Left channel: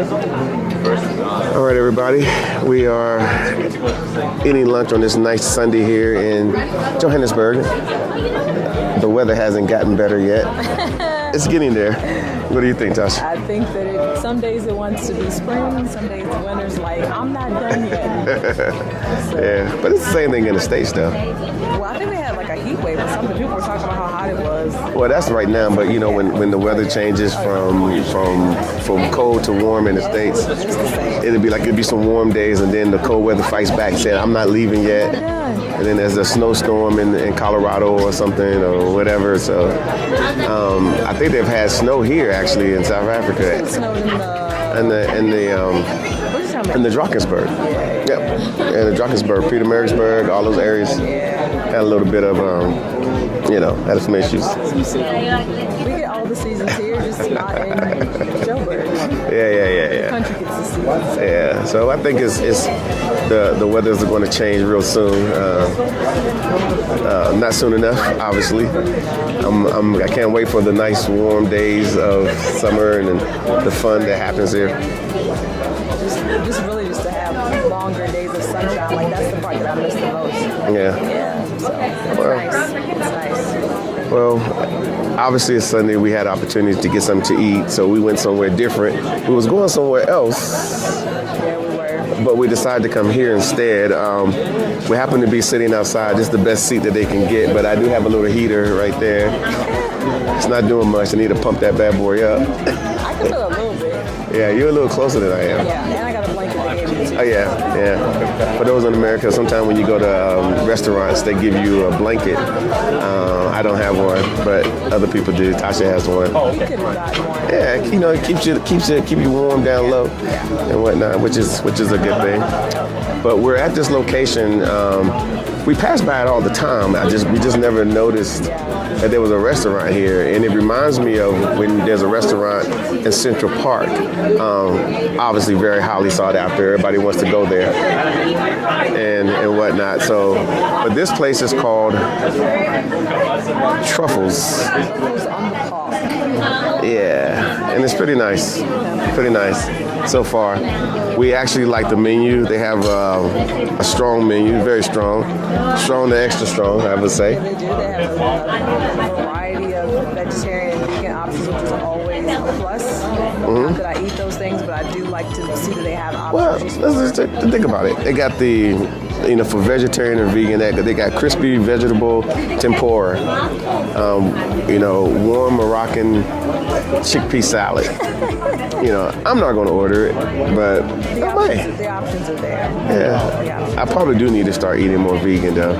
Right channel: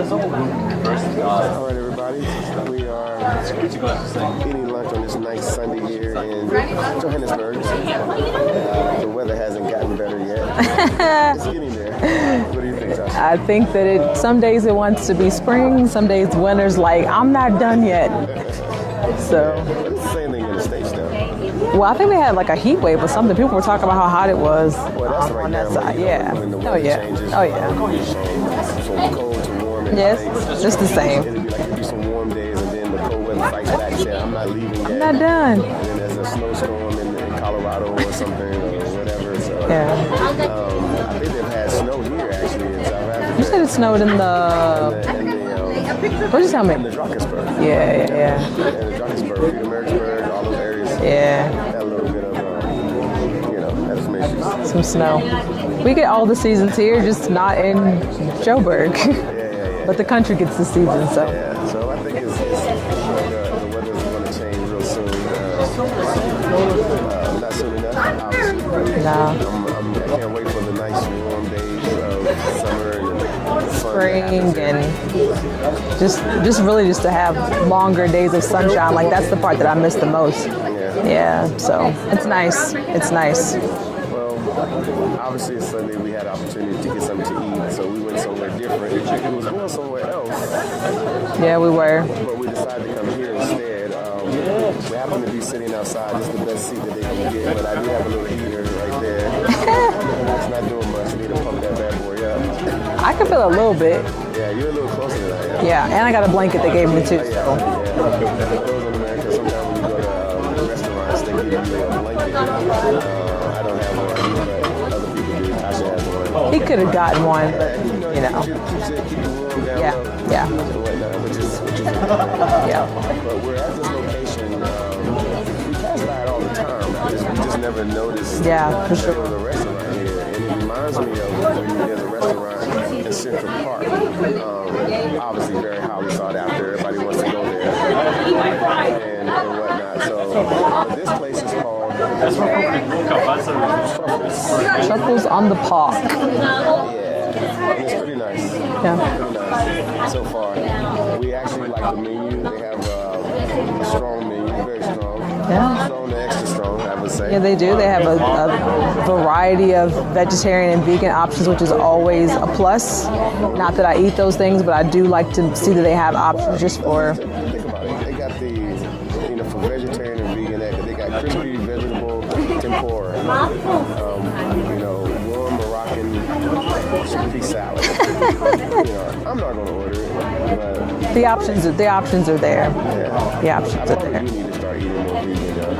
All right, everybody. We are eating lunch on this nice Sunday here in Johannesburg. The weather hasn't gotten better yet. It's getting there. What do you think, Tasha? I think that some days it wants to be spring, some days winter's like, I'm not done yet. Yeah, but it's the same thing in the States, though. Well, I think we had like a heat wave or something. People were talking about how hot it was. Well, that's right now, but you know, when the weather changes from cold to warm in the States, it's the same. It'd be some warm days, and then the cold weather fights back, saying, I'm not leaving yet. I'm not done. And then there's a snowstorm in Colorado or something or whatever. So I think they've had snow here actually in South Africa. You said it snowed in the Drakensberg. Yeah. And the Drakensberg, Pietermaritzburg, all those areas. Yeah. Had a little bit of had some issues. Some snow. We get all the seasons here, just not in Joburg. Yeah. But the country gets the season. So. Yeah. So I think it's the weather's going to change real soon. Not soon enough, obviously. No. I can't wait for the nice warm days of summer and the fun that happens there. Just really to have longer days of sunshine. Like that's the part that I miss the most. Yeah. So it's nice. It's nice. Well, obviously it's Sunday. We had opportunities to get something to eat, so we went somewhere different. We was going somewhere else. Yeah, we were. But we decided to come here instead. We happen to be sitting outside. This is the best seat that they can get, but I do have a little heater right there. It's not doing much. I need to pump that bad boy up. I can feel a little bit. Yeah, you're a little closer than I am. Yeah, and I got a blanket they gave me too. Oh, yeah. For those in America, sometimes when you go to restaurants, they give you a blanket. I don't have one, but other people do. Tasha has one. He could have gotten one. Yeah, keep you warm down low and whatnot, which is a good thing. Yeah. But we're at this location. We pass by it all the time. We just never noticed that there was a restaurant here, and it reminds me of when there's a restaurant in Central Park. Obviously, very highly sought after. Everybody wants to go there and whatnot. So, but this place is called Truffles. Truffles on the Park. Yeah, and it's pretty nice. Yeah. Pretty nice so far. We actually like the menu. They have a strong menu, very strong. Strong to extra strong, I would say. Yeah, they do. They have a variety of vegetarian and vegan options, which is always a plus. Mm-hmm. Not that I eat those things, but I do like to see that they have options think about it. They got for vegetarian and vegan, they got crispy vegetable tempura, warm Moroccan chickpea salad. I'm not going to order it, but the options are there. Yeah, I probably do need to start eating more vegan though.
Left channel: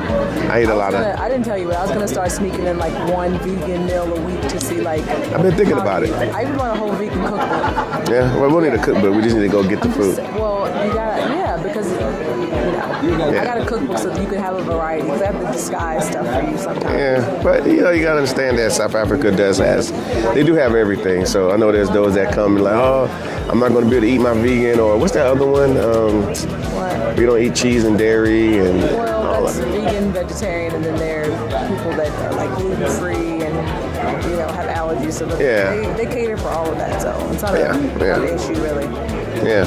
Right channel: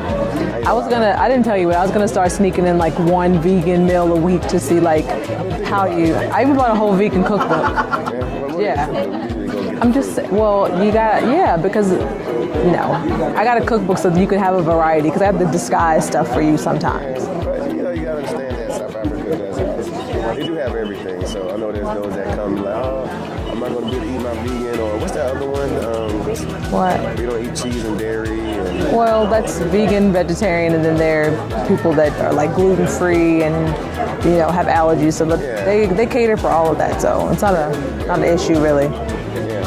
I didn't tell you, but I was gonna start sneaking in like one vegan meal a week to see like. I've been thinking about it. I even bought a whole vegan cookbook. Yeah, well, we're gonna cook, but we just need to go get the food. You got because I got a cookbook so that you can have a variety because I have the disguise stuff for you sometimes. Yeah, but you gotta understand that South Africa they do have everything. So I know there's those that come like, I'm not gonna be able to eat my vegan, or what's that other one? What? We don't eat cheese and dairy Well, that's vegan, vegetarian, and then there are people that are like gluten-free and have allergies. So they cater for all of that. So it's not an issue really. Yeah.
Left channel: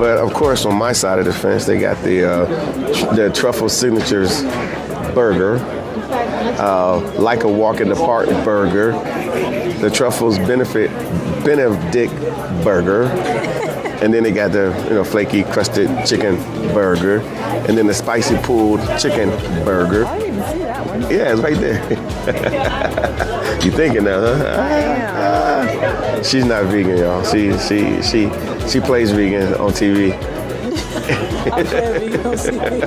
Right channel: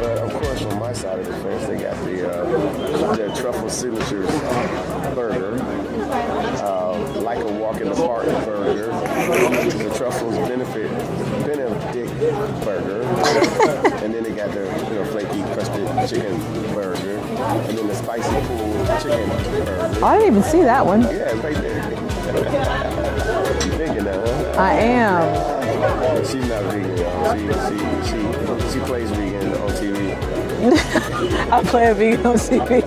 But of course, on my side of the fence, they got the Truffle Signatures burger, like a walk in the park burger, the Truffles Benedict burger, and then they got the flaky crusted chicken burger, and then the spicy pulled chicken burger. I didn't even see that one. Yeah, it's right there. You thinking now, huh? I am. She's not vegan, y'all. She plays vegan on TV. I play vegan on TV.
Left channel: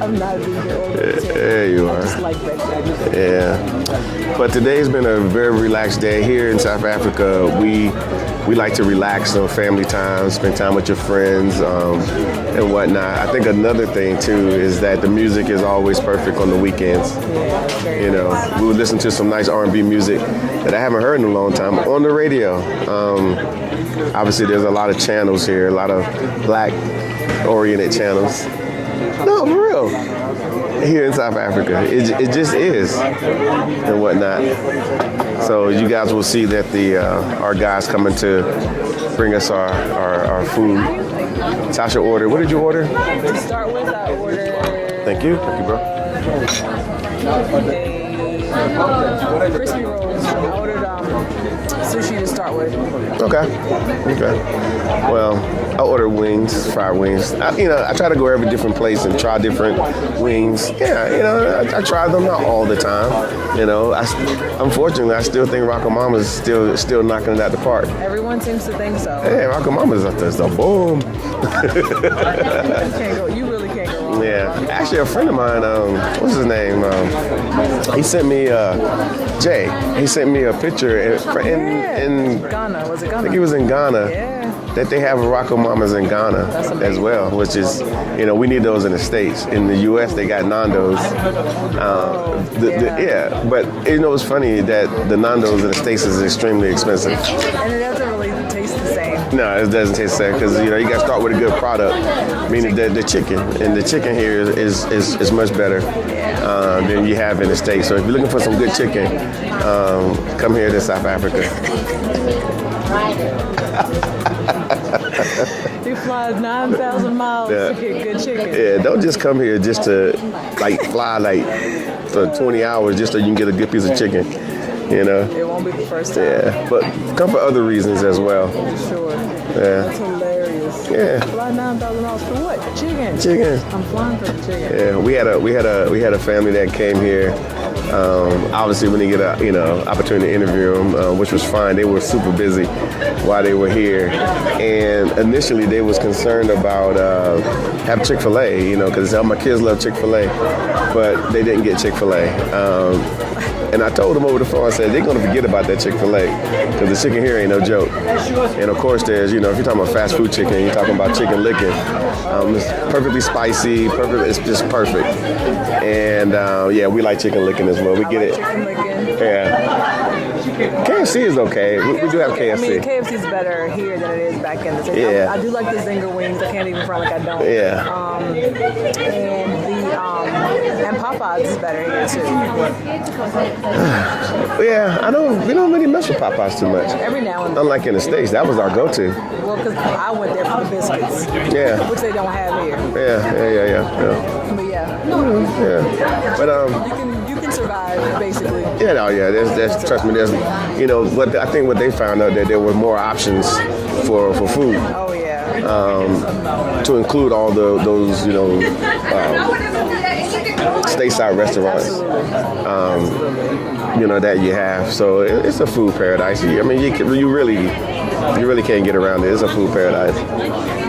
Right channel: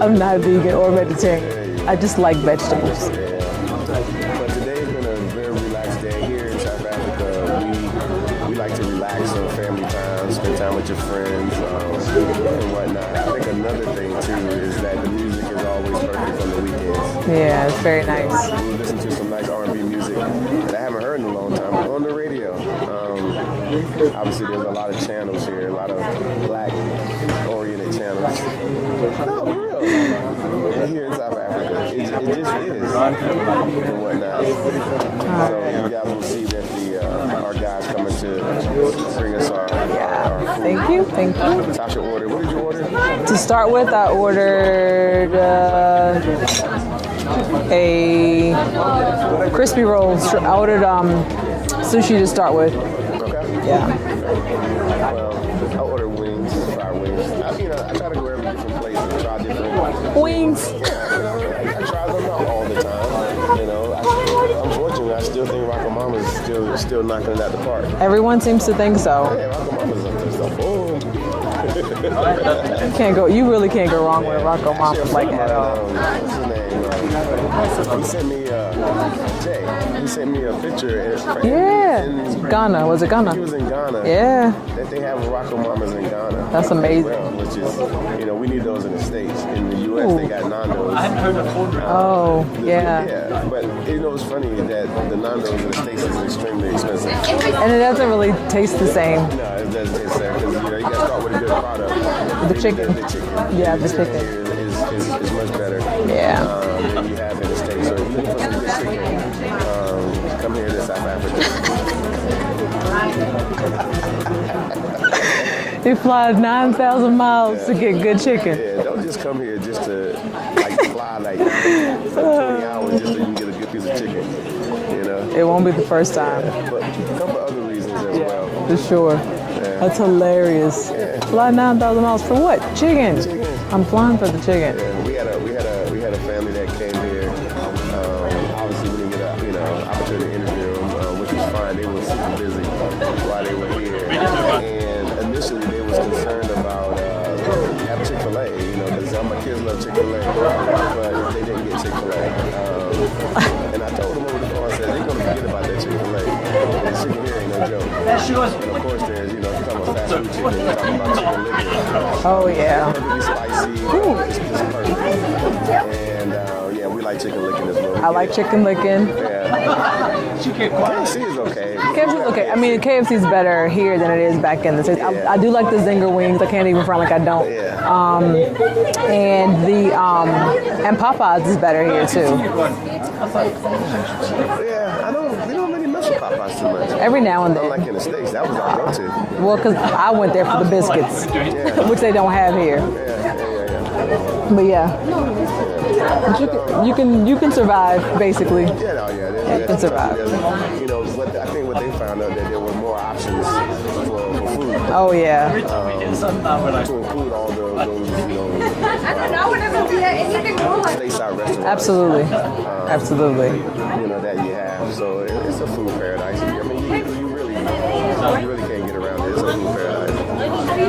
I'm not vegan or vegetarian. There you are. I just like vegetables. Yeah. But today's been a very relaxed day here in South Africa. We like to relax on family time, spend time with your friends and whatnot. I think another thing too is that the music is always perfect on the weekends. Yeah, it's very nice. We would listen to some nice R&B music that I haven't heard in a long time on the radio. Obviously, there's a lot of channels here, a lot of black-oriented channels. No, for real. Here in South Africa, it just is and whatnot. So you guys will see that our guys coming to bring us our food. Thank you. Tasha ordered. What did you order? To start with, I ordered a crispy rolls. I ordered sushi to start with. Okay. Yeah. Okay. Well, I ordered wings, fried wings. I try to go every different place and try different wings. Yeah, I try them not all the time. Unfortunately, I still think Rocco Mama's still knocking it out the park. Everyone seems to think so. Yeah, Rocco Mama's up there, so boom. You really can't go wrong with Rocco Mama. Actually, a friend of mine, what's his name? He sent me Jay. He sent me a picture in Ghana. Was it Ghana? I think he was in Ghana. Yeah. That they have Rocco Mamas in Ghana. That's amazing. As well, which is, we need those in the States. In the U.S., they got Nando's. But it's funny that the Nando's in the States is extremely expensive. And it doesn't really taste the same. No, it doesn't taste the same because, you got to start with a good product, meaning the chicken. Yeah, and the chicken here is much better than you have in the States. So if you're looking for some good chicken, come here to South Africa. They fly 9,000 miles to get good chicken. Yeah, don't just come here just to fly for 20 hours just so you can get a good piece of chicken. It won't be the first time. Yeah, but come for other reasons as well. For sure. Yeah. That's hilarious. Yeah. Fly 9,000 miles for what? Chicken. Chicken. I'm flying for the chicken. Yeah, we had a family that came here. Obviously, when they get a opportunity to interview them, which was fine. They were super busy while they were here, and initially they was concerned about having Chick-fil-A, because my kids love Chick-fil-A, but they didn't get Chick-fil-A. And I told them over the phone, I said, they're going to forget about that Chick-fil-A because the chicken here ain't no joke. And of course, there's, if you're talking about fast food chicken, you're talking about chicken licking. It's perfectly spicy, it's just perfect. And we like chicken licking as well. I like chicken licking. Yeah. KFC is okay. We do have KFC. I mean, KFC is better here than it is back in the States. Yeah. I do like the zinger wings. I can't even front like I don't. Yeah. And Popeyes is better here too. Yeah, we don't really mess with Popeyes too much. Every now and then. Unlike in the States, that was our go-to. Well, because I went there for the biscuits, which they don't have here. Yeah. But But you can survive basically. That's trust me. There's, I think what they found out that there were more options for food. Oh yeah. To include all those stateside restaurants. Absolutely. That you have. So it's a food paradise. I mean, you really can't get around it. It's a food paradise.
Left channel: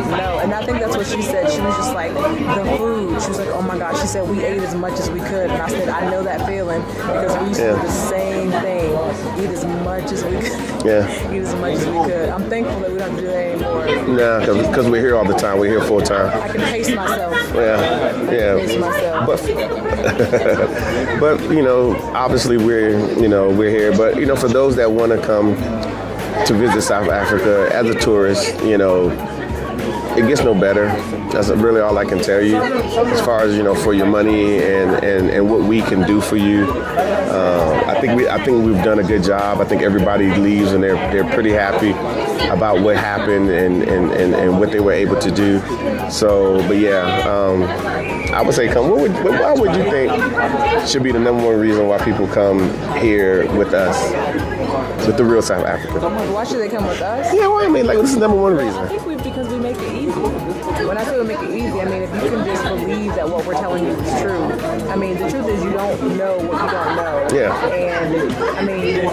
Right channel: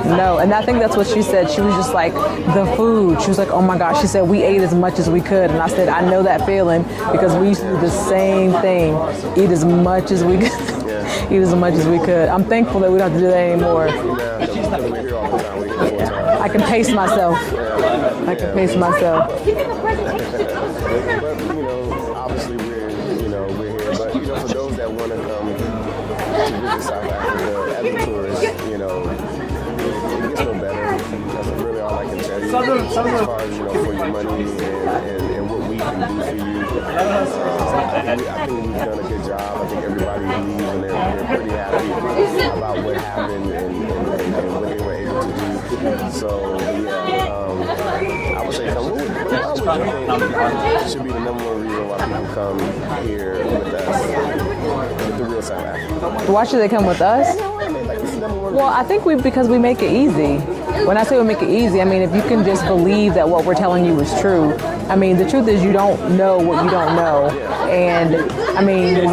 No, and I think that's what she said. She was just like, the food. She was like, oh my gosh. She said, we ate as much as we could. And I said, I know that feeling because we used to do the same thing. Eat as much as we could. Yeah. Eat as much as we could. I'm thankful that we don't have to do that anymore. Yeah, because we're here all the time. We're here full time. I can pace myself. Yeah. I can pace myself. But you know, obviously we're here. But you know, for those that want to come to visit South Africa as a tourist, it gets no better. That's really all I can tell you. As far as for your money and what we can do for you, I think we've done a good job. I think everybody leaves and they're pretty happy about what happened and what they were able to do. So, but yeah, I would say come. Why would you think should be the number one reason why people come here with us, with the real South Africa? Why should they come with us? Yeah, well, I mean, this is number one reason. Well, I think because we make it easy. When I say we make it easy, I mean if you can just believe that what we're telling you is true. I mean, the truth is you don't know what you don't know. Yeah. And I mean,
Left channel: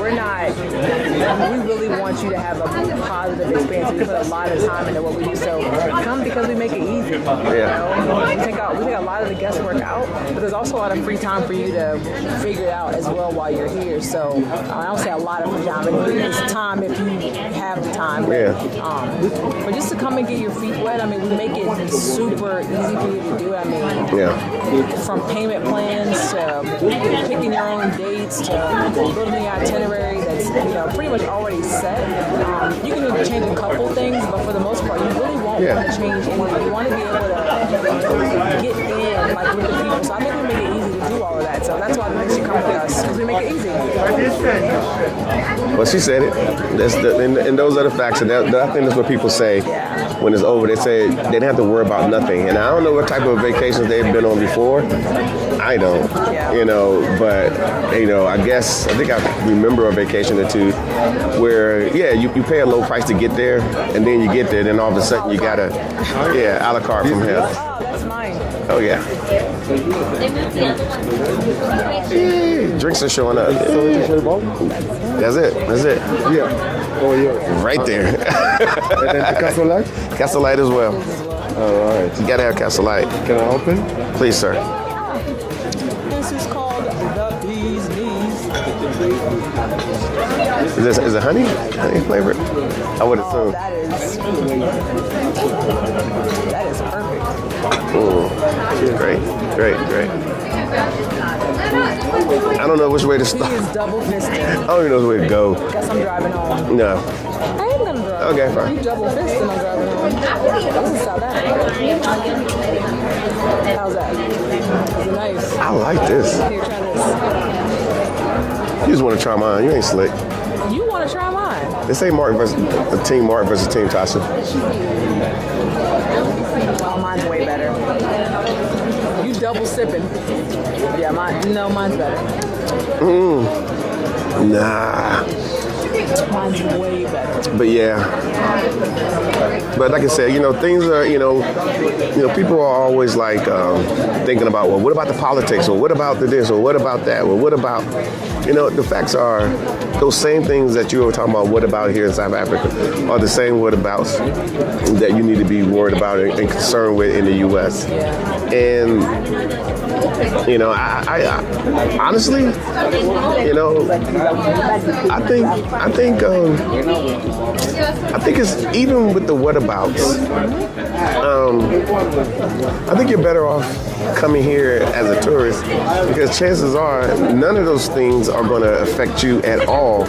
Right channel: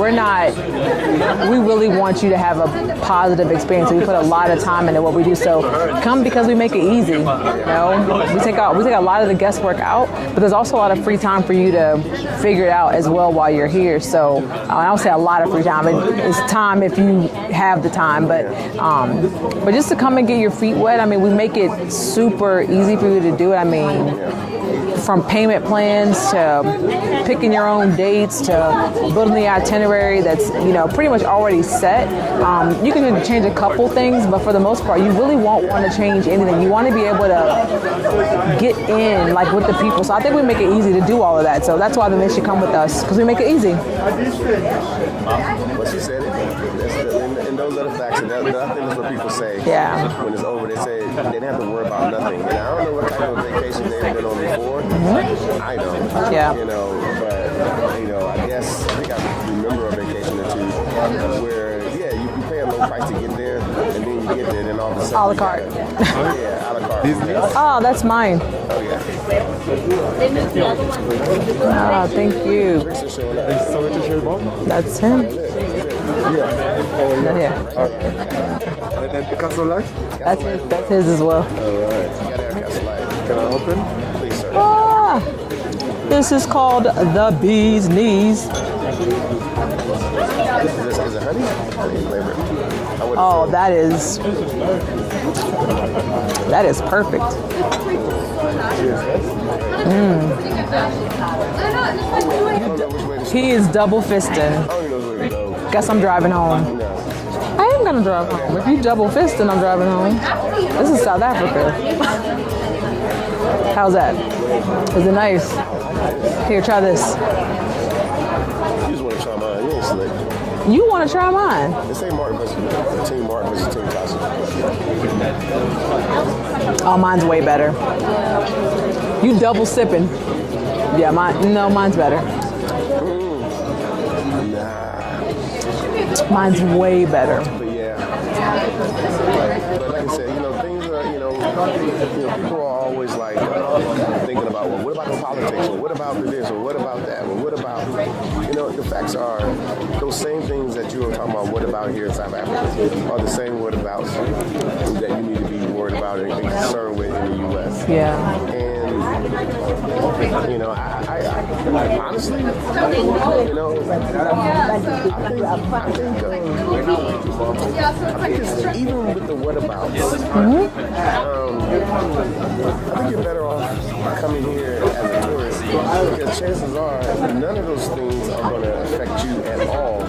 we really want you to have a positive experience. So we put a lot of time into what we do. So come because we make it easy. Yeah. We take a lot of the guesswork out, but there's also a lot of free time for you to figure it out as well while you're here. So I don't say a lot of free time. now. I mean, it's time if you have the time, but just to come and get your feet wet. I mean, we make it super easy for you to do it. I mean, from payment plans to picking your own dates to building the itinerary that's pretty much already set. You can change a couple things, but for the most part, you really won't want to change anything. You want to be able to get in like with the people. So I think we make it easy to do all of that. So that's why they should come with us, because we make it easy. Well, she said it. And those are the facts. And I think that's what people say when it's over. They say they didn't have to worry about nothing. And I don't know what type of vacations they've been on before. I don't. But I think I remember a vacation or two where, you pay a low price to get there, and then you get there, and then all of a sudden you got a la carte from hell. Oh, that's mine. Oh, yeah. Thank you. Drinks are showing up. That's him. That's it. Yeah. Over here. Yeah. Right there. And then the Castle Light? Castle Light as well. His as well. All right. You gotta have Castle Light. Can I open? Please, sir. This is called the Bee's Knees. Is it honey? Honey flavored? I would assume. That is perfect. Great. I don't know which way to He start. is double fisting. I don't even know which way to go. Guess I'm driving home. No. I am gonna drive. Okay, fine. You double fisting, I'm driving home. This is South Africa. How's that? Is it nice? I like this. Here, try this. You just want to try mine. You ain't slick. You want to try mine? They say Team Martin versus Team Tasha. Oh, mine's way better. You double sipping. Yeah, mine's better. Nah. Mine's way better. But but like I said, things are, people are always like thinking about, well, what about the politics, or what about the this, or what about that, or what about, the facts are those same things that you were talking about, what about here in South Africa, are the same what abouts that you need to be worried about and concerned with in the U.S. Yeah. And, I honestly, I think it's even with the whatabouts. I think you're better off coming here as a tourist, because chances are none of those things are going to affect you at all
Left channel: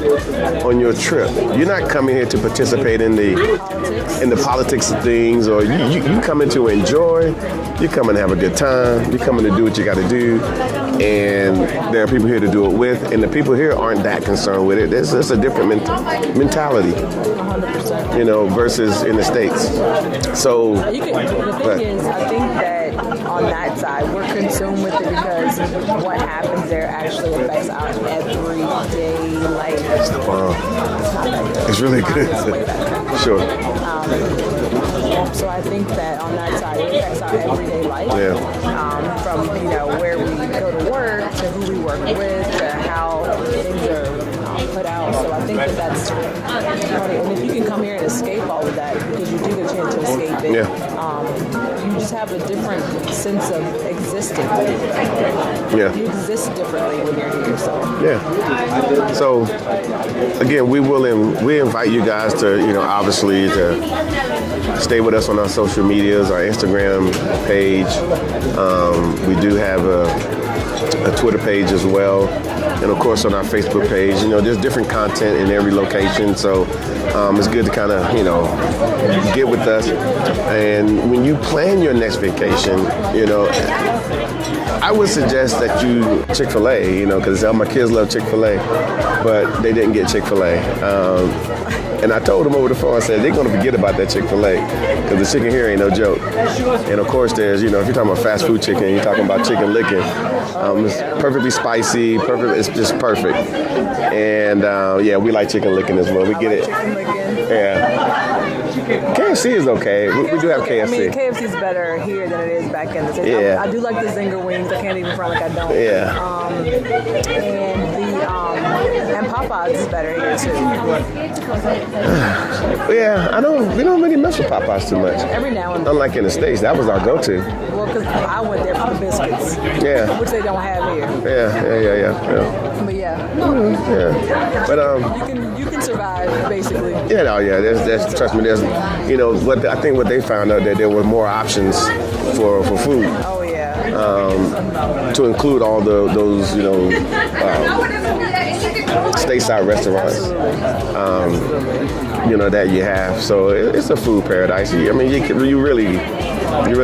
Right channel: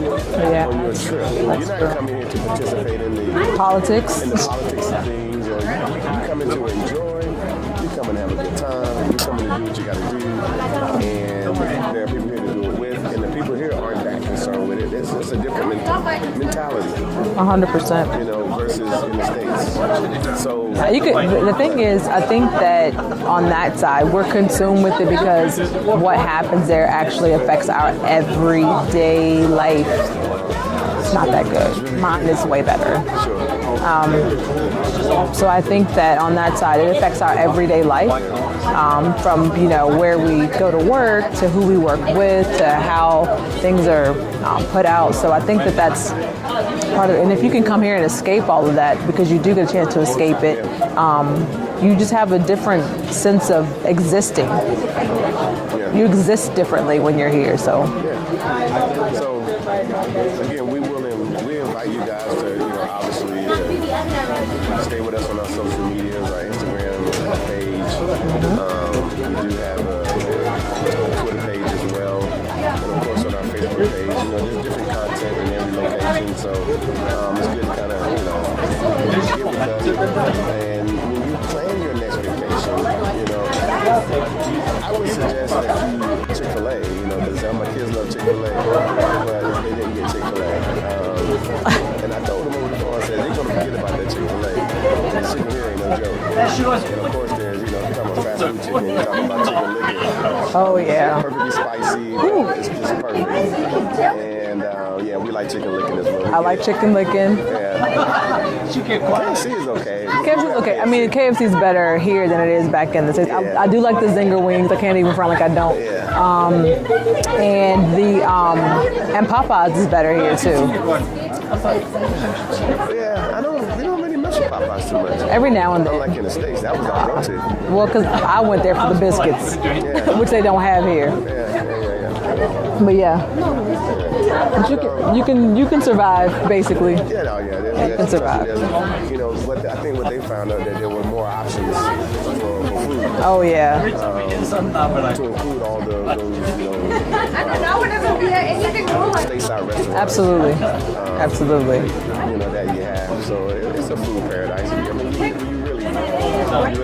on your trip. You're not coming here to participate in the politics of things, or you coming to enjoy. You're coming to have a good time. You're coming to do what you got to do, and there are people here to do it with, and the people here aren't that concerned with it. It's a different mentality. 100%. Versus in the States. So the thing is, I think that on that side, we're consumed with it because what happens there actually affects our everyday life. It's not that good. It's really Mine good. is way better. Sure. So I think that on that side, it affects our everyday life. From where we go to work, to who we work with, to how things are put out. So I think that that's part of it. And if you can come here and escape all of that, because you do get a chance to escape it, you just have a different sense of existing. You exist differently when you're here. So So again, we invite you guys to obviously to stay with us on our social medias, our Instagram page. We do have a Twitter page as well, and of course on our Facebook page. There's different content in every location, so it's good to kind of get with us. And when you plan your next vacation, I would suggest that you Chick-fil-A, because all my kids love Chick-fil-A, but they didn't get Chick-fil-A. And I told them over the phone, I said, they're going to forget about that Chick-fil-A, because the chicken here ain't no joke. And of course, there's, if you're talking about fast food chicken, you're talking about chicken licking. It's perfectly spicy, it's just perfect. And we like chicken licking as well. I like chicken licking. Yeah. KFC is okay. We do have KFC. I mean, KFC is better here than it is back in the States. I do like the Zinger wings. I can't even front like I don't. And Popeyes is better here too. We don't really mess with Popeyes too much. Every now and then. Unlike in the States, that was our go-to. Well, because I went there for the biscuits, Yeah. which they don't have here. Yeah. But yeah, But you can survive basically. yeah, no, yeah. There's trust me. There's, you know, I think what they found out that there were more options for food. Oh yeah. To include all those, you know, stateside restaurants. Absolutely. You know that you have. So it's a food paradise. I mean, you really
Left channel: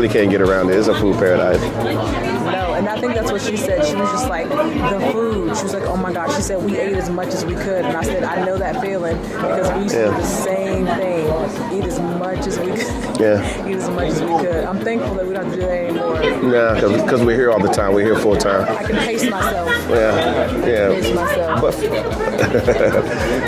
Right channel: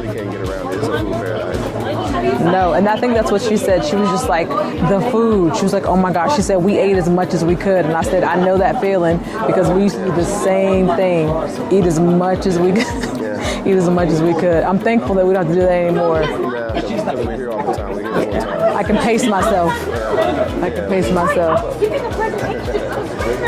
can't get around it. It's a food paradise. No, and I think that's what she said. She was just like, the food. She was like, oh my gosh. She said, we ate as much as we could. And I said, I know that feeling because we used to do the same thing. Eat as much as we could. Yeah. Eat as much as we could. I'm thankful that we don't have to do that anymore. Yeah, because we're here all the time. We're here full time. I can pace myself. Yeah. I can pace myself.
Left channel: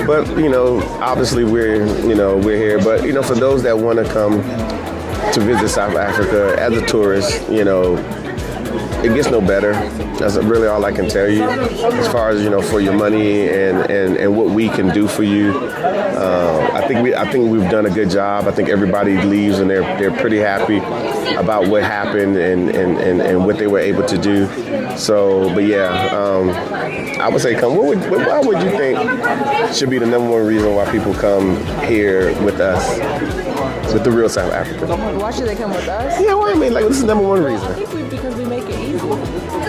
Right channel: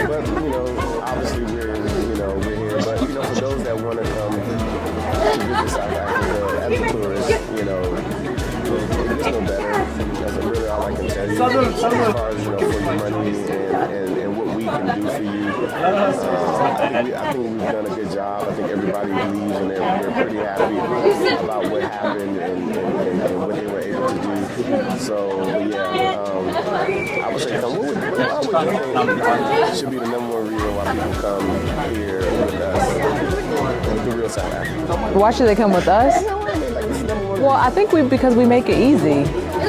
But you know, obviously we're here. But you know, for those that want to come to visit South Africa as a tourist, you know, it gets no better. That's really all I can tell you. As far as, you know, for your money and what we can do for you, I think we've done a good job. I think everybody leaves and they're pretty happy about what happened and what they were able to do. So, but yeah, I would say come. Why would you think should be the number one reason why people come here with us, with the real South Africa? Why should they come with us? Yeah, well, I mean, like, this is number one Well, reason. I think because we make it easy.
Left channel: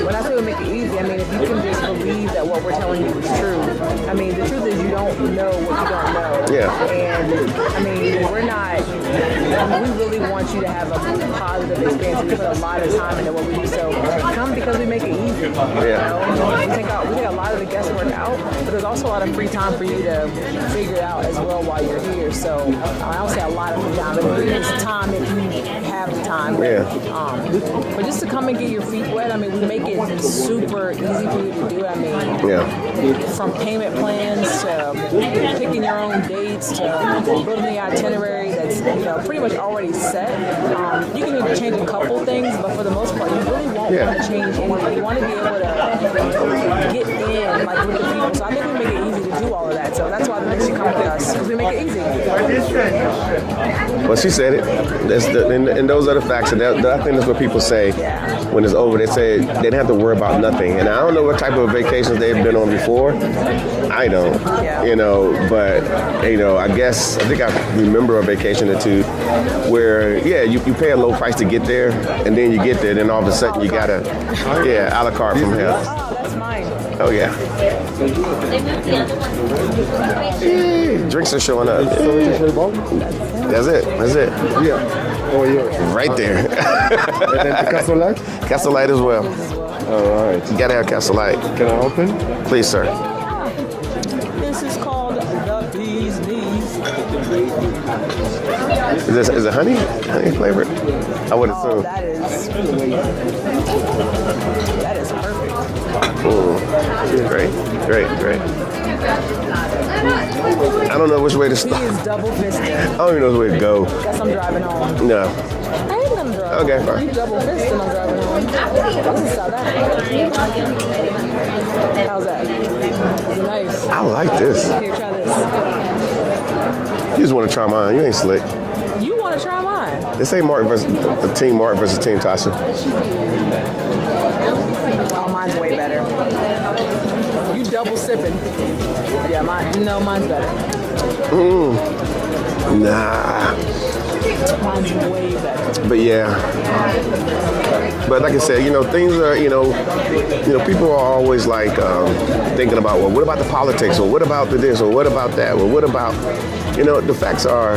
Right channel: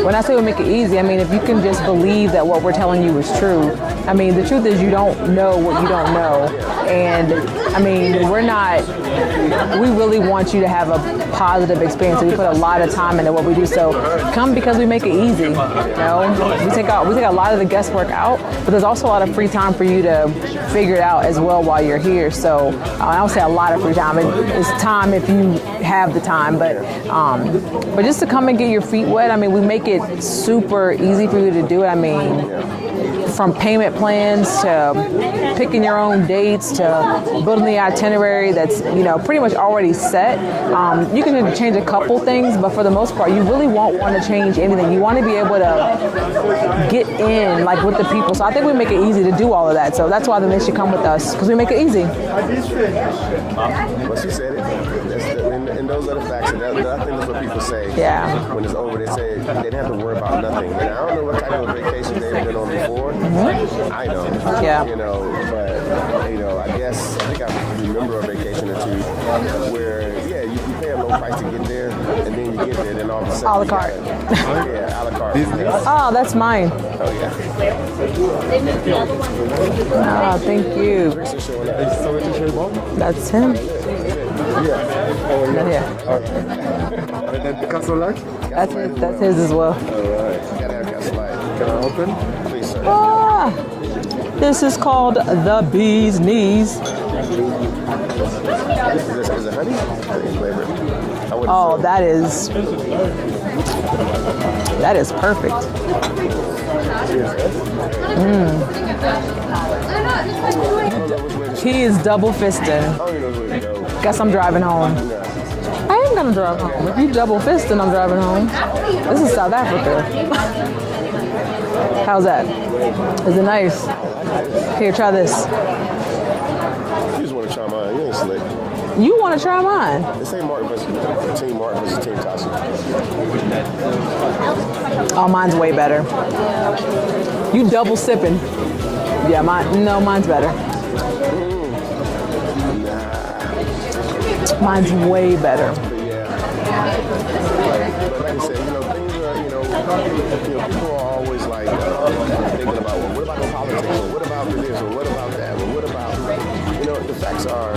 When I say we make it easy, I mean if you can just believe that what we're telling you is true. I mean, the truth is you don't know what you don't know. Yeah. And I mean, we really want you to have a positive experience. We put a lot of time into what we do. So come because we make it easy. You know, we take a lot of the guesswork out, but there's also a lot of free time for you to figure it out as well while you're here. So I don't say a lot of free time. It's time if you have the time, but just to come and get your feet wet. I mean, we make it super easy for you to do it. I mean, from payment plans to picking your own dates to building the itinerary that's, you know, pretty much already set. You can change a couple things, but for the most part, you really won't want to change anything. You want to be able to get in, like, with the people. So I think we make it easy to do all of that. So that's why they should come with us, because we make it easy. Well, she said it. And those are the facts. And I think that's what people say when it's over. They say they didn't have to worry about nothing. And I don't know what type of vacations they've been on before. I don't. Yeah. You know, but, you know, I think I remember a vacation or two where, you pay a low price to get there, and then you get there, and then all of a sudden you got a la carte from hell. Oh, that's mine. Oh, yeah. Oh, thank you. Drinks are showing up. That's him. That's it. Yeah. Oh, yeah. Yeah. Right there. And then the Castle Light? Castle Light as well. His as well. All right. You gotta have Castle Light. Can I open? Please, sir. Ah, this is called the Bee's Knees. Is it honey? Honey flavored? I would Oh, assume. that is perfect. Great. I don't know which way to He start. is double fisted. I don't even know which way to go. Guess I'm driving home. No. I am gonna drive Okay, home. fine. You double fisted, I'm driving home. This is South Africa. How's that? Is it nice? I like this. Here, try this. You just want to try mine. You ain't slick. You want to try mine? This ain't Martin versus Team Tasha. Oh, mine's way better. You double sipping. Yeah, mine's better. Nah. Mine's way better. But yeah. But like I said, you know, things are, you know, people are always like thinking about, well, what about the politics? Or what about the this? Or what about that? Or what about, you know, the facts are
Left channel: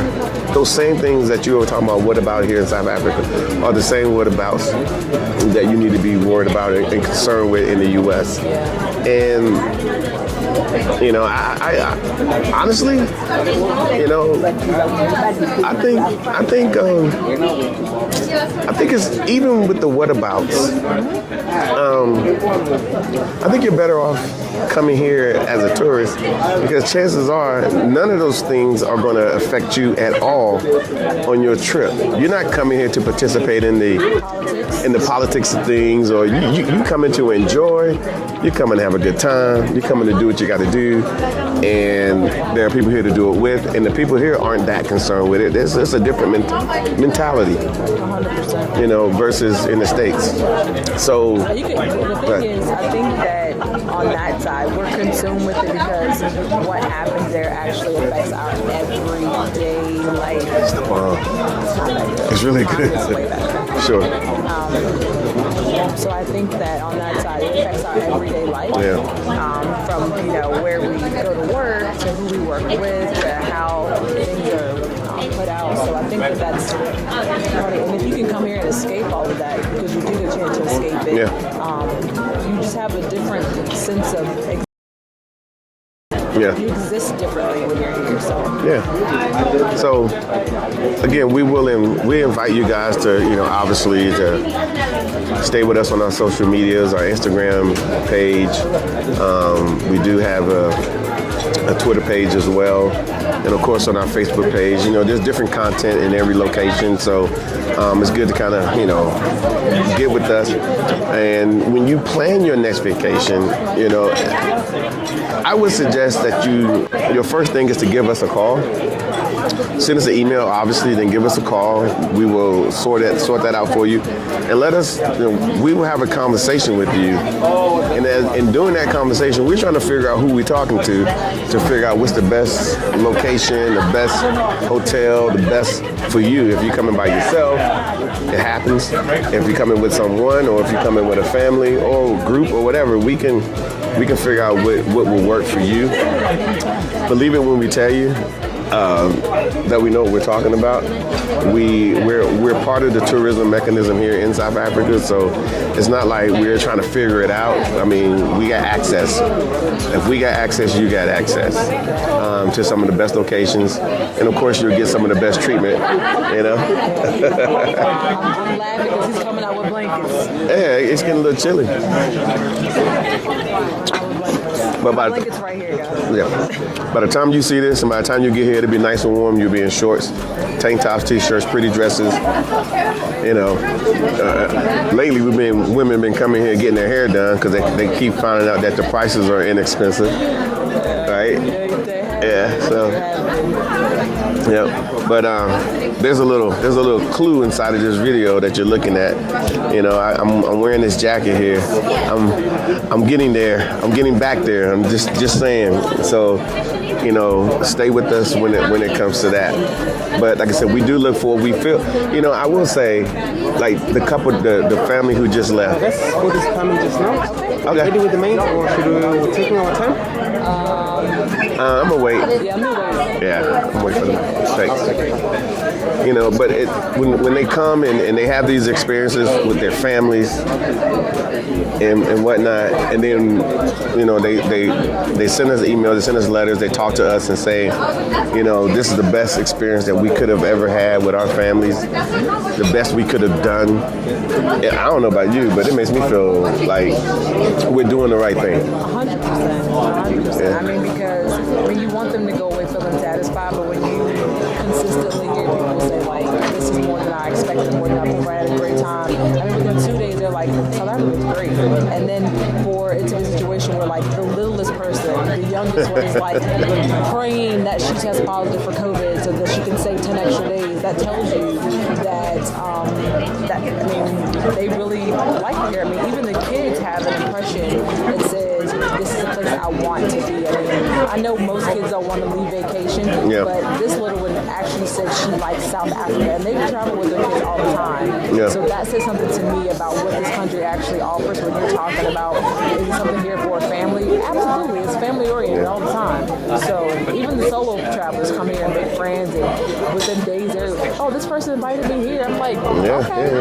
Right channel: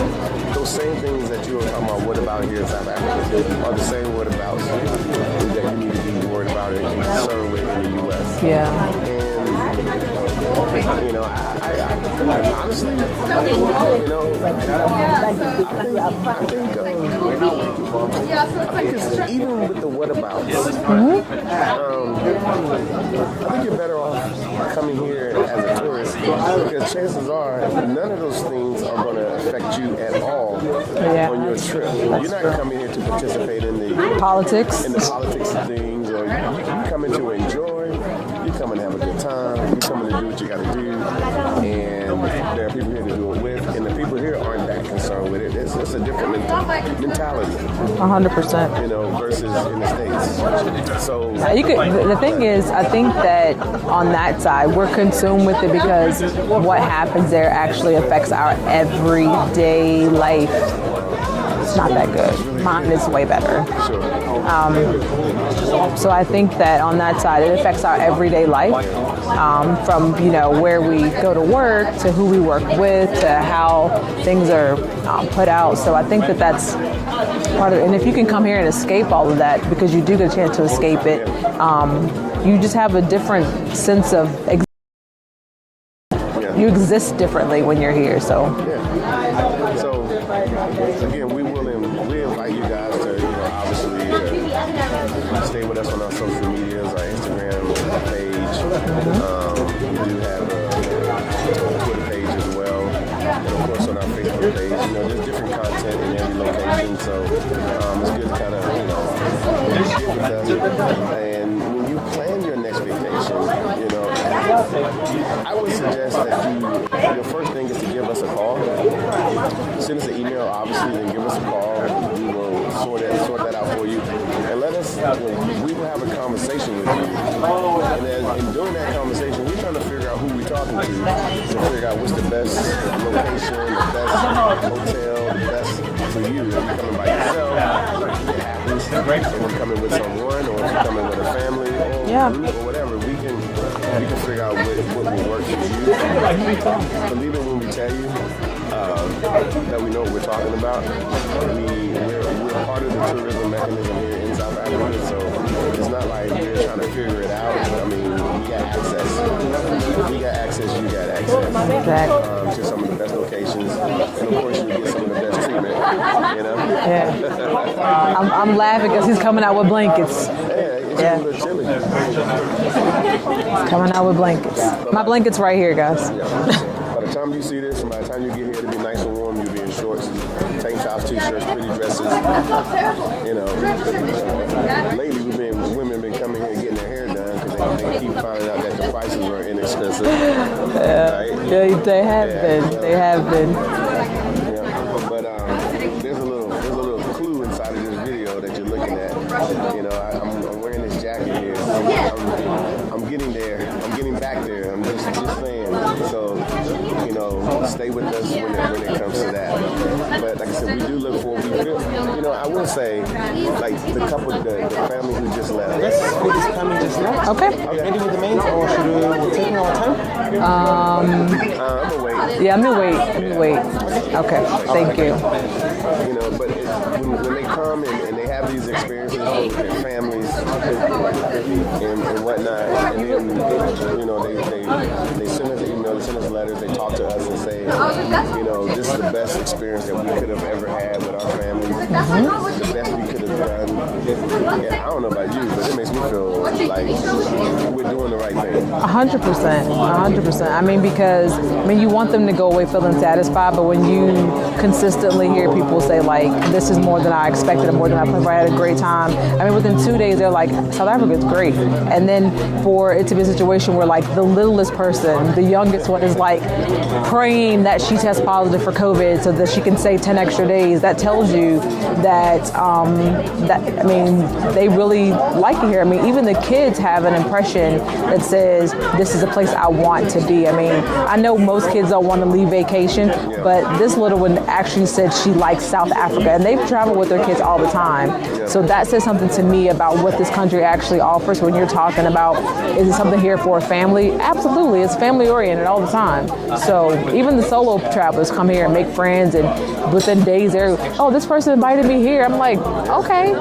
those same things that you were talking about, what about here in South Africa, are the same what abouts that you need to be worried about and concerned with in the U.S. Yeah. And, you know, I honestly, you know, I think I think it's even with the whatabouts. I think you're better off coming here as a tourist because chances are none of those things are going to affect you at all on your trip. You're not coming here to participate in the politics of things, or you coming to enjoy. You're coming to have a good time. You're coming to do what you got to do, and there are people here to do it with, and the people here aren't that concerned with it. It's a different mentality. 100%. You know, versus in the States. So the thing is, I think that on that side, we're consumed with it because what happens there actually affects our everyday life. It's not that good. It's really Mine good. is way better. Sure. So I think that on that side, it affects our everyday life. From where we go to work to who we work with to how things are put out. So I think that that's part of it. And if you can come here and escape all of that, because you do get a chance to escape it, you just have a different sense of you exist differently when you're here. So So again, we invite you guys to obviously to stay with us on our social medias, our Instagram page. We do have a Twitter page as well, and of course on our Facebook page. There's different content in every location, so it's good to kind of get with us. And when you plan your next vacation, I would suggest that your first thing is to give us a call. Send us an email, obviously, then give us a call. We will sort that out for you, and let us. We will have a conversation with you, and in doing that conversation, we're trying to figure out who we're talking to figure out what's the best location, the best hotel, the best for you. If you're coming by yourself, it happens. If you're coming with someone, or if you're coming with a family or group or whatever, we can figure out what will work for you. Believe it when we tell you that we know what we're talking about. We're part of the tourism mechanism here in South Africa, so it's not like we're trying to figure it out. I mean, we got access. If we got access, you got access to some of the best locations, and of course you'll get some of the best treatment. I'm laughing because he's coming out with blankets. Yeah, it's getting a little chilly. Coming out with blankets. But my blanket's right here, guys. Yeah. By the time you see this, and by the time you get here, it'll be nice and warm. You'll be in shorts, tank tops, t-shirts, pretty dresses. Lately women have been coming here getting their hair done because they keep finding out that the prices are inexpensive. Right? Yeah, they have been. So, they have been. Yeah. But there's a little clue inside of this video that you're looking at. I'm wearing this jacket here. I'm getting there. I'm getting back there. I'm just saying. So, stay with us when it comes to that. But like I said, we do look forward. We feel, I will say, like the couple, the family who just left. Who is coming just now? Okay. Ready with the mains, or should we take our time? I'm gonna wait. Yeah, I'm gonna wait. Yeah. I'm wait for them. Okay. Thank you. But when they come and they have these experiences with their families and whatnot, and then they send us emails, they send us letters, they talk to us and say, this is the best experience that we could have ever had with our families, the best we could have done. And I don't know about you, but it makes me feel like we're doing the right thing. 100%. 100%. Because you want them to go away feeling satisfied, but when you consistently hear people say like, this is more than I expected, more than I planned for, I had a great time. Within 2 days they're like, South Africa's great. And then for it to be a situation where like the littlest person, the youngest one is like praying that she tests positive for COVID so that she can save 10 extra days, that tells you that they really like it here. Even the kids have an impression that says this is a place I want to be. I know most kids don't want to leave vacation, but this little one actually said she likes South Africa, and they've traveled with their kids all the time. So that says something to me about what this country actually offers. When you're talking about, is it something here for a family? Absolutely, it's family oriented all the time. So even the solo travelers come here and make friends, and within days they're, this person invited me here. I'm like, okay,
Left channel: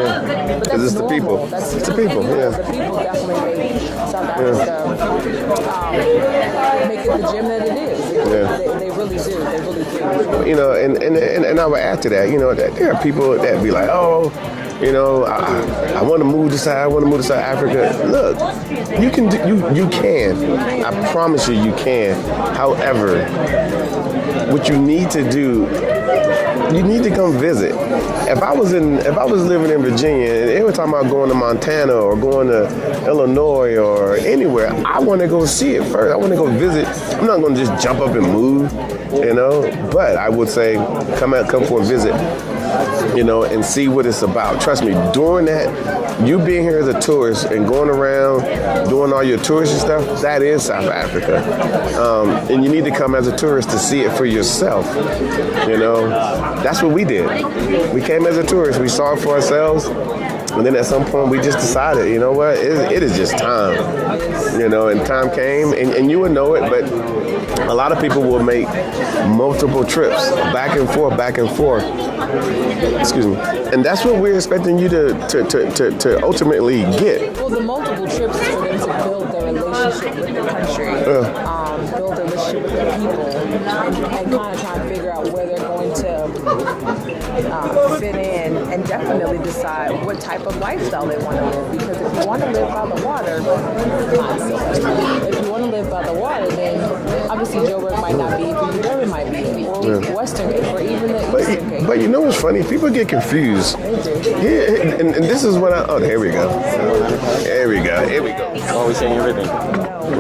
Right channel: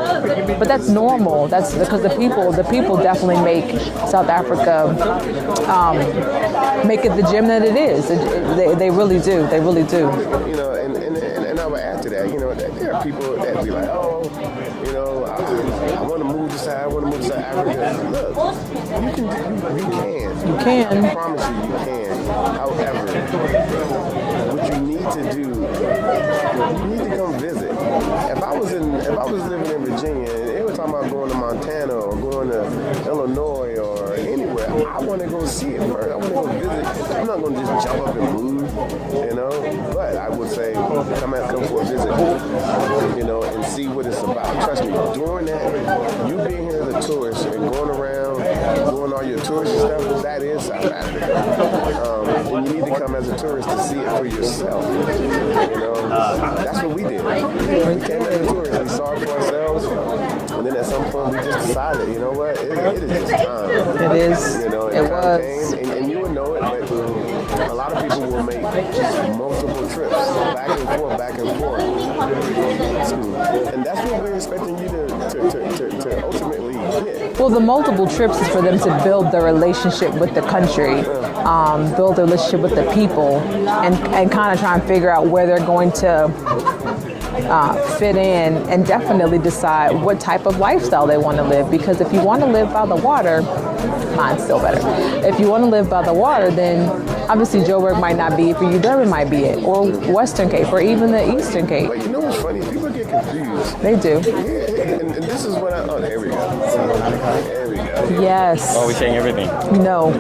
but that's normal. That's because the people definitely make South Africa make it the gem that it is. They really do. They really do. You know, and I would add to that, you know, that there are people that be like, oh, you know, I want to move to South Africa. Look, you can. You can. I promise you can. However, what you need to do, you need to come visit. If I was living in Virginia and every time I go to Montana or going to Illinois or anywhere, I want to go see it first. I want to go visit. I'm not going to just jump up and move, you know. But I would say come for a visit, you know, and see what it's about. Trust me, doing that, you being here as a tourist and going around doing all your touristy stuff, that is South Africa. And you need to come as a tourist to see it for yourself. You know, that's what we did. We came as a tourist. We saw it for ourselves. And then at some point, we just decided, you know what, it is just time. It is. You know, and time came, and you would know it, but a lot of people will make multiple trips, back and forth. Excuse me. And that's what we're expecting you to ultimately get. Well, the multiple trips is for them to build their relationship with the country, build their relationship with the people, and kind of try and figure out where they're going to fit in, and definitely decide what type of lifestyle they want to live. Because if you want to live by the water, mine's still better. If you want to live by the water, then obviously Joburg might not be it for you, Durban might be it, or Western Cape, or even the Eastern Cape. But you know what's funny? People get confused. They do. Yeah, and this is when here we go. Here we go. Yes. Oh, we're saying everything. No.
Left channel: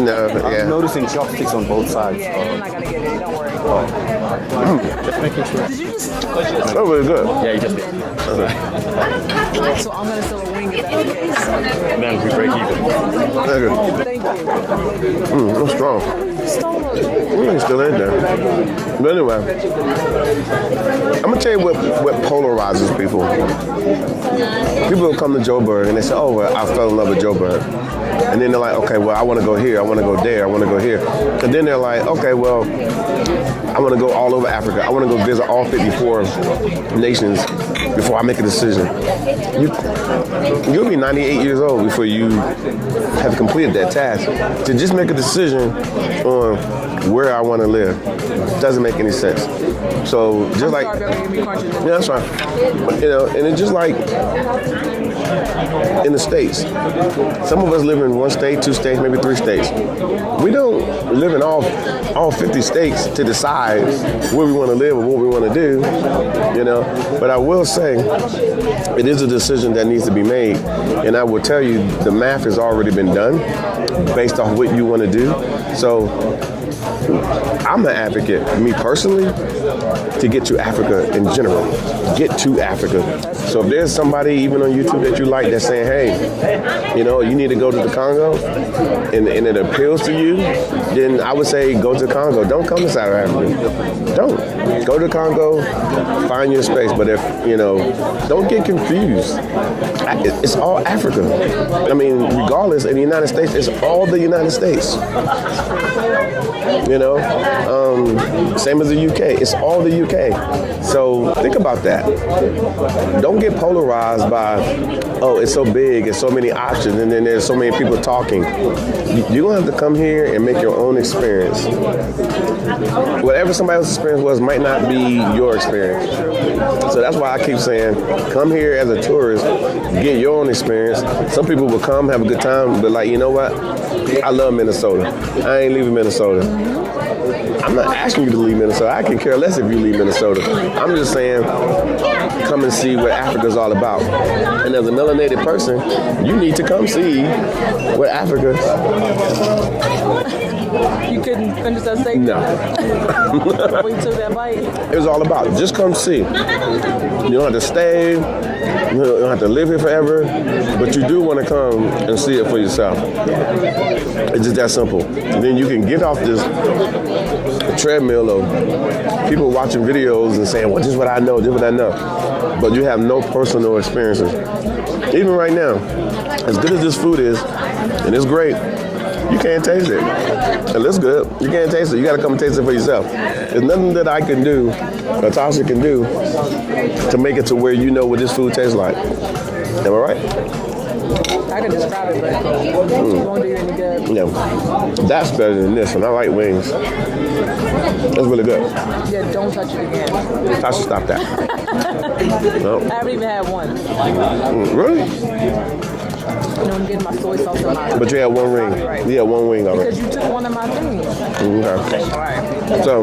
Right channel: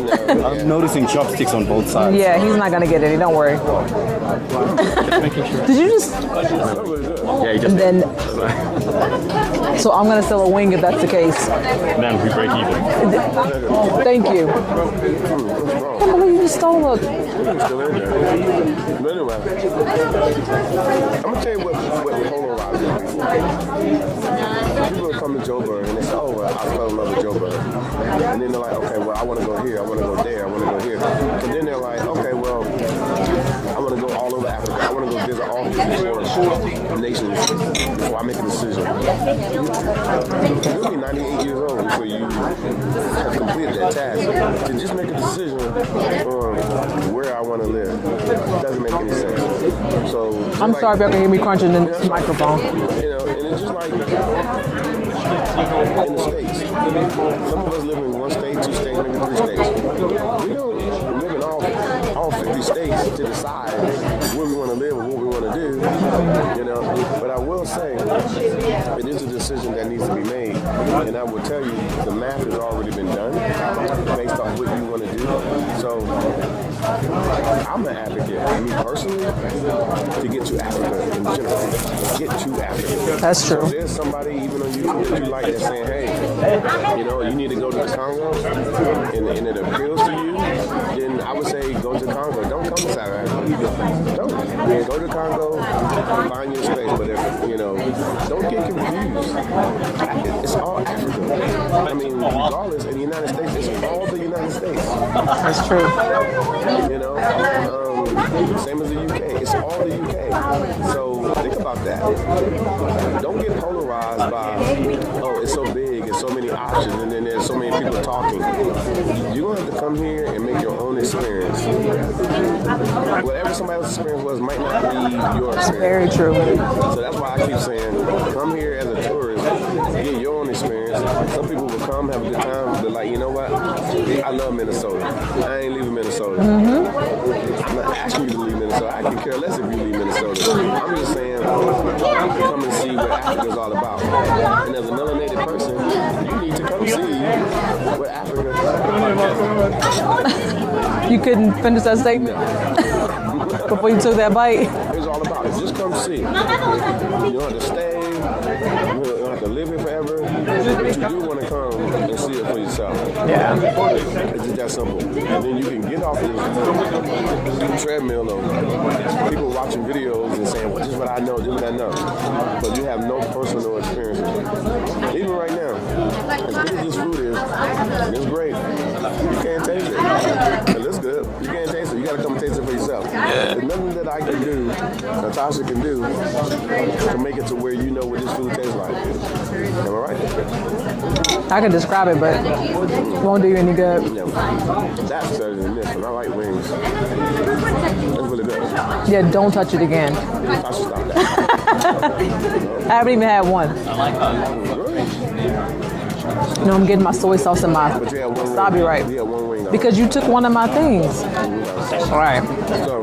No, I'm noticing chopsticks on both sides. Yeah, he's not gonna get any. Don't worry. Did you just? Oh, very good. Yeah, you just Then. So I'm gonna still a wing if that's the case. man, we break even. Thank you. I'm strong. Oh, you just stole it. It's still in there. But anyway, I'm gonna tell you what polarizes people. People will come to Joburg and they say, oh, well, I fell in love with Joburg. And then they're like, okay, well, I want to go here, I want to go there, I want to go here. And then they're like, okay, well, I want to go all over Africa. I want to go visit all 54 nations before I make a decision. You'll be 98 years old before you have completed that task. To just make a decision on where I want to live doesn't make any sense. So just I'm like, sorry if y'all can hear me crunching in that's the right. microphone. You know, and it's just like in the States. Some of us live in one state, two states, maybe three states. We don't live in all 50 states to decide where we want to live or what we want to do, you know. But I will say, it is a decision that needs to be made. And I will tell you, the math has already been done based off what you want to do. So I'm an advocate, me personally, to get to Africa in general. Get to Africa. That's true. So if there's somebody even on YouTube that you like that's saying, hey, you know, you need to go to the Congo, and it appeals to you, then I would say go to Congo. Don't come to South Africa. Don't. Go to Congo, find your space. But if, you know, don't get confused. It's all Africa. I mean, regardless, in the United States, it's all the United States. That's true. You know, same as the UK. It's all the UK. So think about that. Don't get polarized by, oh, it's so big, it's so many options, and then there's so many people talking. You're going to have to come here and make your own experience. Whatever somebody else's experience was might not be your experience. Very true. So that's why I keep saying, come here as a tourist, get your own experience. Some people will come, have a good time, but like, you know what? I love Minnesota. I ain't leaving Minnesota. I'm not asking you to leave Minnesota. I can care less if you leave Minnesota. I'm just saying, come and see what Africa's all about. And as a melanated person, you need to come see what Africa. You couldn't finish that steak? No. Before you took that bite? It was all about just come see. You don't have to stay. You don't have to live here forever. But you do want to come and see it for yourself. Yeah. It's just that simple. And then you can get off this treadmill of people watching videos and saying, well, this is what I know, this is what I know. but you have no personal experiences. Even right now, as good as this food is, and it's great, you can't taste it. It looks good. You can't taste it. You got to come taste it for yourself. There's nothing that I can do, or Tasha can do, to make it to where you know what this food tastes like. Am I right? I can describe it, but it won't do you any good. Yeah. That's better than this, and I like wings. That's really good. Yeah, don't touch it again. Tasha, stop that. No. I haven't even had one. Really? No, I'm getting my soy sauce in my. But you had one wing. Stop you right. Yeah, one wing. All Because you took one of my things. Okay. All right. So,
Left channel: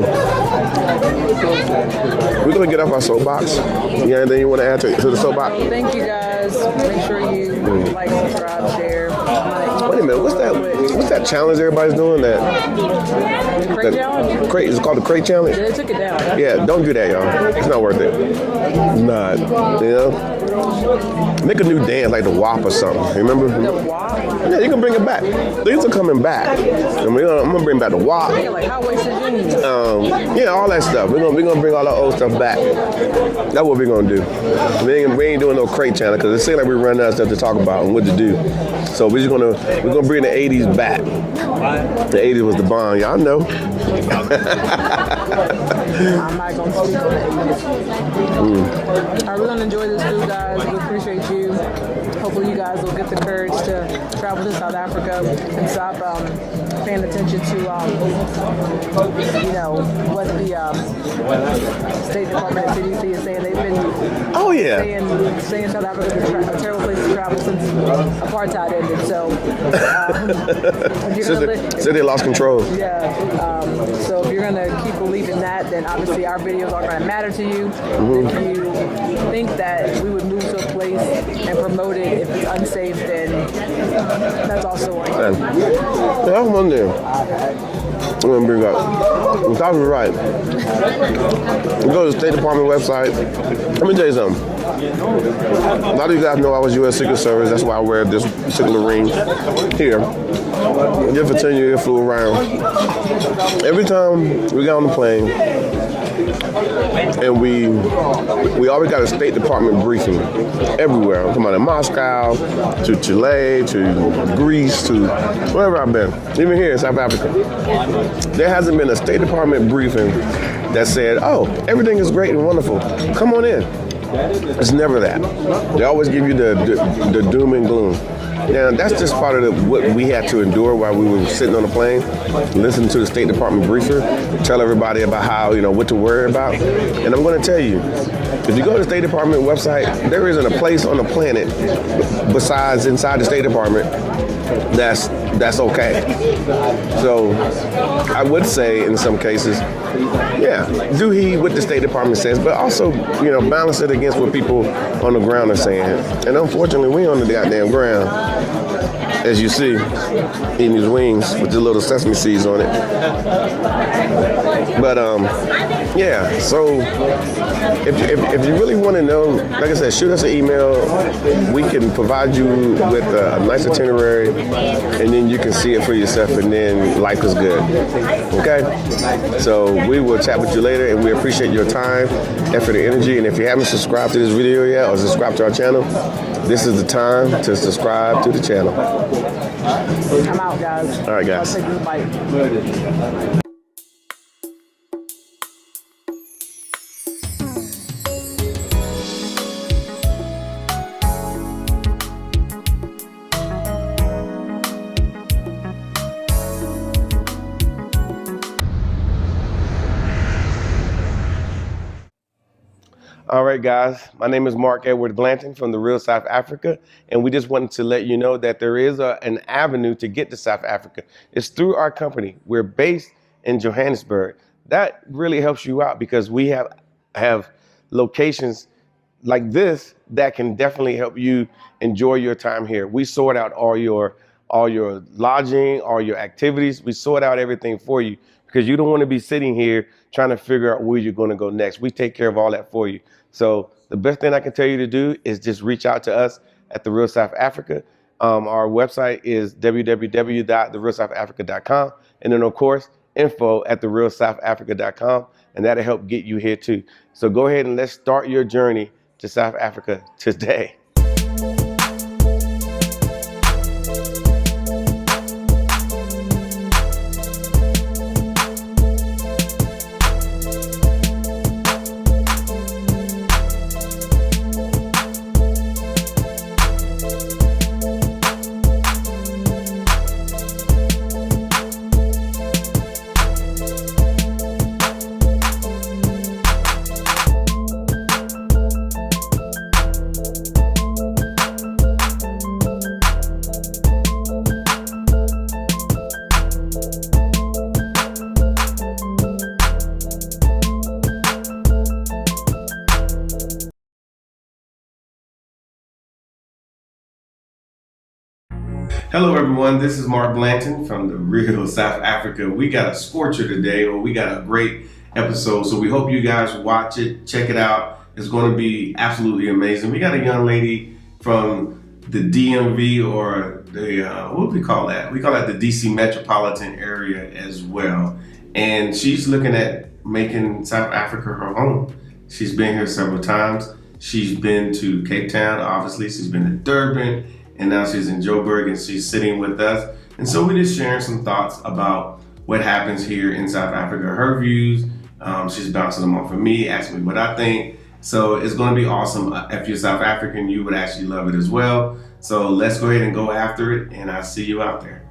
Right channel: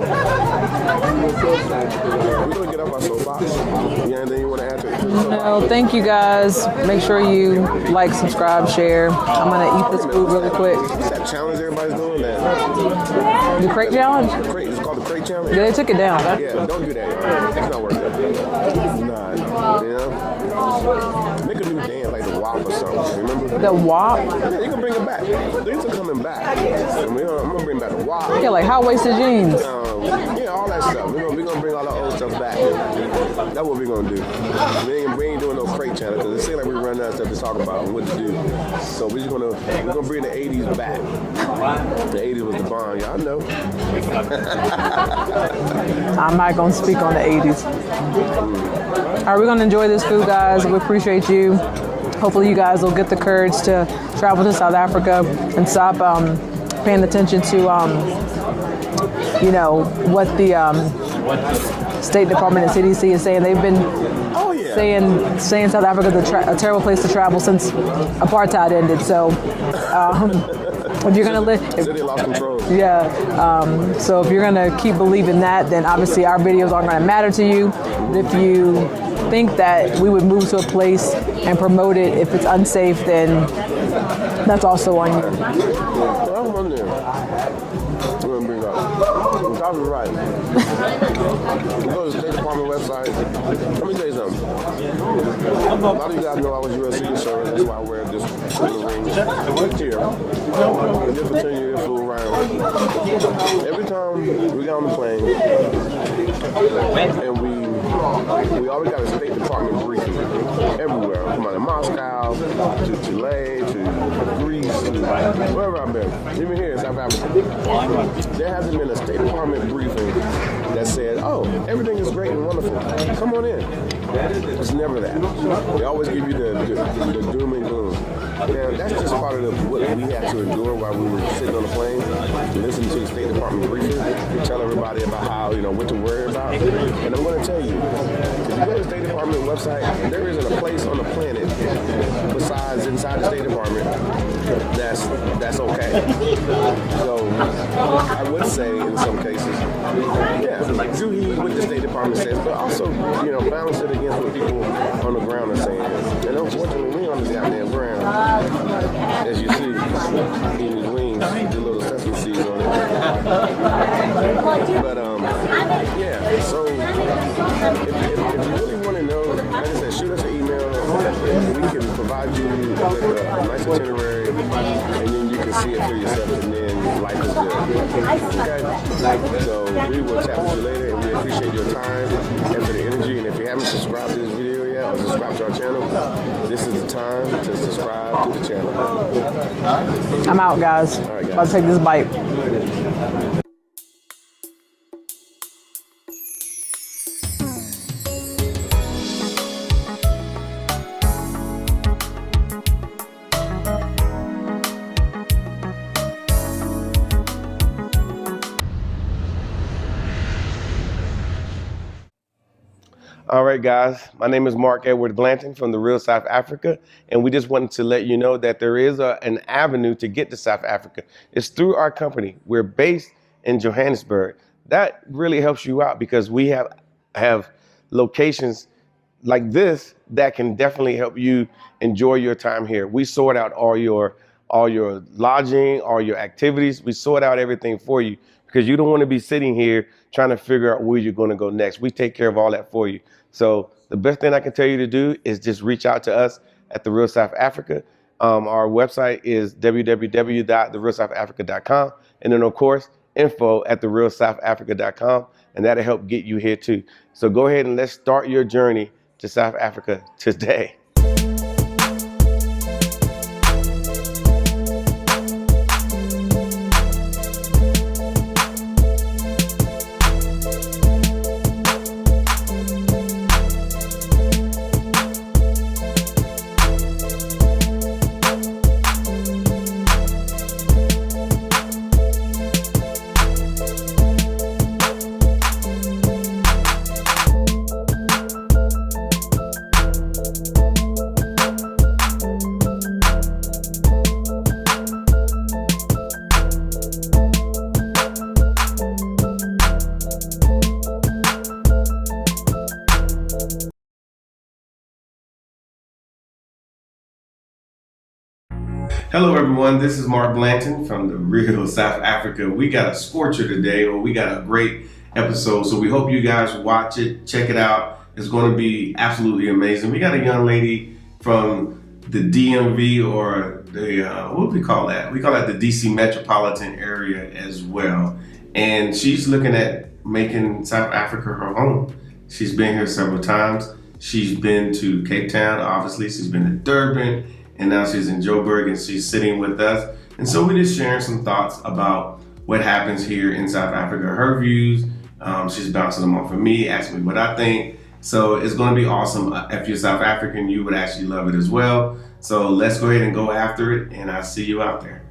we're going to get off our soapbox. You got anything you want to add to the soapbox? Oh, thank you guys. Make sure you like, subscribe, share. I'm going to eat Wait a this minute, food real quick. what's that challenge everybody's doing? That The crate challenge? crate, is it called the crate challenge? Yeah, they took it down. Yeah, don't do that, y'all. It's not worth it. Not, you know? Make a new dance like the WAP or something. Remember? The WAP? Yeah, you can bring it back. Things are coming back. I'm gonna bring back the WAP. Yeah, like high-waisted jeans. Yeah, all that stuff. We're gonna bring all the old stuff back. That's what we're gonna do. We ain't doing no crate channel because it seems like we're running out of stuff to talk about and what to do. So we're gonna bring the '80s back. The '80s was the bomb, y'all know. I'm not going to speak on the 80s. All right, we're going to enjoy this food, guys. We appreciate you. Hopefully you guys will get the courage to travel to South Africa and stop paying attention to, you know, what the State Department and CDC is saying. They've been saying South Africa is a terrible place to travel since apartheid ended. So if you're going to live... Said they lost control. Yeah, so if you're gonna keep believing that, then obviously our videos aren't gonna matter to you. If you think that we would move to a place and promote it if it's unsafe, then that's also on you. That's one thing I'm gonna bring up. Tasha's right. You go to the State Department website. Let me tell you something. A lot of you guys know I was U.S. Secret Service. That's why I wear this particular ring here. Did for 10 years, flew around. Every time we got on the plane, and we always got a State Department briefing everywhere. I'm talking about in Moscow, to Chile, to Greece, to wherever I've been. Even here in South Africa. There hasn't been a State Department briefing that said, oh, everything is great and wonderful. Come on in. It's never that. They always give you the doom and gloom. Now, that's just part of what we had to endure while we were sitting on the plane, listening to the State Department briefer, tell everybody about how, you know, what to worry about. And I'm going to tell you, if you go to the State Department website, there isn't a place on the planet besides inside the State Department that's okay. So I would say in some cases, yeah, do heed what the State Department says, but also, you know, balance it against what people on the ground are saying. And unfortunately, we on the goddamn ground, as you see, eating these wings with the little sesame seeds on it. But yeah, so if you really want to know, like I said, shoot us an email. We can provide you with a nice itinerary, and then you can see it for yourself, and then life is good. Okay? So we will chat with you later, and we appreciate your time, effort, and energy. And if you haven't subscribed to this video yet or subscribed to our channel, this is the time to subscribe to the channel. I'm out, guys. All right, guys. I'll take this bite. All right, guys. My name is Mark Edward Blanton from the Real South Africa, and we just wanted to let you know that there is an avenue to get to South Africa. It's through our company. We're based in Johannesburg. That really helps you out because we have locations like this that can definitely help you enjoy your time here. We sort out all your lodging, all your activities. We sort out everything for you because you don't want to be sitting here trying to figure out where you're going to go next. We take care of all that for you. So the best thing I can tell you to do is just reach out to us at The Real South Africa. Our website is www.therealsouthafrica.com. And then, of course, info@therealsouthafrica.com. And that'll help get you here, too. So go ahead and let's start your journey to South Africa today. Hello everyone, this is Mark Blanton from the real South Africa. We got a scorcher today, or we got a great episode, so we hope you guys watch it, check it out. It's going to be absolutely amazing. We got a young lady from the DMV, or the, what do we call that? We call that the DC metropolitan area as well. And she's looking at making South Africa her home. She's been here several times. She's been to Cape Town, obviously. She's been to Durban. And now she's in Joburg and she's sitting with us. And so we're just sharing some thoughts about what happens here in South Africa, her views. She's bouncing them off of me, asking me what I think. So it's going to be awesome. If you're South African, you would actually love it as well. So let's go ahead and go after it, and I'll see you out there.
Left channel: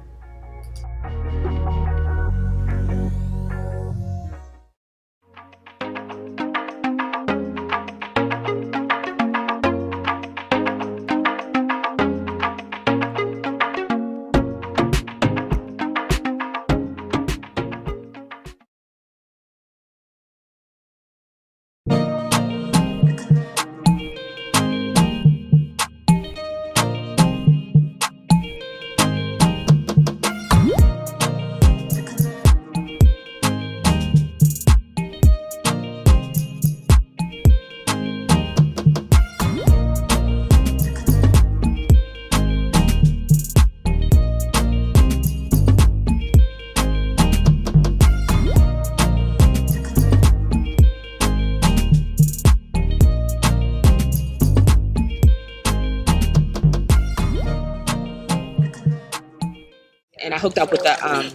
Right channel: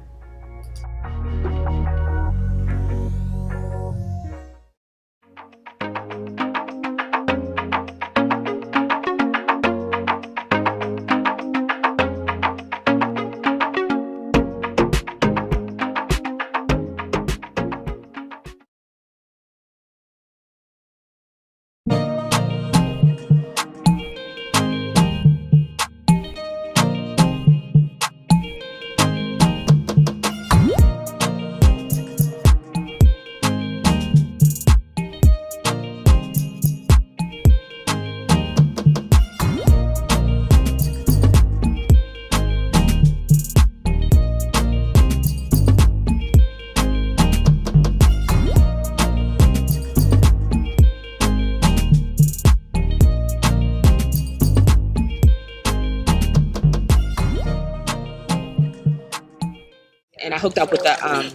And I hooked up with the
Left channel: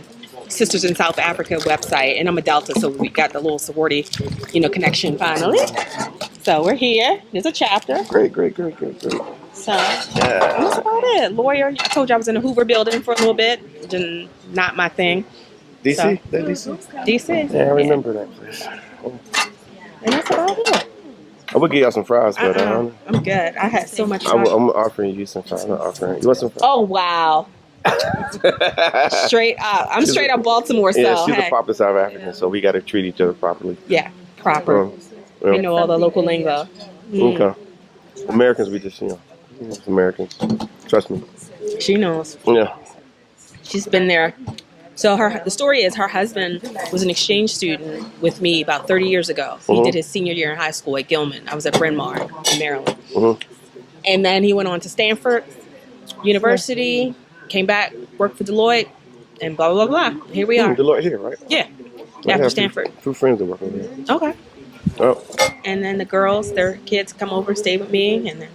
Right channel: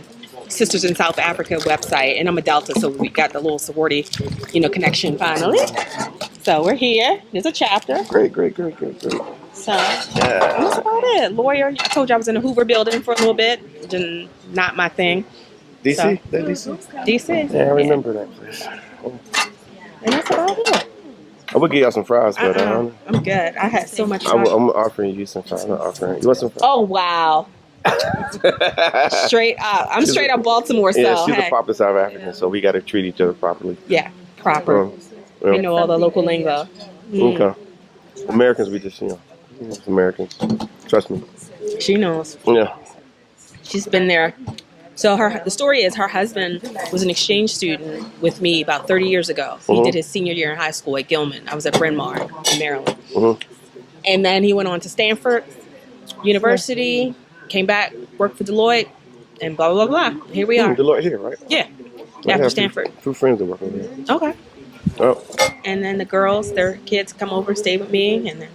Sisters in South Africa website, and I'm a Delta, so we got the little sorority, connection finally. So we're here. There's a chapter. Great. So that's about it. Lawyer. I told you I was in the Hoover building for a little bit. Just not my thing. DC? So, That DC? DC. Yeah, I remember that place. And that's about it. I would get y'all some fries, but I'm good. I had so much I'm fun. offering you some fries. I'm not offering. You want some fries? Oh, wow. Straight up. I'm straight up Baltimore, so yeah, she's hey. a proper South African, so we got to treat each other properly. Yeah, proper. We know all the local lingo. Okay. Americans, we just, Americans. Trust me. She knows. Yeah. She's been there. So the story is her husband was an exchange student with me about 30 years ago. He did his senior year in high school at Gilman. I was at Bryn Mawr in Maryland. And then he went on to Stanford University, came back, worked for Deloitte, and blah, blah, blah, blah. Here we are. Deloitte here, right? Yeah. After Stanford. Two friends that work over here. Okay. Oh. And then the girls, their kids come over, stay with me, and then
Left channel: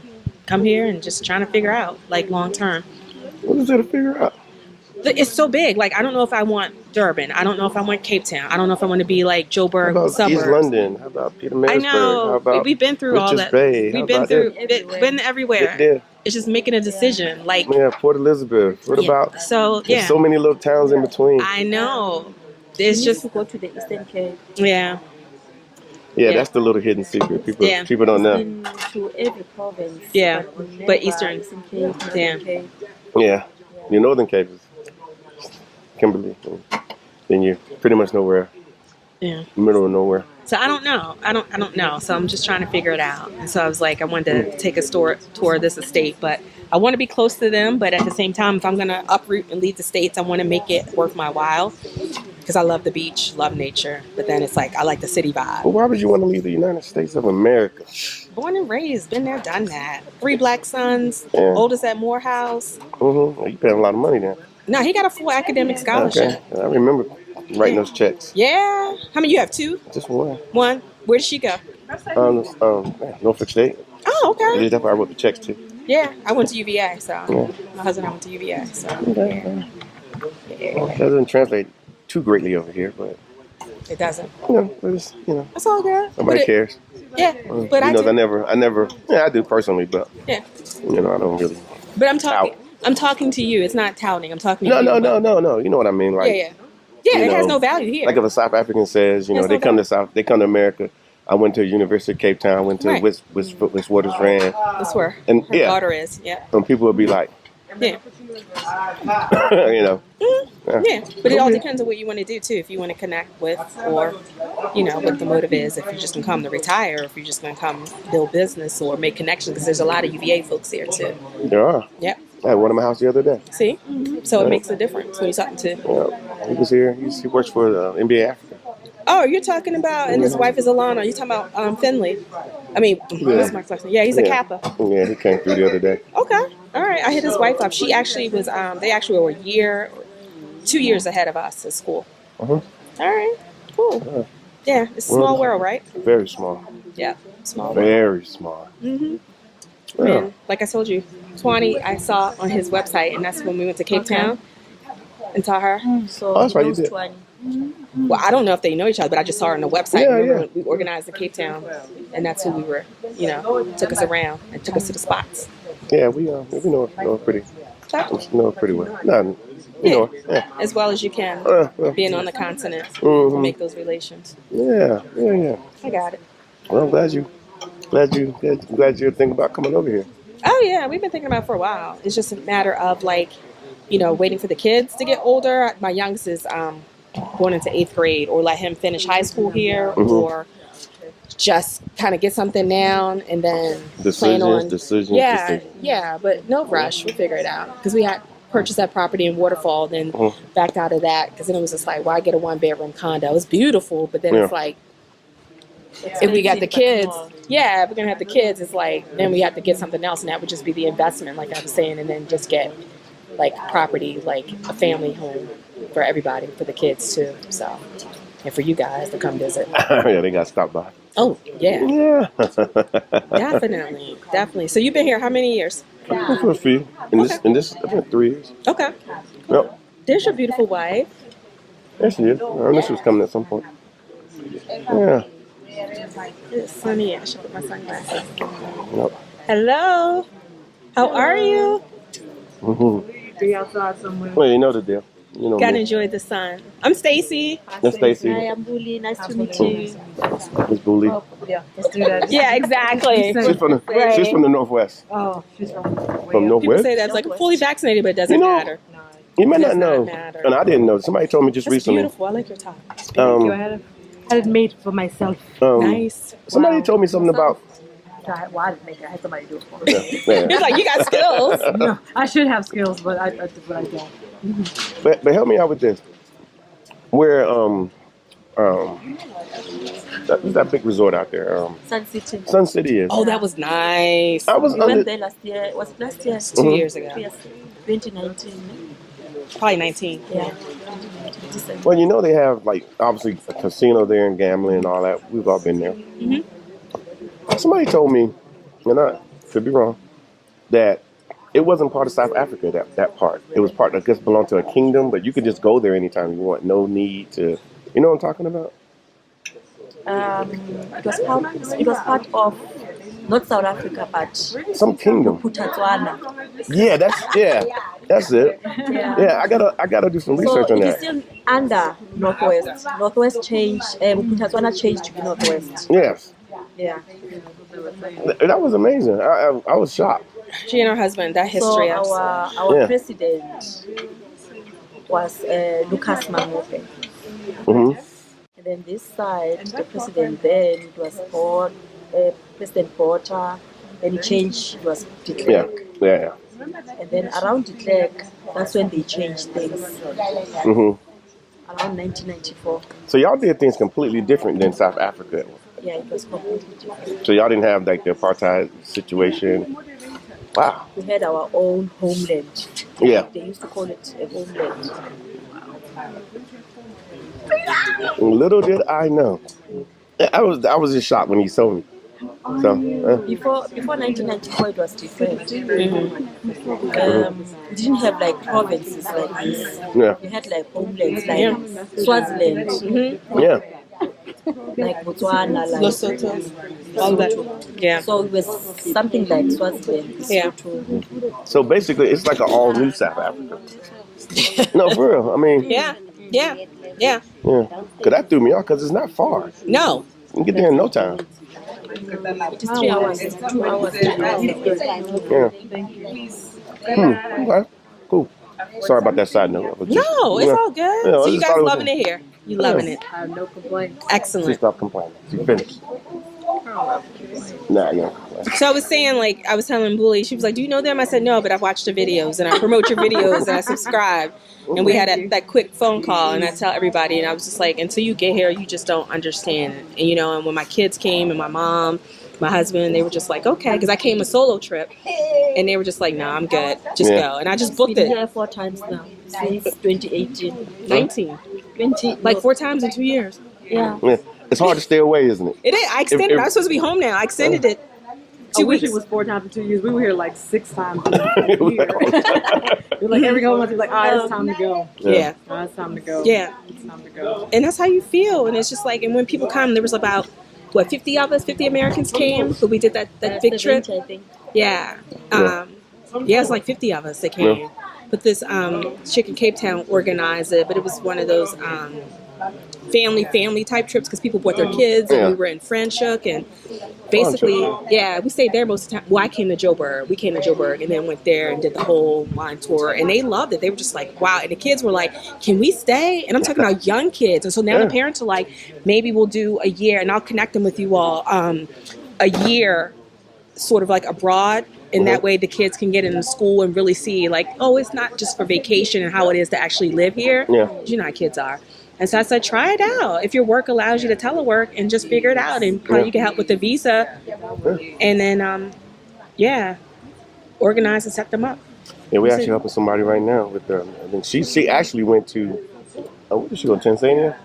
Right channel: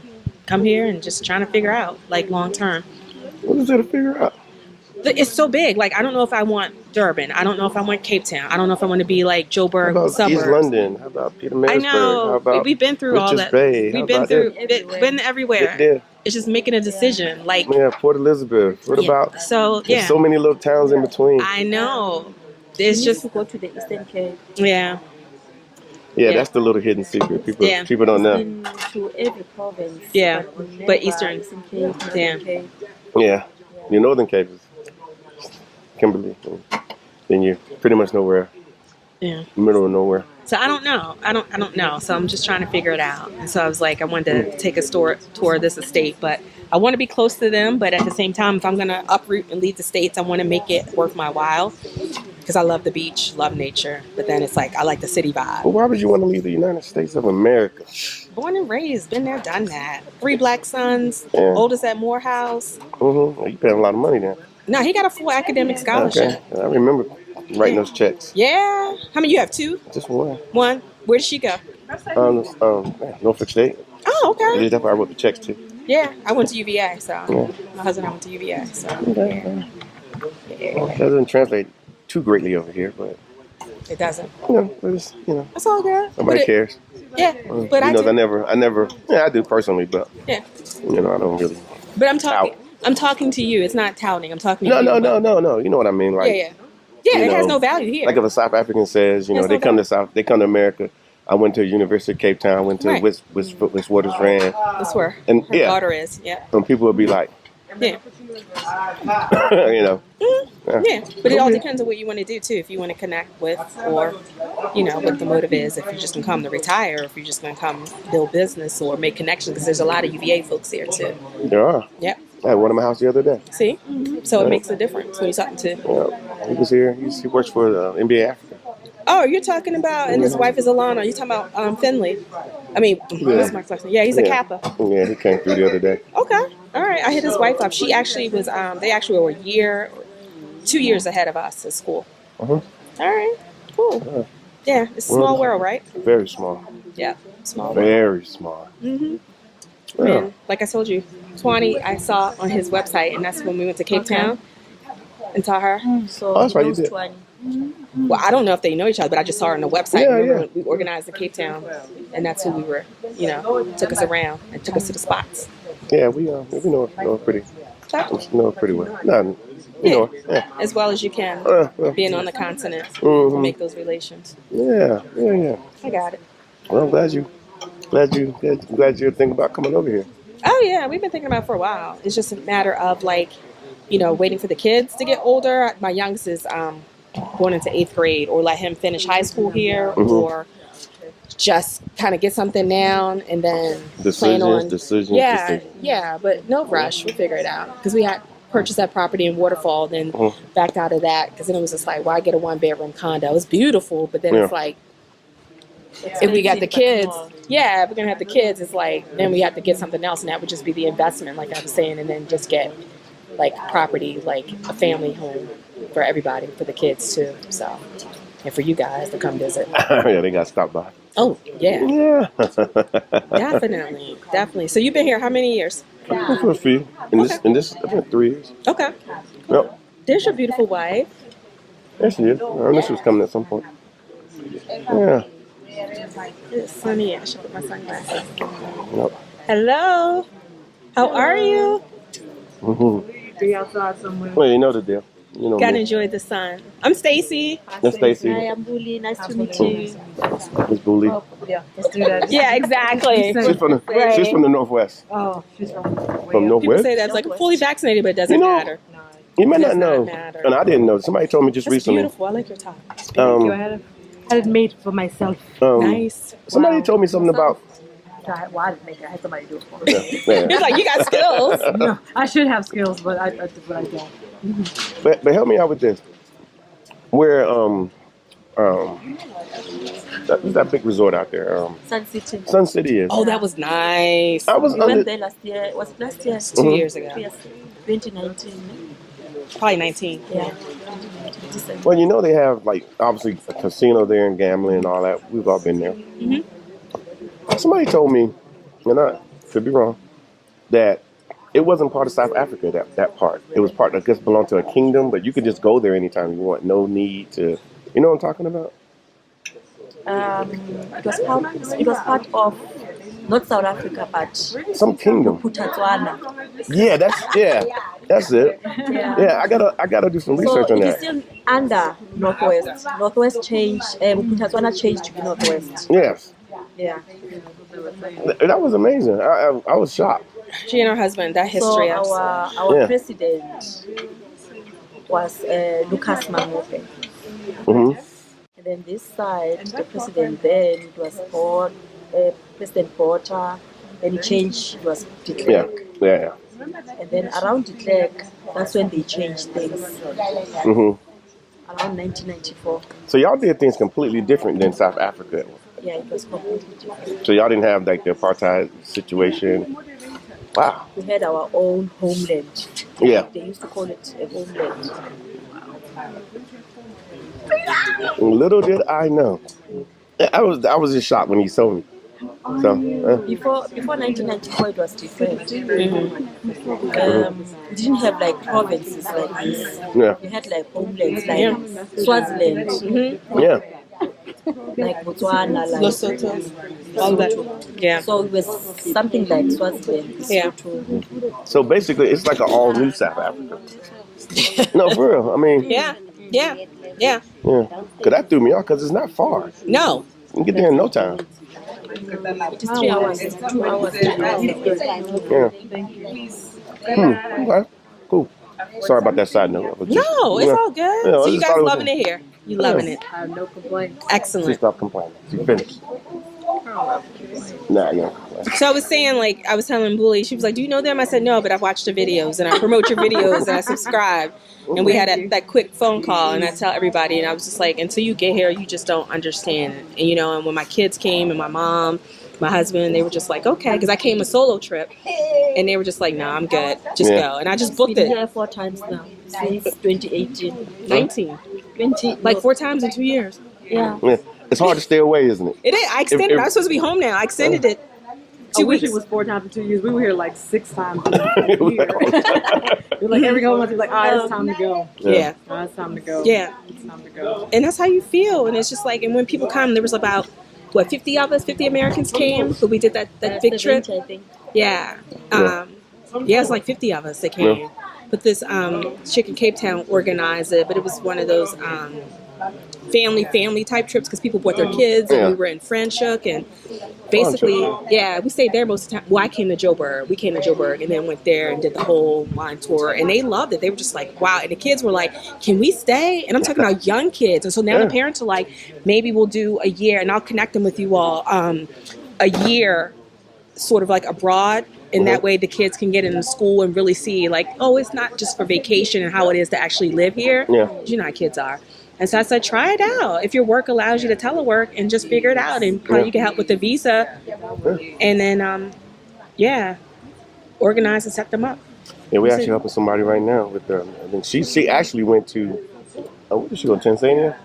come here and just trying to figure out, long term. What is there to figure out? It's so big. I don't know if I want Durban. I don't know if I want Cape Town. I don't know if I want to be like Joburg How about suburbs. East London? How about Petermarisburg? I know. How about We've been through all Richards that. Bay? We've been through. Been everywhere. Yeah. It's just making a decision. Yeah, Port Elizabeth. What about? So There's so many little towns in between. I know. It's just to go to the Eastern Cape. Yeah. Yeah, that's the little hidden secret. People don't know. Been to every province. Yeah, But but Eastern Cape, Yeah. Cape. Yeah, your Northern Cape is Kimberley. Then you're pretty much nowhere. Yeah. Middle of nowhere. So I don't know. I don't know. So I'm just trying to figure it out. And so I was like, I wanted to take a tour of this estate, but I want to be close to them. But at the same time, if I'm going to uproot and leave the States, I want to make it worth my while because I love the beach, love nature. But then it's like, I like the city vibe. But why would you want to leave the United States of America? Born and raised, been there, done that. 3 black sons, Yeah. oldest at Morehouse. Well, you paying a lot of money then. No, he got a full academic scholarship. Okay, I remember writing those checks. Yeah. How many you have? 2? Just one. 1. Where did she go? Norfolk State. Oh, okay. That's where I wrote the checks to. Yeah, I went to UVA, so Yeah. my husband and I went to UVA, so Okay. yeah. That doesn't translate too greatly over here, but It doesn't. it's, That's all good. nobody But cares. Yeah, but You I know, do. I never, yeah, I do personally, but Yeah, I don't really. but I'm talking. Tout. I'm talking to you. It's not touting. I'm talking to No, you. no, but- no, no, no. You know what I mean? Yeah, Like, yeah, yeah. you It has know, no value here. like if a South African says, There's they no come value. to they come to America. I went to the University of Cape Town. I went to Right. Witwatersrand. That's where And her yeah. daughter is. Yeah, And people would be like, yeah, yeah. But it all depends on what you want to do too. If you want to connect with, or what the motive is. If you're just gonna come to retire, or if you're just gonna come build business or make connections, because there's a lot of UVA folks here too. there are. Yep. I had one in my house the other day. See, so it makes a difference when you're talking to. Yeah. He was here. He works for NBA Africa. Oh, you're talking about, and his wife is Alana. You're talking about Finley. I mean, what's Mark Flexner? Yeah, he's a Kappa. Yeah, he came through the other day. Okay, all right. I hit his wife up. She actually was. They actually were 2 years ahead of us at school. Uh-huh. All right, cool. Yeah, it's a small world, right? Very small. Yeah, small world. Very small. Mm-hmm. Man, like I told you, Twani, I saw on his website, and that's when we went to Cape Town and saw her. So Oh, that's right, you those did. 20. Well, I don't know if they know each other, but I just saw her on the website. Yeah, Remember yeah. when we organized in Cape Town, and that's who we were. Took us around and took us to the spots. Yeah, we know it pretty. We know it pretty well. No, yeah. As well as you can, Yeah. being on the continent, Mhm. make those relations. Yeah. I got it. Well, I'm glad you're thinking about coming over here. Oh yeah, we've been thinking about it for a while. It's just a matter of waiting for the kids to get older. My youngest is going into 8th grade, or let him finish high school here, or just kind of get something down and then plan on Decisions. Yeah, but no rush. We'll figure it out, because we had purchased that property in Waterfall, then backed out of that because then it was just like, why get a 1-bedroom condo? It was beautiful, but then it's like, if we got the kids, if we're gonna have the kids, it's like then we have to get something else, and that would just be the investment, like I was saying, and then just get like property, like a family home for everybody, for the kids too. So, and for you guys to come visit. Yeah, they got to stop by. Oh yeah, Yeah. definitely. So you've been here how many years? For a few. In this, I think 3 years. Okay. Yep. There's your beautiful wife. There she is. I knew she was coming at some point. Yeah. It's sunny. I should put my sunglasses. Yep. Hello. How are you? Well, you know the deal. You know Gotta me. enjoy the sun. I'm Stacy. That's Stacy. Hi, I'm Bully. Nice to meet you. Miss Booley. Yeah, exactly. She's from the Northwest. Oh, she's from From People Northwest? say that's like fully vaccinated, but it doesn't You know, matter. You may Does not know. not matter. And I didn't know. Somebody told me just That's recently. beautiful. I like your top. Um, I had it made for myself. Nice. Somebody told me something about. Well, I didn't make it. I had somebody do it for me. Yeah. It's like you got skills. No, I should have skills, but I don't. But help me out with this. Where that big resort out there, Sun City. Sun City is. Oh, that was nice. I was We under. went there last year. It was last year. 2 years ago. Yes, 2019. Probably 19. Yeah. 2019, December. Well, you know they have like obviously a casino there and gambling and all that. We've all been there. Somebody told me, and I could be wrong, that it wasn't part of South Africa. That part. It was part. I guess belonged to a kingdom, but you could just go there anytime you want. No need to. You know what I'm talking about? It was part of not South Africa, but Some kingdom. Botswana. Yeah, that's it. Yeah, I gotta do some research So on it is that. still under Northwest. Northwest changed. Botswana changed to be Northwest. Yes, Yeah. that was amazing. I was shocked. She and her husband, that So history. our Yeah. president was Lucas Mamope. Hmm. And then this side, the president then it was President Porter. Then he changed, it was de Yeah, Klerk. yeah. And then around de Klerk, that's when they changed things. Hmm. Around 1994. So y'all did things completely different than South Africa. Yeah, it was completely different. So y'all didn't have like the apartheid situation. Wow. We had our own homeland. Yeah. They used to call it a homeland. Little did I know I was just shocked when he told me. So Before 1994, it was different. We didn't have like provinces like this. yeah, We had like homelands like Swaziland, yeah. like Botswana, like Lesotho, all that. Yeah. So it was something like Swaziland, Yeah. Lesotho. So basically, it's like an all new South Africa. No, for real. I mean, Yeah. Yeah. Yeah. yeah. Cause that threw me off because it's not far. No. You can get there in no time. It is 3 hours, 2 hours. Yeah. Okay. Cool. Sorry about that side note. But just- No, it's yeah. all good. Yeah, I So you just guys thought it was- loving it here? You loving it? I have no complaints. She Excellent. stopped complaining. She finished. Nah, yeah. So I was saying, like, I was telling Bully, she was like, "Do you know them?" I said, "No, but I watched the videos and I promote your videos and I subscribe." And we had that quick phone call, and I tell everybody, and I was just like, until you get here, you just don't understand it. And you know, and when my kids came, and my mom, my husband, they were just like, okay, because I came a solo trip, and they were just like, no, I'm good, just Yeah. go. And I just We've booked been it. here 4 times now since 2018. 19, 20, like 4 times in 2 years. yeah. Yeah. It's hard to stay away, isn't it? It is. I extended. If- I was supposed to be home now. I extended it I 2 wish weeks. it was 4 times in 2 years. We were here like 6 times in a year. We're like every couple months, we're like, it's time to go. Yeah. It's time to go. Yeah. It's time to go. And that's how you feel. And it's just like, and when people come, there was about, 50 of us, 50 Americans came, but we did that big trip. 70, I think. Yeah. Yeah, it's like 50 of us that came. Yeah. But this chick in Cape Town organized it, but it was one of those family type trips because people brought their kids and Yeah. we were in Franschhoek and basically, yeah, we stayed there most of the time. Well, I came to Joburg. We came to Joburg and then went there and did the whole wine tour and they loved it. They were just like, wow. And the kids were like, can we stay? And I'm talking about young kids. And so now the parents are like, maybe we'll do a year and I'll connect them with you all. A year sort of like abroad. And that way the kids can get into school and really see like, oh, it's not just for vacation and how it is to actually live here. Yeah. You know how kids are. And so I said, try it out. If your work allows you to telework and just figure it out and how you can help with the visa. And then, organize and set them up. Yeah, we're actually helping somebody right now with I think she actually went to, where did she go, Tanzania?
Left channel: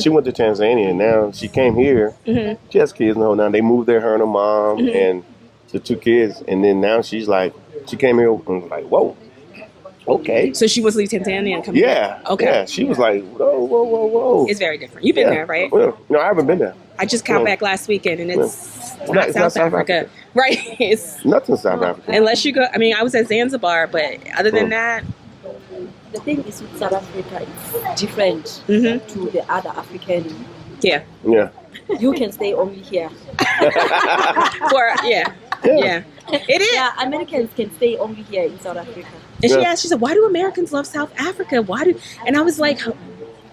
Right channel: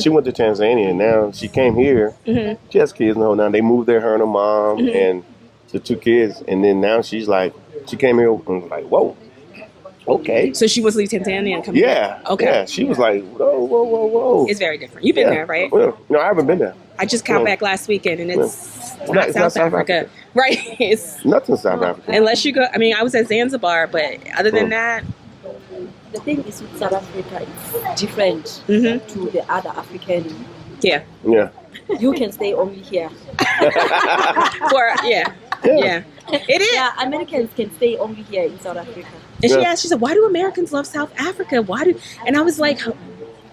She went to Tanzania and now she came here. She has kids now. They moved there, her and her mom and the 2 kids. And then now she's like, she came here and was like, whoa, okay. So she was leave Tanzania and come Yeah. Okay. Yeah, she was like, whoa. It's very different. You've been there, right? Well, no, I haven't been there. I just got back last weekend and it's not It's South Africa. Right. It's Nothing South Africa. unless you go, I mean, I was at Zanzibar, but other than that, The thing is with South Africa, it's different to the other African. yeah. Yeah. You can stay only here. Yeah. It is. Yeah, Americans can stay only here in South Africa. And she Yeah. asked, she said, why do Americans love South Africa? And I was like,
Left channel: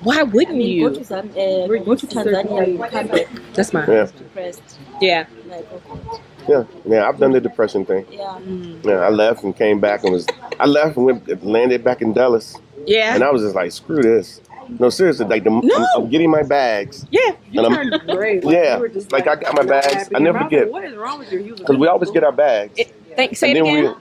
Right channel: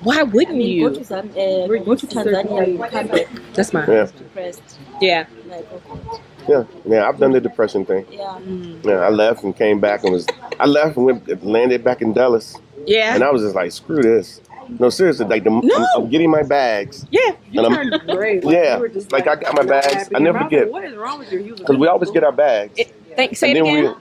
why wouldn't Go you? to Tanzania, you come back That's mine. Yeah. depressed. Yeah. Like, okay. Yeah, I've done the depression thing. Yeah. Yeah, I left and came back and landed back in Dallas. Yeah. And I was just like, screw this. No, seriously, like I'm getting my bags. Yeah. You And turned great. Yeah, You were just like I got my bags. happy. I never Your mouth forget. was, what is wrong with you? You was Because we always get our bags. Say it And then again.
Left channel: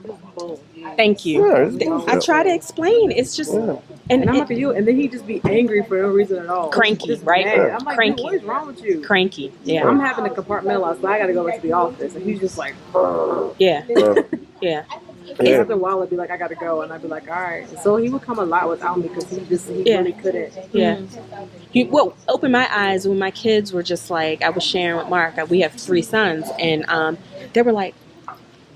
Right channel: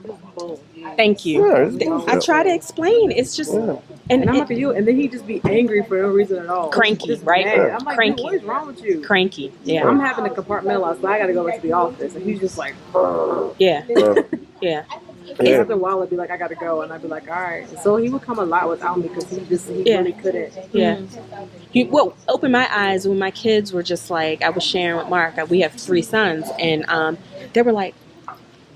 Thank you. Yeah, it's- I try to explain. It's just, Yeah. And I'm and like, you, and then he just be angry for no reason at all. Cranky, Just right? mad. I'm like, Cranky. dude, what is wrong with you? cranky. Yeah. I'm having to compartmentalize, so I got to go into the office, and he's just like, Yeah. Yeah. Yeah. Yeah. after a while, I'd be like, I got to go, and I'd be like, all right. So he would come a lot without me because he Yeah. really couldn't. Yeah. Well, opened my eyes when my kids were just like, I was sharing with Mark, we have 3 sons, and they were like,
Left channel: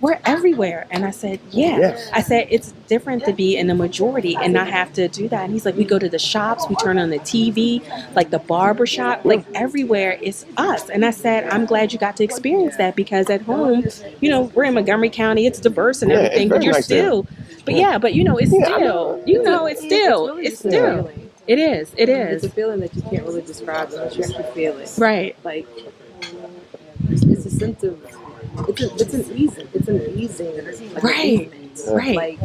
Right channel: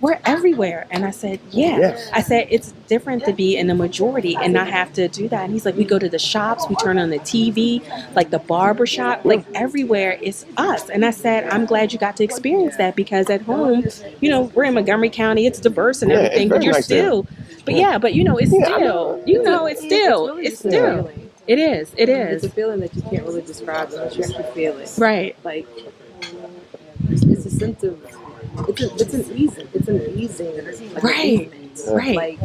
we're everywhere. And I said, yeah. Yes. I said, it's different to be in the majority and not have to do that. And he's like, we go to the shops, we turn on the TV, like the barber shop, like everywhere it's us. And I said, I'm glad you got to experience that because at home, you know, we're in Montgomery County, it's diverse and Yeah, everything, it's but very you're nice there. still, but yeah, but you know, it's Yeah, I still, you know, it's still, really it's just a still, feeling. it is, it It's a is. feeling that you can't really describe unless you actually feel it. Right. Like, it's a sense of, it's an easing, like, Right. easement. Right. Like,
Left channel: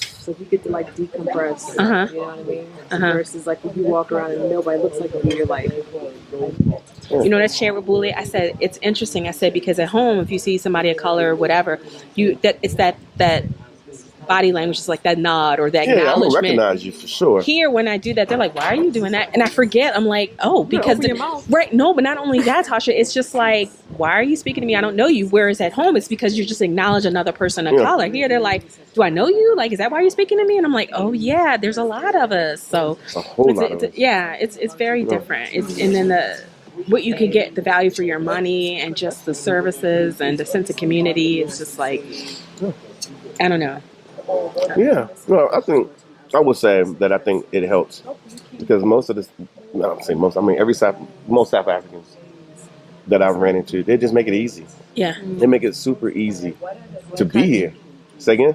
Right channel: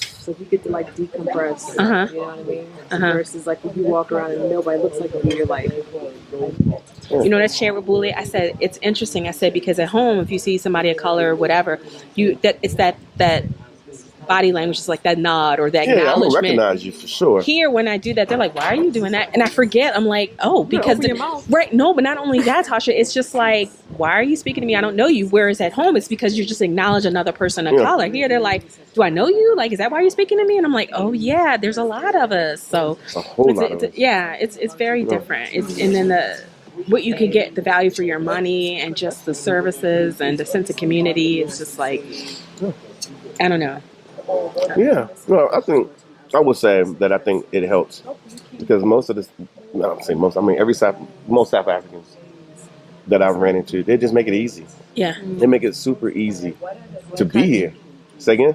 so you get to like decompress. Uh-huh. You know what I mean? Uh-huh. Versus like if you walk around and nobody looks like you, you're like, You know, that's shared with Bully. I said, it's interesting. I said, because at home, if you see somebody of color or whatever, it's that body language is like that nod or that Yeah, I'm gonna acknowledgement. recognize you for sure. Here, when I do that, they're like, "Why are you doing that?" And I forget. I'm like, "Oh, because right? No, but not only that, Tasha. It's just like, why are you speaking to me? I don't know you. Whereas at home, it's because you just acknowledge another person of color. Here, they're like, "Do I know you? Like, is that why you're speaking to me?" And I'm like, "Oh yeah, there's a lot of us." So a whole lot of us. Yeah, it's very different. And then what you can get, the value for your money, and just the services and the sense of community is just like, I don't know. Yeah, no, I would say that I think it helps because most of this, I don't say most, I mean most South Africans that I've ran into, they just make it easy. Yeah. They make it super easy to be here. Say again?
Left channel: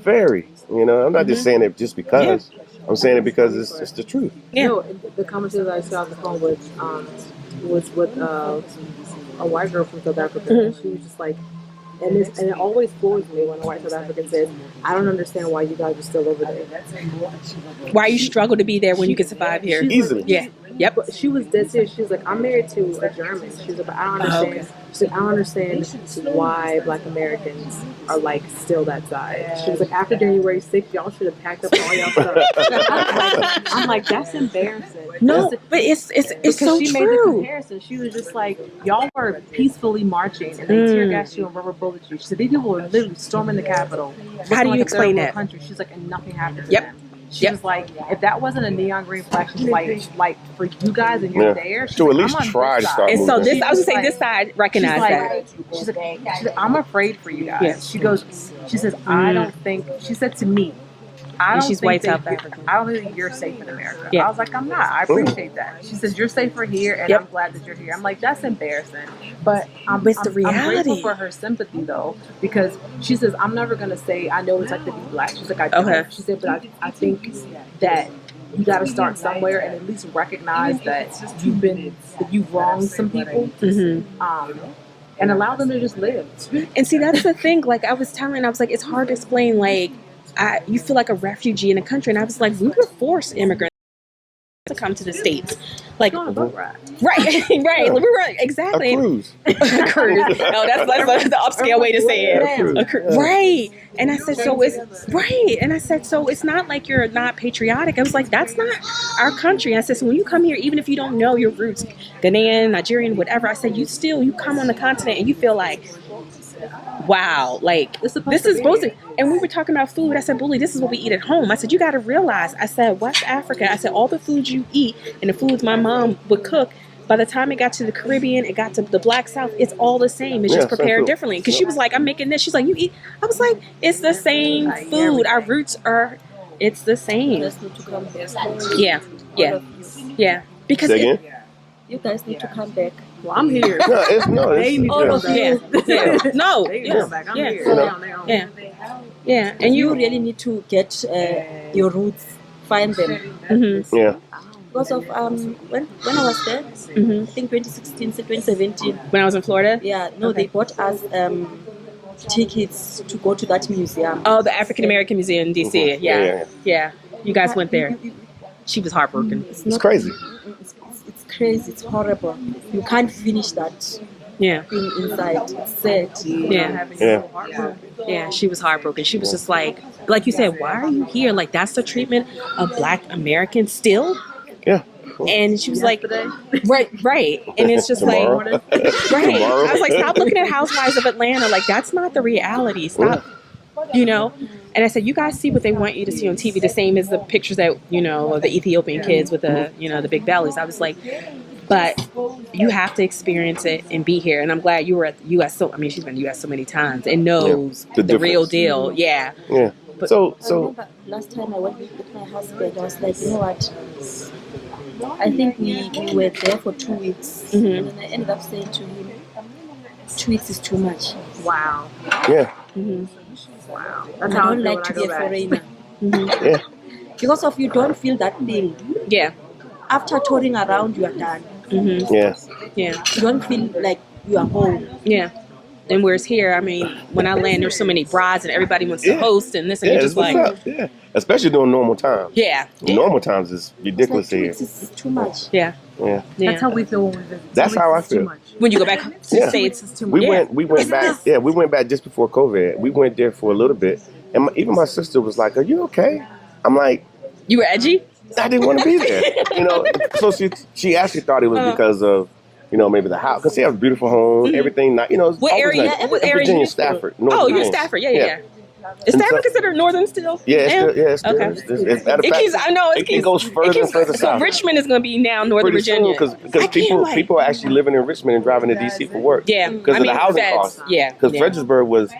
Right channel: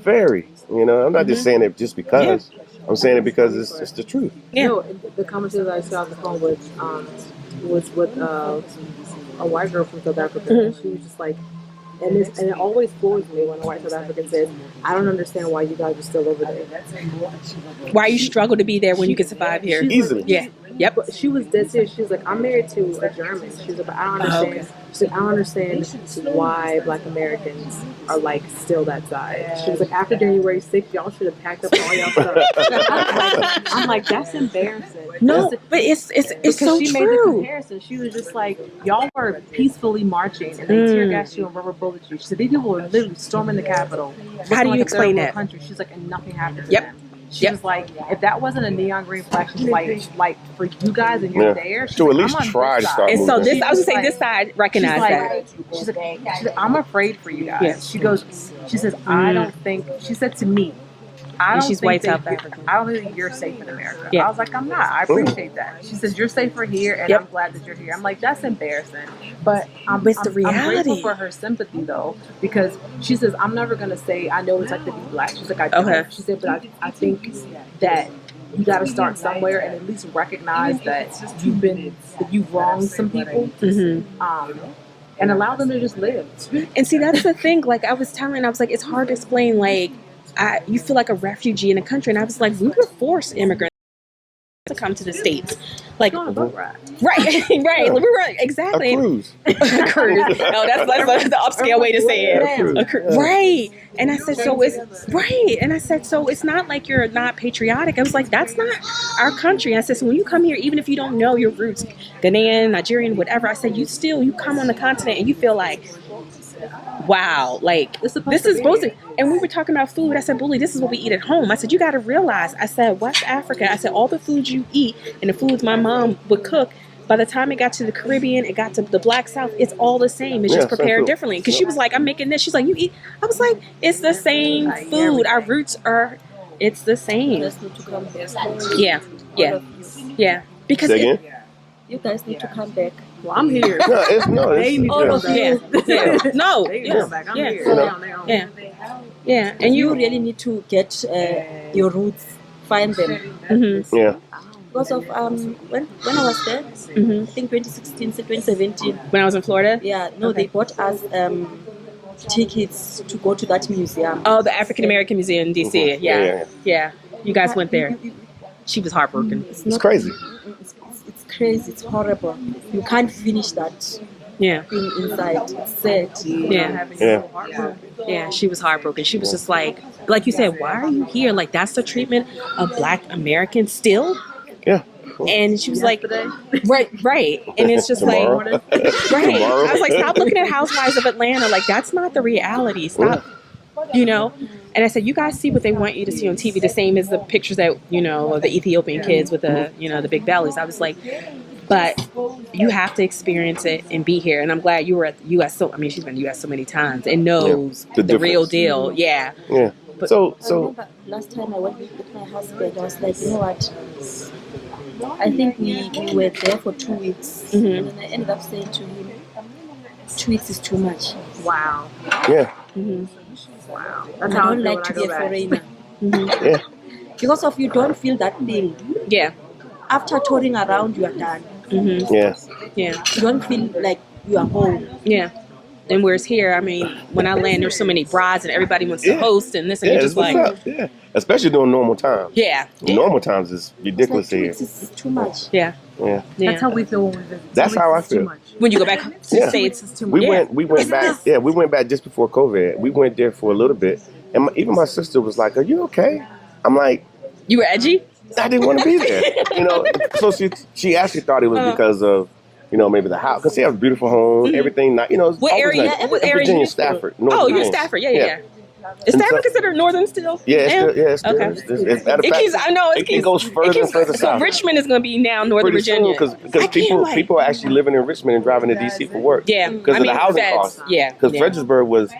Very. You know, I'm not just saying it just because. I'm saying it because it's just the truth. Yeah. No, the conversation I saw on the phone was with a white girl from South Africa. And she was just like, and it always floors me when a white South African says, "I don't understand why you guys are still over there. Why you struggle to be there when you can survive here easily." Yeah. Yep. But she was dead serious. She was like, "I'm married to a German." She was like, "But I don't understand." She said, "I don't understand why Black Americans are like still that side." She was like, "After January 6th, y'all should have packed up all y'all stuff." I'm like, that's embarrassing. No, but it's so she true. made the comparison. She was just like, y'all were peacefully marching and they tear gassed you and rubber bullet you. She said, these people were literally storming the Capitol. How do you explain that? Country. She's like, and nothing happened to them. She was like, if that wasn't a neon green flag, she's like for you guys and you're there. To at least try to start moving. And so this, I was gonna say, like, this side recognize that. She's like, I'm afraid for you guys. Yeah. She says, I don't think. She said to me, I don't think South African. I don't think you're safe in America. I was like, I'm not. I appreciate that. She says, you're safer here, and I'm glad that you're here. I'm like, that's embarrassing. But it's the reality. I'm grateful for her sympathy, though, because she says, I'm never going to say, I know it's like to be Black. She's like, I don't. She said, but I think that you got to start somewhere and at least recognize that you've wronged some people. And allow them to just live. And see, that's the thing. Like I was telling, I was like, it's hard to explain, like, you feel like a refugee in a country, and I was like, we were forced immigrants to come to the States, like right. We were exactly a cruise. No, that's the upscale way to say it. Right. And I said, so it's right. And I said, so it's not like you're not patriotic. I was like, that's not our country. And I said, so when you come here, even if you don't know your roots, Ghanaian, Nigerian, whatever, I said, you come on the continent and you feel like, wow, like this is supposed to. And we were talking about food. I said, Bully, this is what we eat at home. I said, you got to realize. I said, West Africa. I said, all the foods you eat and the foods my mom would cook. By the time it got to the Caribbean, it got to the Black South. It's all the same. It's just prepared differently. Because she was like, I'm making this. She's like, you eat. I was like, it's the same food. Our roots are. It's the same. Yeah. Because you guys need to come back. Well, I'm here. They need to come back. I'm here. Yeah. And you really need to get your roots, find them. Yeah. Because of when I was there, I think 2016, 2017. When I was in Florida? Yeah, they bought us tickets to go to that museum. Oh, the African American Museum in DC. Yeah. You guys went there. She was heartbroken. It's crazy. It's crazy. It's horrible. You can't finish that. Yeah. Thing inside. It's sad. Yeah, she was heartbroken. She was just like you said, why are you here? Like, that's the treatment of Black Americans still? Yeah. And she was like, right. And it's just like, right. I was like, stop looking at Housewives of Atlanta. Like, that's not the reality. Stop, And I said, you guys see what they want you to see on TV, the same as the pictures that, of the Ethiopian kids with the, the big bellies. I was like, but you have to experience it and be here. And I'm glad you were at the U.S. She's been to the U.S. so many times and knows the real deal. Yeah. But so I remember last time I went with my husband, I was like, you know what? I think we were there for 2 weeks. And then I ended up saying to him, 2 weeks is too much. Wow. Yeah. Wow. That's how I don't like to be a foreigner. Yeah. Because of you don't feel that thing. Yeah. After touring around, you are done. Yeah. You don't feel like you are home. Yeah. And whereas here, I mean, when I land, there's so many brides and everybody wants to Yeah. host and this, and Yeah, you're that's just what's like, up. Yeah, especially during normal times. yeah, Normal times is ridiculous Two here. weeks is too much. yeah, Yeah, yeah. That's how we feel when we visit. that's how I feel. When you go back to the Yeah. States, It's too much. We went back. Yeah, we went back just before COVID. We went there for a little bit, and even my sister was like, "Are you okay?" I'm like, you were edgy. I didn't want to be there, you know. So she actually thought it was because of, you know, maybe the house, because she has a beautiful home, everything. Not, you know, it's What always area? nice. What area? Virginia, you Stafford. Oh, Northern you're in Virginia. Stafford. Yeah. Is And Stafford so- considered northern still? Yeah, it's still, Okay. it's matter of It fact, keeps. I know it goes further and further so south. Richmond is going to be now Northern Virginia. because I can't, people are actually living in Richmond and driving to DC for work. Yeah, because of the housing feds. costs. Yeah, Because yeah. Fredericksburg was.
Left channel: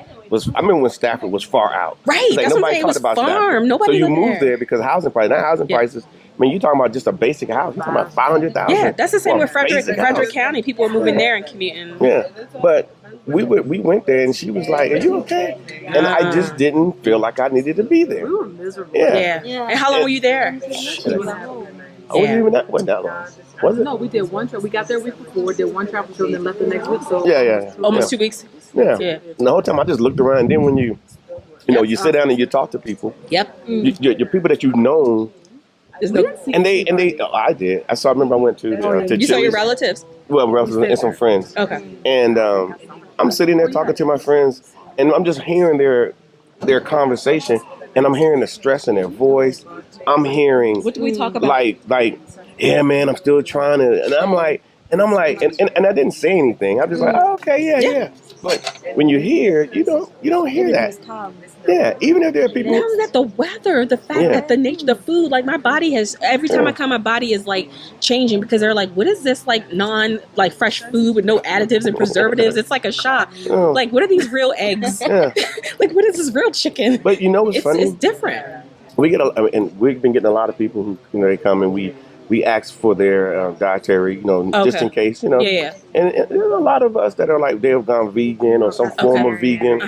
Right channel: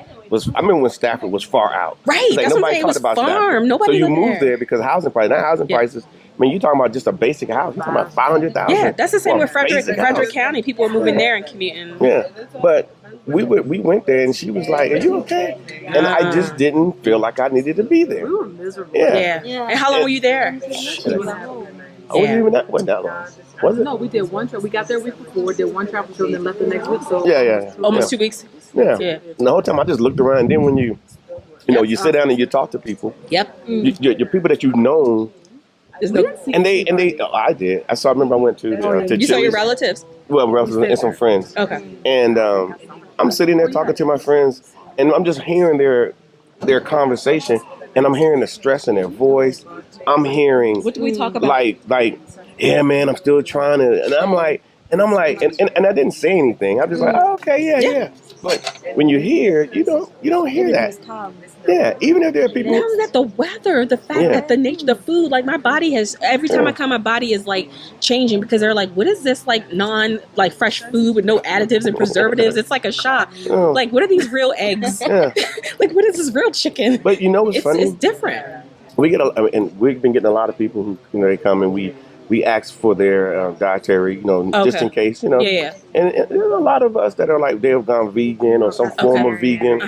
I remember when Stafford was far out. Right, It's like that's what I'm nobody saying. It talked was about farm. Stafford. Nobody So you lived moved there because of housing prices. Now housing Yeah. prices. I mean, you're talking about just a basic house. You're talking about $500,000. Yeah, that's the same with Frederick House. County. People are moving there and commuting. Yeah, but we went there and she was like, "Are you okay?" And I just didn't feel like I needed to be there. We were miserable. Yeah. Yeah. And how long were you there? I wasn't even that wasn't that long. Was it? No, we did one trip. We got there a week before, did one travel show, and then left the next week. So Yeah. Almost 2 weeks. Yeah. Yeah. And the whole time I just looked around. And then when you know, you sit down and you talk to people, Yep. your people that you've known, There's no, and they. Oh, I did. I remember I went to you saw your Chili's. relatives. Well, relatives and some friends. Okay. And I'm sitting there talking to my friends, and I'm just hearing their conversation, and I'm hearing the stress in their voice. I'm hearing What do we talk about? like, yeah, man, I'm still trying to, and I'm like, and I didn't say anything. I'm just like, oh, okay, yeah. But when you hear, you don't hear that. Yeah, even if there are people. Now that the weather, the fact that the nature, the food, like my body has, every time I come, my body is like changing because they're like, what is this like like fresh food with no additives and preservatives? It's like a shock. Like, what are these real eggs? Yeah. Like, what is this real chicken? But you know what's funny? It's different. We get and we've been getting a lot of people who, you know, they come and we ask for their dietary, you know, just in case, you know. Yeah. And there's a lot of us that are like, they've gone vegan or some form of vegan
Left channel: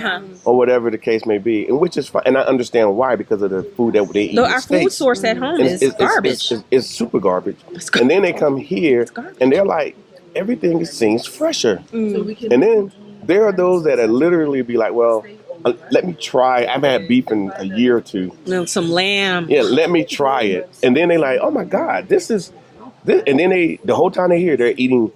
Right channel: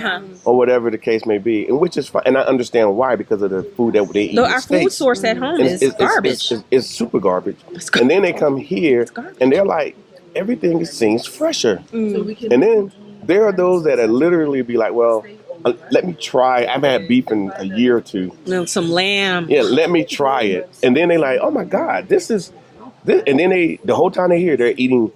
or whatever the case may be, and which is fine. And I understand why, because of the food that they eat. No, in the our food States. source at home is garbage. It's super garbage. And then they come here and they're like, everything seems fresher. And then there are those that are literally be like, well, let me try. I've had beef in a year or two. Some lamb. Yeah, let me try it. And then they like, oh my God, this is this. And then the whole time they're here, they're eating.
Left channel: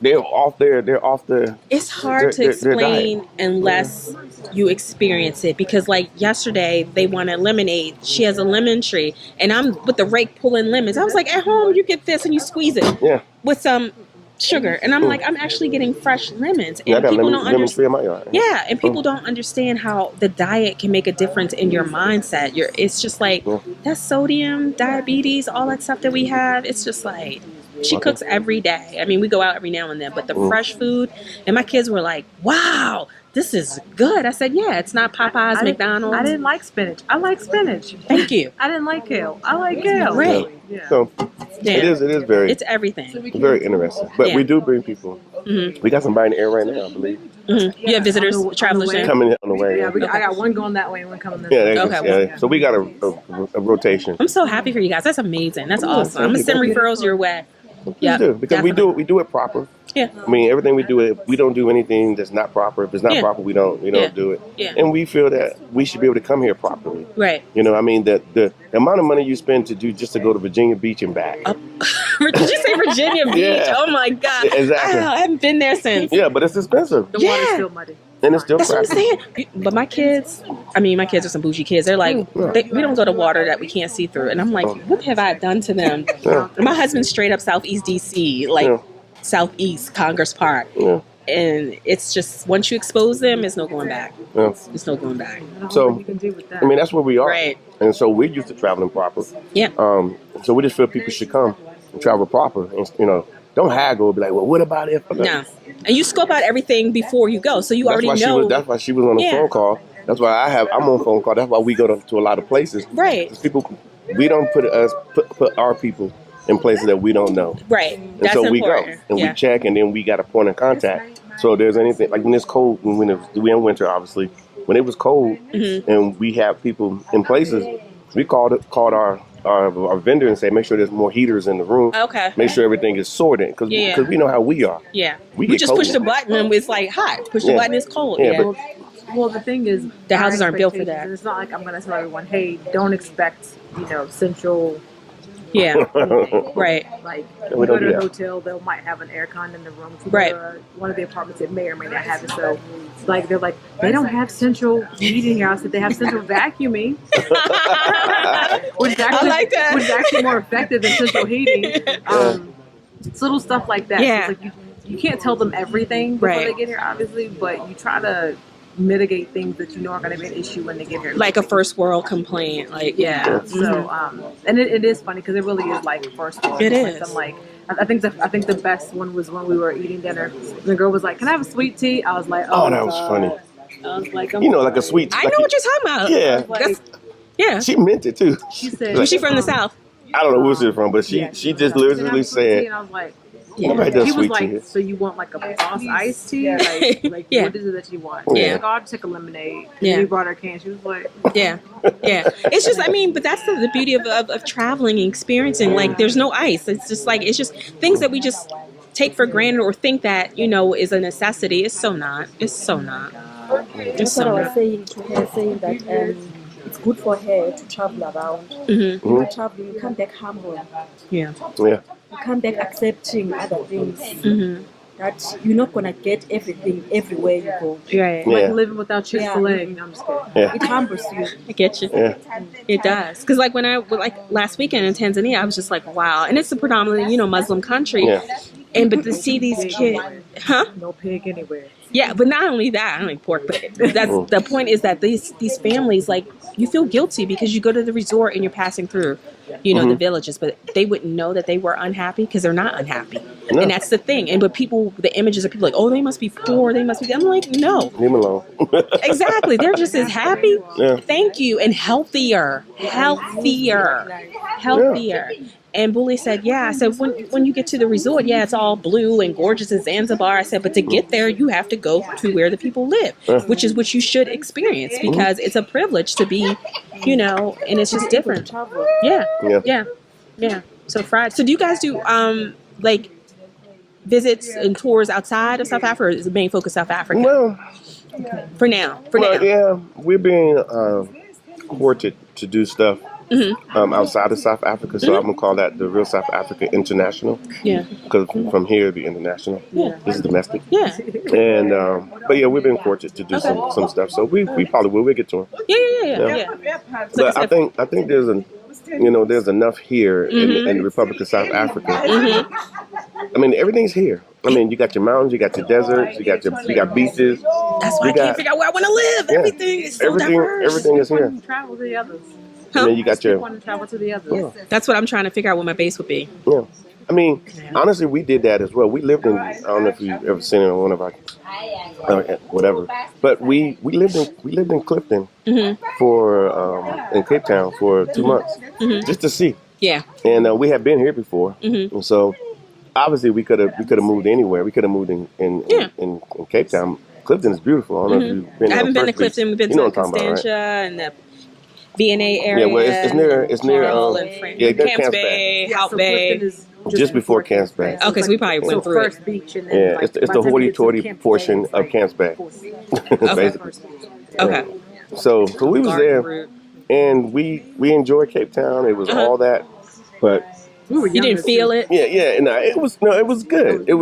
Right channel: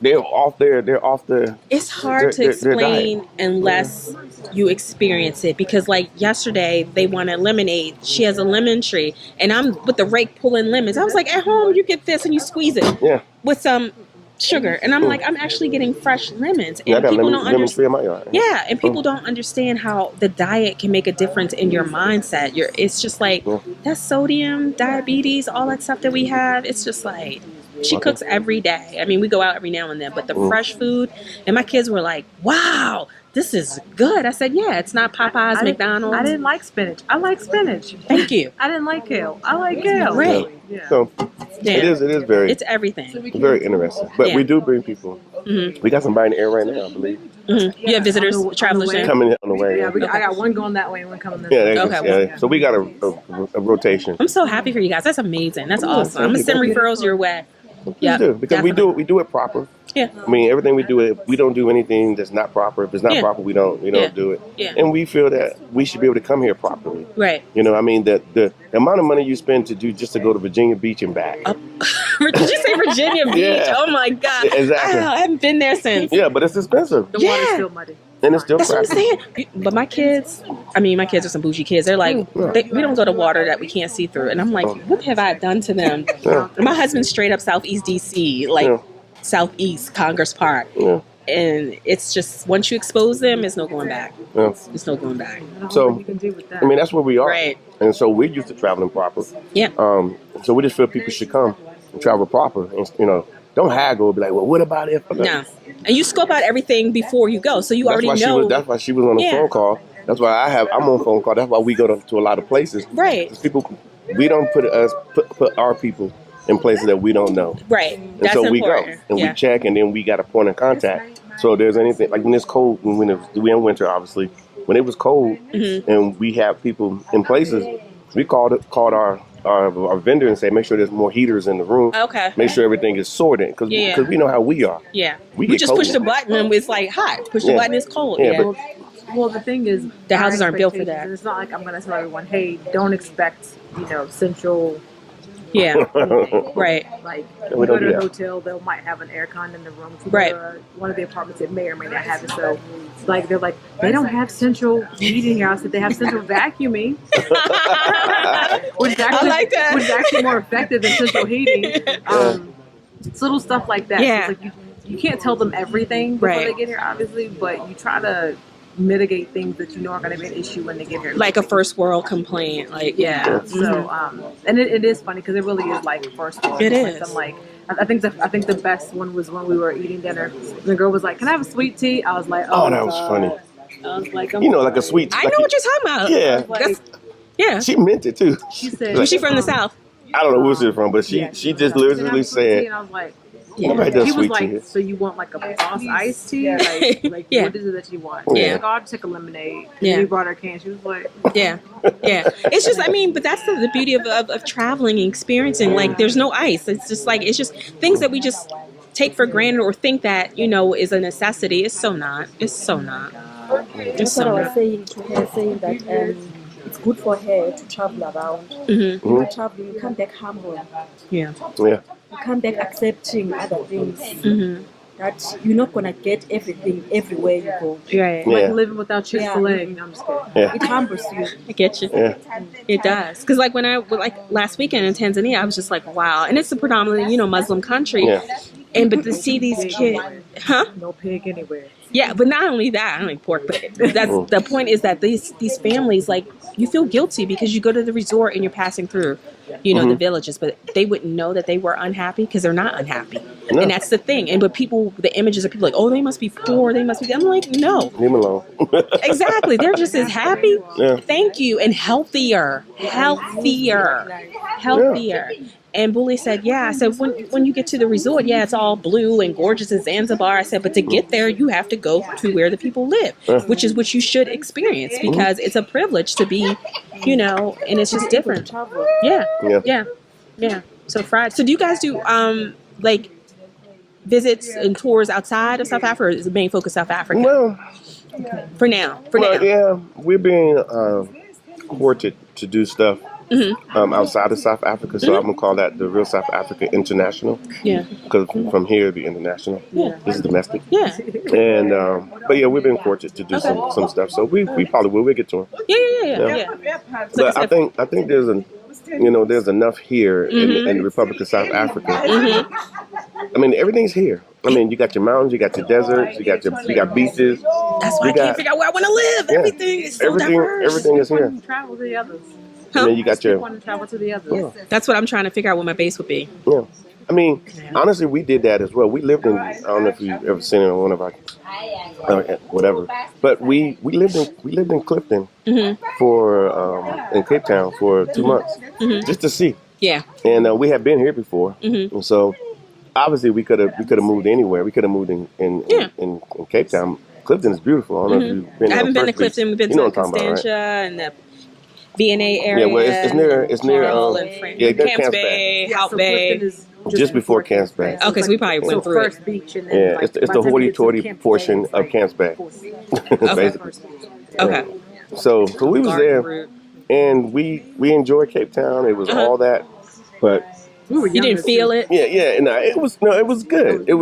They're off the. It's hard to explain unless you experience it, because like yesterday they wanted lemonade. She has a lemon tree, and I'm with the rake pulling lemons. I was like, at home you get this and you squeeze it with some sugar, and I'm like, I'm actually getting fresh lemons. And Yeah, I got people lemon tree in my yard. Yeah, and people don't understand how the diet can make a difference in your mindset. It's just like that sodium, diabetes, all that stuff that we have. It's just like she cooks every day. I mean, we go out every now and then, but the fresh food, and my kids were like, wow, this is good. I said, yeah, it's not Popeyes, McDonald's. I didn't like spinach. I like spinach. Thank you. I didn't like kale. I like kale. Right. Yeah. So it is very. It's everything. It's very interesting. But we do bring people. We got somebody in the air right now, I believe. You have visitors, travelers there? Coming in on the way. Yeah, I got one going that way and one coming this Yeah, way. yeah. So we got a rotation. I'm so happy for you guys. That's amazing. That's awesome. I'm gonna send referrals your way. Yeah, because we do it proper. Yeah. I mean, everything we do, we don't do anything that's not proper. If it's not proper, we don't do it. Yeah. And we feel that we should be able to come here properly. Right. You know, I mean, the amount of money you spend just to go to Virginia Beach and back. Did you say Virginia Beach? Yeah. Oh my God. Yeah, exactly. I haven't been there since. Yeah, but it's expensive. The water's still muddy. And it's still That's what I'm crappy. saying. But my kids are some bougie kids. They're like, we don't go to water that we can't see through. And I'm like, what have I done to them? My husband's straight up Southeast DC, like Southeast Congress Park. Yeah. And it's just, once you expose them, it's no going back. Yeah. It's no going back. So, I mean, that's where we are. Right. And so we're used to traveling proper. Yeah. So we just feel people should come and travel proper. And, you know, don't haggle. Be like, well, what about if? No. And you scope out everything before you go. So you already know. That's why she was on the phone call. That's why I'm on phone call. That's why we go to a lot of places. Right. People, we don't put our people in places that we don't know. Right. And That's so important. we go and we check, and then we got a point of contact. So if there's anything, like when it's cold, we in winter, obviously, when it was cold and we have people in places, we called our our vendor and say, make sure there's more heaters in the room. Okay. Make sure everything is sorted because we know how we are. Yeah. We We get just cold. push the button and it's like hot. Push the Yeah. button, it's cold. Yeah, Yeah. but- Well, the thing is, The our houses aren't built for expectations, that. and it's not like I'm going to tell everyone, hey, don't expect, central Yeah. heating. Right. Like, we you go don't to do a that. hotel, they might have an air con in the room. If you Right. go to one of the apartments, it may or may not have it. So, like, they're like, they don't have central heating here. I said, they have central vacuuming. Which is actually, I like that. Which is actually more effective than central heating. It's little stuff like that. Yeah. So it's like you can't tell them everything before Right. they get here, obviously, but you try to mitigate things that you know are going to be an issue when they get here. Like a first world complaint. Like, yeah. So, and it is funny because it really is like first world. It Like, is. I'm like, I think the best one was when we were eating dinner. The girl was like, "Can I have a sweet tea?" I was like, Oh, that was funny. I was like, Like a sweet. I know what you're talking about. Yeah. That's, yeah. She meant it too. She said, Was she from the South? I don't know where she's from, but she just "Can I have literally a sweet tea?" said, And I was like, nobody does he was sweet like, tea. "So you want like a boss iced tea? Like Yeah. what is it that you want?" Yeah. She's like, "Oh, I'll take a lemonade." Yeah. We brought her a can. She was like, Yeah. Yeah. It's just, but that's the beauty of traveling and experiencing. Like, there's no ice. It's just things that we just take for granted or think that, is a necessity. It's so not. It's so not. It's That's what so I was not. saying to her, saying that it's good for her to travel around. Mm-hmm. When you travel, you come back humble. Yeah. Yeah. You come back accepting other things. Mm-hmm. That you're not gonna get everything everywhere you go. Right. Yeah. like living without Chick-fil-A. No, I'm just kidding. Yeah. It humbles you. I get you. Yeah. It does. Because when last weekend in Tanzania, I was just like, wow. And it's a predominantly, Muslim country. Yeah. But to see these kids, huh? No pig anywhere. Yeah, but not only that, I don't like pork, but that's the point is that these families, like, you feel guilty because you go to the resort and you're passing through, the villages, but they wouldn't know that they were unhappy because they're not unhappy. No. And that's the thing. But the images of people like, oh, they must be poor, they must be, I'm like, no. Leave them alone. Exactly. They're just as happy. Yeah. Thank you. And healthier. And Bully said, yeah. I said, when you get to the resort, yeah, it's all blue and gorgeous in Zanzibar. I said, but to get there, you have to go to where the people live, which is what you should experience because it's a privilege to be, and it's just different. Travel. Yeah. So Friday. So do you guys do visits and tours outside of South Africa, or is the main focus South Africa? Well, For now. yeah, we're being courted to do stuff outside of South Africa, so I'm gonna call that the real South Africa International. Yeah. Because from here it'd be international. Yeah. This is domestic. Yeah. And but yeah, we've been courted to do some stuff, so we probably will. We'll get to them. Yeah. But I think there's enough here in the Republic of South Africa. I mean, everything's here. I mean, you got your mountains, you got your deserts, you got beaches. That's why I can't figure out where I want to live. Yeah. Everything is so diverse. Everything is here. Travel to the others. And then you got your Want to travel to the others. That's what I'm trying to figure out what my base would be. yeah. I mean, honestly, we did that as well. We lived in. I don't know if you've ever seen it on one of our whatever, but we lived in Clifton for in Cape Town for 2 months just to see. Yeah. And we had been here before, and so obviously we could have moved anywhere. We could have moved in Cape Town. Clifton is beautiful. I don't know if you've been. I haven't been to Clifton. We've been to what I'm talking about, Constantia right? and the V&A area. Yeah, well, it's near Carmel and near Camps Camps Bay, Yeah, Hout so Bay. Clifton is Just before Camps Bay. Okay, so we probably went through it. First beach and then Yeah, like, it's the by time you get to hoity-toity Camp Bay, portion it's of like Camps Bay. fourth beach. Basically. Okay. So we was Garden there, route. and we enjoyed Cape Town. It was all that, but We were You didn't feel it? yeah, it was good. It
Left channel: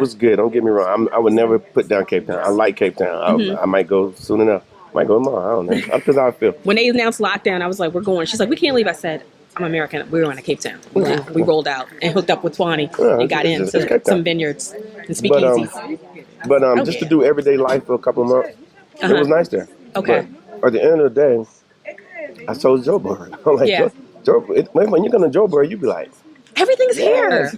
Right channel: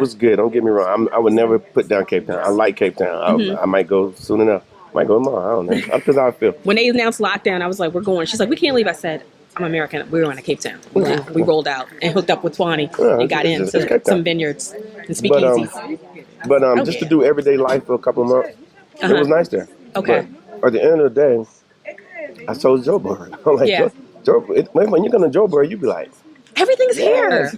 was good. Don't get me wrong. I would never put down Cape Town. I like Cape Town. I might go soon enough. Might go tomorrow. I don't know. Because I feel. When they announced lockdown, I was like, we're going. She's like, we can't leave. I said, I'm American. We were going to Cape Town. We left. We rolled out and hooked up with Twani and got it's into Cape Town. some vineyards and speakeasies. But just to do everyday life for a couple of months, it was nice there. Okay. But at the end of the day, I told Joburg. I'm like, Yeah. Joburg. When you come to Joburg, you be like, Everything's here.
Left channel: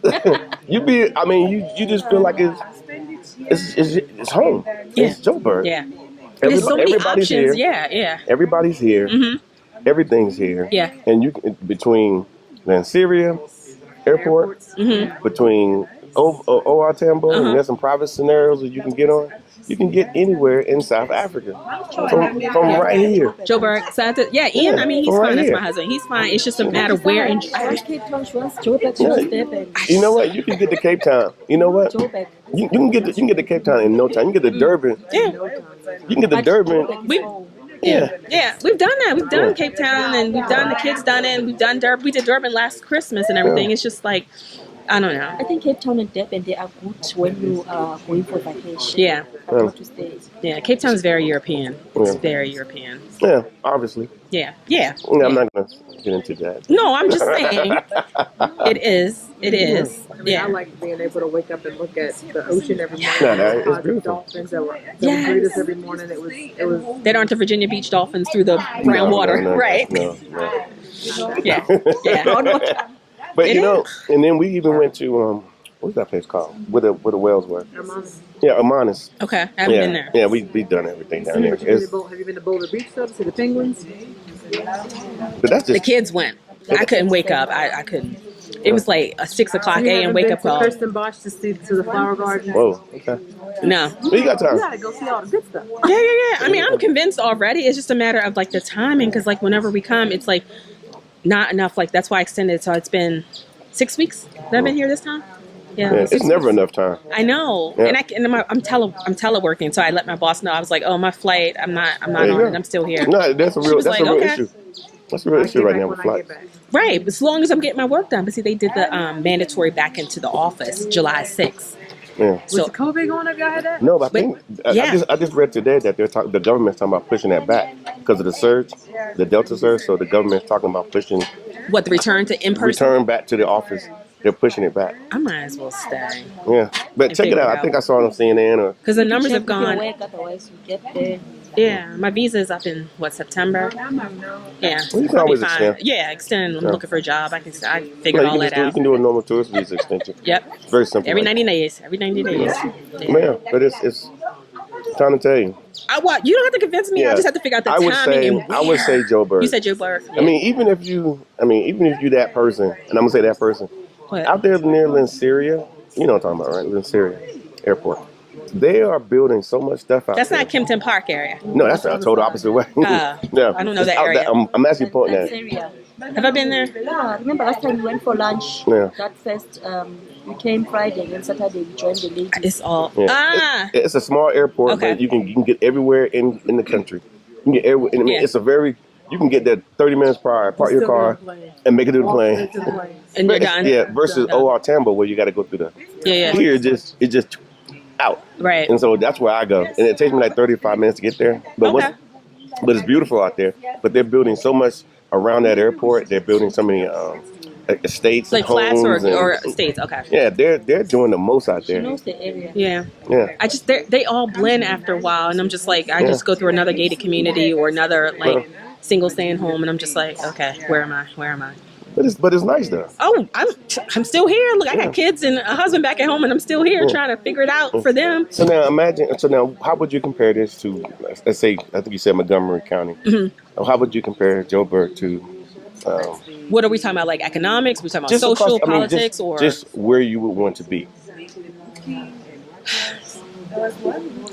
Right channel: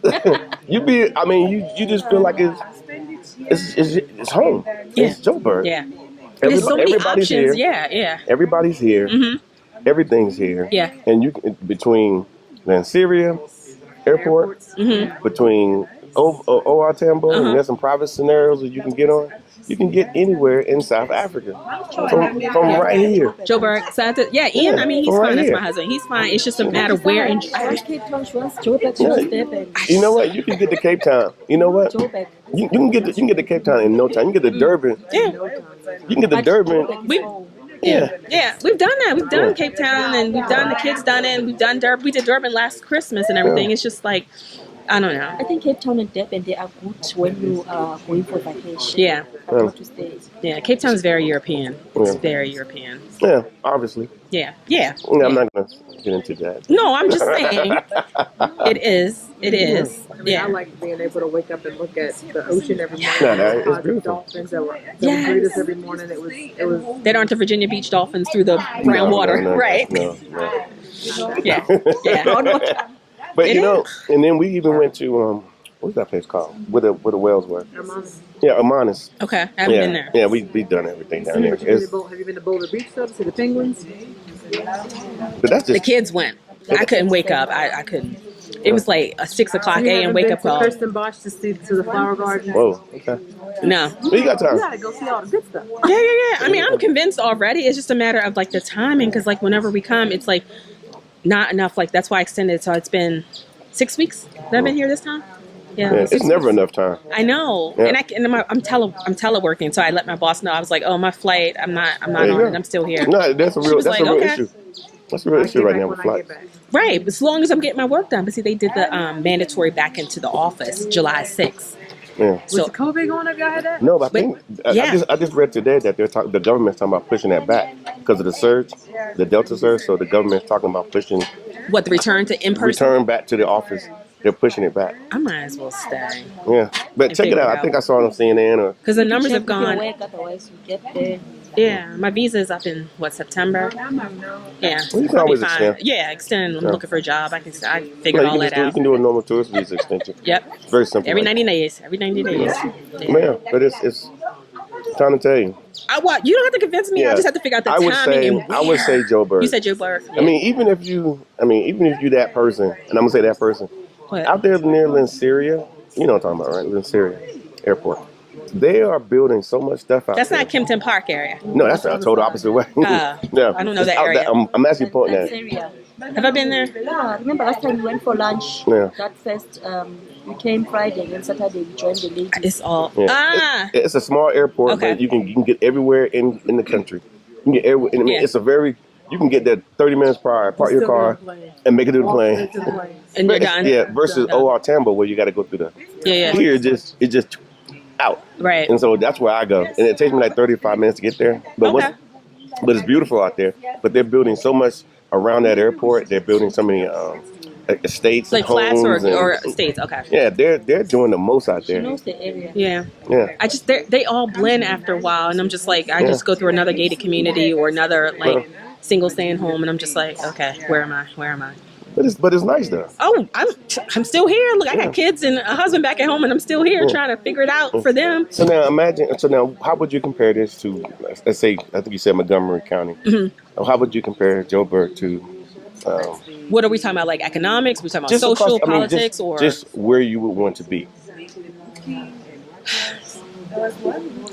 you just feel like it's home. Yeah. It's Joburg. Yeah. There's so many Everybody's options. here. Yeah. Everybody's here. Everything's here. Yeah. And you between Lanseria Airport, between OR Tambo, and there's some private scenarios that you can get on. you can get anywhere in South Africa from right here. Joburg, yeah, Ian. Yeah, I mean, he's from right fine. That's here. my husband. He's fine. It's just a matter of where in. I was Cape Town, she was Joburg, she was Durban. You know what? You can get to Cape Town. You know what? Joburg. You can get to Cape Town in no time. You can get to Durban. Yeah, You can get to Durban. we. Yeah, we've done that. We've done Cape Town, and we've done the kids done it. And we've done Durban. We did Durban last Christmas and everything. It's just like, I don't know. I think Cape Town and Durban, they are good when you are going for vacation. Yeah. To stay. Yeah, Cape Town is very European. It's very European. Yeah, obviously. Yeah. I'm not gonna get into that. No, I'm just saying. It is. I mean, Yeah. I like being able to wake up and look at the ocean every morning. It's The beautiful. dolphins that would greet us every morning. It was. They aren't the Virginia Beach Dolphins through the brown water, right? No. Yeah. But It you know, and then we even went to what's that place called? Where the whales were? Yeah, Amanus. Okay, I haven't been there. Yeah, we've done everything down there. Have you been to Boulder Beach though? To see the penguins? But that's The just kids went. I couldn't wake up. I couldn't. It was like a 6 o'clock a.m. wake up call. Kirsten Bosch to see to the flower garden. whoa. Okay. No. Well, you got time. You gotta go see all the good stuff. Yeah. I mean, I'm convinced already. It's just a matter of like the timing, because like whenever we come, it's like not enough. Like that's why I extended. So it's been 6 weeks that I've been here this time. Yeah, It's never enough time. I know, Yeah. I'm teleworking, so I let my boss know. I was like, "Oh, my flight, I'm not There on you it. go. I'm still here." No, that's a She real was like, real okay. issue. That's a real issue right now with flights. Right, as long as I'm getting my work done. But see, they did the mandatory back into the office July 6th. Yeah. So Was COVID going up? Y'all had that? No, but I think yeah. I just read today that the government's talking about pushing that back because of the surge, the Delta surge. So the government's talking about pushing what, the return to in person? return back to the office. They're pushing it back. I might as well stay Yeah, but check it figure out. it I think I saw it on CNN or because the numbers have Check with your gone. work, otherwise you get there. Yeah, my visa is up in September. Yeah, Well, you can I'll be always fine. extend. Yeah, extend. I'm Yeah. looking for a job. I figured you all can that you out. can do a normal tourist visa extension. Yep. It's very simple. Every like 90 days. Every 90 days. that. Man, but it's time to tell you. You don't have to convince me. I just have to figure out the I would timing say and where. I would say Joe Bird. You said Joe Bird. I mean, even if you that person, and I'm gonna say that person What? out there near Linceria, you know what I'm talking about, right? Linceria Airport. They are building so much stuff out That's there. not Kempton Park area. No, that's a total opposite way. Yeah, I don't know It's that out area. there. I'm actually pointing That's at it. area. Have I been there? Yeah, remember last time we went for lunch? Yeah. That first, we came Friday and Saturday we joined the ladies. It's all. Yeah. It's a small airport, Okay. but you can get everywhere in the country. You can get everywhere. I mean, Yeah. it's you can get there 30 minutes prior, park your car, and make it to the plane. And you're done. Yeah, versus OR Tambo where you got to go through the. Yeah. Here, it's just out. Right. And so that's where I go. And it takes me like 35 minutes to get there. But Okay. but it's beautiful out there. But they're building so much around that airport. They're building so many estates Like and homes. flats and- or states. Okay. Yeah, they're doing the most out She there. knows the area. Yeah. Yeah. I just they all blend after a while, and I'm just like I just go through another gated community or another like single staying home, and I'm just like, okay, where am I? But it's nice though. Oh, I'm still here. Look, I got kids and a husband back at home, and I'm still here trying to figure it out for them. So now how would you compare this to, let's say, I think you said Montgomery County. Mm-hmm. How would you compare Joburg to What are we talking about? Like economics? We talking about just social, across- I mean, politics, or just where you would want to be?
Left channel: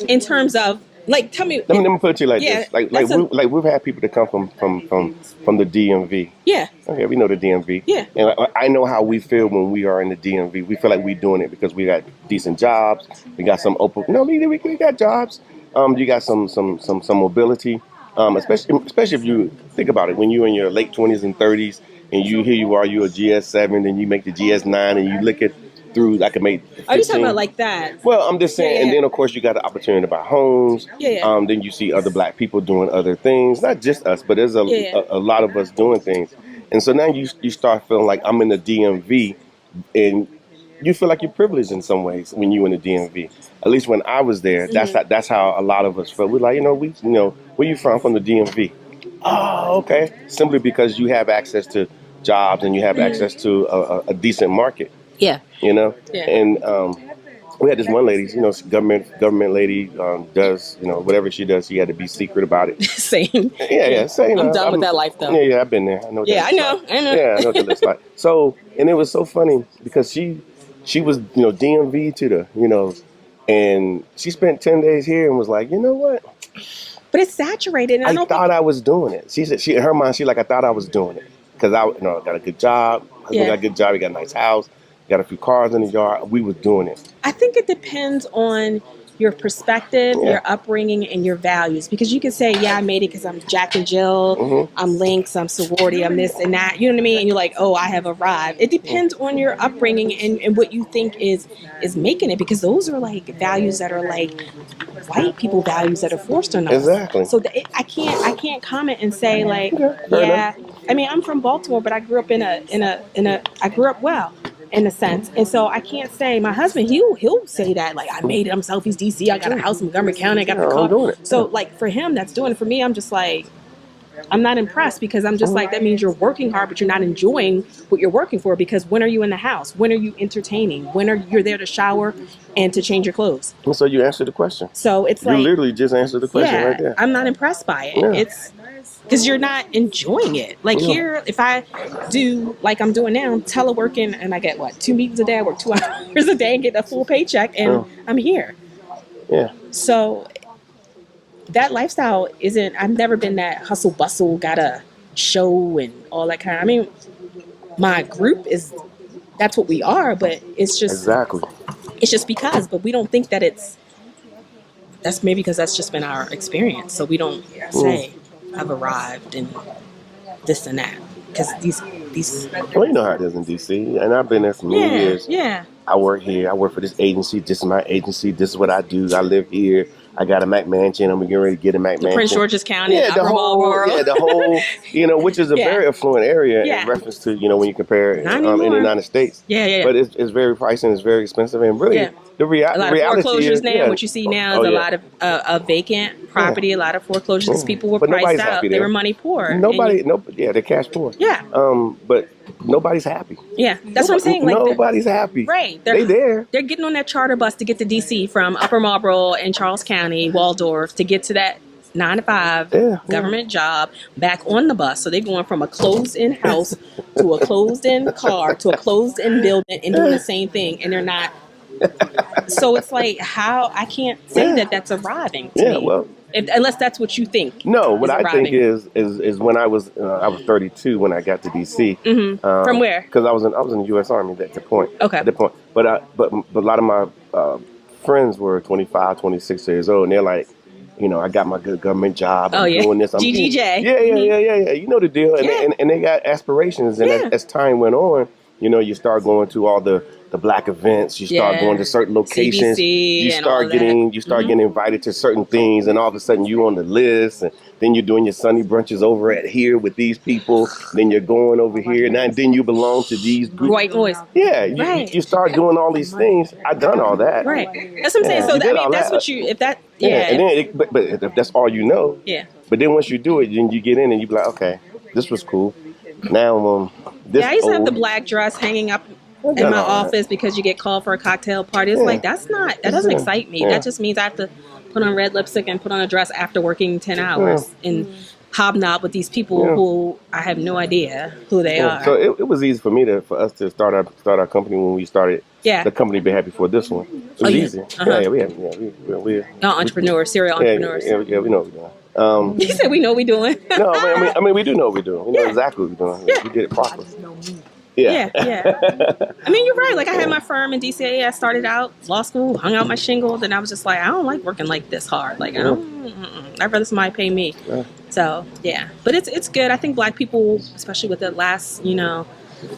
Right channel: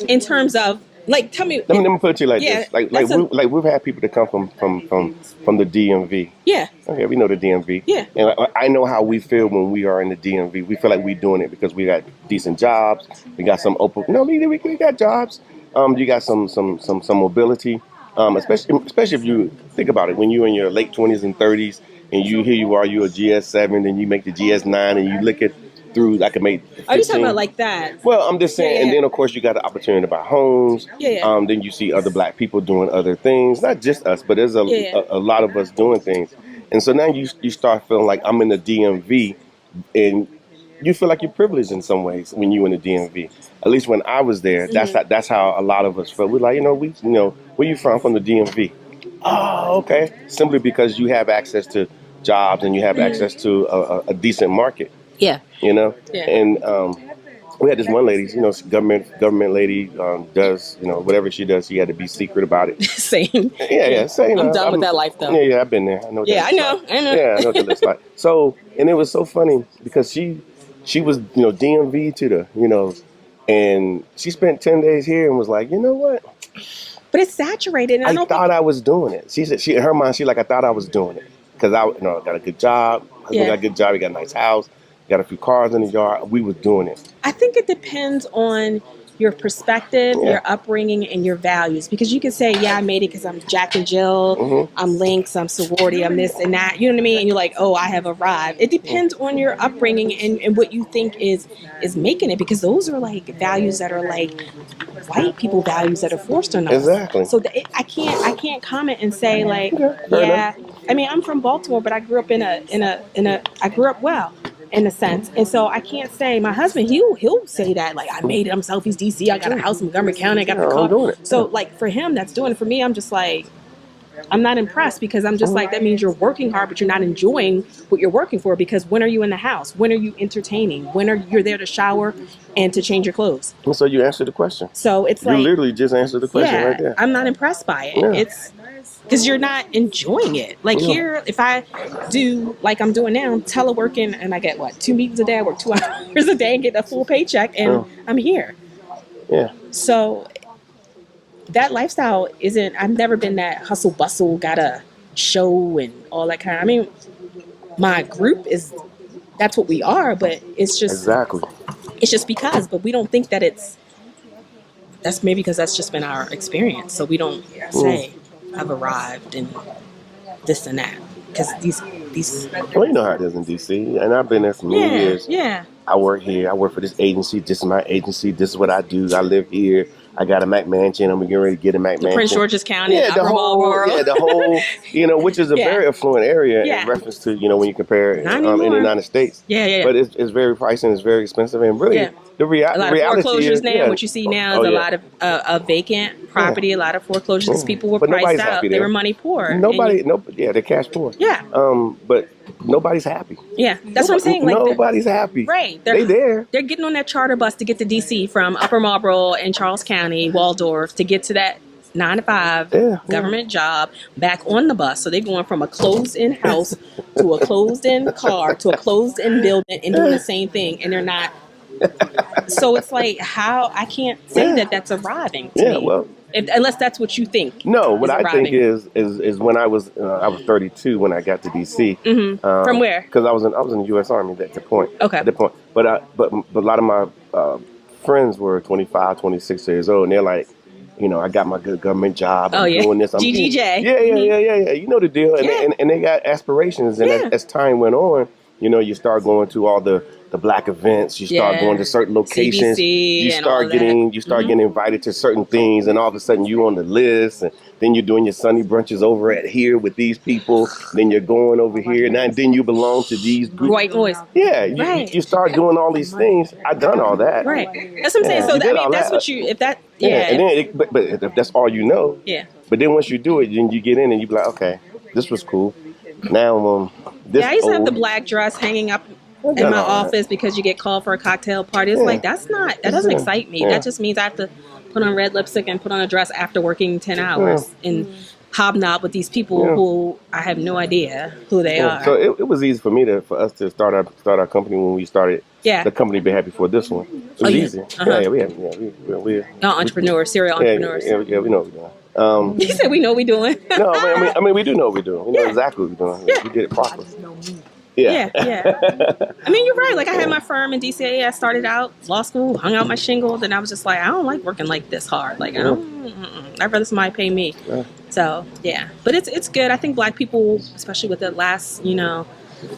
in terms of like, tell me. Let me put it to you like Yeah, this. Like that's we've had people that come from the DMV. Yeah. Okay, we know the DMV. Yeah. And I know how we feel when we are in the DMV. We feel like we're doing it because we got decent jobs. We got some open. No, we got jobs. You got some mobility. Especially if you think about it, when you're in your late 20s and 30s, and you're a GS7, and you make the GS9, and you look at through. I can make. 15. Are you talking about like that? Well, I'm just saying, Yeah. and then of course you got the opportunity to buy homes. Yeah. Then you see other black people doing other things, not just us, but there's a lot of us doing things. And so now you start feeling like I'm in the DMV, and you feel like you're privileged in some ways when you're in the DMV. At least when I was there, that's how a lot of us felt. We're like, where you from? From the DMV. Oh, okay. Simply because you have access to jobs and you have access to a decent market. Yeah. Yeah. And we had this one lady, government lady, does, whatever she does, she had to be secret about it. Same. Yeah. So, I'm done with that life, though. Yeah, I've been there. I know what Yeah, that looks like. I know. Yeah, I know what that looks like. So, and it was so funny because she was, DMV to the, And she spent 10 days here and was like, you know what? But it's saturated. And I I don't thought I was doing it. She said, in her mind, I thought I was doing it. Because I got a good job. Husband got a good job. He got a nice house. Got a few cars in the yard. We was doing it. I think it depends on your perspective, your upbringing, and your values. Because you can say, yeah, I made it because I'm Jack and Jill, I'm Lynx, I'm sorority, I'm this and that. You know what I mean? And you're like, oh, I have arrived. It depends on your upbringing and what you think is making it. Because those are like values that are like white people values that are forced on us. Exactly. So I can't comment and say like, yeah. I mean, I'm from Baltimore, but I grew up I grew up well. In a sense, and so I can't say my husband. He'll say that like I made it himself. He's DC. I got a house in Montgomery County. I got a car. Doing it. So like for him, that's doing it. For me, I'm just like I'm not impressed because I'm just like that means you're working hard, but you're not enjoying what you're working for. Because when are you in the house? When are you entertaining? When are you're there to shower and to change your clothes? And so you answered the question. So it's you like literally just answered the question right there. I'm not impressed by it. Yeah. It's because you're not enjoying it. Like here, if I do like I'm doing now, teleworking, and I get 2 meetings a day, I work 2 hours a day and get a full paycheck, and I'm here. Yeah. So that lifestyle isn't. I've never been that hustle bustle, gotta show and all that kind of. I mean, my group is. That's what we are, but it's just exactly. It's just because, but we don't think that it's. That's maybe because that's just been our experience, so we don't say. I've arrived and this and that because these. Well, you know how it is in DC, and I've been there for many years. Yeah. I work here. I work for this agency. This is my agency. This is what I do. I live here. I got a Mac mansion. I'm getting ready to get a Mac mansion. Prince George's County. The whole, which is a very affluent area in reference to, when you compare in the United States. Yeah. But it's very pricey and it's very expensive. And really, the reality a lot of foreclosures is, now. What you see now is a lot of vacant property. A lot of foreclosures because people were priced out. They were money poor. They're cash poor. Yeah. But nobody's happy. Yeah, that's what I'm saying. Like nobody's happy. Right. They're there. They're getting on that charter bus to get to DC from Upper Marlboro and Charles County, Waldorf, to get to that 9 to 5 government job back on the bus. So they're going from a closed-in house to a closed-in car to a closed-in building and doing the same thing, and they're not. So it's like how I can't say that that's arriving to me. Well. Unless that's what you think. No, what I think is when I was 32 when I got to DC. Mm-hmm. From where? Because I was in the U.S. Army at that point. Okay. At that point, but a lot of my friends were 25, 26 years old, and they're like, I got my good government job. I'm doing this. I'm GGJ. Yeah. You know the deal, and they got aspirations, and as time went on, you start going to all the black events, you start going to certain locations, CBC you start getting invited to certain things, and all of a sudden you on the list, and then you're doing your Sunday brunches over at here with these people, then you're going over here, and then you belong to these groups. White boys. Yeah, you start doing all these things. I've done all that. Right. That's what I'm saying. So that's what you, if that, and then but if that's all you know. Yeah. But then once you do it, then you get in and you be like, okay, this was cool. Now, this I used to have the black dress hanging up in my office because you get called for a cocktail party. It's like, that doesn't excite me. That just means I have to put on red lipstick and put on a dress after working 10 hours and hobnob with these people who I have no idea who they are. So it was easy for us to start our company when we started. Yeah. The company before before this one. It was easy. We're entrepreneurs, serial entrepreneurs. Yeah, we know what we're doing. He said we know what we're doing. No, I mean, we do know what we're doing. We know exactly what we're doing. Yeah. We did it properly. Yeah. I mean, you're right. Like, I had my firm in DCA. I started out law school, hung out my shingle. Then I was just like, I don't like working like this hard. Like, I'd rather somebody pay me. Yeah. So, yeah. But it's good. I think black people, especially with the last,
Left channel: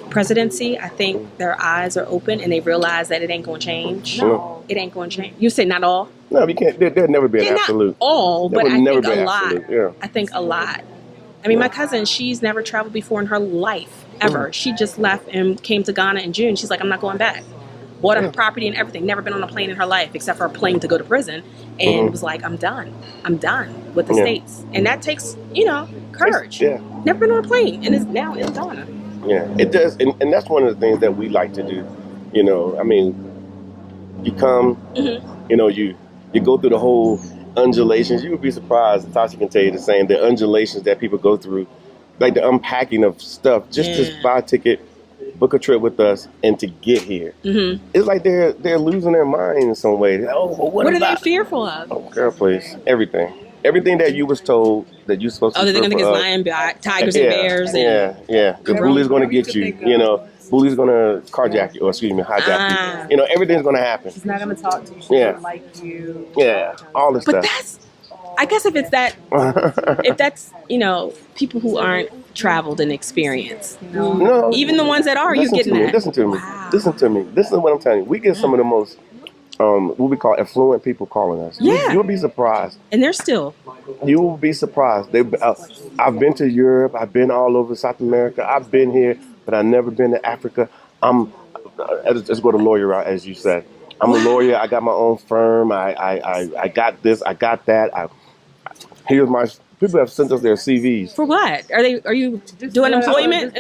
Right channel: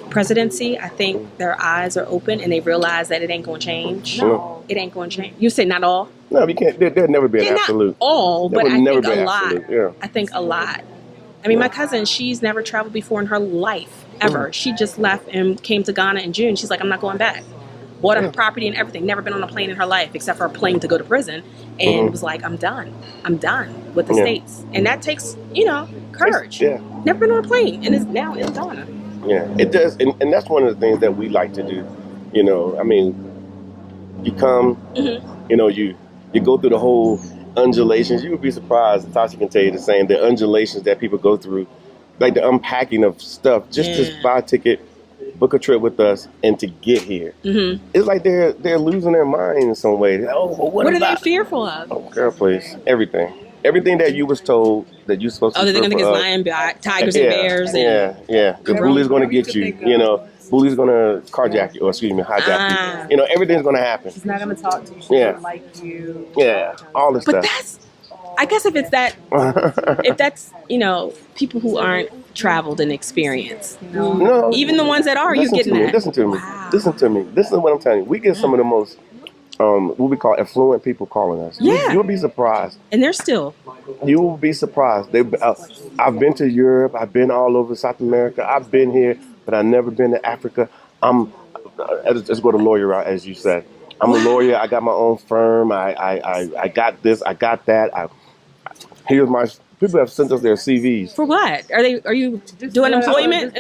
presidency, I think their eyes are open and they realize that it ain't going to change. No. It ain't going to change. You say not all? No, you can't. There'll never be an absolute. Not all, but I think a lot. Yeah. I think a lot. I mean, my cousin, she's never traveled before in her life, ever. She just left and came to Ghana in June. She's like, I'm not going back. Bought a property and everything. Never been on a plane in her life except for a plane to go to prison. And was like, I'm done. I'm done with the States. And that takes, courage. Never been on a plane. And it's now in Ghana. Yeah, it does. And that's one of the things that we like to do. I mean, you come, you go through the whole undulations. You would be surprised. Tasha can tell you the same. The undulations that people go through, like the unpacking of stuff, just to buy a ticket book a trip with us, and to get here. It's like they're losing their mind in some way. Oh, well, What are they about? fearful of? Oh, girl, please, everything that you was told that you're supposed to. Oh, they're gonna think it's lion, tigers, and bears. And Yeah. The bully's gonna get you. You know, bully's gonna carjack you, or excuse me, hijack you. You know, everything's gonna happen. She's not going to talk to you. She doesn't like you. Yeah, all this but stuff. I guess if it's that, if that's, you know, people who aren't traveled and experienced. No, even the ones that are, you're getting that. Listen to me. Wow. Listen to me. This is what I'm telling you. We get some of the most what we call affluent people calling us. Yeah. You'll be surprised. And they're still. You will be surprised. I've been to Europe. I've been all over South America. I've been here, but I've never been to Africa. Let's go to lawyer route, as you said. I'm a lawyer. I got my own firm. I got this. I got that. Here's my. People have sent us their CVs. For what? Are you doing employment?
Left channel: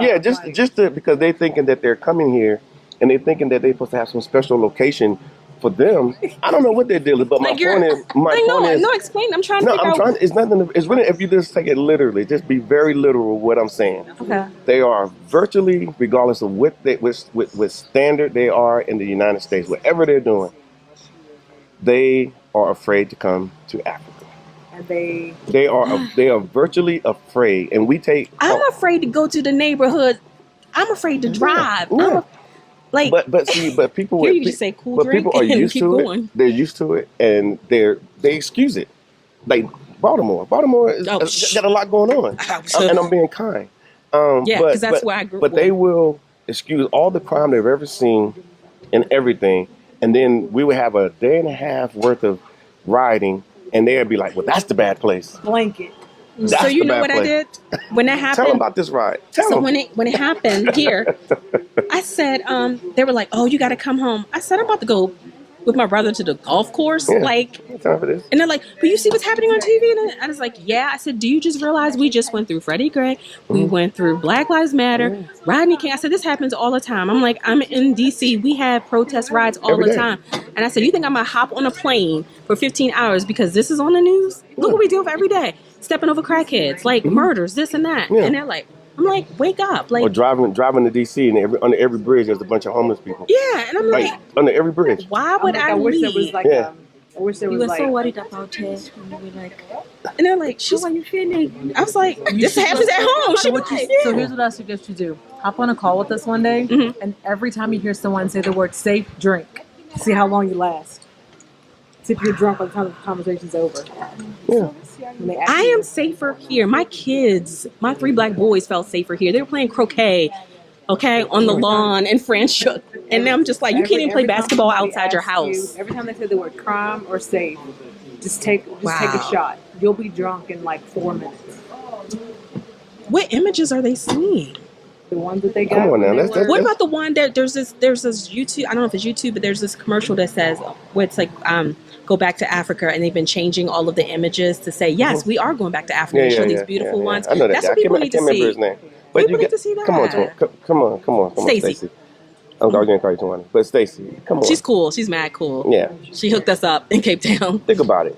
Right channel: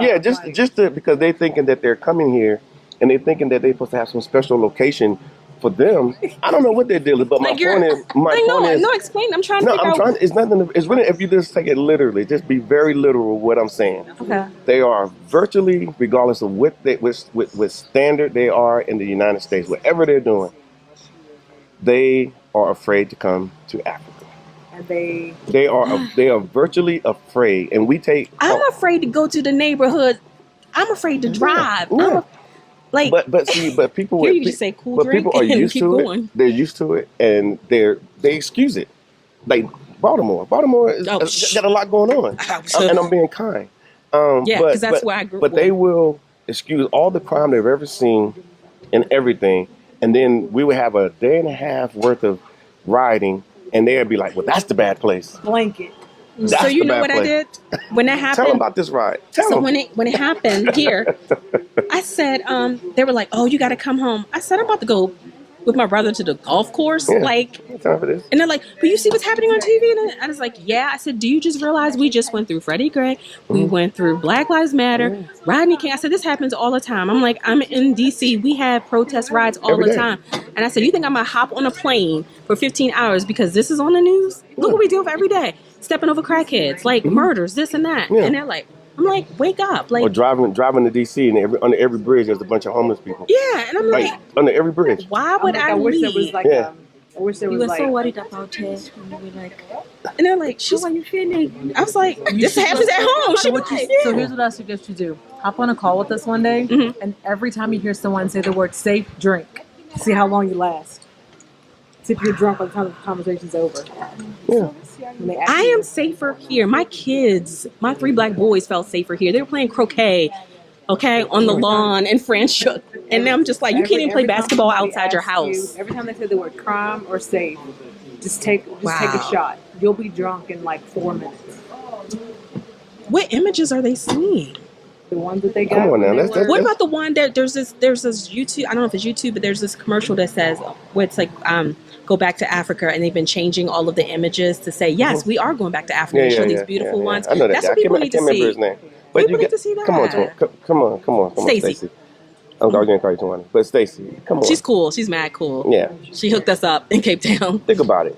Yeah, just because they're thinking that they're coming here, and they're thinking that they're supposed to have some special location for them. I don't know what their deal is, but my point is. No, explain. I'm trying to figure out. It's nothing. It's really, if you just take it literally, just be very literal with what I'm saying. Okay. They are virtually, regardless of what standard they are in the United States, whatever they're doing, they are afraid to come to Africa. And they are virtually afraid, and we take. I'm afraid to go to the neighborhood. I'm afraid to drive. Yeah. But people. Here you just say cool but drink people are and used keep to going. it. They're used to it, and they excuse it. Like Baltimore has got a lot going on, and I'm being kind. Because that's where I grew up. But they will excuse all the crime they've ever seen and everything, and then we would have a day and a half worth of riding, and they'd be like, "Well, that's the bad place." Blanket. So you know what I did when that happened? Tell them about this ride. When it happened here, I said, they were like, "Oh, you got to come home." I said, "I'm about to go with my brother to the golf course." Yeah. Time for this. And they're like, "But you see what's happening on TV?" And I was like, "Yeah." I said, "Do you just realize we just went through Freddie Gray? We went through Black Lives Matter, Rodney King." I said, "This happens all the time." I'm like, "I'm in DC. We have protest rides all the time." And I said, "You think I'm gonna hop on a plane for 15 hours because this is on the news? Look what we deal with every day. Stepping over crackheads, like murders, this and that." Yeah. And they're like, I'm like, "Wake up!" Like, or driving to DC, and under every bridge there's a bunch of homeless people. yeah, and I'm like, under every bridge. why would I wish leave? there was like Yeah. I wish there We was were like so worried about her, and we were like, And they're like, "How are you feeling?" I was like, "This happens at home." She was like, So here's what I suggest you do. Hop on a call with us one day, and every time you hear someone say the word safe, drink. See how long you last. See if you're drunk by the time the conversation's over. Yeah. I am safer here. My kids, my 3 black boys felt safer here. They were playing croquet, okay, on the lawn in Franschhoek. And I'm just like, you can't even play basketball outside your house. Every time they say the word crime or safe, just take a shot. You'll be drunk in like 4 minutes. What images are they seeing? The ones that they got. Come on now, What about the one that there's this YouTube, I don't know if it's YouTube, but there's this commercial that says, where it's like, go back to Africa, and they've been changing all of the images to say, yes, we are going back to Africa. They show these beautiful ones. I know that. That's what people need to see. I can't remember his name. But People need to see that. Come on, Stacey. I'm going to call you Tawana. But Stacey, come on. She's cool. She's mad cool. Yeah. She hooked us up in Cape Town. Think about it.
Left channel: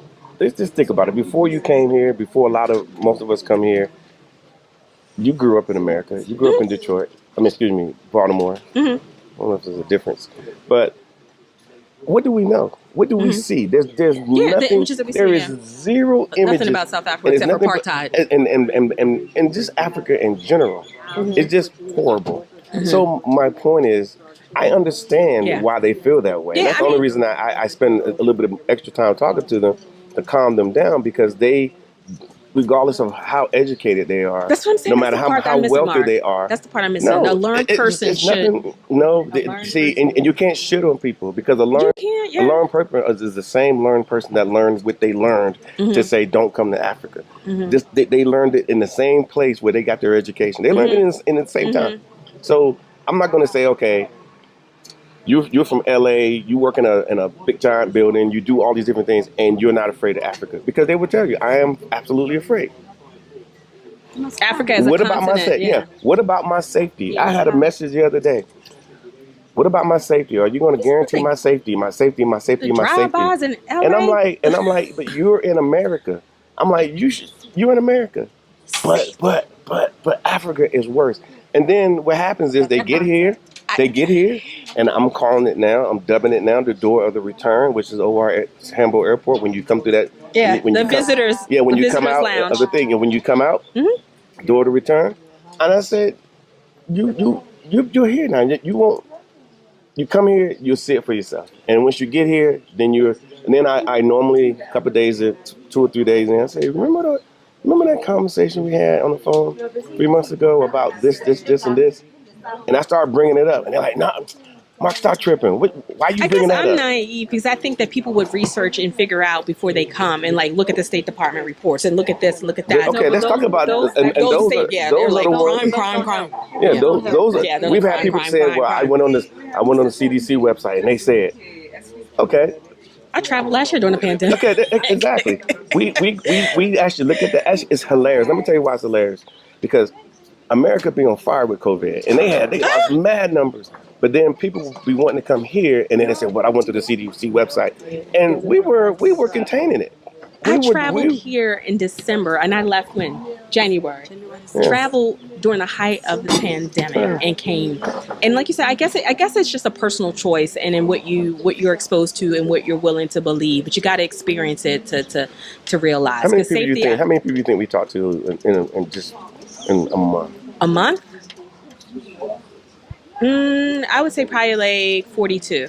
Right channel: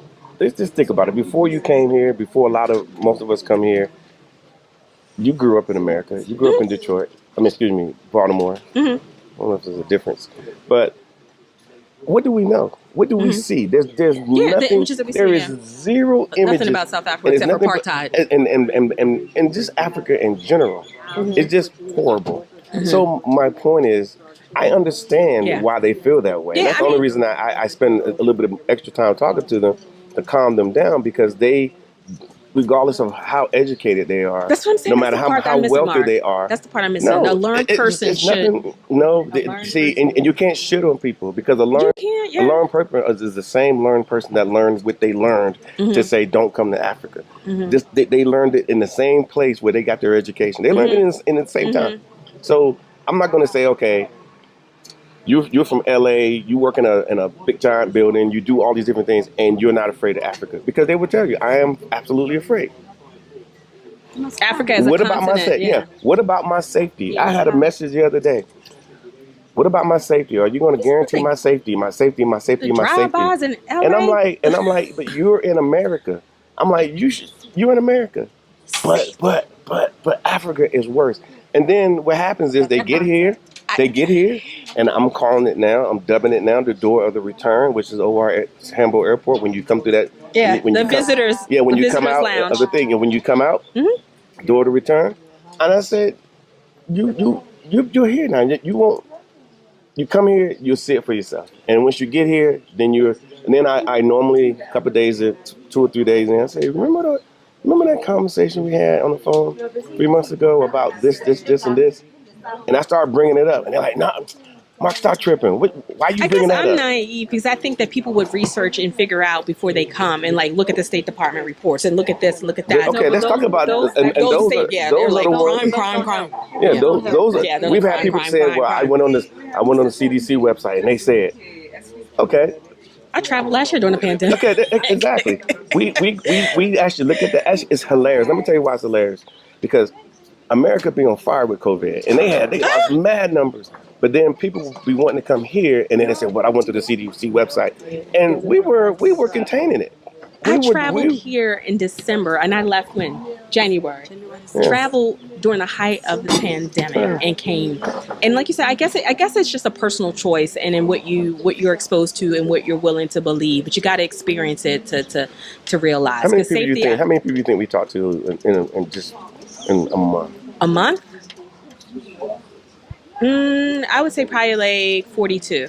Just think about it. Before you came here, before most of us come here, you grew up in America. You grew up in Detroit. Baltimore. I don't know if there's a difference. But what do we know? What do we see? There's nothing. The images that we there see, is zero images. Nothing about South Africa except for apartheid. And just Africa in general. It's just horrible. So my point is, I understand why they feel that way. Yeah, And that's the only reason I spend a little bit of extra time talking to them, to calm them down, because they, regardless of how educated they are, that's what I'm saying. no matter how wealthy they are. That's the part I'm missing. A learned person should. And you can't shit on people, because a learned person is the same learned person that learned what they learned to say, don't come to Africa. They learned it in the same place where they got their education. They learned it in the same time. So I'm not going to say, okay, you're from LA, you work in a big giant building, you do all these different things, and you're not afraid of Africa. Because they would tell you, I am absolutely afraid. Africa is what a about continent. What about my safety? I had a message the other day. What about my safety? Are you going to guarantee my safety? My safety, my safety, my safety. Drive-bys in LA. And I'm like, but you're in America. I'm like, you're in America. But Africa is worse. And then what happens is they get here, and I'm calling it now. I'm dubbing it now the door of the return, which is OR at Hamburg Airport. When you come through that, when you visitors, when the you come visitors out lounge. of the thing, and when you come out, door of the return. And I said, you're here now. You won't. You come here, you'll see it for yourself. And once you get here, then I normally a couple of days, 2 or 3 days in, I say, remember that conversation we had on the phone 3 months ago about this, and this? And I start bringing it up, and they're like, "Nah, Mark, stop tripping. Why you bringing that up?" I'm naive because I think that people would research and figure out before they come and like look at the State Department reports and look at this and look at that. Okay, let's talk about those are the ones. Crime. Yeah, those are. Yeah, they're We've like had people crime, say, crime, "Well, crime. I went on the CDC website, and they said, okay." I traveled last year during the pandemic. Okay, exactly. We actually look at that. Actually, it's hilarious. Let me tell you why it's hilarious. Because America be on fire with COVID, and they lost mad numbers. But then people be wanting to come here, and then they say, "Well, I went to the CDC website," and we were containing it. I traveled here in December, and I left when January. Traveled during the height of the pandemic and came. And like you said, I guess it's just a personal choice, and in what you're exposed to and what you're willing to believe. But you got to experience it to realize. How many people do you think we talked to in a month? A month? I would say probably like 42.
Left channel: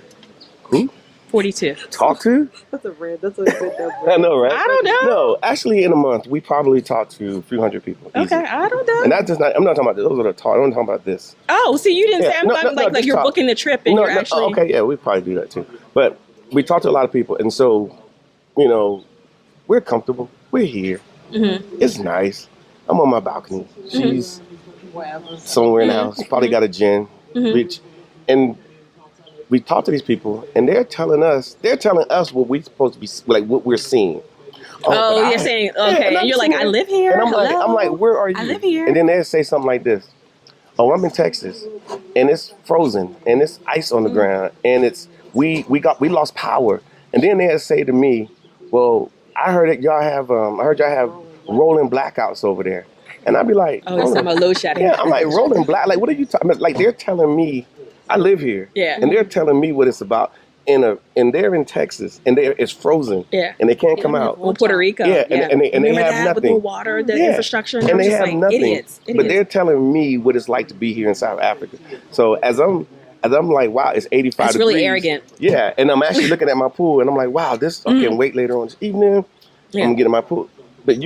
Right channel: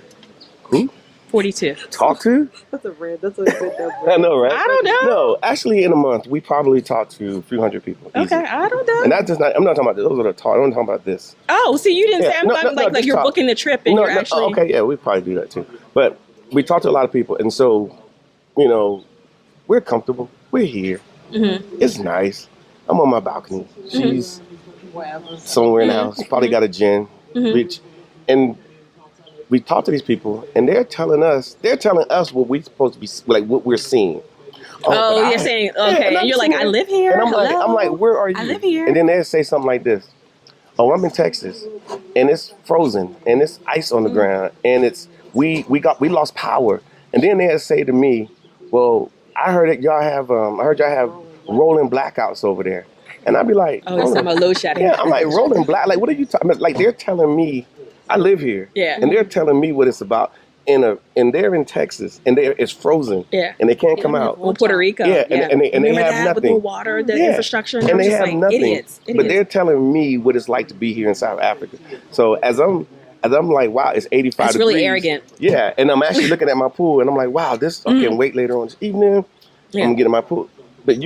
Who? 42. Talk to? That's a good number. I know, right? I don't know. No, actually, in a month, we probably talk to a few hundred people. Easy. Okay, I don't know. And that's just not. I'm not talking about those are the talk. I'm talking about this. Oh, see, you didn't say. I'm talking like just you're talk. booking the trip and you're actually. Okay, yeah, we probably do that too. But we talk to a lot of people, and so we're comfortable. We're here. Mm-hmm. It's nice. I'm on my balcony. She's somewhere in the house. Probably got a gin, beach, and we talk to these people, and they're telling us what we're supposed to be, like what we're seeing. Oh, you're saying okay, and you're like, I live here. And I'm like, where are you? I live here. And then they say something like this: "Oh, I'm in Texas, and it's frozen, and it's ice on the ground, and we lost power." And then they say to me, "Well, I heard that y'all have rolling blackouts over there," and I'd be like, "Oh, it's some low shedding." Yeah, I'm like, rolling black. Like, what are you talking about? Like, they're telling me. I live here, and they're telling me what it's about. And they're in Texas, and it's frozen, and they can't come out. Well, Puerto Rico, and they have nothing. With the water, the infrastructure, and they have nothing. Idiots. But they're telling me what it's like to be here in South Africa. So as I'm like, wow, it's 85 That's degrees. really arrogant. Yeah, and I'm actually looking at my pool, and I'm like, wow, I can't wait later on this evening. I'm gonna get in my pool. But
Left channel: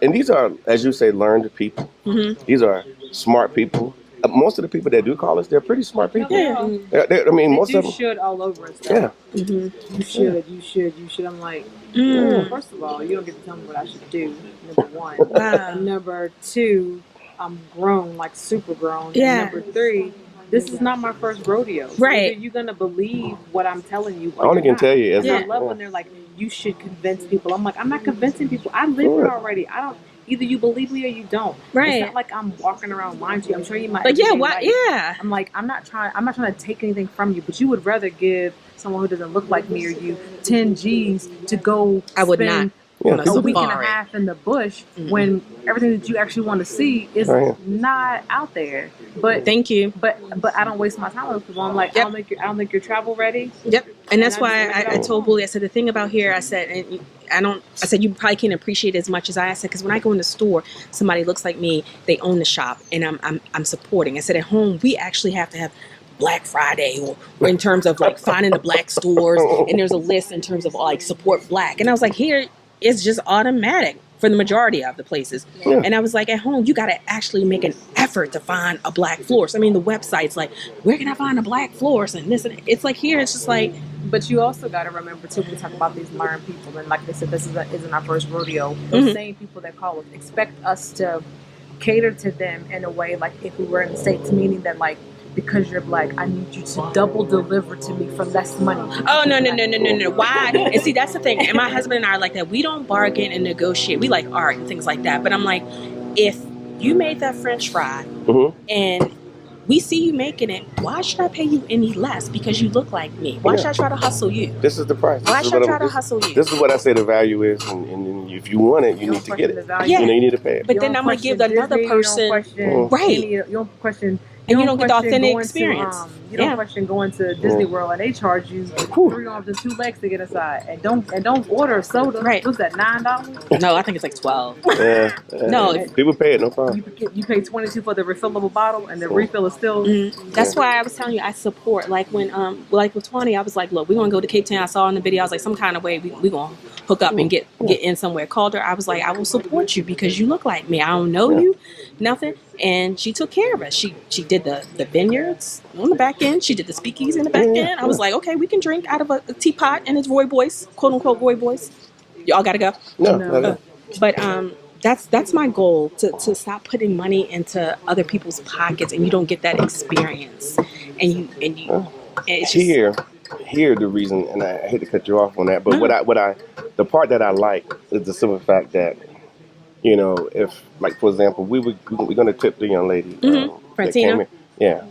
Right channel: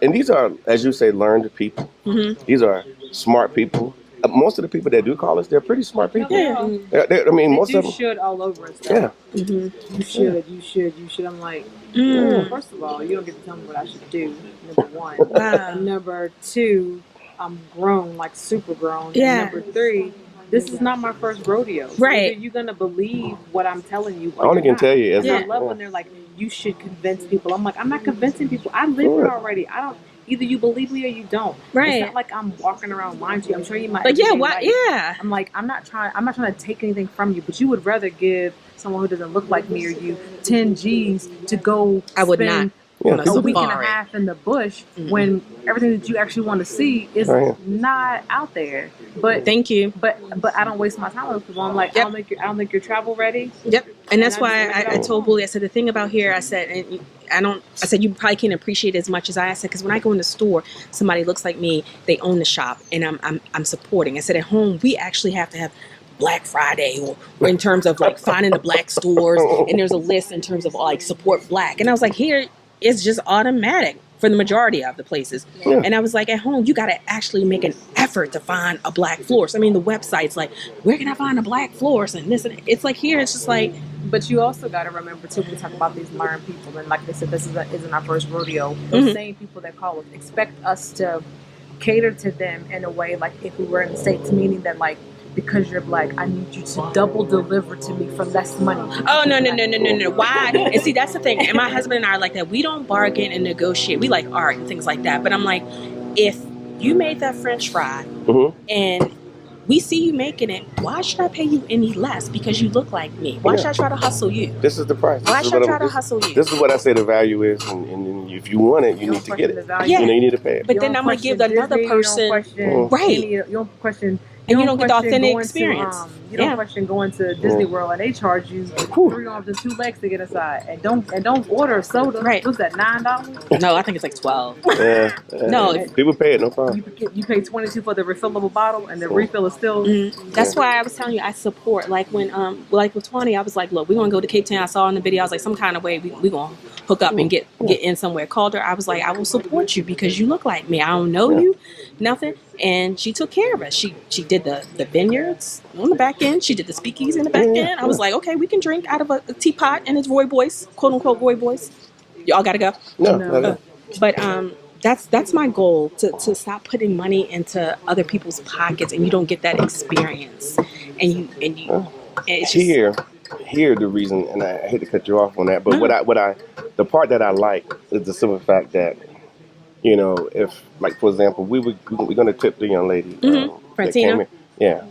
and these are, as you say, learned people. Mm-hmm. These are smart people. Most of the people that do call us, they're pretty smart people. Yeah. I mean, most of them should all over and stuff. Yeah. Mm-hmm. You should. I'm like, well, first of all, you don't get to tell me what I should do. Number one. And number two, I'm grown, like super grown. Yeah. And number three, this is not my first rodeo. So right. You're gonna believe what I'm telling you. I only can tell you. I love when they're like, you should convince people. I'm like, I'm not convincing people. I live here already. I don't. Either you believe me or you don't. Right. It's not like I'm walking around lying to you. I'm showing you my. But yeah, what? Yeah. I'm like, I'm not trying to take anything from you, but you would rather give someone who doesn't look like me or you 10 G's to go. I would not. A week and a half in the bush when everything that you actually want to see is not out there. But thank you. But I don't waste my time with people. I'm like, I don't think you're travel ready. Yep. And that's why I told Bully, I said, the thing about here, I said, you probably can't appreciate it as much as I said, because when I go in the store, somebody looks like me, they own the shop, and I'm supporting. I said, at home, we actually have to have Black Friday or in terms of like finding the black stores, and there's a list in terms of like support black. And I was like, here, it's just automatic for the majority of the places. Yeah. And I was like, at home, you got to actually make an effort to find a black florist. I mean, the website's like, where can I find a black florist? And this, and it's like here, it's just like. But you also got to remember, too, when we talk about these learned people, and like they said, this isn't our first rodeo. Those same people that call us, expect us to cater to them in a way like if we were in the States, meaning that like, because you're black, I need you to double deliver to me for less money. Oh, no. Why? And see, that's the thing. And my husband and I are like that. We don't bargain and negotiate. We like art and things like that. But I'm like, if you made that French fry and we see you making it. Why should I pay you any less because you look like me? Why should I try to hustle you? This is the price. Why should I try to hustle you? This is what I say the value is, and if you want it, you need to get it. Yeah. You know, you need to pay it. But then I'm gonna give another person right. You don't question. And you don't get the authentic experience. You don't question going to Disney World and they charge you 3 arms and 2 legs to get inside. And don't order a soda. Right. What's that, $9? No, I think it's like 12. Yeah. No. People pay it, no problem. You pay $22 for the refillable bottle, and the refill is still. That's why I was telling you I support. Like when like with Tawny, I was like, look, we're gonna go to Cape Town. I saw in the video, I was like, some kind of way we gonna hook up and get in somewhere. Called her. I was like, I will support you because you look like me. I don't know you, nothing. And she took care of us. She did the vineyards on the back end. She did the speakeasy in the back end. I was like, okay, we can drink out of a teapot, and it's Roy Boyce, quote unquote Roy Boyce. Y'all gotta go. No. But that's my goal to stop putting money into other people's pockets, and you don't get that experience. And it's just, Here the reason, and I hate to cut you off on that, but the part that I like is the simple fact that, you know, if, like, for example, we're going to tip the young lady. That came in. Yeah.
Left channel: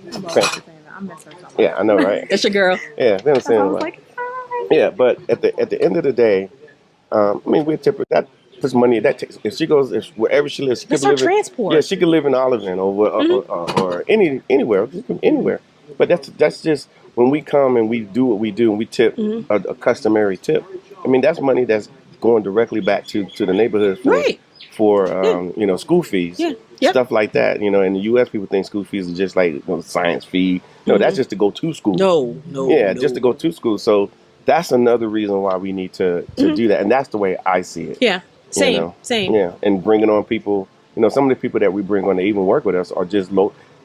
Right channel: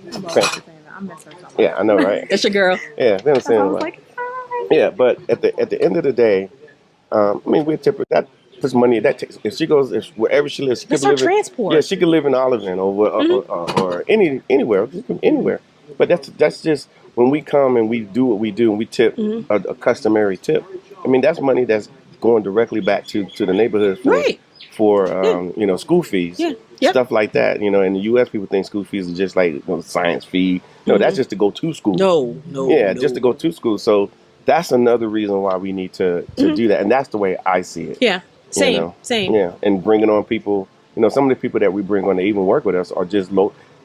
Yeah, I know, right? That's your girl. Yeah, you know what I'm saying? Like, yeah, but at the end of the day, I mean, we tip her. That puts money. That takes, if she goes, wherever she lives, she That's could our live transport. Yeah, she could live in Olive or anywhere. But that's just when we come and we do what we do and we tip a customary tip. I mean, that's money that's going directly back to the neighborhood for you know, school fees, stuff like that. You know, in the U.S., people think school fees are just like, you know, science fee. No, that's just to go to school. No. Just to go to school. So that's another reason why we need to do that, and that's the way I see it. Yeah, same, you know? same. Yeah, and bringing on people. You know, some of the people that we bring on to even work with us are just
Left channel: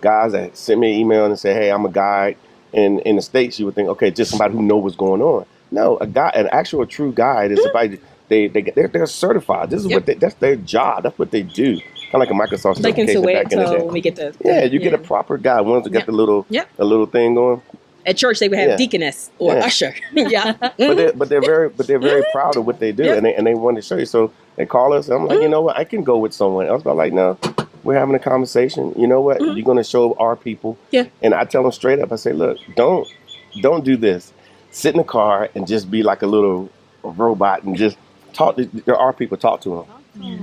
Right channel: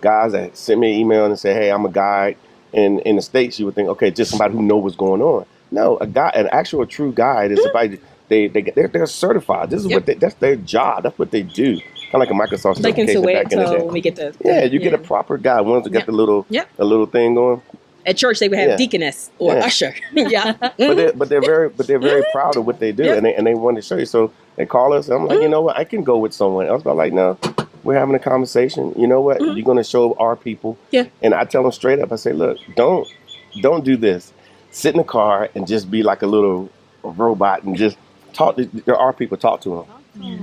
guys that send me an email and say, "Hey, I'm a guide." And in the States, you would think, okay, just somebody who knows what's going on. No, an actual true guide is somebody they're certified. This is what that's their job. That's what they do. Kind of like a Microsoft certification back in the day. When we get the you get a proper guide. Ones that got the little thing going. At church, they would have deaconess or usher. But they're very proud of what they do, and they want to show you. So they call us, and I'm like, you know what? I can go with someone else. But I'm like, no, we're having a conversation. You know what? You're going to show our people. Yeah. And I tell them straight up. I say, look, don't do this. Sit in the car and just be like a little robot and just talk. There are people. Talk to them.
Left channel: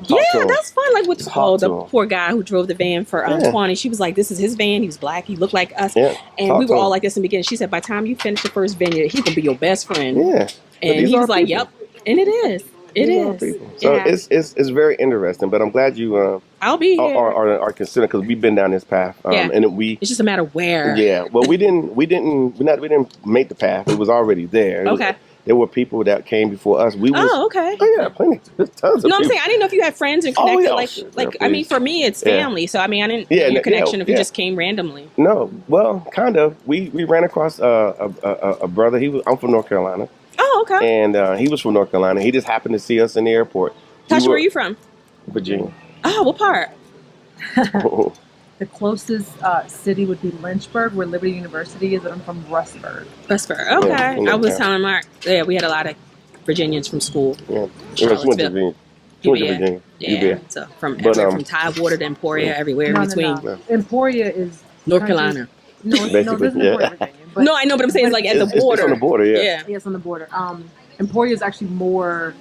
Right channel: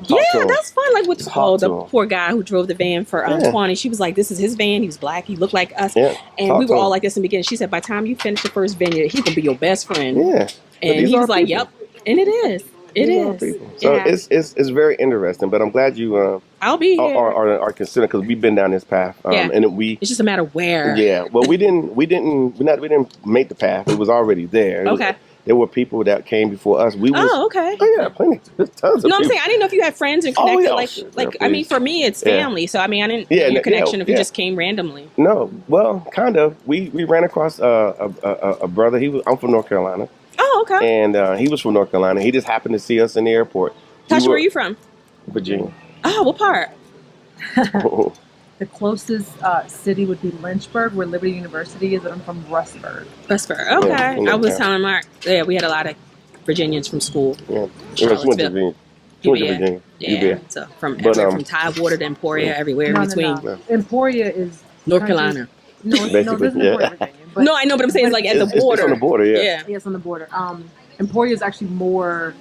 That's fun. Like with the poor guy who drove the van for Tawny. She was like, this is his van. He was black. He looked like us. Yeah. And we were all like this in the beginning. She said, by the time you finish the first vineyard, he's going to be your best friend. Yeah. And he was like, yep. And it is. It is. So it's very interesting. But I'm glad you I'll be here. Are considering, because we've been down this path. And it's just a matter of where. Yeah. Well, we didn't make the path. It was already there. There were people that came before us. Okay. Oh yeah, plenty. There's tons of people. I'm saying I didn't know if you had friends and connected. I mean, for me, it's family. So I mean, I didn't know your connection if you just came randomly. No, well, kind of. We ran across a brother. I'm from North Carolina. Oh, okay. And he was from North Carolina. He just happened to see us in the airport. Tasha, where are you from? Virginia. Oh, what part? The closest city would be Lynchburg, where Liberty University is, and I'm from Rustburg. Rustburg, okay. I was telling Mark, we had a lot of Virginians from school. Yeah, she went to Virginia. Yeah, so from Tidewater to Emporia, everywhere in between. No. Emporia is North Carolina. No, this is Emporia, Virginia. But, no, I know, but I'm saying it's like at the border. It's on the border, Yeah, it's on the border. Emporia is actually more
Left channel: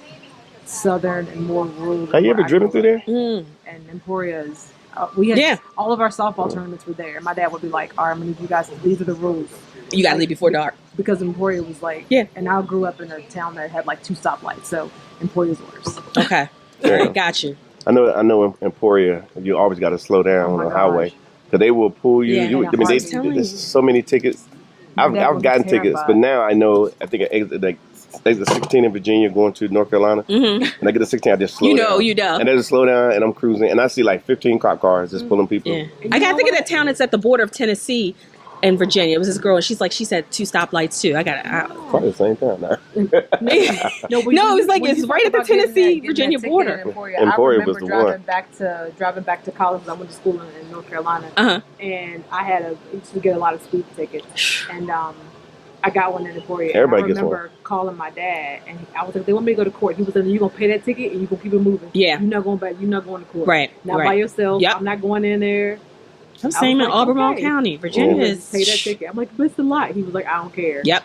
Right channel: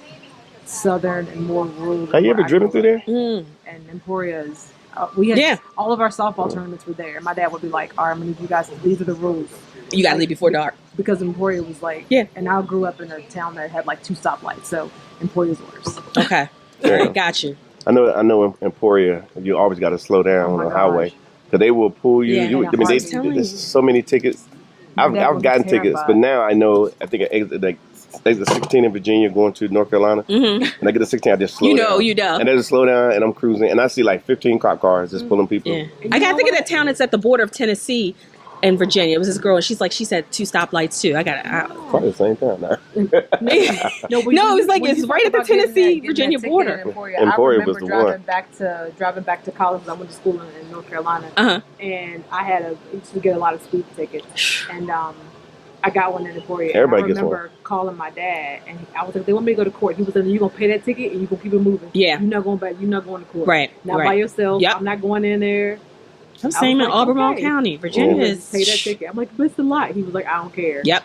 southern and more rural. Have you ever driven through there? And Emporia is. We had all of our softball tournaments were there. My dad would be like, "All right, I'm gonna need you guys. These are the rules. You gotta leave before dark." Because Emporia was like, and I grew up in a town that had like 2 stoplights, so Emporia's worse. Okay, all right, got you. I know in Emporia, you always got to slow down on the highway because they will pull you. There's so many tickets. I've gotten tickets, but now I know. I think there's a 16 in Virginia going to North Carolina. And I get a 16, I just slow down. You know. And there's a slow down, and I'm cruising, and I see like 15 cop cars just pulling people. Yeah. I got to think of that town that's at the border of Tennessee and Virginia. It was this girl, and she said 2 stoplights too. Probably the same time now. No, it's like it's right at the Tennessee-Virginia border. Emporia was the one. Driving back to college. I went to school in North Carolina, and I used to get a lot of speed tickets, and I got one in Emporia. Everybody gets one. I remember calling my dad, and I was like, "They want me to go to court." He was like, "You're gonna pay that ticket, and you're gonna keep it moving. Yeah, you're not going back. You're not going to court. Right, not by yourself. Yep. I'm not going in there." Same in like, Albemarle okay. County. Virginia Just pay that is. ticket. I'm like, it's a lot. He was like, I don't care. Yep.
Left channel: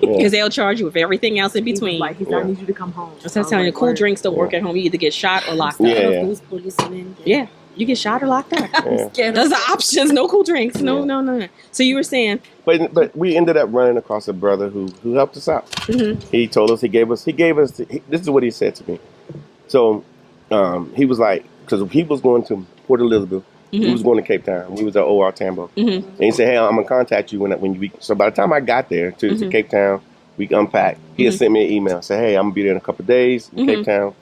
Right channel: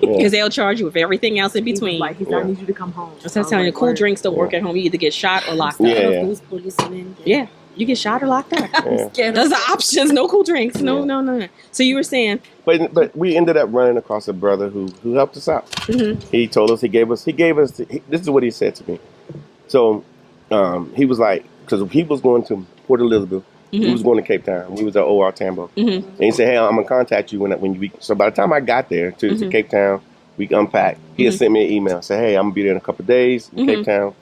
Because they'll charge you with everything else in He was between. like, he said, I need you to come home. That's what I'm telling you. Cool drinks don't work at home. You either get shot or locked up. Yeah. Those policemen. Yeah. You get shot or locked up. Yeah. Scared Those of are options. No cool drinks. No. So you were saying, But we ended up running across a brother who helped us out. He told us, he gave us. This is what he said to me. So he was like, because he was going to Port Elizabeth, he was going to Cape Town. We was at OR Tambo, and he said, "Hey, I'm gonna contact you when you." So by the time I got there to Cape Town, we unpacked. He had sent me an email, said, "Hey, I'm gonna be there in a couple of days in Cape Town.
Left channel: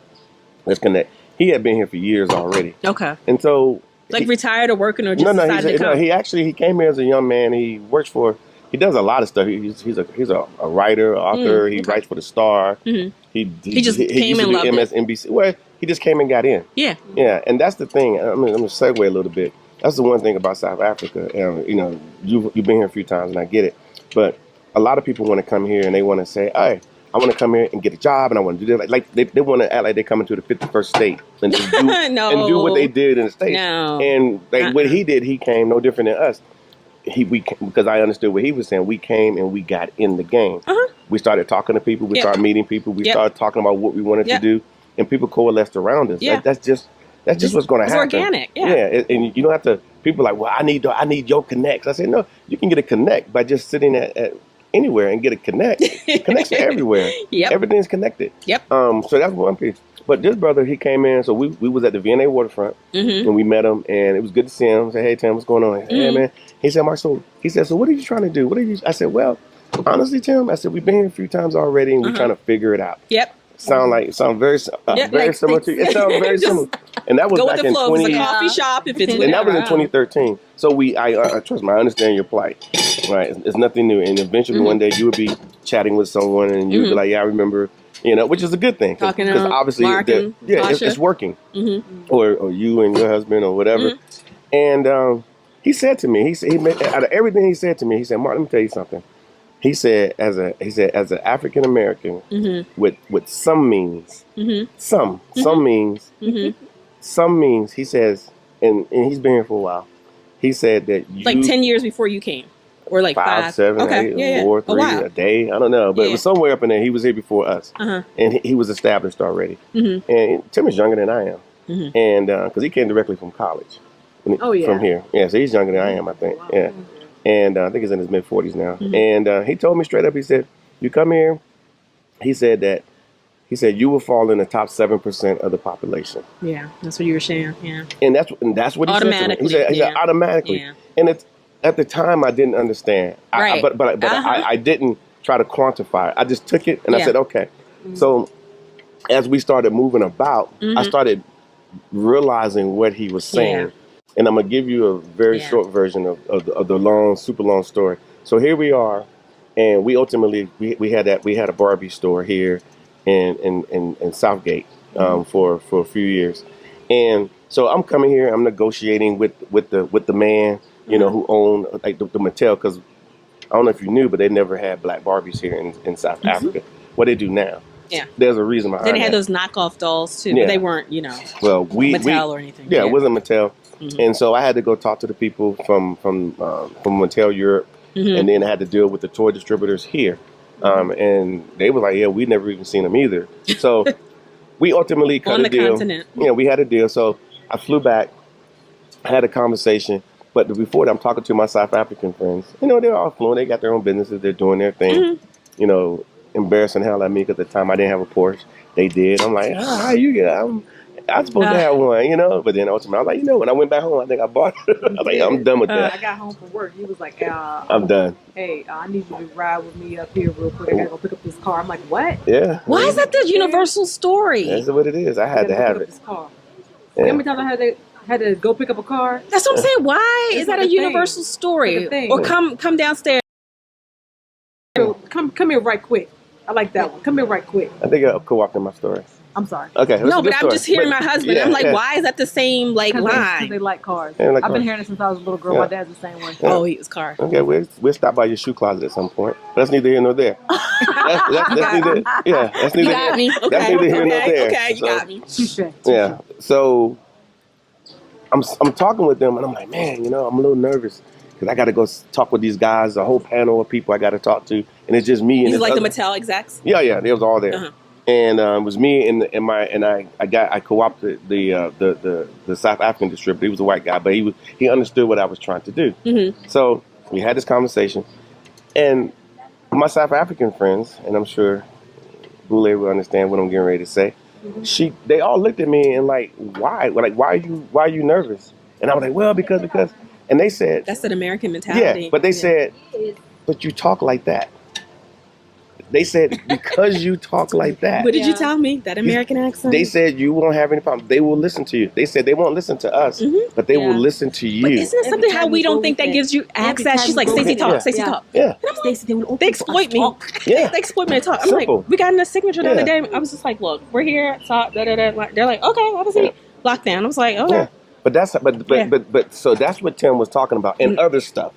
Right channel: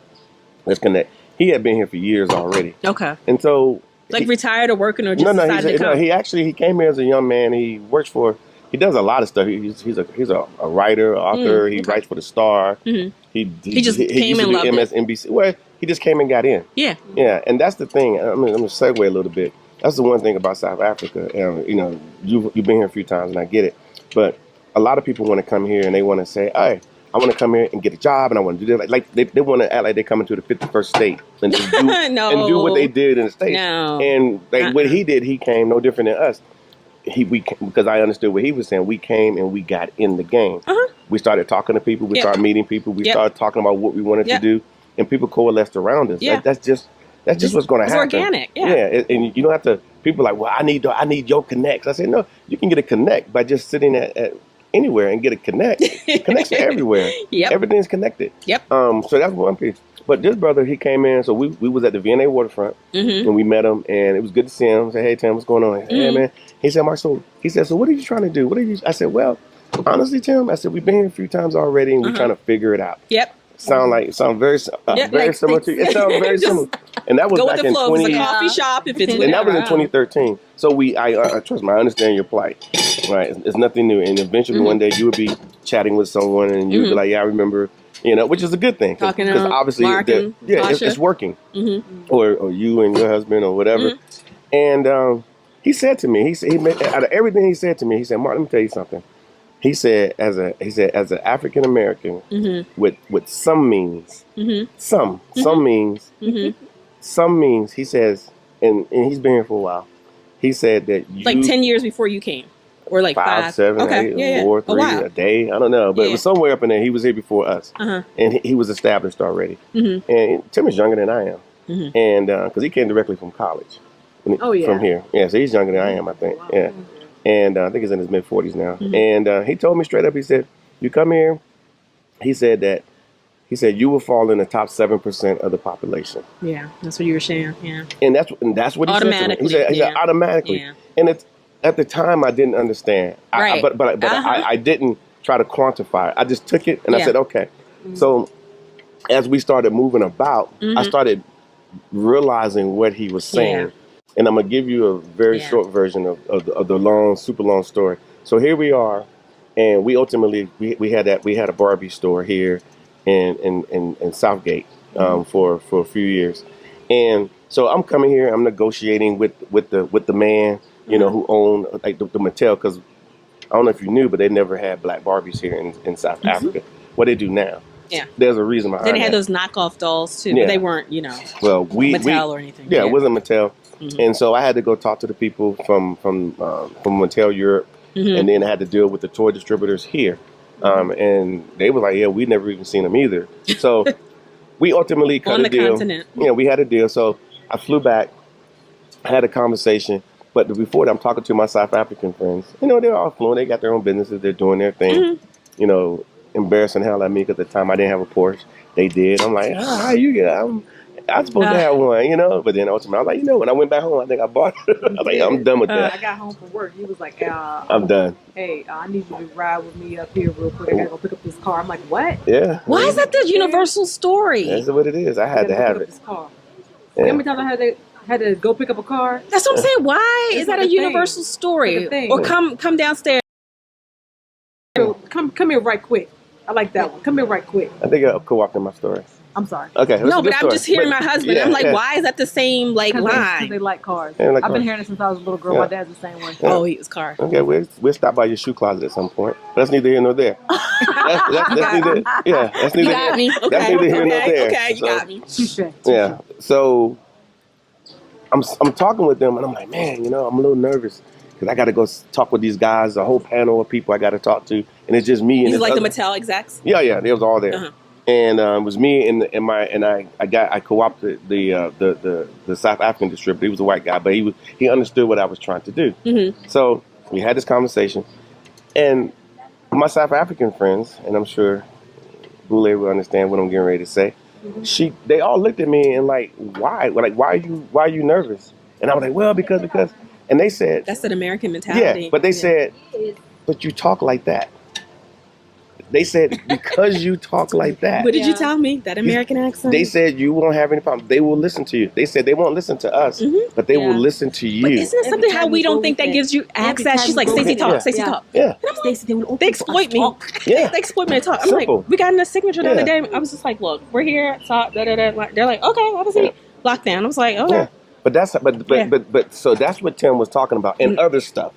Let's connect." He had been here for years already. okay, And so retired or working or just no, decided to come? he came here as a young man. He works for. He does a lot of stuff. He's a writer, author. He writes for the Star. He just came and loved it. MSNBC. Well, he just came and got in. Yeah. Yeah, and that's the thing. I'm gonna segue a little bit. That's the one thing about South Africa. You know, you've been here a few times, and I get it. But a lot of people want to come here and they want to say, "Hey, I want to come here and get a job, and I want to do this." Like they want to act like they're coming to the 51st state and just do, No. and do what they did in the States. No. And what he did, he came no different than us. Because I understood what he was saying. We came and we got in the game. We started talking to people. We started meeting people. We started talking about what we wanted to do, and people coalesced around us. Yeah. That's just what's going to happen. It's organic. Yeah. And you don't have to. People are like, well, I need your connects. I said, no, you can get a connect by just sitting at anywhere and get a connect. Connects are everywhere. Yep. Everything's connected. Yep. So that's one piece. But this brother, he came in. So we was at the V&A waterfront, and we met him, and it was good to see him. I said, "Hey Tim, what's going on?" He said, "Hey man." He said, "Mark, so," he said, "So what are you trying to do? What are you?" I said, "Well, honestly, Tim," I said, "We've been here a few times already, and we're trying to figure it out." Yep. Sound very like similar to you. It sounds very similar. And that was Go with back the in flow. 20. It's a coffee shop. If it's And that was in whatever. 2013. So I trust me, I understand your plight, right? It's nothing new. And eventually one day you would be chatting with someone and you would be like, "Yeah, I remember," which is a good thing. Talking to Because obviously, Mark and it's working. Or you and your husband or whatever. And he said to me, out of everything he said to me, he said, "Mark, let me tell you something." He said, as an African American with some means, some means, some means, he says, and he's been here for a while. He said that you, like 10 years before you came, or like 5, 7, okay. 8, 4, 3 a day. I don't know, but it was somewhere up in there. He was here before us, and he was established already. And Tim is younger than I am, and because he came directly from college, from here. Yeah, so he's younger than I am, I think. Yeah. And I think he's in his mid-40s now. And he told me straight up, he said, "You come here," he said, "you will fall in the top 7% of the population." Yeah, that's what you were saying. Yeah. And that's what he said to me. He said automatically. Yeah. And it's, at the time, I didn't understand. Right. But I didn't try to quantify it. I just took it and I said, okay. So as we started moving about, I started realizing what he was saying. Yeah. And I'm gonna give you a very short version of the super long story. So here we are, and we ultimately we had a Barbie store here in Southgate for a few years, and so I'm coming here. I'm negotiating with the man who owned like the Mattel, because I don't know if you knew, but they never had black Barbies here in South Africa. What they do now. Yeah, there's a reason behind Then they that. had those knockoff dolls too, but they weren't well Mattel or anything. Yeah, it wasn't Mattel. And so I had to go talk to the people from Mattel Europe, and then I had to deal with the toy distributors here. And they were like, "Yeah, we'd never even seen them either." So we ultimately cut a deal. On the continent. Yeah, we had a deal. So I flew back, had a conversation. But before that, I'm talking to my South African friends. They're all fluent. They got their own businesses. They're doing their thing. Embarrassing hell at me because at the time I didn't have a Porsche. They did. I'm like, how you get? I'm supposed to have one, But then ultimately, I was like, when I went back home, I think I bought it. I was like, I'm done with that. I got home from work. He was like, I'm done. "Hey, I need you to ride with me up here real quick. I gotta go pick up this car." I'm like, "What?" Yeah. Why is that the universal story? That's what it is. I had to have it. This car. Yeah. How many times I had to go pick up a car? That's what I'm saying. Why is that a universal story? Or come downstairs. Come here right quick. I like that one. Come here right quick. I think I co-opted my story. I'm sorry. Okay. No, but I'm just hearing my husband. I'm like, why is that the same line? Because they like cars. I've been hearing it since I was a little girl. My dad's the same way. Oh, he was car. Okay, we'll stop by your shoe closet at some point. But that's neither here nor there. That's neither. Yeah, that's neither. You got me. Okay. That's neither here nor there. Okay, you got me. Touche. Yeah. So I'm talking with them, and I'm like, man, I'm a little nervous because I got to go talk with these guys, a whole panel of people I got to talk to, and it's just me and These this like the other- Mattel execs. Yeah, they was all there, Uh-huh. and it was me and I co-opted the South African distributor. He was a white guy, but he understood what I was trying to do. Mm-hmm. So we had this conversation, and my South African friends, and I'm sure Boule will understand what I'm getting ready to say. They all looked at me and like, why? Like, why are you nervous? And I was like, well, because, and they said, That's an American mentality. yeah, but they said, but you talk like that. They said, because you talk like that. What did you tell me? That American accent? They said you won't have any problem. They will listen to you. They said they won't listen to us, but they will listen to you. But isn't it something how we don't think that gives you access? She's like, Stacey, talk, Stacey, talk. Yeah. Stacey, they will They exploit me. Yeah. They exploit me to talk. I'm Simple. like, we got in a signature the other Yeah. day. I was just like, look, we're here. Talk. Da, da, da. They're like, okay, obviously. Lockdown. I was like, okay. Yeah. But that's but so that's what Tim was talking about and other stuff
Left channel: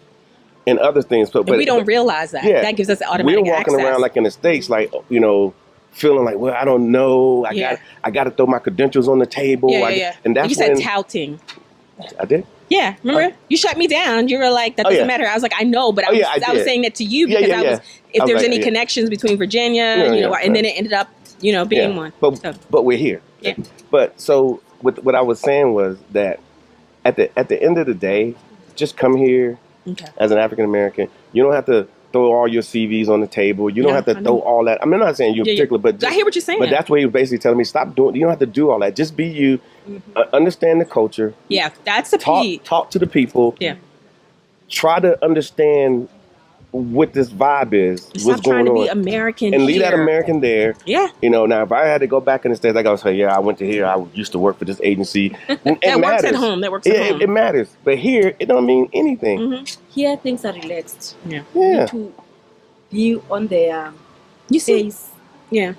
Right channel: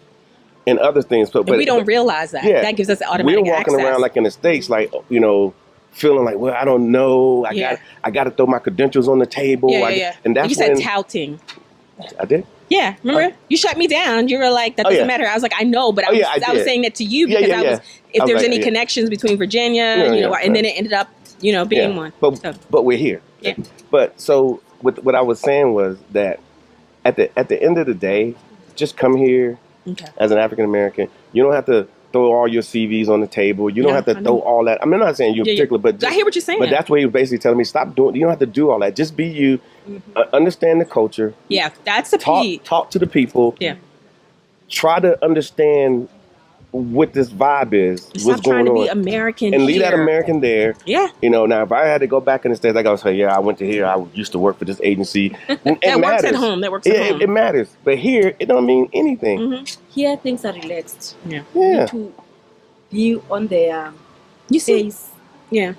and other things. But And we don't realize that. Yeah. That gives us automatic We're walking access. around like in the States, like feeling like, well, I don't know. I got to throw my credentials on the table. Yeah. And that's you said when touting. I did. Yeah, remember? You shut me down. You were like, that doesn't matter. I was like, I know, but I was did. saying that to you because I was, if I was there's like, any connections between Virginia, and then it ended up, being one. But we're here. Yeah. But so what I was saying was that at the end of the day, just come here as an African American. You don't have to throw all your CVs on the table. You don't have to throw all that. I mean, I'm not saying you in particular, but I hear what you're saying. But that's where he was basically telling me, stop doing. You don't have to do all that. Just be you. Understand the culture. Yeah, that's the key. Talk to the people. Yeah. Try to understand what this vibe is. Stop what's going trying to on. be American and leave here. that American there. Yeah. Now if I had to go back in the States, I gotta say, I went to here. I used to work for this agency. That works at home. That works at home. It matters. But here, it don't mean anything. Here things are relaxed. Yeah. Yeah. To be on their see, pace. Yeah.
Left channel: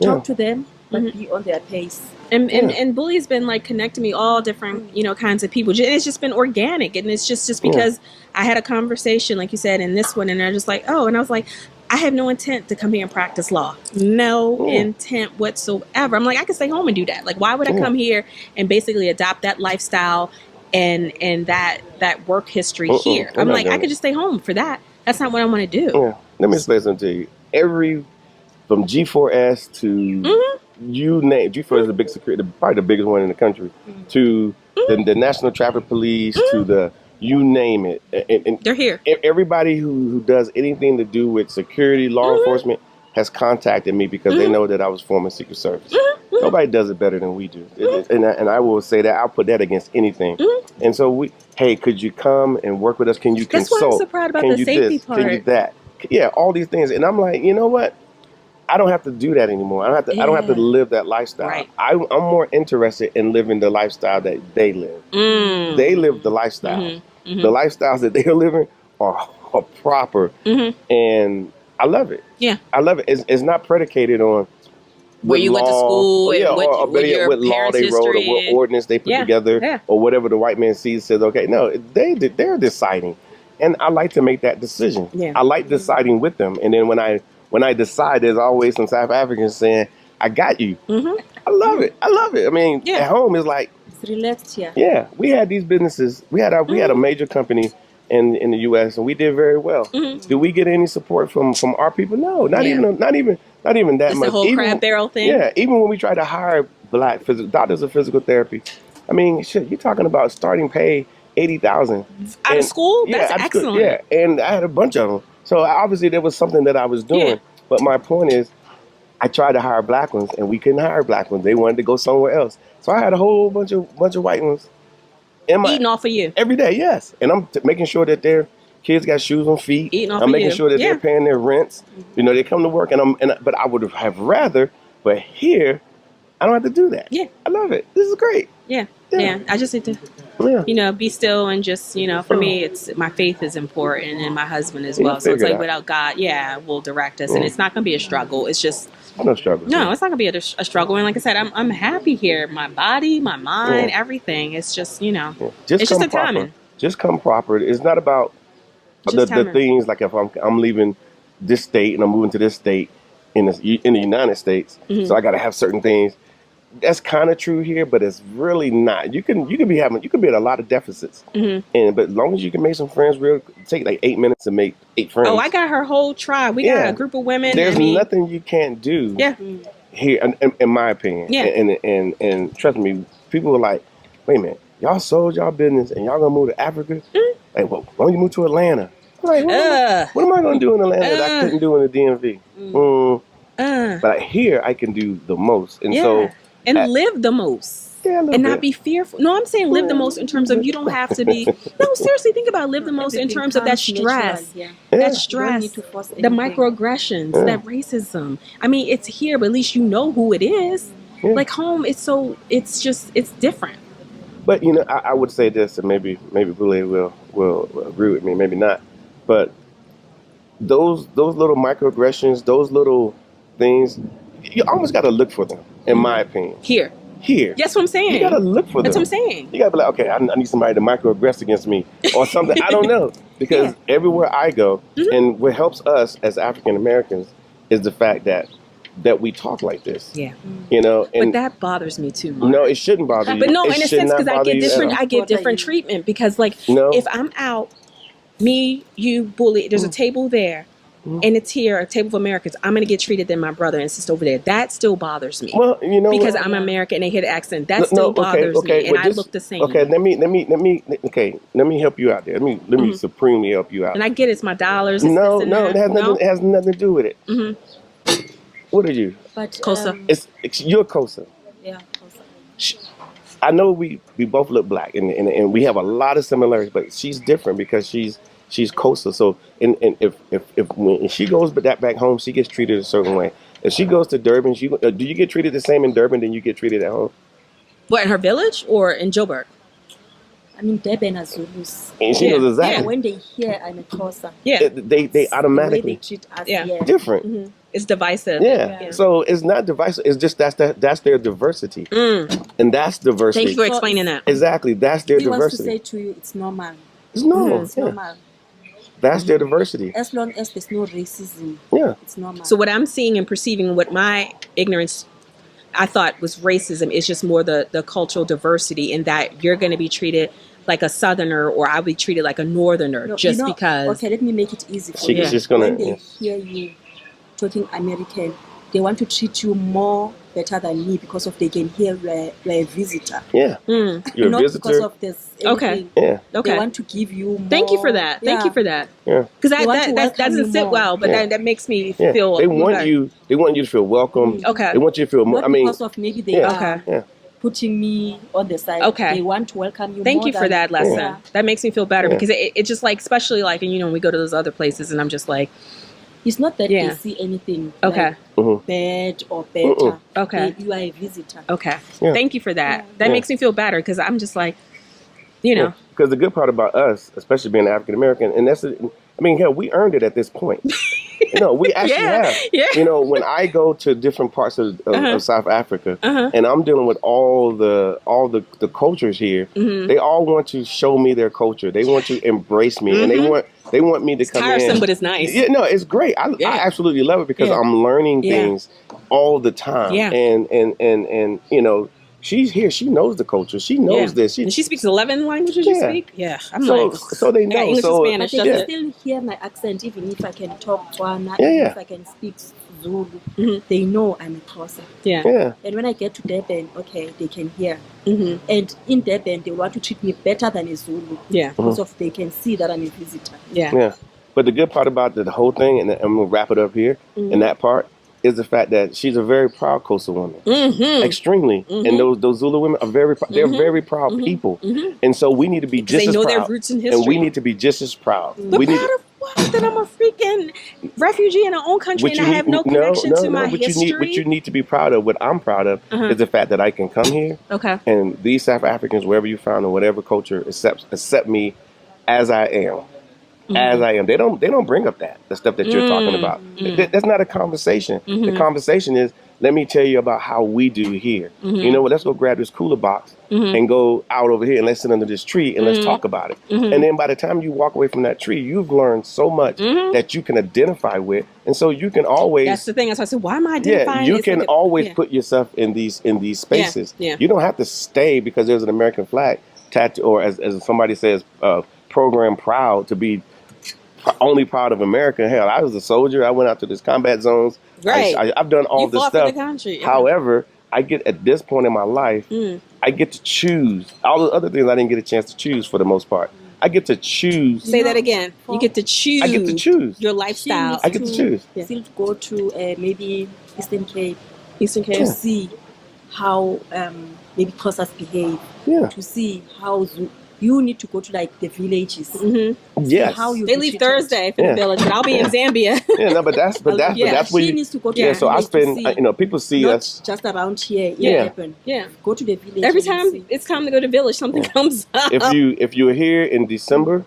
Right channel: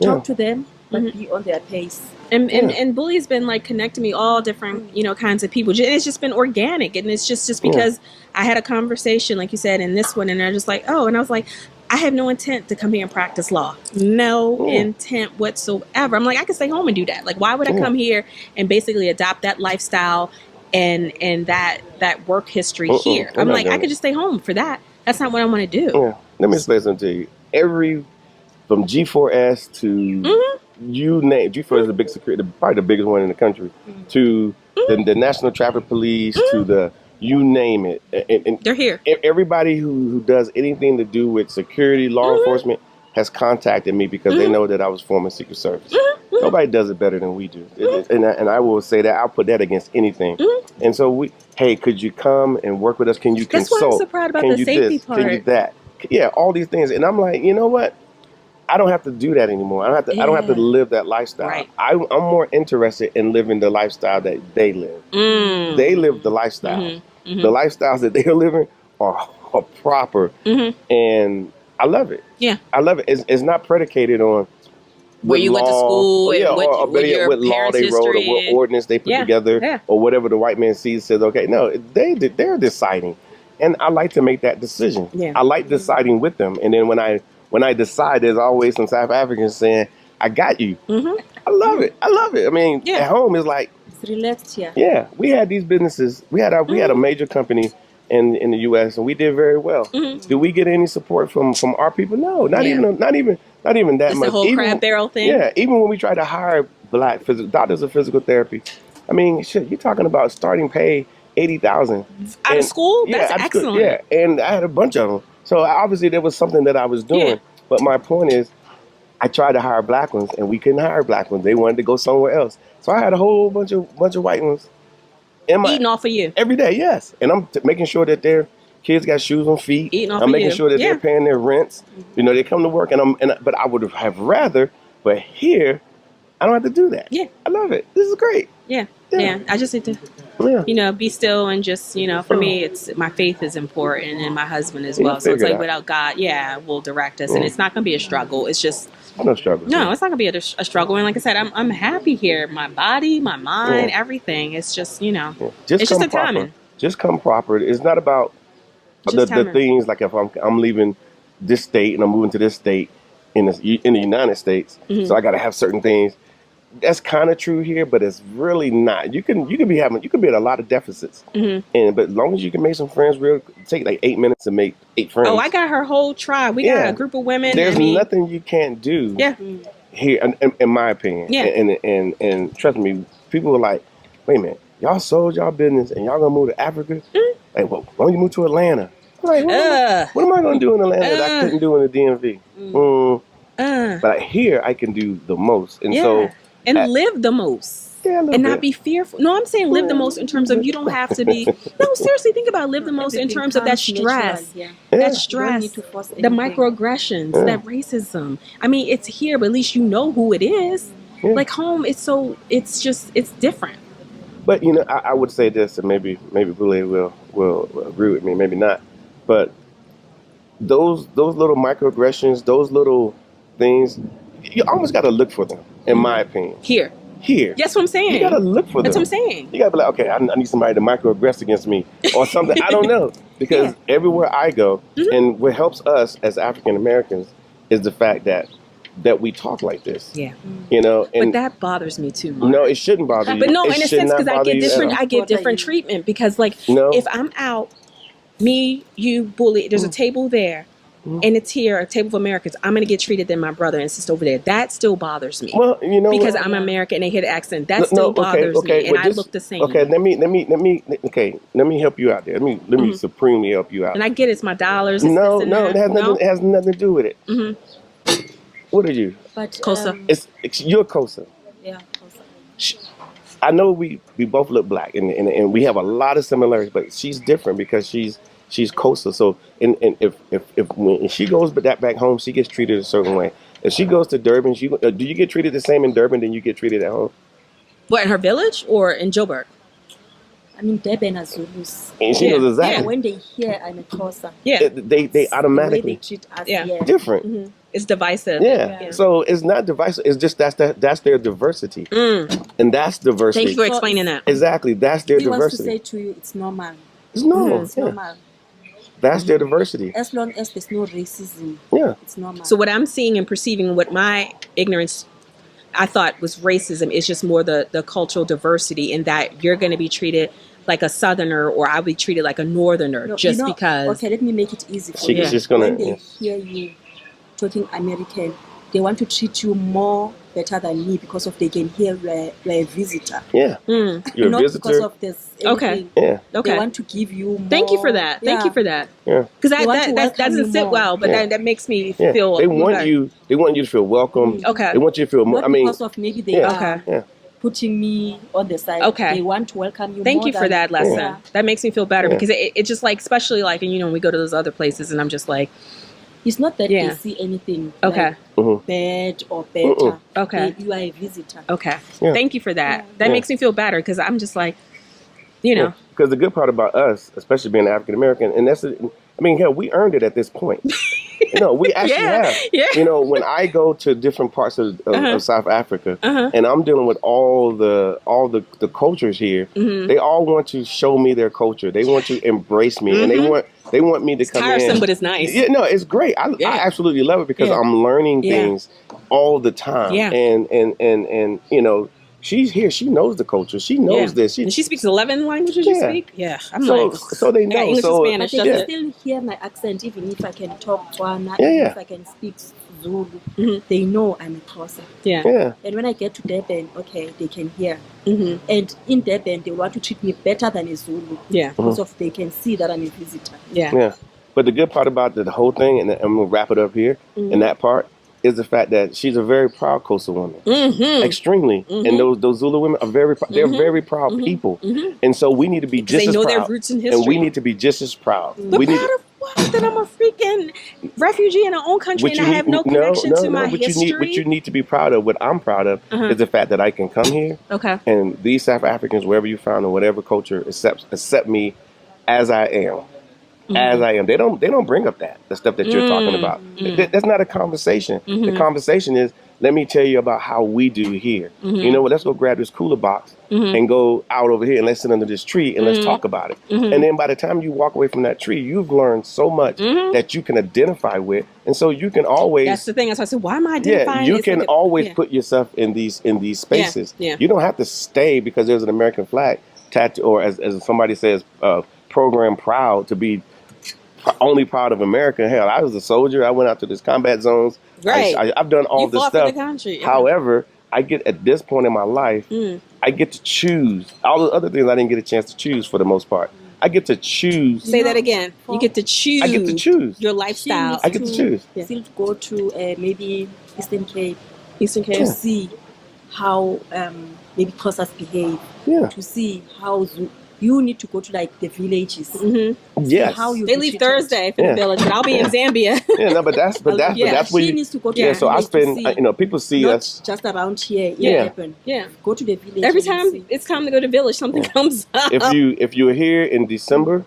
Talk to them, but be on their pace. And Bully's been like connecting me all different, kinds of people. And it's just been organic. And it's just because I had a conversation, like you said, in this one, and they're just like, oh, and I was like, I have no intent to come here and practice law. No intent whatsoever. I'm like, I can stay home and do that. Like, why would I come here and basically adopt that lifestyle and that work history here? I'm like, I could just stay home for that. That's not what I want to do. Yeah. Let me explain something to you. From G4S to you name, G4S is a big security, probably the biggest one in the country, to the National Traffic Police, to the, you name it. And they're here. Everybody who does anything to do with security, law enforcement, has contacted me because they know that I was former Secret Service. Nobody does it better than we do. And I will say that. I'll put that against anything. And so hey, could you come and work with us? Can you consult? That's why I'm so proud about Can the you safety this? part. Can you that? Yeah, all these things. And I'm like, you know what? I don't have to do that anymore. I don't have to live that lifestyle. Right. I'm more interested in living the lifestyle that they live. They live the lifestyle. The lifestyles that they're living are proper. And I love it. Yeah. I love it. It's not predicated on where you went to school, or what your what law they wrote, or what ordinance they put together, or whatever the white man sees says, okay. No, they're deciding. And I like to make that decision. Yeah. I like deciding with them. And then when I decide, there's always some South Africans saying, I got you. I love it. I mean, at home it's like, it's relaxed here. Yeah, we had these businesses. We had a major company in the U.S. and we did very well. Did we get any support from our people? No, not even that It's much. the whole crab barrel thing. Yeah, even when we tried to hire black doctors of physical therapy, I mean, shit, you're talking about starting pay $80,000 out of school. That's out of excellent. School, yeah, and I had a bunch of them. So obviously there was something that I was doing. Yeah. But my point is, I tried to hire black ones, and we couldn't hire black ones. They wanted to go somewhere else. So I had a whole bunch of white ones Eating off of you every day. Yes, and I'm making sure that their kids got shoes on feet. Eating off I'm of making you. sure that they're paying their rents. They come to work, but I would have rather. But here, I don't have to do that. Yeah, I love it. This is great. Yeah. I just need to, be still and just, for me, it's my faith is important and my husband as well. So it's like without God, will direct us, and it's not going to be a struggle. It's just no struggle. No, it's not going to be a struggle. And like I said, I'm happy here. My body, my mind, everything. It's just it's just a timing. Just come proper. It's not about the things like if I'm leaving this state and I'm moving to this state in the United States, so I got to have certain things. that's kind of true here, but it's really not. You can be at a lot of deficits, and but as long as you can make some friends, take like 8 minutes to make 8 friends. Oh, I got her whole tribe. We got a group of women. There's nothing you can't do. Yeah. Here, in my opinion. Yeah. And trust me, people are like, wait a minute, y'all sold y'all business and y'all gonna move to Africa? Like, well, why don't you move to Atlanta? I'm like, what am I gonna do in Atlanta that I couldn't do in the DMV? But here I can do the most, and so live the most. Yeah, and not be fearful. No, I'm saying live the most in terms of you don't have to be. No, seriously, think about live the most in terms of that stress, that stress, the microaggressions, that racism. I mean, it's here, but at least you know who it is. Like home, it's different. But I would say this, and maybe Boulay will agree with me, maybe not. But those little microaggressions, those little things, you almost got to look for them, in my opinion. Here. That's what I'm saying. You gotta look for them. That's what I'm saying. You gotta be like, okay, I need somebody to microaggress against me or something. I don't know. Because everywhere I go, and what helps us as African Americans is the fact that we talk like this. Yeah. And but that bothers me too much. No, it shouldn't bother you. But no, in a sense, because I get different treatment. Because if I'm out, me, you, Bully, there's a table there. And it's here, a table of Americans. I'm gonna get treated than my brother and sister over there. That still bothers me. Well, because I'm American and they hear the accent. That still bothers me, and I look the same. Okay, let me help you out there. Let me supremely help you out. And I get it's my dollars. No, it has nothing to do with it. What are you? Kosa. You're Kosa. Yeah, Kosa. I know we both look black, and we have a lot of similarities, but she's different because she's Kosa. So if when she goes back home, she gets treated a certain way. If she goes to Durban, do you get treated the same in Durban than you get treated at home? What, in her village or in Joburg? I mean, Durban are Zulus. And she knows exactly. Yeah, when they hear I'm a Xhosa, they automatically the way they treat us, different. It's divisive. Yeah. So it's not divisive. It's just that's their diversity, and that's diversity. Thank you for explaining that. Exactly, that's their diversity. Wants to say to you, it's normal. It's normal. It's normal. That's their diversity. As long as there's no racism, it's normal. So what I'm seeing and perceiving, what my ignorance I thought was racism, is just more the cultural diversity, in that you're going to be treated like a Southerner, or I'll be treated like a Northerner, because. Okay, let me make it easy for you. She's gonna, when they hear you talking American, they want to treat you more better than me because of they can hear you're a visitor. Yeah. You're not a visitor. Because of this. Okay. Yeah. Okay. They want to give you more. Thank you for that. Yeah. Thank you for that. Yeah. Because that doesn't sit well, but that makes me feel. They want you to feel welcome. Okay. They want you to feel more. Not because of maybe they are Yeah. putting me on the side. Okay. They want to welcome you. Thank you for that lesson. Yeah. That makes me feel better because it just like, especially like, when we go to those other places and I'm just like. It's not that they see anything like bad or better. Okay. You are a visitor. Okay. Yeah. Thank you for that. That makes me feel better because I'm just like, Because the good part about us, especially being African American, and hell, we earned it at this point. We actually have. Yeah. When I go to different parts of South Africa, and I'm dealing with all the cultures here, they all want to show me their culture. They want to embrace me, and they want me to come in. It's tiresome, but it's nice. Yeah, no, it's great. I absolutely love it because I'm learning things all the time. Yeah. And she's here. She knows the culture. She knows this. And she speaks 11 languages you speak? Yeah. So they know. English and Spanish. But they can still hear my accent, even if I can talk Tswana, even if I can speak Zulu. They know I'm a Xhosa. Yeah. And when I get to Durban, they can hear. And in Durban, they want to treat me better than a Zulu. Yeah. Because of they can see that I'm a visitor. Yeah. But the good part about the whole thing, and I'm going to wrap it up here, in that part, is the fact that she's a very proud coastal woman, extremely, and those Zulu women are they're very proud people, and so we need to be just as proud. They know their roots in history, and we need to be just as proud. But proud of what? That I'm a freaking refugee in our own country and I have no connection to my history. What you need to be proud of, what I'm proud of, is the fact that I can come here, and these South Africans, wherever you found or whatever culture, accept me as I am. As I am. They don't bring up the stuff that you're talking about. That's not a conversation. The conversation is, let me tell you about how we do here. You know what? Let's go grab this cooler box and go out over here and let's sit under this tree and let's talk about it. And then by the time you walk away from that tree, you've learned so much that you can identify with. And so you can always... That's the thing. That's why I said, why am I identifying? you It's can like always put yourself in these spaces. Yeah. You don't have to stay because there's an American flag tattoo, or as somebody says, program proud to be only proud of America. Hell, I was a soldier. I went out to these combat zones. Right. I've done all You this fought for stuff. the country. Yeah. However, I get at this point in my life, I get to choose. All the other things I didn't get a chance to choose for the most part. I get to choose. Say that again. You get to choose. I get to choose. Your lifestyle. I get to choose. Still go to maybe Eastern Cape Eastern Cape. to see how maybe Xhosas behave. Yeah. To see how you need to go to like the villages. Yes. How you They be leave treated. Thursday for the village, but I'll be in Zambia. Yeah, no, but that's where she you. needs to go to Yeah, the so I village to spend. see. People see Not us. just around here. Yeah. Happen. Yeah. Go to the village. Every and time see. it's time to go to village, something comes up. If you're here in December,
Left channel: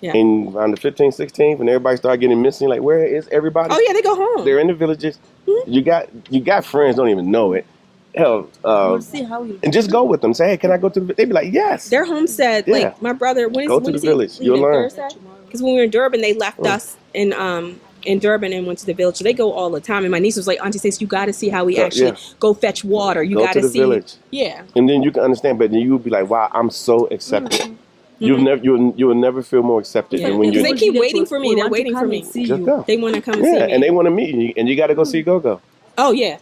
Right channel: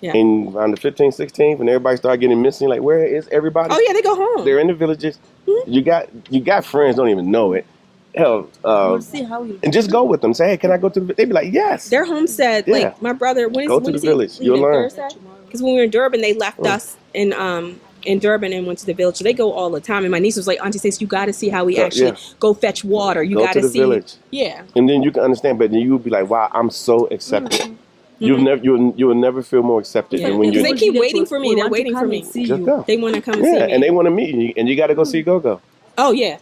Yeah. and around the 15th, 16th, when everybody start getting missing, like where is everybody? Oh yeah, they go home. They're in the villages. You got friends, don't even know it. Hell, You'll see how you. and just go with them. Say, hey, can I go to the? They be like, yes. Their homestead, Yeah. like my brother, when Go is to when the is he village. leaving? You'll learn. Thursday? Because when we were in Durban, they left us in Durban and went to the village. So they go all the time. And my niece was like, Auntie Stacey, you got to see how we actually go fetch water. You Go got to the see. village. Yeah. And then you can understand, but then you'll be like, wow, I'm so accepted. You'll never feel more accepted than when Because you they keep waiting for me. We They're want to waiting for come me. and see just you. go. They want to come and see Yeah, me. and they want to meet you, and you got to go see Go-Go. Oh yeah,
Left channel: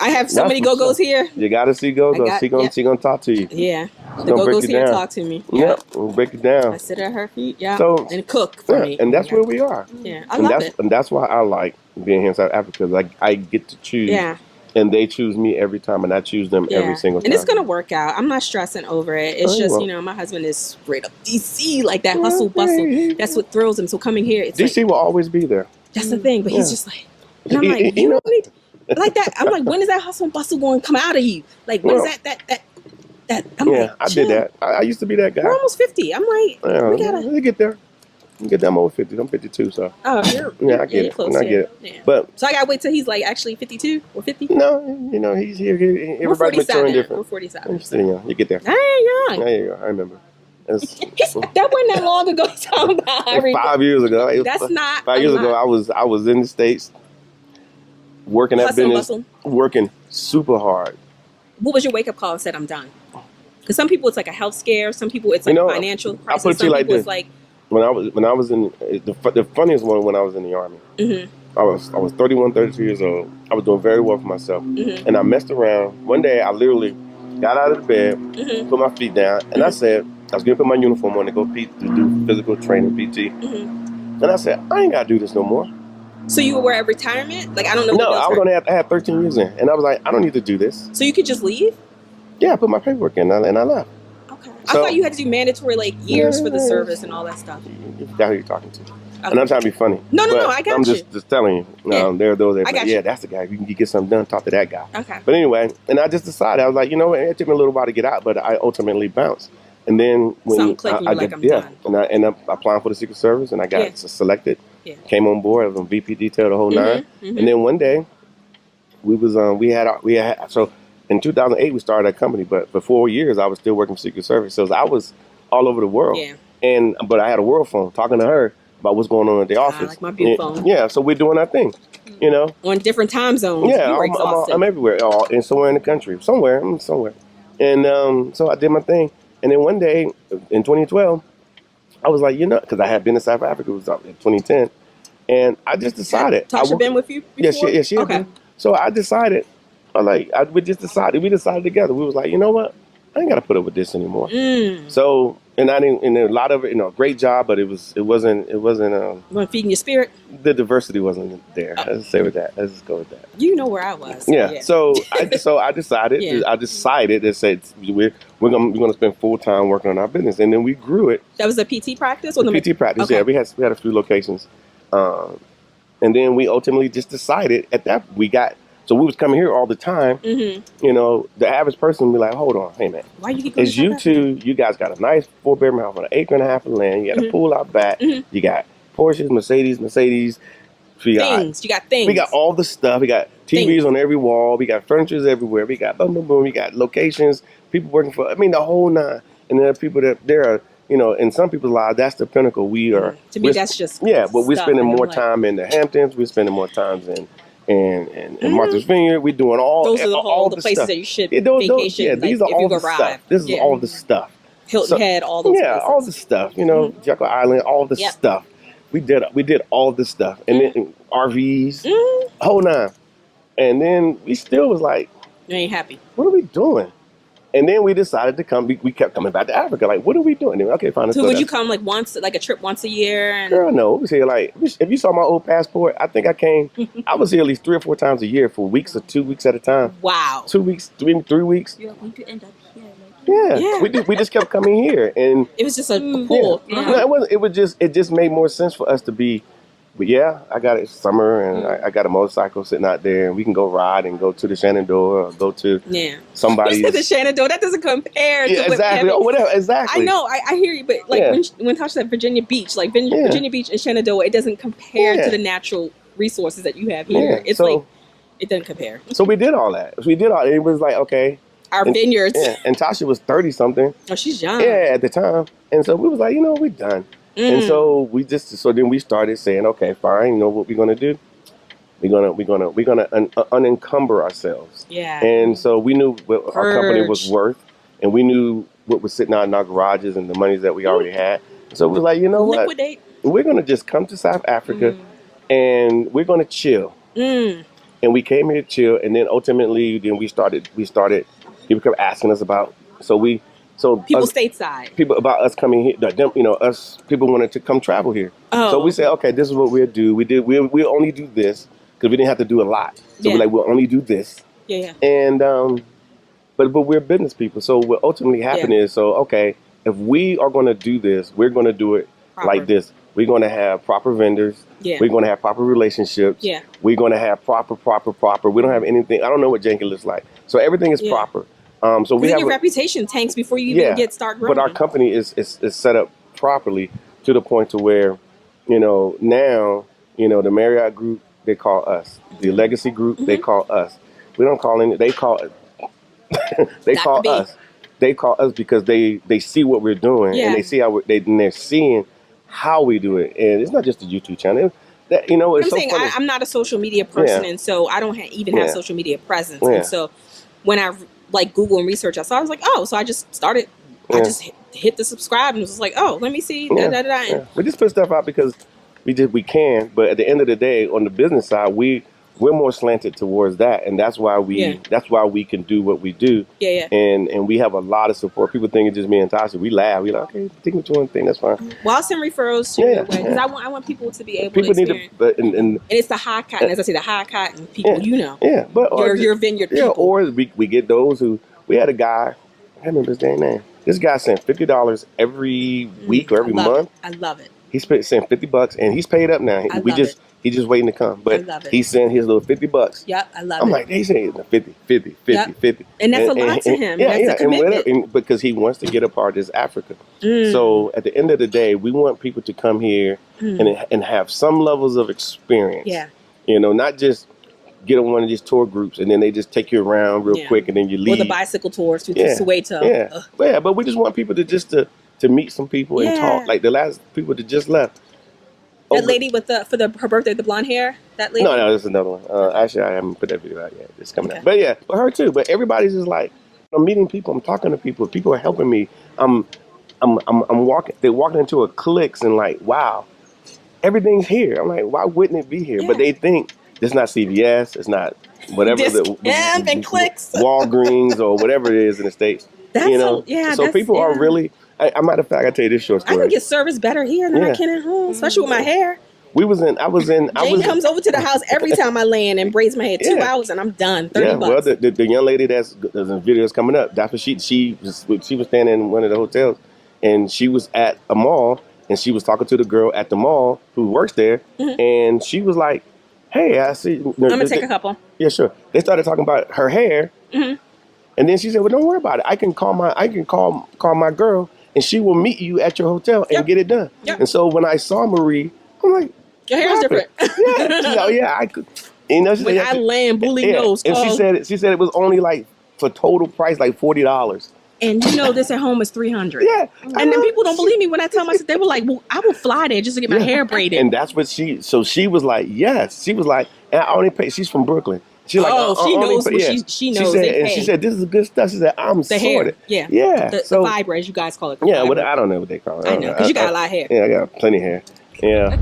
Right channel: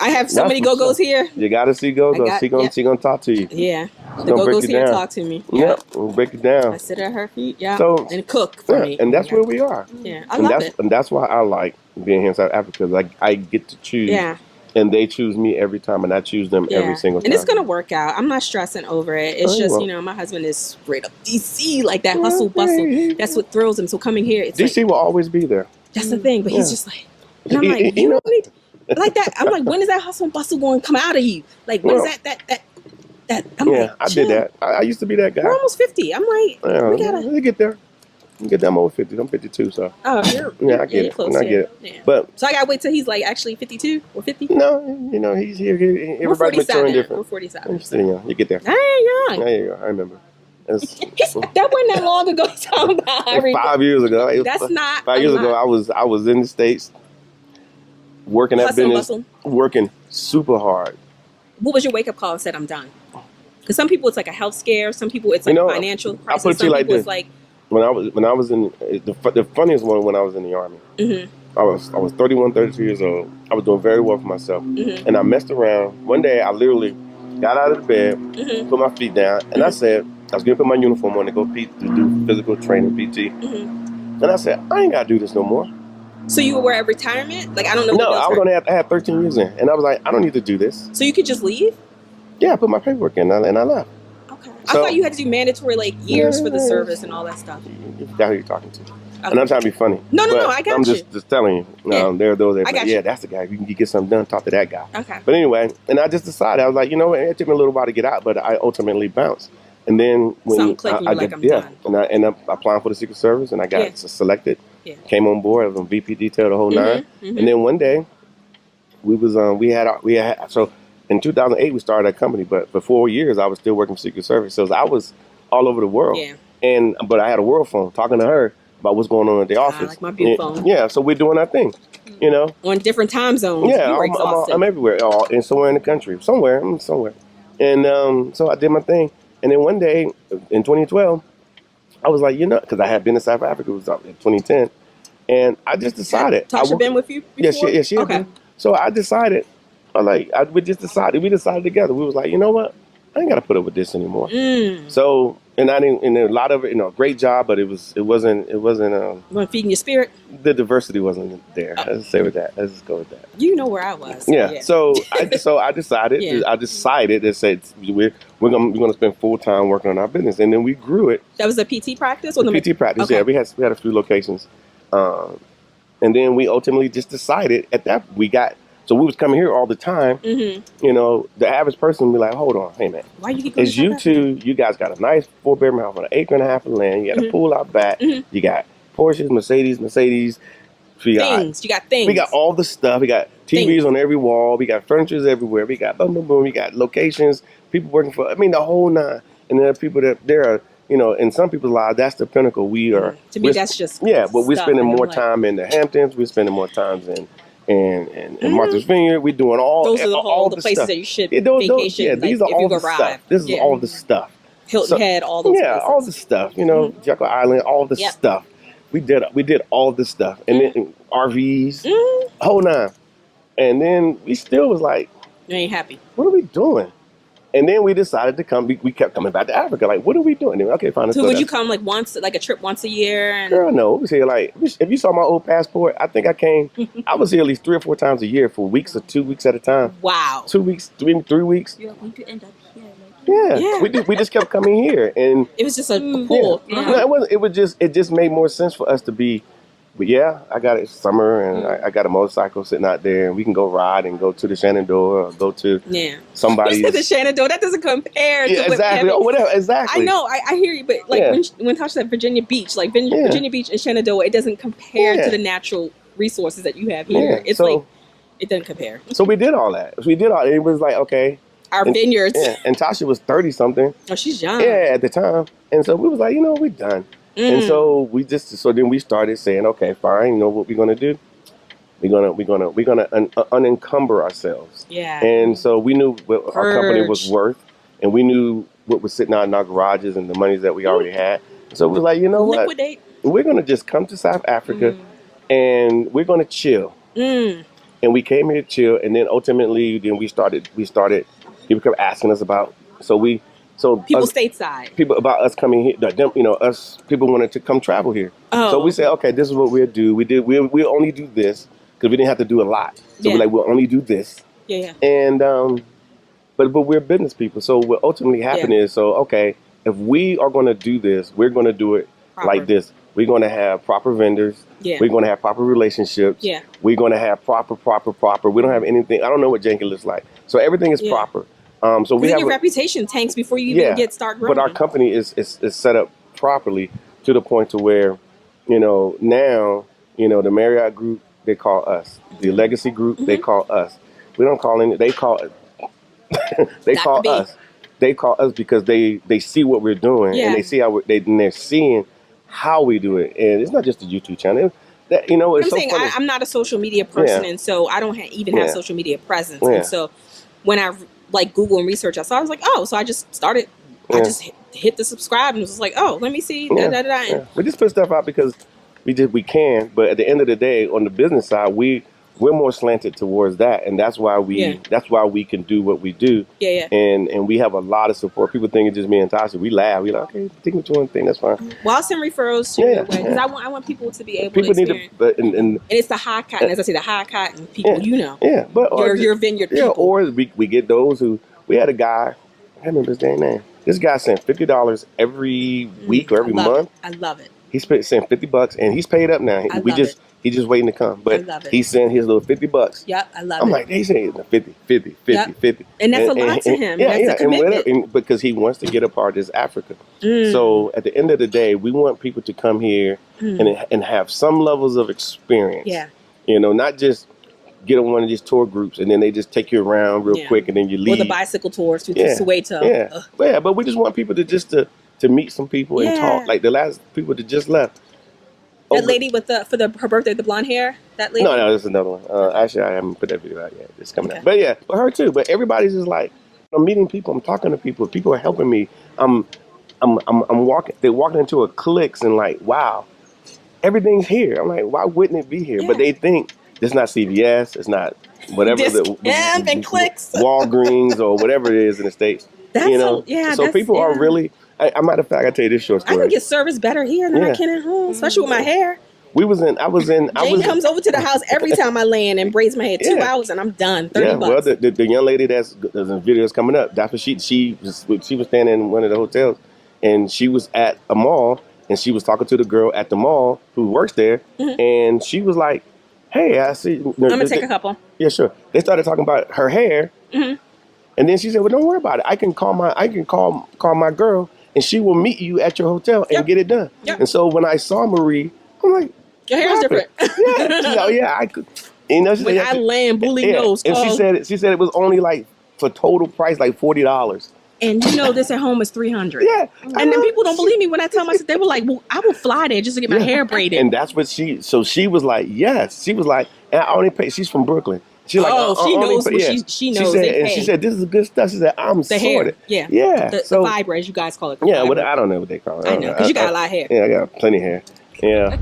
I have so That's many what's go-go's up. here. You got to see Go-Go. I got- She gonna talk to you. Yeah, the gonna break go-go's it here down. talk to me. Yeah, we'll break it down. I sit at her feet. Yeah, So- and cook for me. And that's where we are. Yeah, I love it. And that's why I like being here in South Africa. Like I get to choose. Yeah. And they choose me every time, and I choose them every single time. And it's gonna work out. I'm not stressing over it. It's Oh, just, well. my husband is straight up DC, like that hustle bustle. That's what thrills him. So coming here, it's DC like, will always be there. that's the thing. But he's just like, and I'm like, You know- like that. I'm like, when is that hustle and bustle going to come out of you? Like, when is Well, that? I'm Yeah, like, I chill. did that. I used to be that guy. We're almost 50. I'm like, Yeah, we gotta. we get there. We get there. I'm over 50. I'm 52, so Oh, you're, yeah, I get you're it. close. I get it. Yeah. But So I gotta wait till he's like actually 52 or 50. no, he's here. We're Everybody's 47. maturing We're different. 47. I'm still young. You get there. I ain't young. There you go. I remember. That's, That wasn't that long ago. He's talking about. I remember. 5 years ago. It was That's not 5 a years lot. ago. I was in the States working that Hustle and business, bustle. working super hard. What was your wake up call and said I'm done? Because some people it's like a health scare. Some people it's like a financial crisis. I'll put it to Some you like people this. it's like When I was in the funniest one when I was in the Army. I was 31, 32 years old. I was doing very well for myself, and I messed around. One day, I literally got out of the bed, put my feet down, and I said I was gonna put my uniform on to go to do physical training, PT. And I said I ain't gotta do this no more. So you were at retirement? Like I don't know. No, what I was only I had 13 years in, and I was like I don't need to do this. So you could just leave? Yeah, I put my paperwork in, and I left. Okay. So- I thought you had to do mandatory like years for the service and all that stuff. You forgot who you're talking to. And I'm trying to be funny. No, but I got I'm you. just telling you. There are those that I are got like, you. yeah, that's the guy. If you can get something done, talk to that guy. Okay. But anyway, and I just decided, I was like, you know what, it took me a little while to get out, but I ultimately bounced. And then when Something clicked and I you're like, got- I'm yeah, done. and I ended up applying for the Secret Service, and I got Yeah. selected. Yeah. Came on board. I was on VP detail the whole nine. mhm. And then one day, we had so in 2008 we started that company, but for 4 years I was still working for Secret Service, so I was all over the world. Yeah. But I had a world phone talking to her about what's going on at the office. like my big And- phone. Yeah, so we're doing our thing, you know. On different time zones. Yeah, You were I'm exhausted. everywhere, and somewhere in the country, somewhere. And so I did my thing, and then one day in 2012, I was like, because I had been in South Africa, it was in 2010, and I just decided. Tasha been with you before? Yeah, she had Okay. been. So I decided, we decided together. We was like, you know what? I ain't got to put up with this anymore. So, and I didn't, and a lot of it, great job, but it wasn't, You want feeding your spirit? the diversity wasn't there. Let's say with that. Let's just go with that. You know where I was. Yeah. So I decided. Yeah. I decided to say we're gonna spend full time working on our business, and then we grew it. That was a PT practice? Or PT practice. Okay. Yeah, we had a few locations, and then we ultimately just decided at that so we was coming here all the time. Mm-hmm. The average person would be like, hold on, hey man, Why you keep going it's to you South Africa? two. You guys got a nice 4-bedroom house on an acre and a half of land. You got a pool out back. Mhm. You got Porsches, Mercedes, We got Things. You got things. We got all the stuff. We got TVs Things. on every wall. We got furnitures everywhere. We got boom, boom, boom. We got locations. People working for. I mean, the whole nine. And there are people that there are. You know, in some people's lives, that's the pinnacle. We are. To me, that's just But we're stuff, spending and I'm more like- time in the Hamptons. We're spending more times in Martha's Vineyard. We're doing all. Those are all the places stuff. that you should Those, vacation. yeah, like, these are if all you the arrive. stuff. This is Yeah. all the stuff. Hilton Head, all those places. all the stuff. You know, Jekyll Island, all the Yep. stuff. We did all this stuff, and then RVs, whole nine. And then we still was like, You ain't happy. what are we doing? And then we decided to come. We kept coming back to Africa. Like, what are we doing? Okay, fine. Let's So go would there. you come like once, like a trip once a year? And Girl, no. We was here like, if you saw my old passport, I think I came. I was here at least 3 or 4 times a year for weeks or 2 weeks at a time. wow. 2 weeks, 3 weeks. You are going to end up here. Like, Yeah. We just kept coming here, and It was just a pull. Yeah. No, it wasn't. It was just. It just made more sense for us to be. But yeah, I got it summer, and I got a motorcycle sitting out there, and we can go ride and go to the Shenandoah or go to Yeah. somebody's. You said the Shenandoah. That doesn't compare to Yeah, what exactly. Kevin- Or whatever. Exactly. I know. I hear you, but like Yeah. when Tasha said Virginia Beach, like Virginia Beach and Shenandoah, it doesn't compare Yeah. to the natural resources that you have here. Yeah, It's so- like it doesn't compare. So we did all that. It was like okay. Our And- vineyards. Yeah, and Tasha was 30 something. Oh, she's young. Yeah, at the time, and so we was like, we're done. And so then we started saying, okay, fine. You know what we're gonna do? We're gonna unencumber ourselves. Yeah. And so we knew what our company was Purge. worth, and we knew what was sitting out in our garages and the monies that we already had. So we was like, you know what? Liquidate. We're gonna just come to South Africa, and we're gonna chill. Mm. And we came here to chill, and then ultimately, we started. People kept asking us about. So People us- stateside. people about us coming here. Us people wanted to come travel here. Oh. So we said, okay, this is what we'll do. We'll only do this because we didn't have to do a lot. So Yeah. we're like, we'll only do this. Yeah. And but we're business people. So what ultimately happened is, okay, if we are going to do this, we're going to do it Proper. like this. We're going to have proper vendors. Yeah. We're going to have proper relationships. Yeah. We're going to have proper. We don't have anything. I don't know what janky looks like. So everything is Yeah. proper. So we Because have your reputation tanks before you even start growing. but our company is set up properly to the point to where, now, the Marriott Group, they call us. The Legacy Group, they call us. We don't call any. They call they That call could be. us. They call us because they see what we're doing, Yeah. and they see how they're seeing how we do it. And it's not just a YouTube channel. That it's I'm so saying funny. I'm not a social media person, Yeah. and so I don't even have Yeah. social media presence. Yeah. And so when I like Google and research, I was like, oh, so I just started. I Yeah. just hit the subscribe and was like, oh, let me see. Da, da, da, da. Yeah. We just put stuff out because we can, but at the end of the day, on the business side, we're more slanted towards that, and that's why we can do what we do. Yeah. And we have a lot of support. People think it's just me and Tasha. We laugh. We like, okay, take me to one thing. That's fine. Well, I'll send referrals to Yeah, you because yeah. I want people to be able People to need experience. to, but and And it's the high cotton, as I say, the high cotton people. yeah, but your vineyard yeah, people. or we get those who we had a guy. I can't remember his damn name. This guy sent $50 every week or every month. I love it. He sent $50, and he's paid up now. I love He's just waiting to come. But love it. he sent his little $50. Yep, I love I'm it. like, they say 50, 50, 50, Yep. 50. And that's a lot to him. That's a commitment. And because he wants to get a part of this Africa. Mm. So at the end of the day, we want people to come here and have some levels of experience. Yeah. Not just get on one of these tour groups and then they just take you around real Yeah. quick and then you leave. Or the bicycle tours to Yeah. Soweto. Yeah. Ugh. But we just want people to meet some people and Yeah. talk. Like the last people that just left. That lady with her birthday, the blonde hair. That lady. No, this is another one. Actually, I haven't put that video out yet. It's coming Okay. out. But yeah, but her too. But everybody's just like, I'm meeting people. I'm talking to people. People are helping me. I'm walking. They're walking into a clicks and like, wow, everything's here. I'm like, why wouldn't it be here? Yeah. But they think it's not CVS. It's not whatever Discount and clicks. Walgreens or whatever it is in the States. That's So that's- people are yeah. really. A matter of fact, I tell you this short I story. can get service better here than I Yeah. can at home, especially with my hair. I was in. Jane comes over to the house every time I land and braids my hair 2 Yeah. hours and I'm done. 30 Yeah, well, bucks. the young lady there's in videos coming up. That's what she was standing in one of the hotels, and she was at a mall, and she was talking to the girl at the mall who works there, and she was like, "Hey, I see." I'm gonna take a couple. Yeah, sure. They started talking about her hair, and then she said, "Well, don't worry about it. I can call my girl, and she will meet you at your hotel and Yep. get it done." Yep. And so when I saw Marie, I'm like, Your hair's different. Oh yeah, I could. You know, she When said, I land, bully nose. and she said it was only like for total price like $40. And you know this at home is $300. Yeah, and then people don't believe me when I tell them. They were like, "Well, I will fly there just to get my hair braided." And that's what she was like, yes. She was like, and I only pay. She's from Brooklyn. She's like, she knows what she knows. She said, this is good stuff. She said, I'm sorted. Hair, The fiber, as you guys call it. Yeah, I don't know what they call it. I know, because you got a lot of hair. Yeah, I got plenty of hair. Yeah.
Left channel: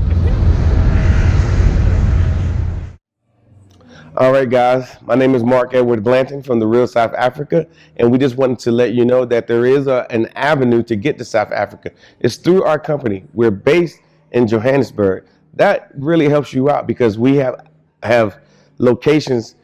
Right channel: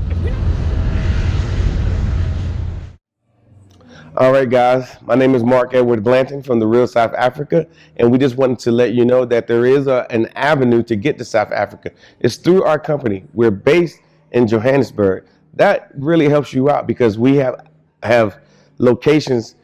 All right, guys. My name is Mark Edward Blanton from the Real South Africa, and we just wanted to let you know that there is an avenue to get to South Africa. It's through our company. We're based in Johannesburg. That really helps you out because we have locations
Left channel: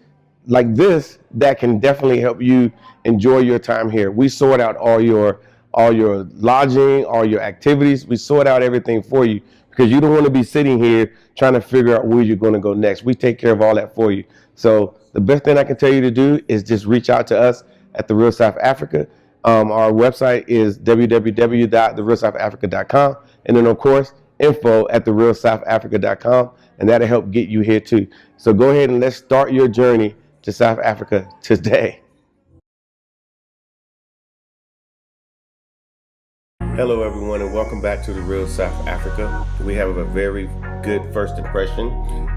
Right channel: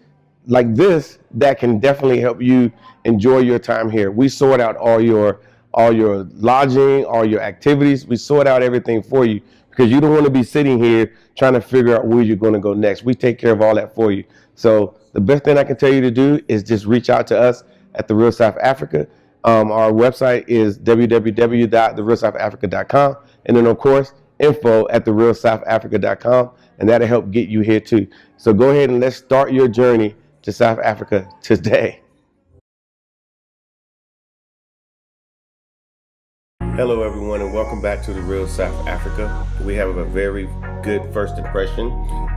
like this that can definitely help you enjoy your time here. We sort out all your lodging, all your activities. We sort out everything for you because you don't want to be sitting here trying to figure out where you're going to go next. We take care of all that for you. So the best thing I can tell you to do is just reach out to us at The Real South Africa. Our website is www.therealsouthafrica.com. And then, of course, info@therealsouthafrica.com. And that'll help get you here, too. So go ahead and let's start your journey to South Africa today. Hello, everyone, and welcome back to The Real South Africa. We have a very good first impression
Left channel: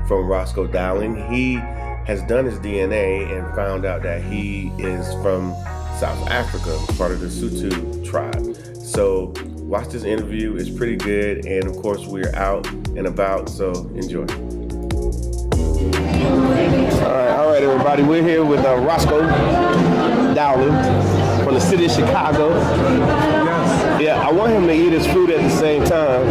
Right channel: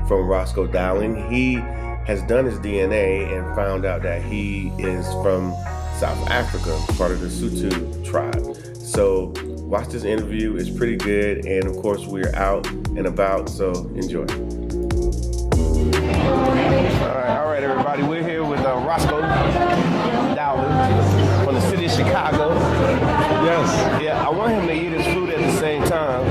from Rosco Dowling. He has done his DNA and found out that he is from South Africa, part of the Sotho tribe. So watch this interview. It's pretty good. And of course, we're out and about, so enjoy. All right, everybody. We're here with Rosco Dowling from the city of Chicago. Yeah, I want him to eat his food at the same time.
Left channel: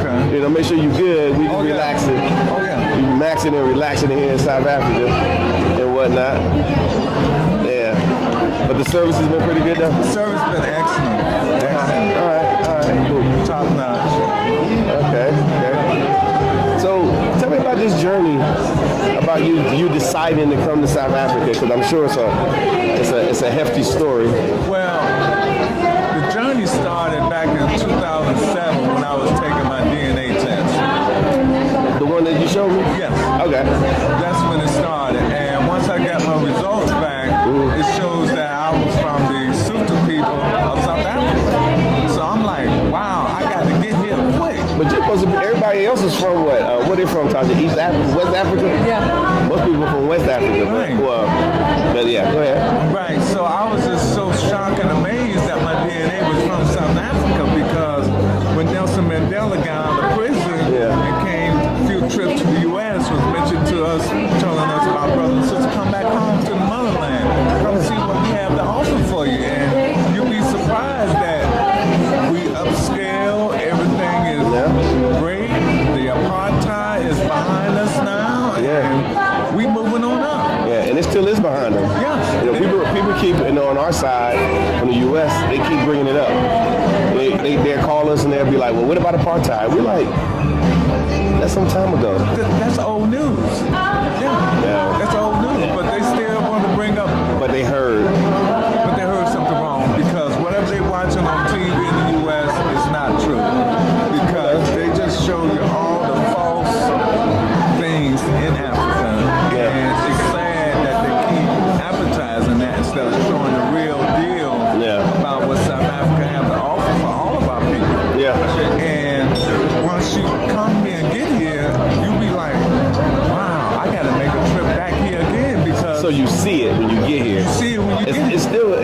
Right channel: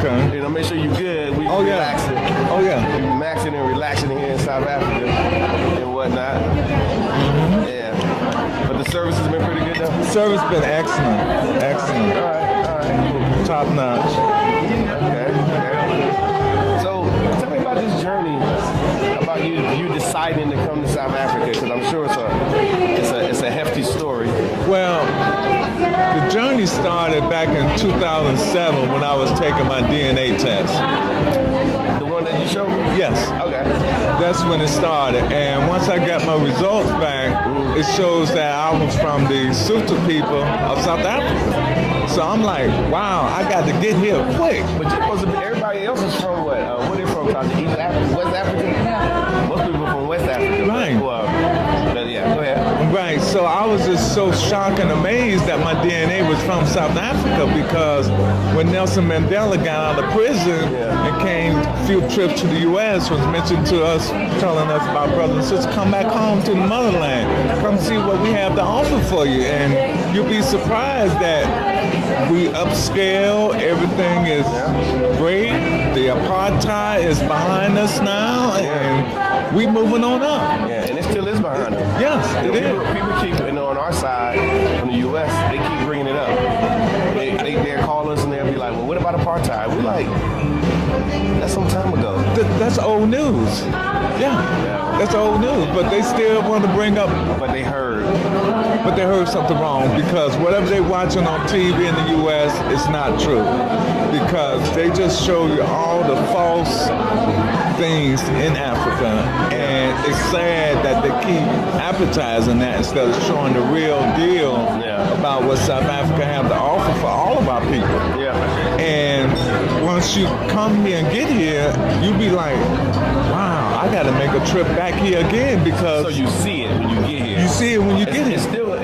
Okay. You know, make sure you're good. We relaxing. You maxing and relaxing here in South Africa and whatnot. Yeah. But the service has been pretty good though? The service has been excellent. Excellent. All right, cool. Top notch. Okay. So tell me about this journey, about you deciding to come to South Africa, because I'm sure it's a hefty story. Well, the journey started back in 2007 when I was taking my DNA test. The one that you showed me? Yes. Okay. That's when it started. And once I got my results back, it shows that I was from the Sotho people of South Africa. So I'm like, wow, I got to get here quick. But you're supposed to be, everybody else is from what? Where they from? East Africa? West Africa? Yeah. Most people from West Africa. Right. Well, but yeah, go ahead. Right. So I was just so shocked and amazed that my DNA was from South Africa, because when Nelson Mandela got out of prison and came a few trips to the U.S., was mentioned to us, telling us about brothers and sisters, come back home to the motherland, come see what we have to offer for you. And you'll be surprised that we upscale, everything is great, the apartheid is behind us now, and we moving on up. Yeah, and it still is behind us. Yes. You know, people keep, on our side, from the U.S., they keep bringing it up. They'll call us and they'll be like, well, what about apartheid? We're like, that's some time ago. That's old news. Yeah, that's old news. But they still want to bring up. But they heard something wrong, because whatever they're watching on TV in the U.S. is not true. Because they just show you all the false things in Africa. And it's sad that they keep advertising that instead of showing the real deal about what South Africa has to offer for all of our people. Yeah. And once you come here and get here, you'll be like, wow, I gotta make a trip back here again, because so you see it when you get here. You see it when you get here.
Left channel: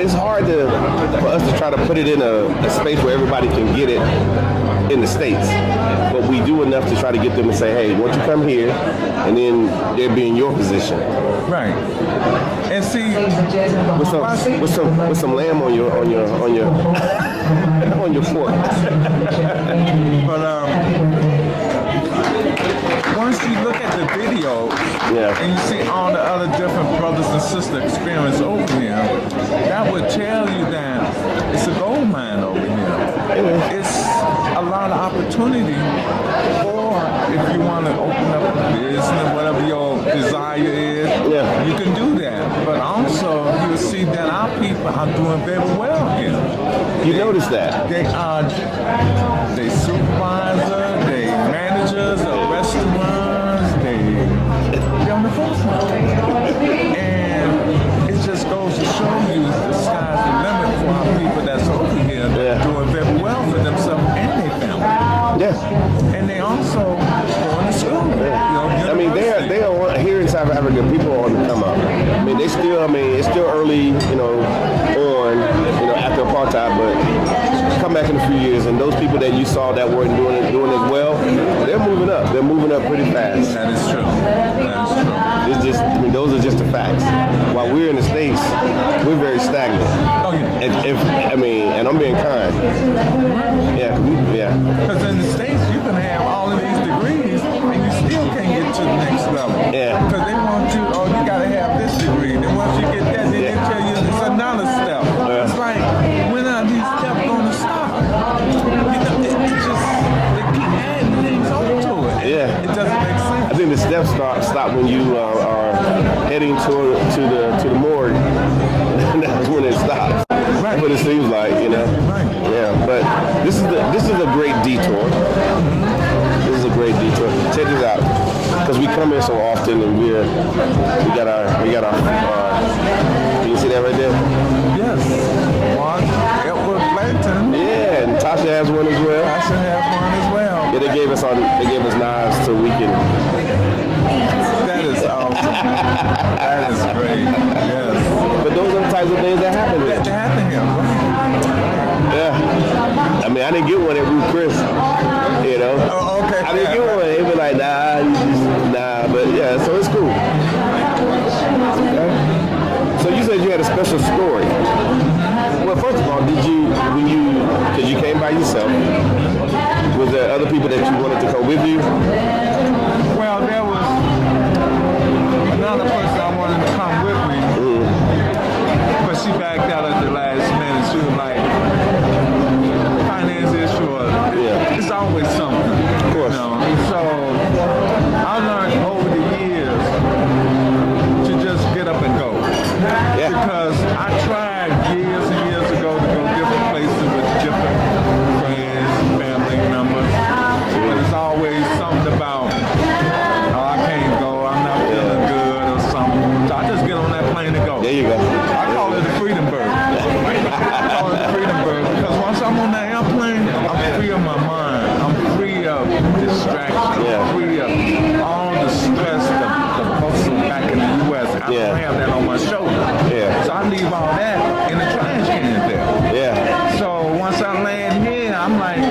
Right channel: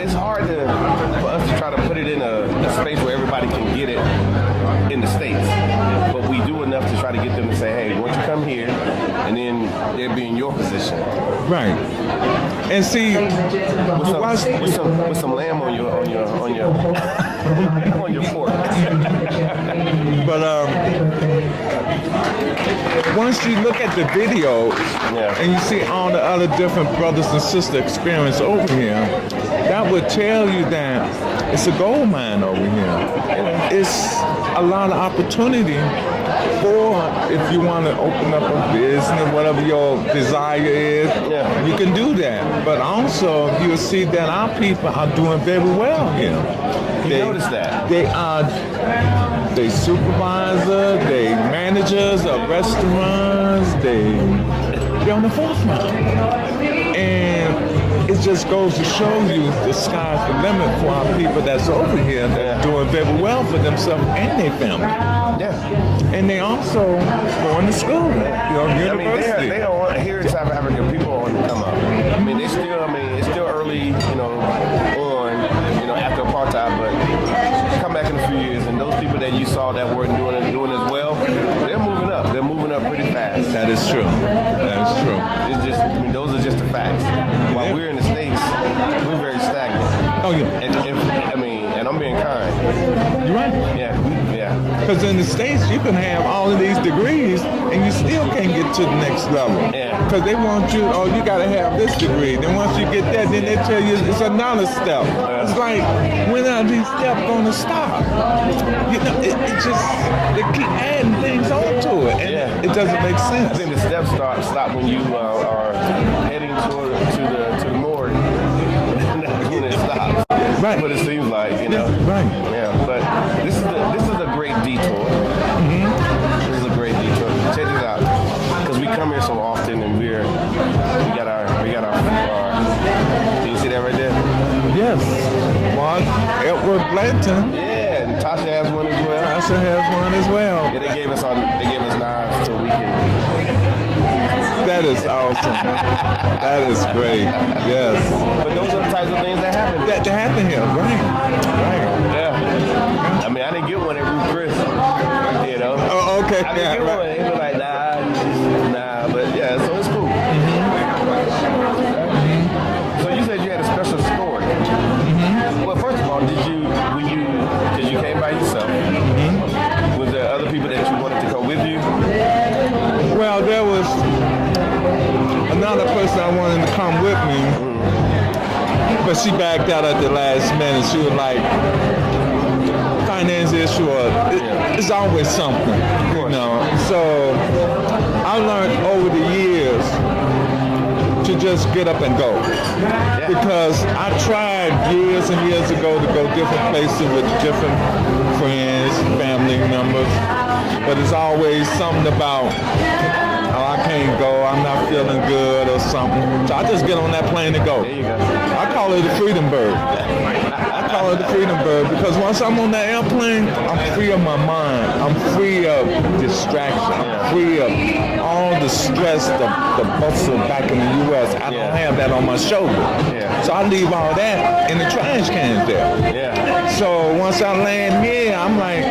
It's hard for us to try to put it in a space where everybody can get it in the States. But we do enough to try to get them to say, hey, won't you come here, and then they'll be in your position. Right. And see, with some lamb on your fork. But once you look at the videos and you see all the other different brothers and sisters experience over here, that would tell you that it's a gold mine over here. It's a lot of opportunity for, if you want to open up a business, whatever your desire is, you can do that. But also, you'll see that our people are doing very well here. You notice that? They are supervisors, they managers of restaurants. also going to school. I mean, they are here in South Africa. People are on the come up. I mean, it's still early, on, after apartheid, but come back in a few years, and those people that you saw that weren't doing as well, they're moving up. They're moving up pretty fast. That is true. That is true. It's just, those are just the facts. While we're in the States, we're very stagnant. Oh yeah. And I'm being kind. Yeah. Because in the States, you can have all of these degrees and you still can't get to the next level. Yeah. Because they want you, you got to have this degree. Then once you get that, then they tell you it's another step. Yeah. It's like, when are these steps going to stop? It just, they keep adding things onto it. Yeah. It doesn't make sense. I think the steps stop when you are heading to the morgue. That's when it stops. Right. That's what it seems like, Right. Yeah, but this is a great detour. This is a great detour. Check this out, because we come here so often, and we got our you see that right there? Yes. One, Edward Blanton. Yeah, and Tasha has one as well. Tasha has one as well. Yeah, they gave us knives so we can. That is awesome. That is great. Yes. But those are the types of things that happen here. That happened here, right? Yeah. I mean, I didn't get one at Ruth Chris, Oh, okay. I didn't get one. They were like, nah, but yeah, so it's cool. So you said you had a special story. Well, first of all, because you came by yourself, was there other people that you wanted to come with you? Well, there was another person I wanted to come with me, but she backed out at the last minute. She was like, finance issue, it's always something, So I learned over the years to just get up and go. Yeah. Because I tried years and years ago to go different places with different friends, family members, but it's always something about, I can't go, I'm not feeling good or something. So I just get on that plane to go. There you go. I call it a freedom bird. I call it a freedom bird because once I'm on that airplane, I'm free of my mind. I'm free of distraction. Yeah. I'm free of all the stress, the bustle back in the U.S. I don't have that on my shoulder. Yeah. So I leave all that in the trash can there. Yeah. So once I land here, I'm like,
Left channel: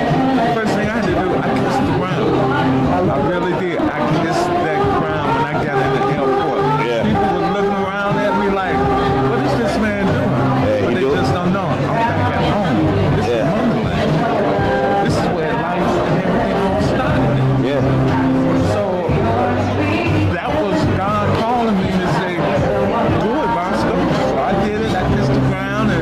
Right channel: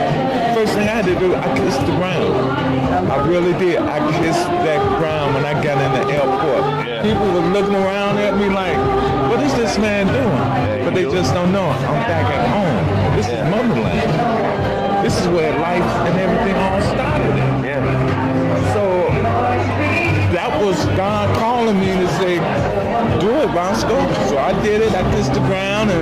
first thing I had to do, I kissed the ground. I really did. I kissed that ground when I got in the airport. Yeah. People were looking around at me like, what is this man doing? But they just don't know. I'm back at home. This is motherland. This is where life and everything all started. Yeah. So that was God calling me to say, do it, Rosco. So I did it. I kissed the ground and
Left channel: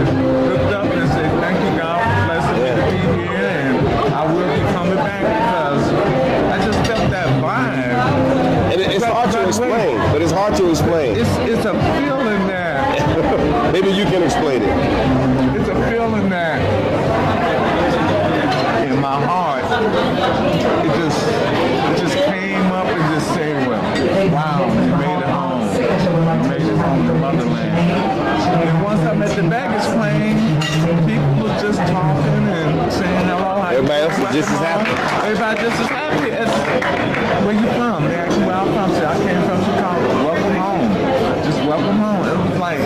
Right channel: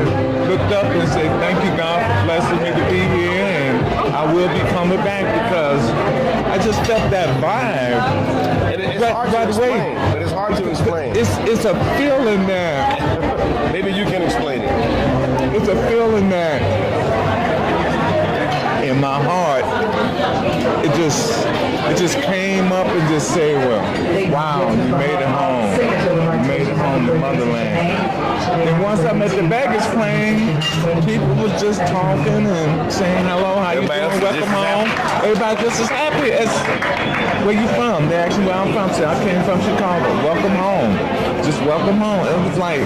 looked up and said, thank you, God, for blessing me to be here. And I will be coming back because I just felt that vibe. And it's hard to explain, but it's hard to explain. It's a feeling there. Maybe you can explain it. It's a feeling there in my heart. It just came up and just said, well, wow, you made it home. You made it home to motherland. And once I'm at the baggage claim, people was just talking and saying hello, how you Everybody else doing? is just as Welcome happy. home. Everybody just as happy as where you from. They asked me where I'm from. I said, I came from Chicago. Welcome home. Just welcome home. It was like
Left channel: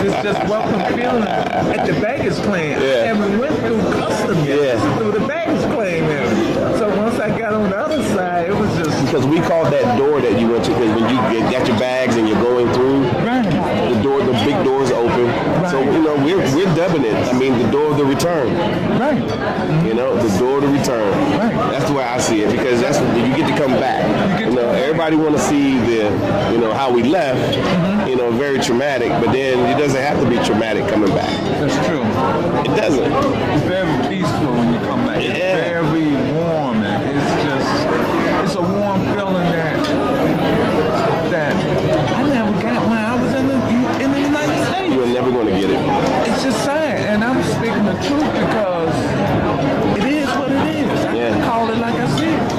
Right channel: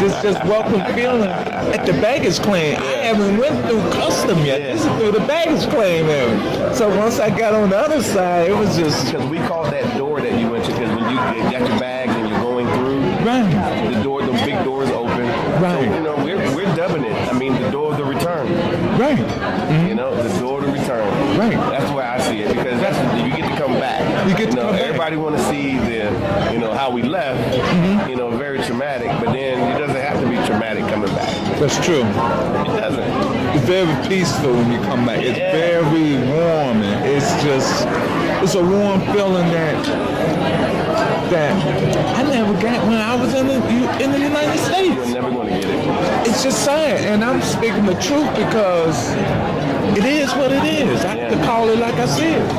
this just welcome feeling at the baggage claim. Yeah. I haven't went through custom yet. Yeah. Through the baggage claim area. So once I got on the other side, it was just Because we call that door that you went to, because when you got your bags and you're going through, the big doors open. So, we're dubbing it. I mean, the door of the return. right. The door to return. Right. That's the way I see it, because that's you get to come back. Everybody want to see the, how we left. Very traumatic, but then it doesn't have to be traumatic coming back. That's true. It doesn't. It's very peaceful when you come back. It's Yeah. very warm. And it's a warm feeling that I never got when I was in the United States. You're never going to get it. It's just sad, and I'm speaking the truth because it is what it is. I can call it like I said.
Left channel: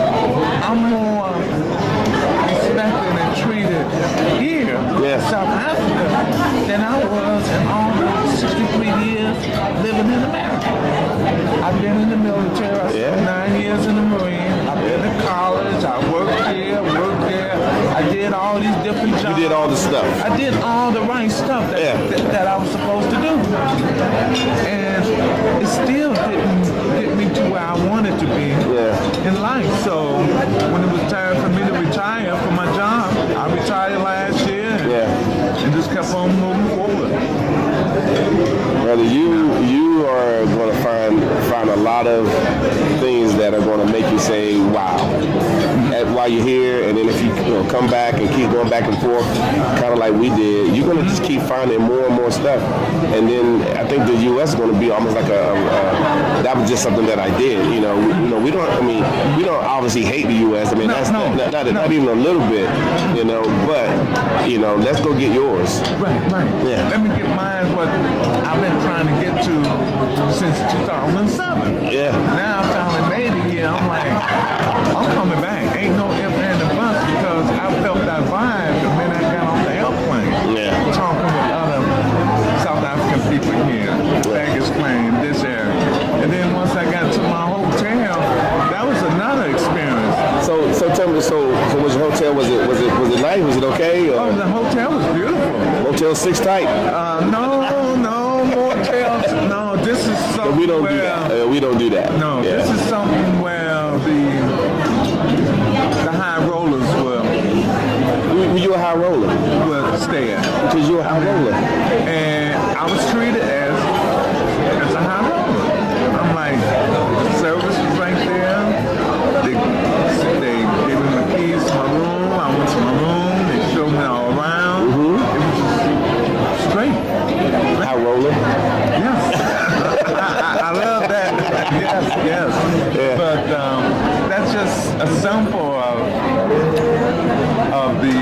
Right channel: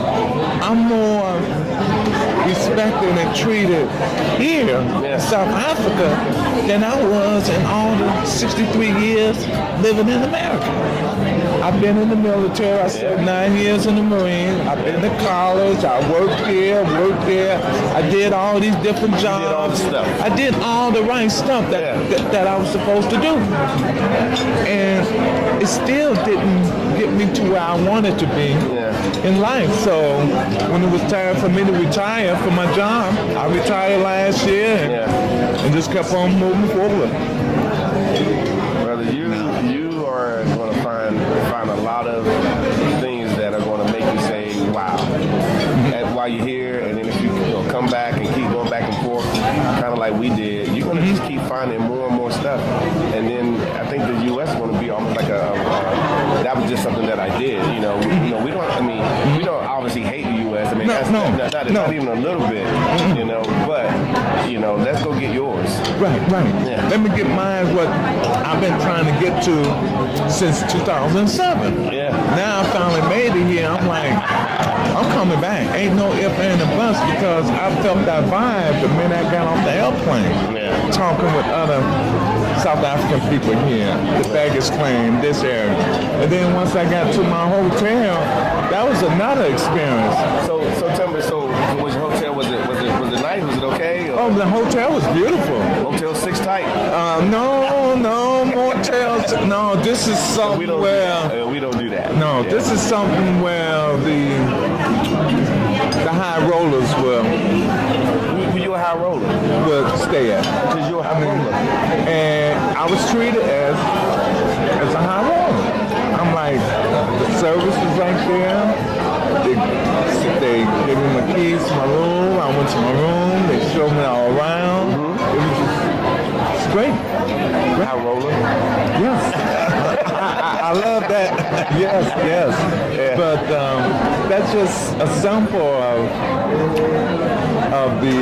I'm more respected and treated here in South Africa than I was in all 63 years living in America. I've been in the military. I spent 9 years in the Marines. I've been to college. I worked there. I did all these different jobs. You did all the stuff. I did all the right stuff that I was supposed to do. And it still didn't get me to where I wanted to be in life. So when it was time for me to retire from my job, I retired last year and just kept on moving forward. Brother, you are going to find a lot of things that are going to make you say, wow, while you're here, and then if you come back and keep going back and forth, kind of like we did, you're going to just keep finding more and more stuff. And then I think the U.S. is going to be almost like that was just something that I did. We don't obviously hate the U.S. I mean, that's not even a little bit, but, let's go get yours. Right. Yeah. Let me get mine, what I've been trying to get to since 2007. Yeah. Now I finally made it here. I'm like, I'm coming back. Ain't no if, and, or buts, because I felt that vibe the minute I got on the airplane. Talking with other South African people here, baggage claim, this area. And then once I got to my hotel, that was another experience. So tell me, so was your hotel, was it nice? Was it okay? Or? Oh, the hotel was beautiful. Motel 6 type? No, motels. No, this is something we don't where... do that. We don't do that. No, this is something where the high rollers Were you a high roller? will stay at. Because you're a high roller. And I was treated as a high roller. I'm like, the service was right there. They gave me my keys to my room. I went to my room. They showed me all around. It was just straight. High roller? Yes. I love that. Yes. Yeah. But that's just a sample of the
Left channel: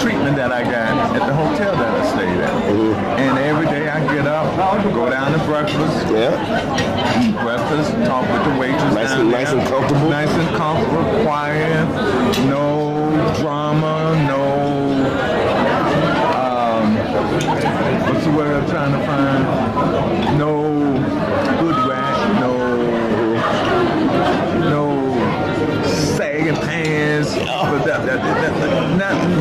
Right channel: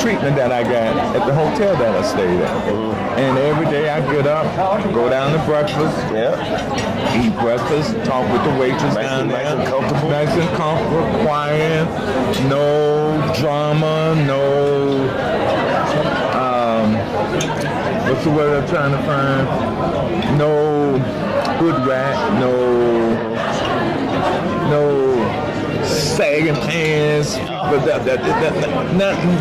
treatment that I got at the hotel that I stayed at. And every day I get up, go down to breakfast, eat breakfast, talk with the waitress Nice and comfortable? Nice and comfortable, quiet, no drama, no, what's the word I'm trying to find? No good rap, no sagging pants.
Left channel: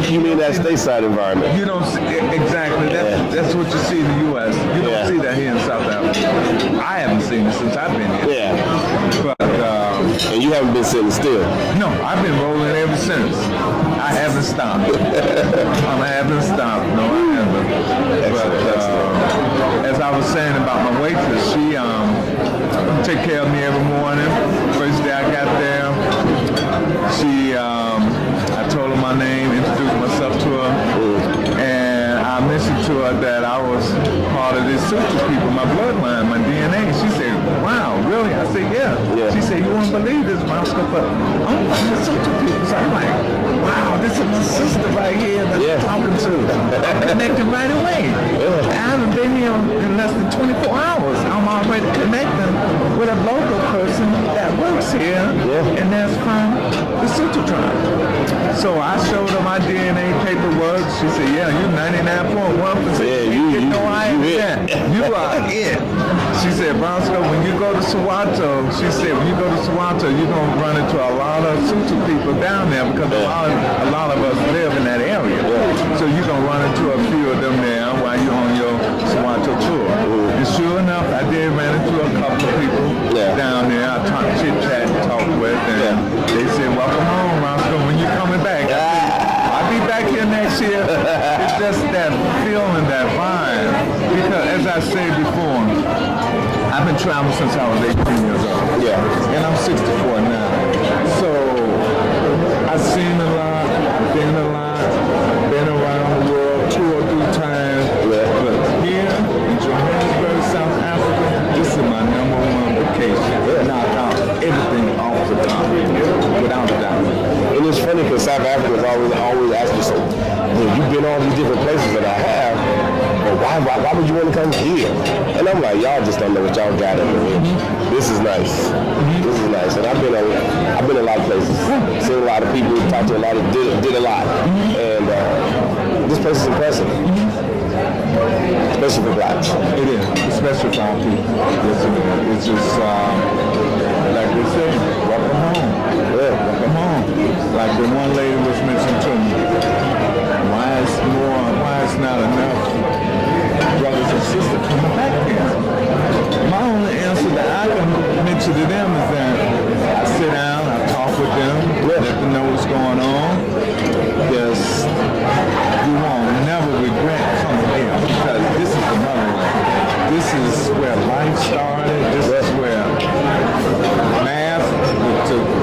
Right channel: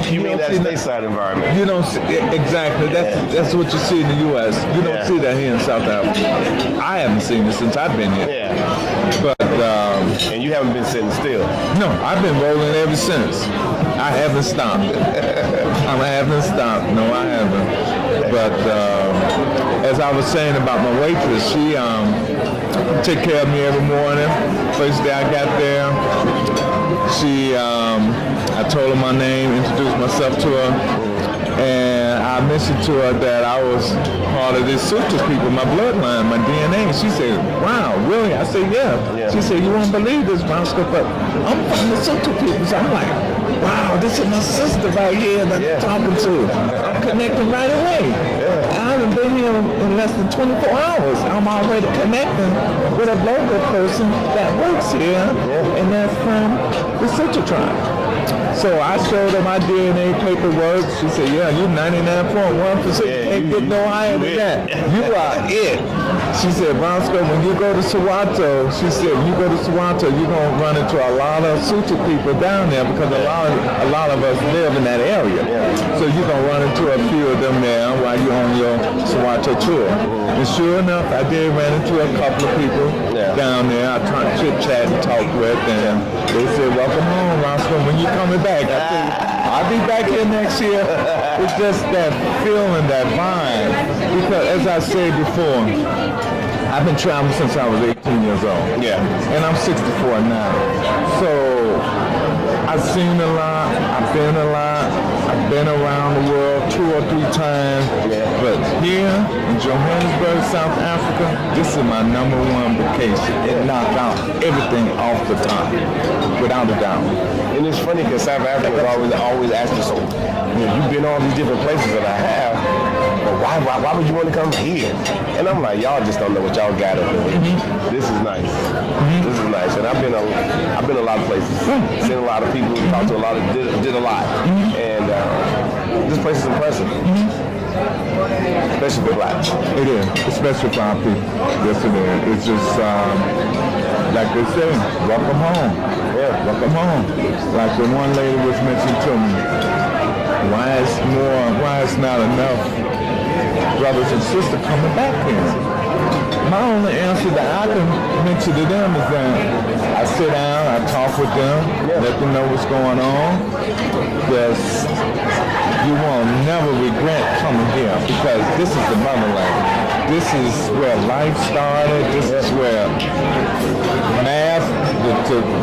You mean that stateside environment? You don't see, exactly. That's what you see in the U.S. You don't see that here in South Africa. I haven't seen it since I've been here. Yeah. But and you haven't been sitting still? No, I've been rolling ever since. I haven't stopped. I haven't stopped. No, I haven't. But as I was saying about my waitress, she take care of me every morning. First day I got there, I told her my name, introduced myself to her, and I mentioned to her that I was part of these Sutra people, my bloodline, my DNA. She said, wow, really? I said, yeah. She said, you won't believe this, Rosco, but I'm from the Sutra people. So I'm like, wow, this is my sister right here that I'm talking to. I'm connected right away. I haven't been here in less than 24 hours. I'm already connecting with a local person that works here, and that's from the Sutra tribe. So I showed her my DNA paperwork. She said, yeah, you're 99.1%. You know I am that. You are it. She said, Rosco, when you go to Soweto, you're going to run into a lot of Sutra people down there, because a lot of us live in that area. So you're going to run into a few of them now while you're on your Soweto tour. And sure enough, I did run into a couple of people down there. I talked chit-chat, talked with, and they said, welcome home, Rosco, when you coming back? I said, I'll be back here next year. It's just that feeling, that vibe. Because as I said before, I've been traveling since I was 18 years old. And I'm 64 now. So I've seen a lot, I've been a lot, I've been around the world 2 or 3 times. But here in Johannesburg, South Africa, this is my #1 vacation. Knock out everything off the top, without a doubt. And it's funny because South Africans always ask you, so you've been all these different places that I have, but why would you want to come here? And I'm like, y'all just don't know what y'all got up here. This is nice. This is nice. And I've been a lot of places, seen a lot of people, talked to a lot of, did a lot. And this place is impressive. Especially for blacks. It is, especially for our people. started. This is where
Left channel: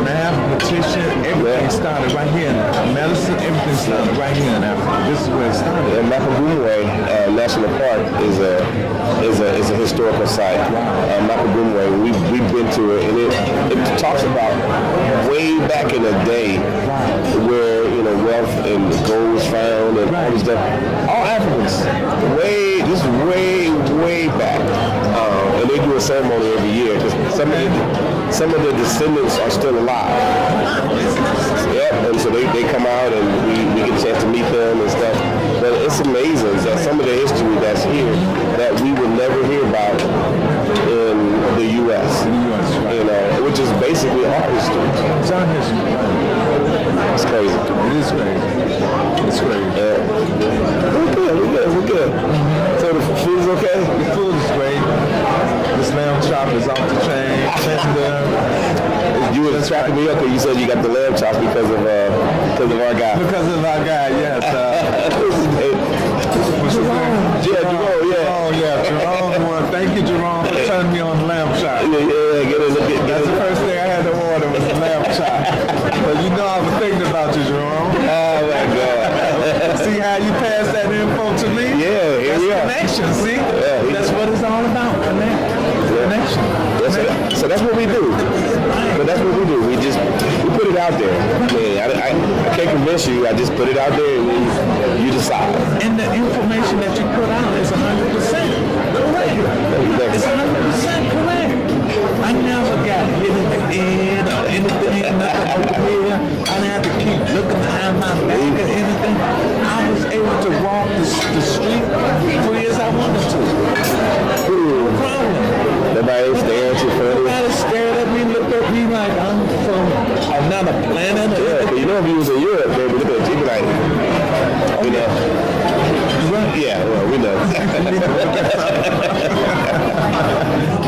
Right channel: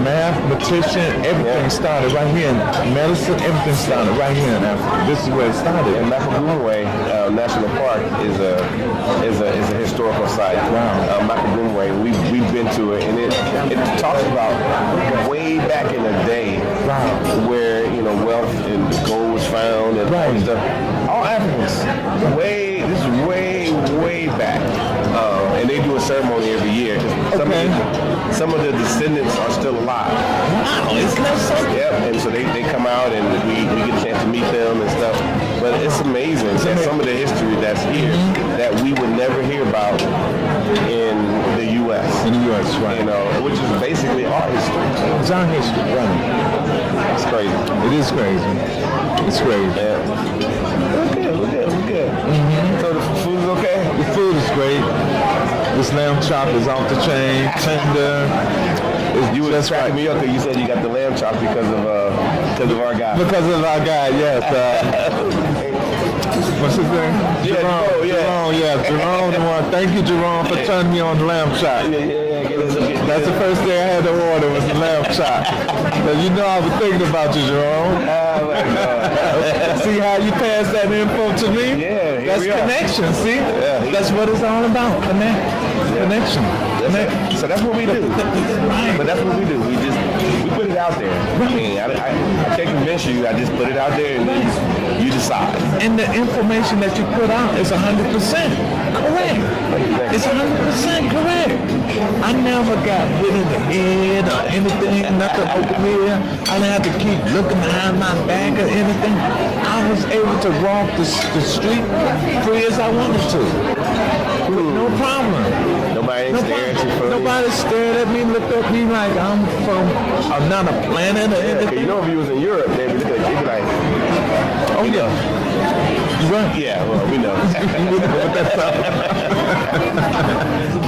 mathematician, everything started right here. Medicine, everything started right here. This is where it started. And Mapagumwe National Park is a historical site. Mapagumwe, we've been to it, and it talks about way back in the day where wealth and gold was found and all this stuff. All Africans, this is way back, and they do a ceremony every year because some of the descendants are still alive. Yep, and so they come out and we get a chance to meet them and stuff. But it's amazing that some of the history that's here that we would never hear about in the U.S. Which is basically our history. It's our history. It's crazy. It is crazy. It's crazy. Yeah. We're good. Mm-hmm. So the food's okay? The food is great. This lamb chop is off the chain. You were tracking me up because you said you got the lamb chop because of our guy. Because of our guy, yes. What's his name? Yeah, Jerome, yeah. Jerome, yeah. Jerome, thank you, Jerome, for turning me on the lamb chop. Yeah, That's the first thing I had to order was the lamb chop. But you know I was thinking about you, Jerome. Oh, my God. See how you passed that info to me? Yeah, here we are. Connection, see? Yeah, that's what it's all about, connection. So that's what we do. But that's what we do. We put it out there. I mean, I can't convince you. I just put it out there and then you decide. And the information that you put out is 100% correct. Thank you. It's 100% correct. I never got rid of the end or anything, nothing. I didn't have to keep looking behind my back or anything. I was able to walk the street free as I wanted to. No problem. Nobody stared at you funny. Nobody stared at me, looked at me like I'm from another planet. Yeah, because if you was in Europe, they would look at you be like, yeah, well, we know.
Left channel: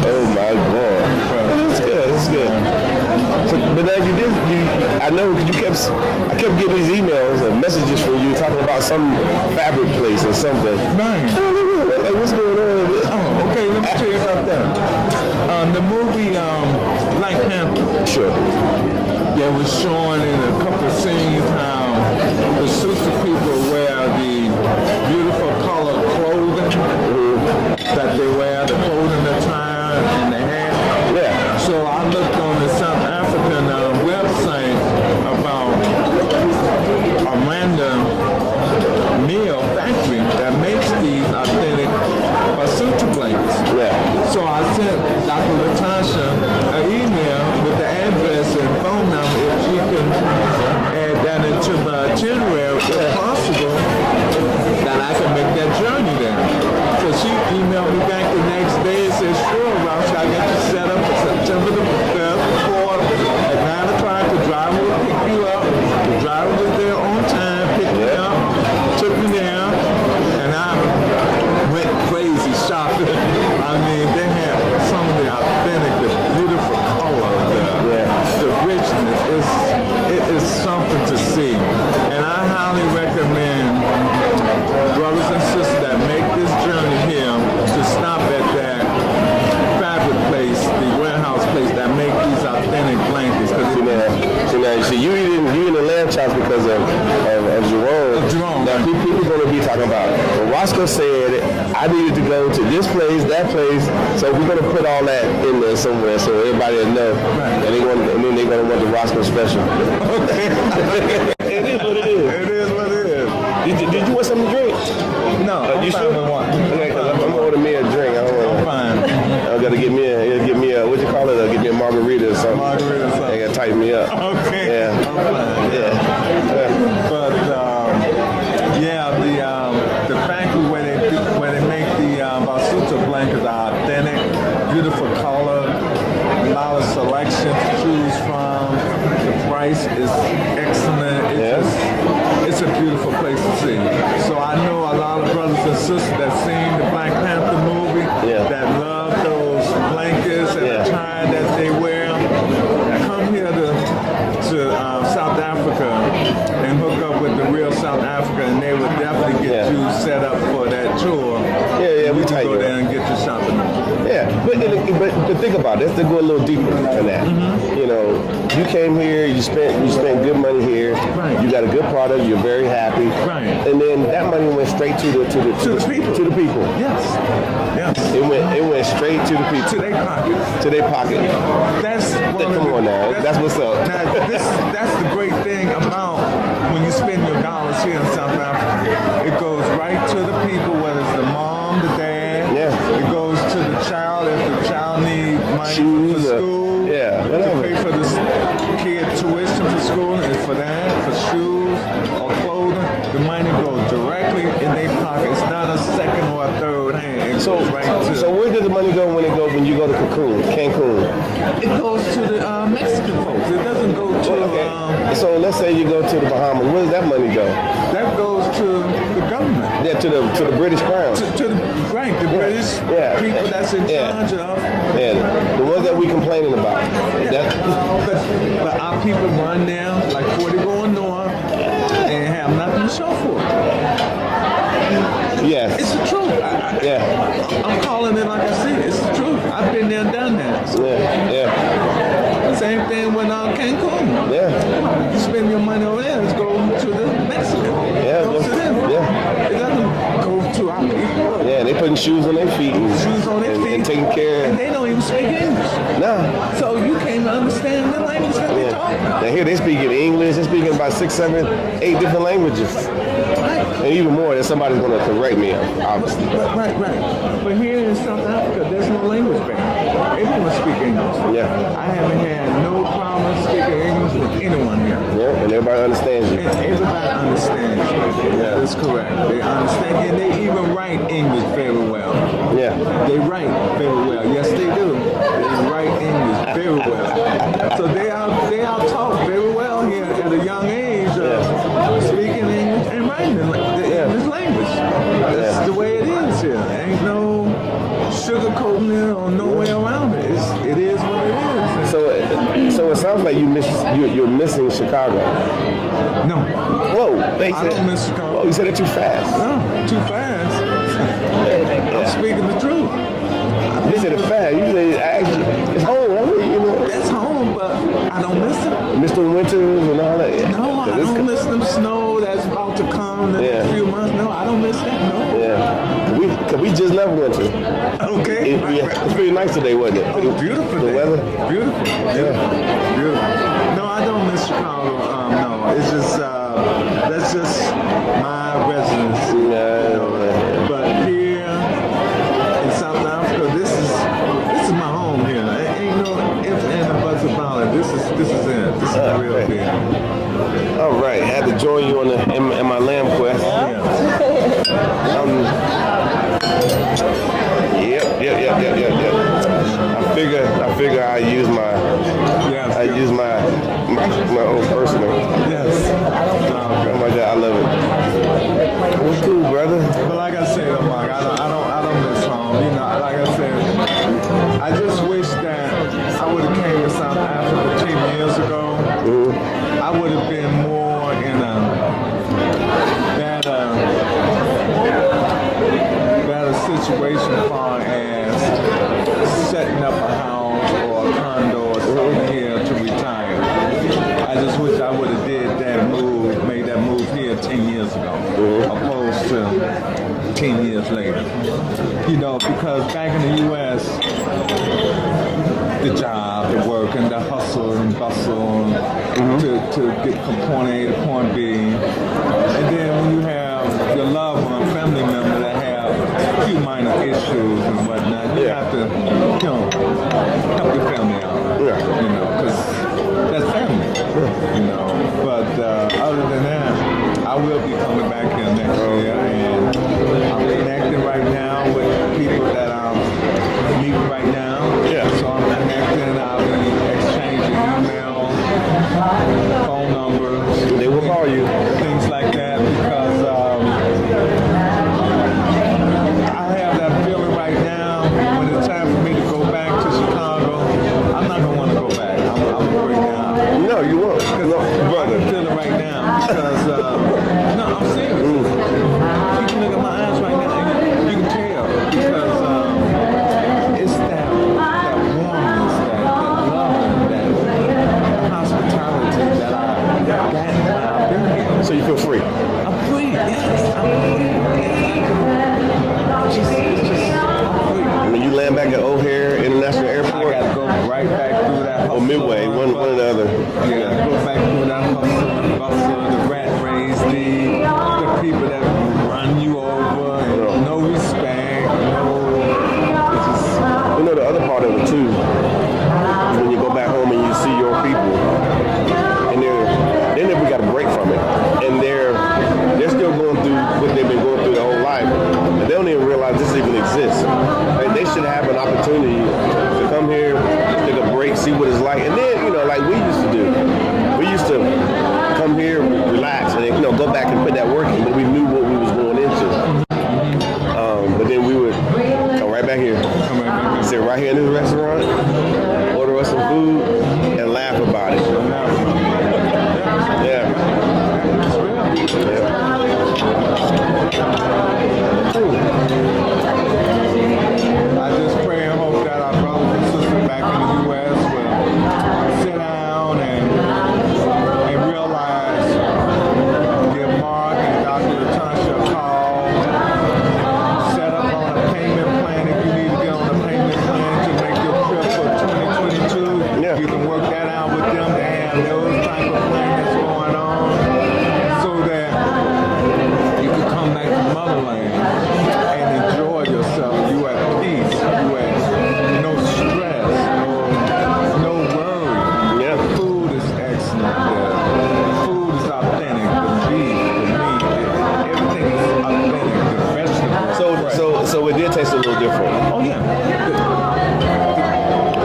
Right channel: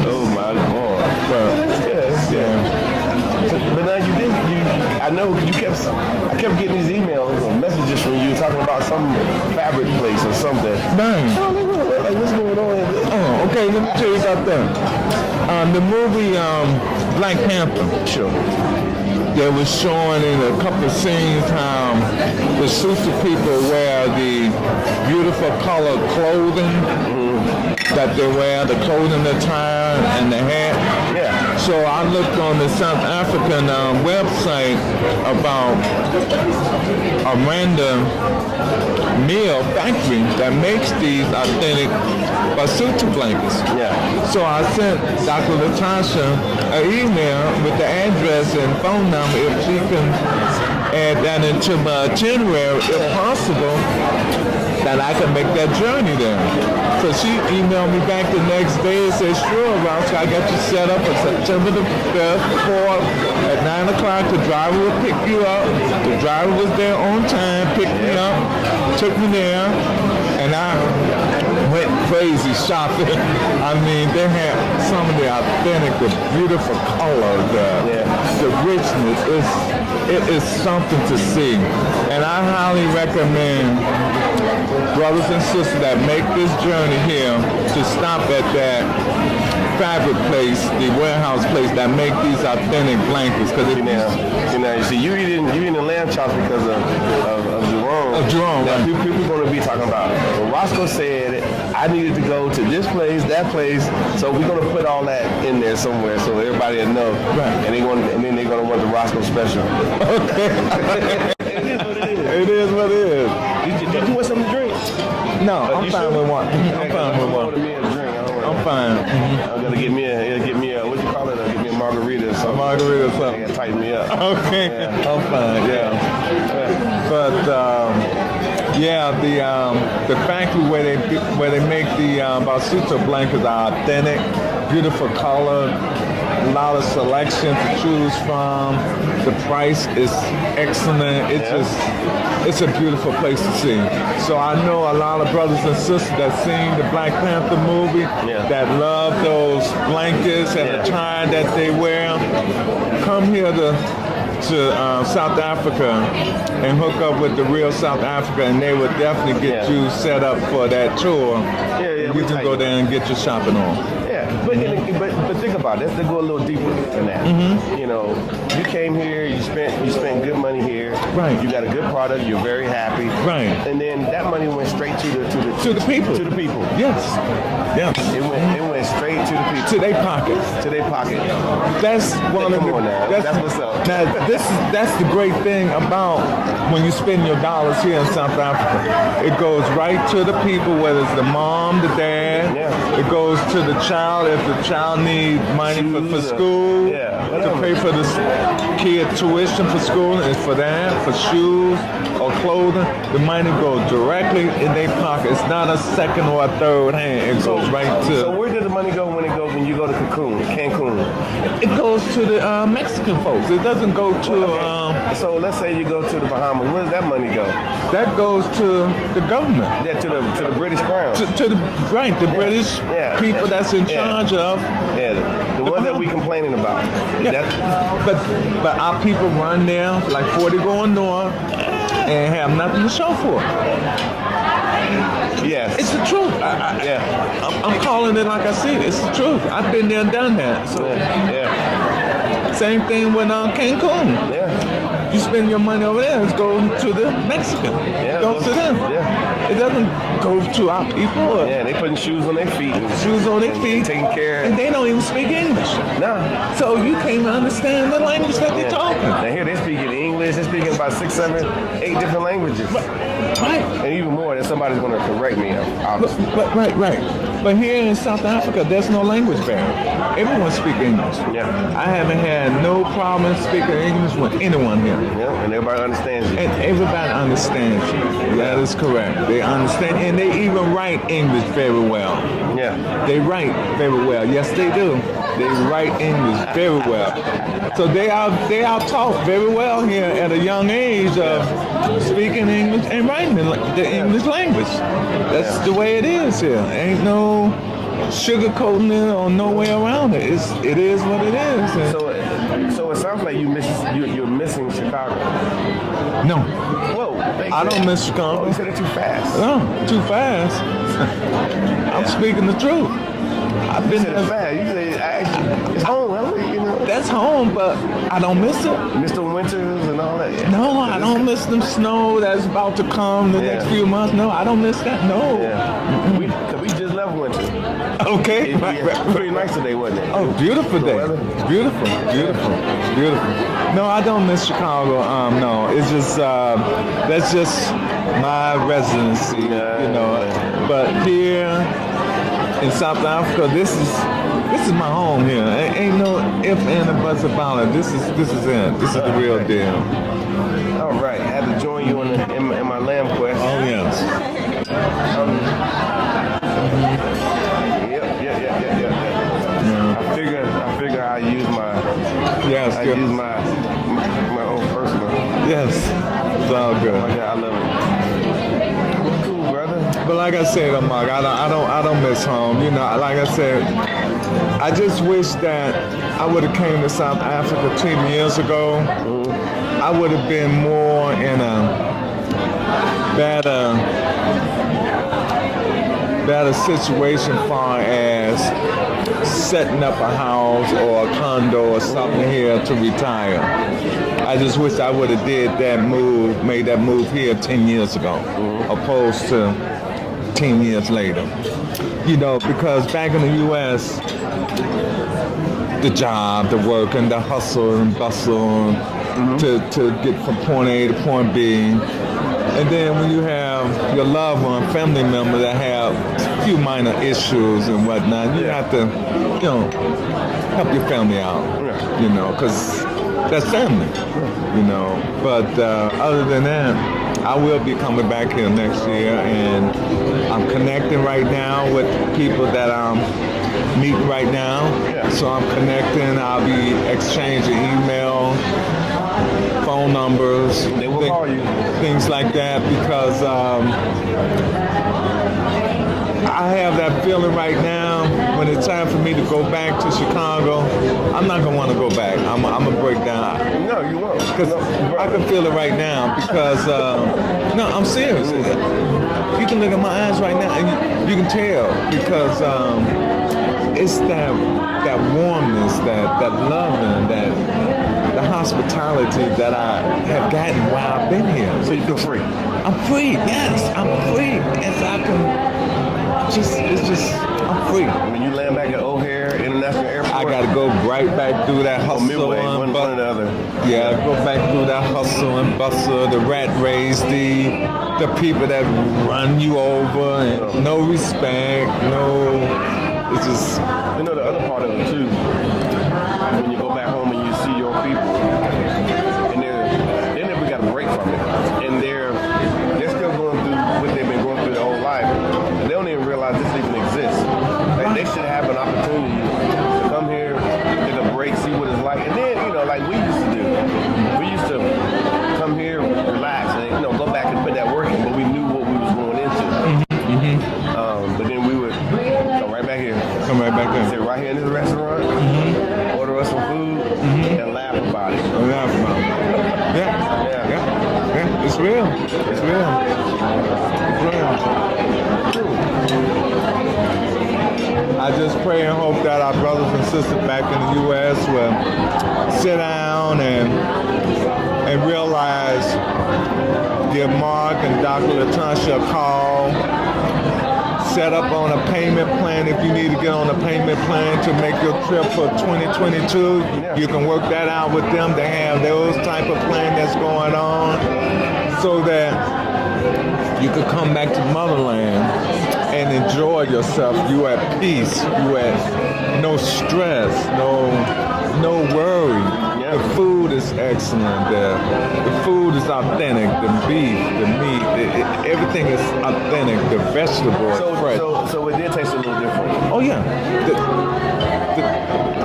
Oh my God. That's good. But as you do, I know I kept getting these emails and messages from you talking about some fabric place or something. Like, what's going on? Oh, okay, let me tell you something. The movie Black Panther. Sure. They was showing in a couple of scenes the sister people wear the beautiful colored clothing that they wear, the clothing that's trying and the hair. Yeah. So I looked on the South African website about a random meal factory that makes these authentic basuta blankets. Yeah. So I sent Dr. Latasha an email with the address and phone number if she can add that into my itinerary if possible, that I can make that journey there. So she emailed me back the next day and said, sure, Ross, I got you set up for September the 4th at 9 o'clock. The driver will pick you up. The driver was there on time, picked me up, took me there, and I went crazy shopping. I mean, they had some of the authentic, the beautiful color there. Yeah. The richness, it is something to see. And I highly recommend brothers and sisters that make this journey here to stop at that fabric place, the warehouse place that make these authentic blankets. See, you eating the lamb chops because of Jerome. Now people going to be talking about. Well, Rosco said I needed to go to this place, that place, so we're going to put all that in there somewhere so everybody will know, and they're going to want the Rosco special. It is what it is. It is what it is. Did you want something to drink? No, I'm you fine sure? with one. Okay, because I'm going to order me a drink. I'm fine. I got to get me a what you call it? Get me a margarita or something. Margarita or something. They got to tighten me up. Okay. Yeah. I'm fine. Yeah. But the factory where they make the basuta blankets are authentic, beautiful color, a lot of selection to choose from. The price is excellent. It's a beautiful place to see. So I know a lot of brothers and sisters that seen the Black Panther movie that love those blankets and the tie that they wear. Come here to South Africa and hook up with the real South Africa, and they will definitely get you set up for that tour. Yeah, we we can go there and get your shopping on. Yeah, but then but think about it. Let's go a little deeper than that. You know, you came here, you spent good money here. Right. You got a good product. You're very happy. Right. And then that money went straight to the people. Yes. Yes. It went straight to the people. To their pocket. To their pocket. That's Come on now. That's what's up. Now, that's the great thing about when you spend your dollars here in South Africa. It goes right to the people, whether it's the mom, the dad. Yeah. It goes to the child if the child needs money Shoes, for school. yeah, whatever. To pay for the kid tuition for school, and for that, for shoes or clothing. The money goes directly in their pocket. It's not a second or a third hand. It So, goes right to. so where does the money go when you go to Cancun? It goes to the Mexican folks. It doesn't go to. Okay. So let's say you go to the Bahamas. Where does that money go? That goes to the government. Yeah, to the British Crown. To the British people that's in charge of. Yeah, the ones that we complaining about. Yeah. But our people run there like 40 going north and have nothing to show for it. Yes. It's the truth. I'm calling it like I said. It's the truth. I've been there and done that. So same thing with Cancun. Yeah. You spend your money over there, it's going to the Mexican. Yeah. It goes to them. Yeah. It doesn't go to our people. Yeah, they putting shoes on their feet. Shoes on their feet. And taking care. And they don't even speak English. No. So you can't understand the language that they're talking. Now here they speaking English. They're speaking about 6, 7, 8 different languages. And even more, that somebody's going to correct me, obviously. Right. But here in South Africa, there's no language barrier. Everyone speaks English. Yeah. I haven't had no problem speaking English with anyone here. Yeah, and everybody understands you. And everybody understands you. That is correct. They understand, and they even write English very well. Yeah. They write very well. Yes, they do. They write English very well. So they are taught very well here at a young age of speaking English and writing the English language. That's the way it is here. Ain't no sugarcoating it or no way around it. It is what it is. So it sounds like you're missing Chicago. No. Whoa, I don't miss Chicago. Oh, you said it too fast. No, too fast. I'm speaking the truth. You said it fast. You said it's home, right? You know. That's home, but I don't miss it. Mr. Winters and all that. No, I don't miss the snow that's about to come the next few months. No, I don't miss that. No. Yeah. Cause we just left winter. Okay. It's pretty nice today, wasn't it? Oh, beautiful the day. weather. Beautiful. No, I don't miss Chicago. No, it's just that's just my residence. But here in South Africa, this is my home here. Ain't no ifs and buts about it. This is it. This is the real deal. All right, had to join you in my lamb quest. Yes. Yeah. I figure I use my own personal. Yes. Oh my God, I love it. Well, cool, brother. But like I said, Mark, I don't miss home. You know, like I said, I just wish that I would have came to South Africa 10 years ago. I would have been more in a better situation as far as setting up a house or a condo or something here to retire. I just wish I would have made that move here 10 years ago, opposed to 10 years later. You know, because back in the U.S., the job, the work, and the hustle and bustle to get from point A to point B. And then when you have your loved one, family member that have a few minor issues and whatnot, you have to, help your family out. You know, because that's family. You know, but other than that, I will be coming back here next year, and I'm connecting right now with people that I'm meeting right now. So I'm connecting. I'll be exchanging emails, phone numbers. They will call you. Things like that, because I have that feeling right now. When it's time for me to go back to Chicago, I'm not gonna want to go back. I'm gonna break down. No, you won't. No, I can feel it right now because no, I'm serious. You can look at my eyes right now and you can tell because it's that airport? I gotta go right back through that hustle. Or Midway, one or the other. Yeah, go back through that hustle and bustle, the rat race, the people that run you over, and no respect, it's just... You know, the other part of it too, when you go back home and you see your people, and they never got a break from it, and they're still going through what they've been going through their whole life, and they don't even realize this even exists. Like, they should have an opportunity to come here, take a break, see what it's like, and then, you know, like we used to do. We used to come here, relax, and then, you know, go back and put that work in, but we knew what we was going into. But then we would come right back here, sit right here in this restaurant, order us some food, and laugh about it. Yeah. It's real. I just pray and hope that our brothers and sisters back in the U.S. will sit down and realize the Mark and Dr. Latasha call, set up on a payment plan if you need to get on a payment plan to make your trip for 2022. Yeah. You can work that out with them. They have those type of plan that's going on so that you can come back to motherland and enjoy yourself. You at peace. You at no stress, no worry. Yeah. Food is excellent. The food is authentic. The beef, the meat, everything is authentic. The vegetables. So it did taste a little different. Oh yeah.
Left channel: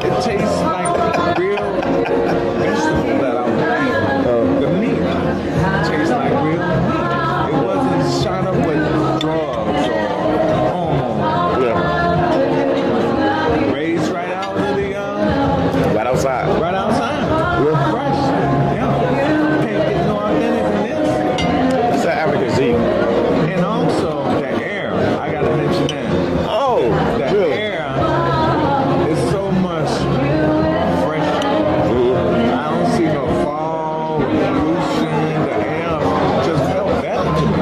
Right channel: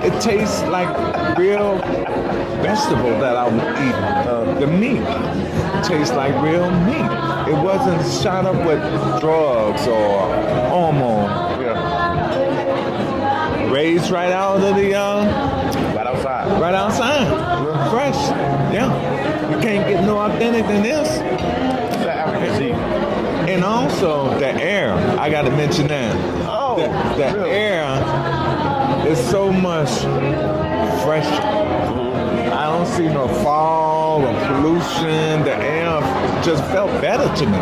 It tastes like real vegetable that I would eat. The meat tastes like real meat. It wasn't shot up with drugs or hormones. Yeah. Raised right out of the Right outside. right outside. Yeah. Fresh. Yeah. You can't get no authentic than this. It's that African Z. And also the air. I gotta mention that. Oh, The good. air is so much fresh. I don't see no fog or pollution. The air just felt better to me.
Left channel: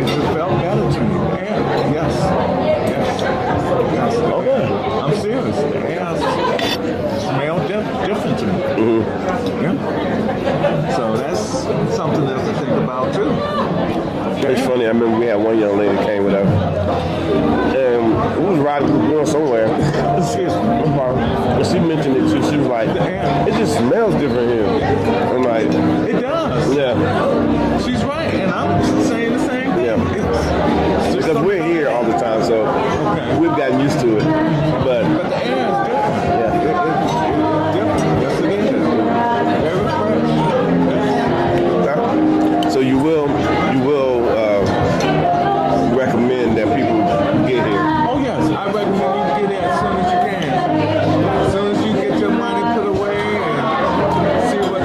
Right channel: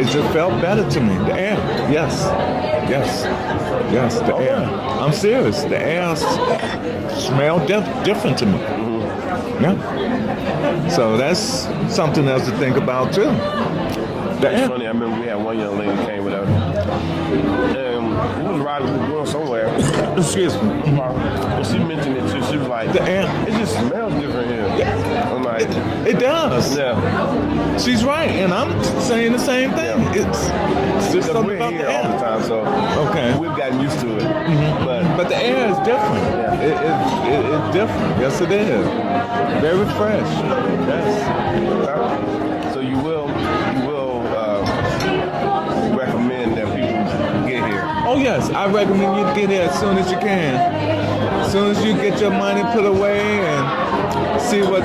It just felt better to me. The air, yes. The Okay. air. I'm serious. The air smelled different to me. Yeah. So that's something else to think about too. It's funny, I remember we had one young lady came with us. And we was riding, we were going somewhere. Excuse me. And she mentioned it too. She was like, The air. it just smells different here. I'm like, It does. yeah. She's right, and I'm saying the same thing. Yeah. It's just Because we're here all the time, so Okay. we've gotten used to it. But But the air is different. Yeah. It's different. Yes, it is. Very fresh. Yes. okay. So you will recommend that people get here. Oh yes, I recommend you get there as soon as you can. As soon as you get your money put away and see what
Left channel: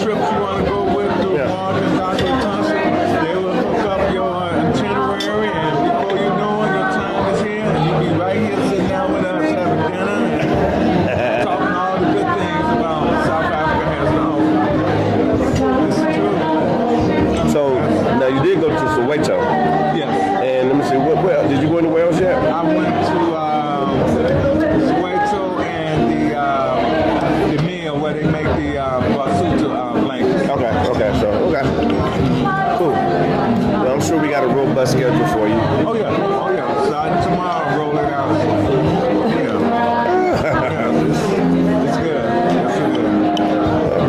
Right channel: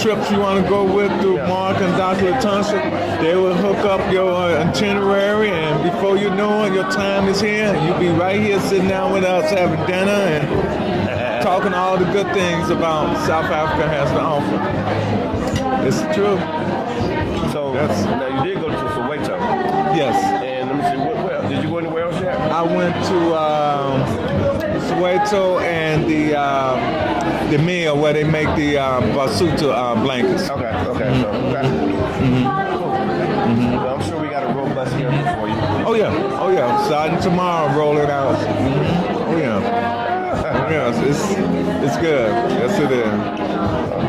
trips you want to go with through Yeah. Mark and Dr. Latasha. They will hook up your itinerary, and before you know it, your time is here. You'll be right here sitting down with us having dinner and talking all the good things about South Africa has to offer. It's the truth. So now you did go to Soweto. Yes. And let me see, where did you go anywhere else yet? I went to Soweto and the mill where they make the Basuta blankets. Okay. Cool. Well, I'm sure we got a robust schedule for you. Oh yeah. Starting tomorrow, rolling out. Yeah. It's good. Yes, it is.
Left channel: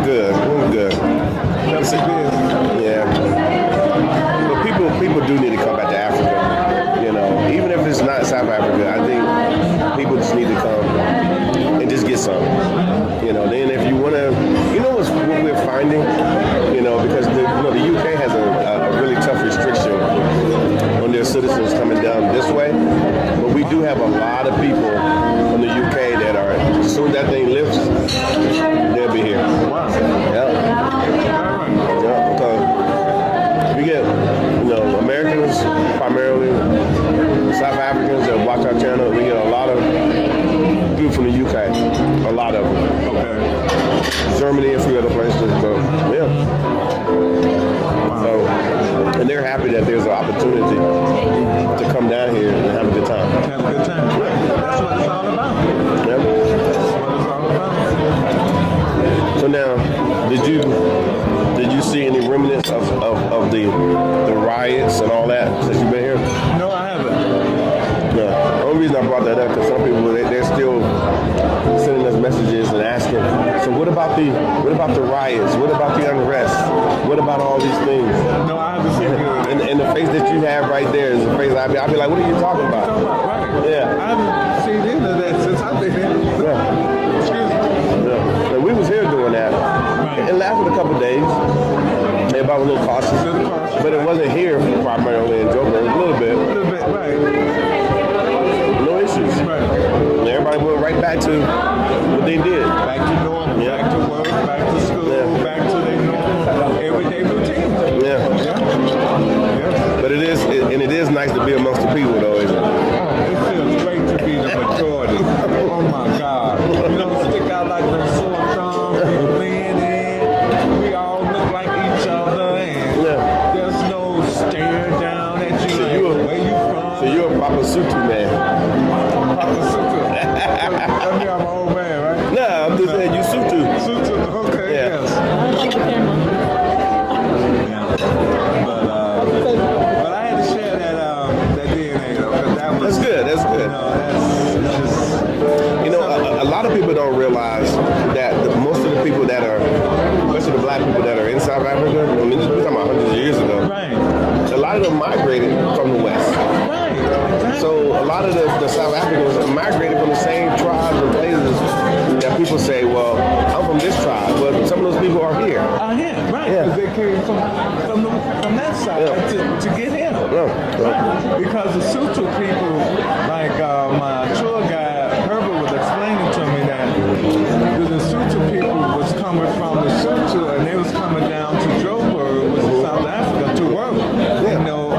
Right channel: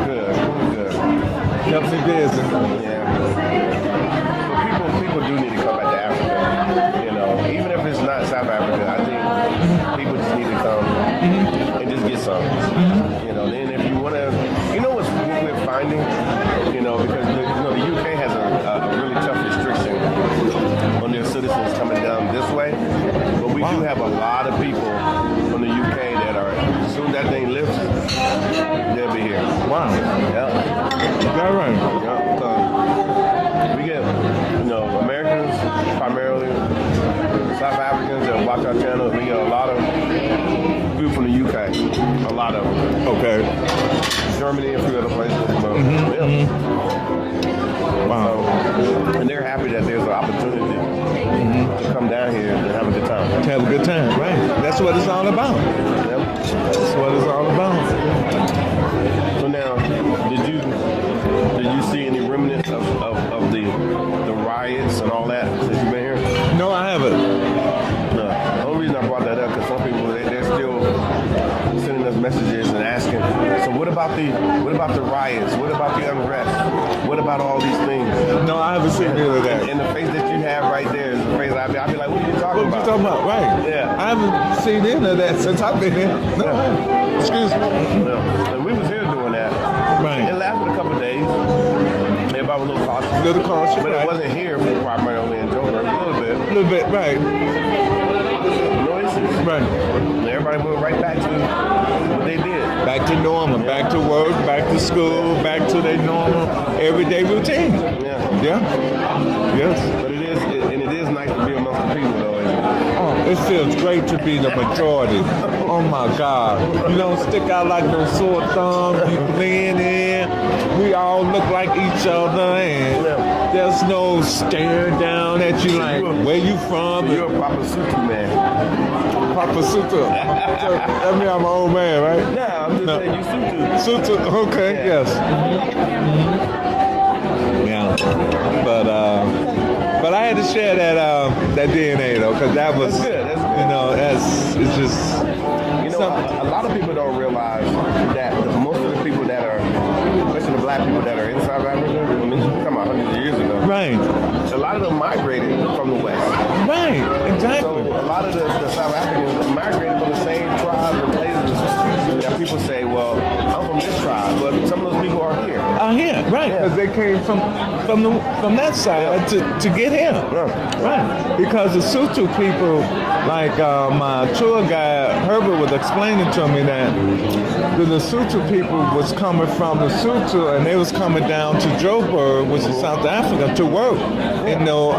Good, really good. Yes, it is. Yeah. But people do need to come back to Africa. You know, even if it's not South Africa, I think people just need to come and just get some. You know, then if you want to, you know what we're finding? You know, because the UK has a really tough restriction on their citizens coming down this way. But we do have a lot of people from the UK that are, as soon as that thing lifts, they'll be here. Wow. Yeah. Yeah, because we get, Americans, primarily South Africans that watch our channel. We get a lot of people from the UK, a lot of them. Okay. Germany, a few other places, but yeah. So, and they're happy that there's an opportunity to come down here and have a good time. Have a good time. Right. That's what it's all about. man. That's what it's all about. So now, did you see any remnants of the riots and all that since you've been here? No, I haven't. No. The only reason I brought that up because some people they're still sending us messages and asking. So what about the riots? What about the unrest? What about all these things? No, I haven't seen any of that. And the face that you have right there is the face I'll be like, what are you talking about? Talking about, right? Yeah. I haven't seen any of that since I've been here. Yeah. Excuse me. Yeah. And we was here doing that. Right. It lasted a couple of days. Everybody was a little cautious. But it wasn't here primarily in Joburg. A little bit. A little bit, right. No issues. Right. And everybody went right back to what they did. Back to normal, Yeah. back to work, back to school, Yeah. back to their normal everyday routine. Yeah. Yeah. Yes. But it is nice to be amongst the people though, isn't it? Oh, it feels great to be the majority. Oh my God. We don't stick out like no sore thumbs. We blend in. We all look like each other and Yeah. there's no staring down at you So like, you're- where you from? So you're a Papa Sutu man. Papa Sutu. I mean, I'm an old man, right? No, I'm just saying you Sutu. Sutu, okay, Yeah. yes. Yeah. But I had to share that DNA though, because that was That's good. That's You good. know, it's just You know, a lot of people don't realize that most of the people that are, especially the black people that are in South Africa, I mean, this is talking about hundreds of years ago. right, A lot of them migrated from the West. right, exactly. So a lot of the South Africans migrated from the same tribes and places that people say, well, I'm from this tribe. Well, some of those people are here. Oh yeah, right. Yeah. Because they came from that side Yeah. to get here. Yeah. Yeah. Right. Because the Sutu people, like my tour guide Herbert was explaining to me that when the Sutu people was coming from the Sutu and they was coming down to Joburg, which is South Africa, to work. Yeah. You know,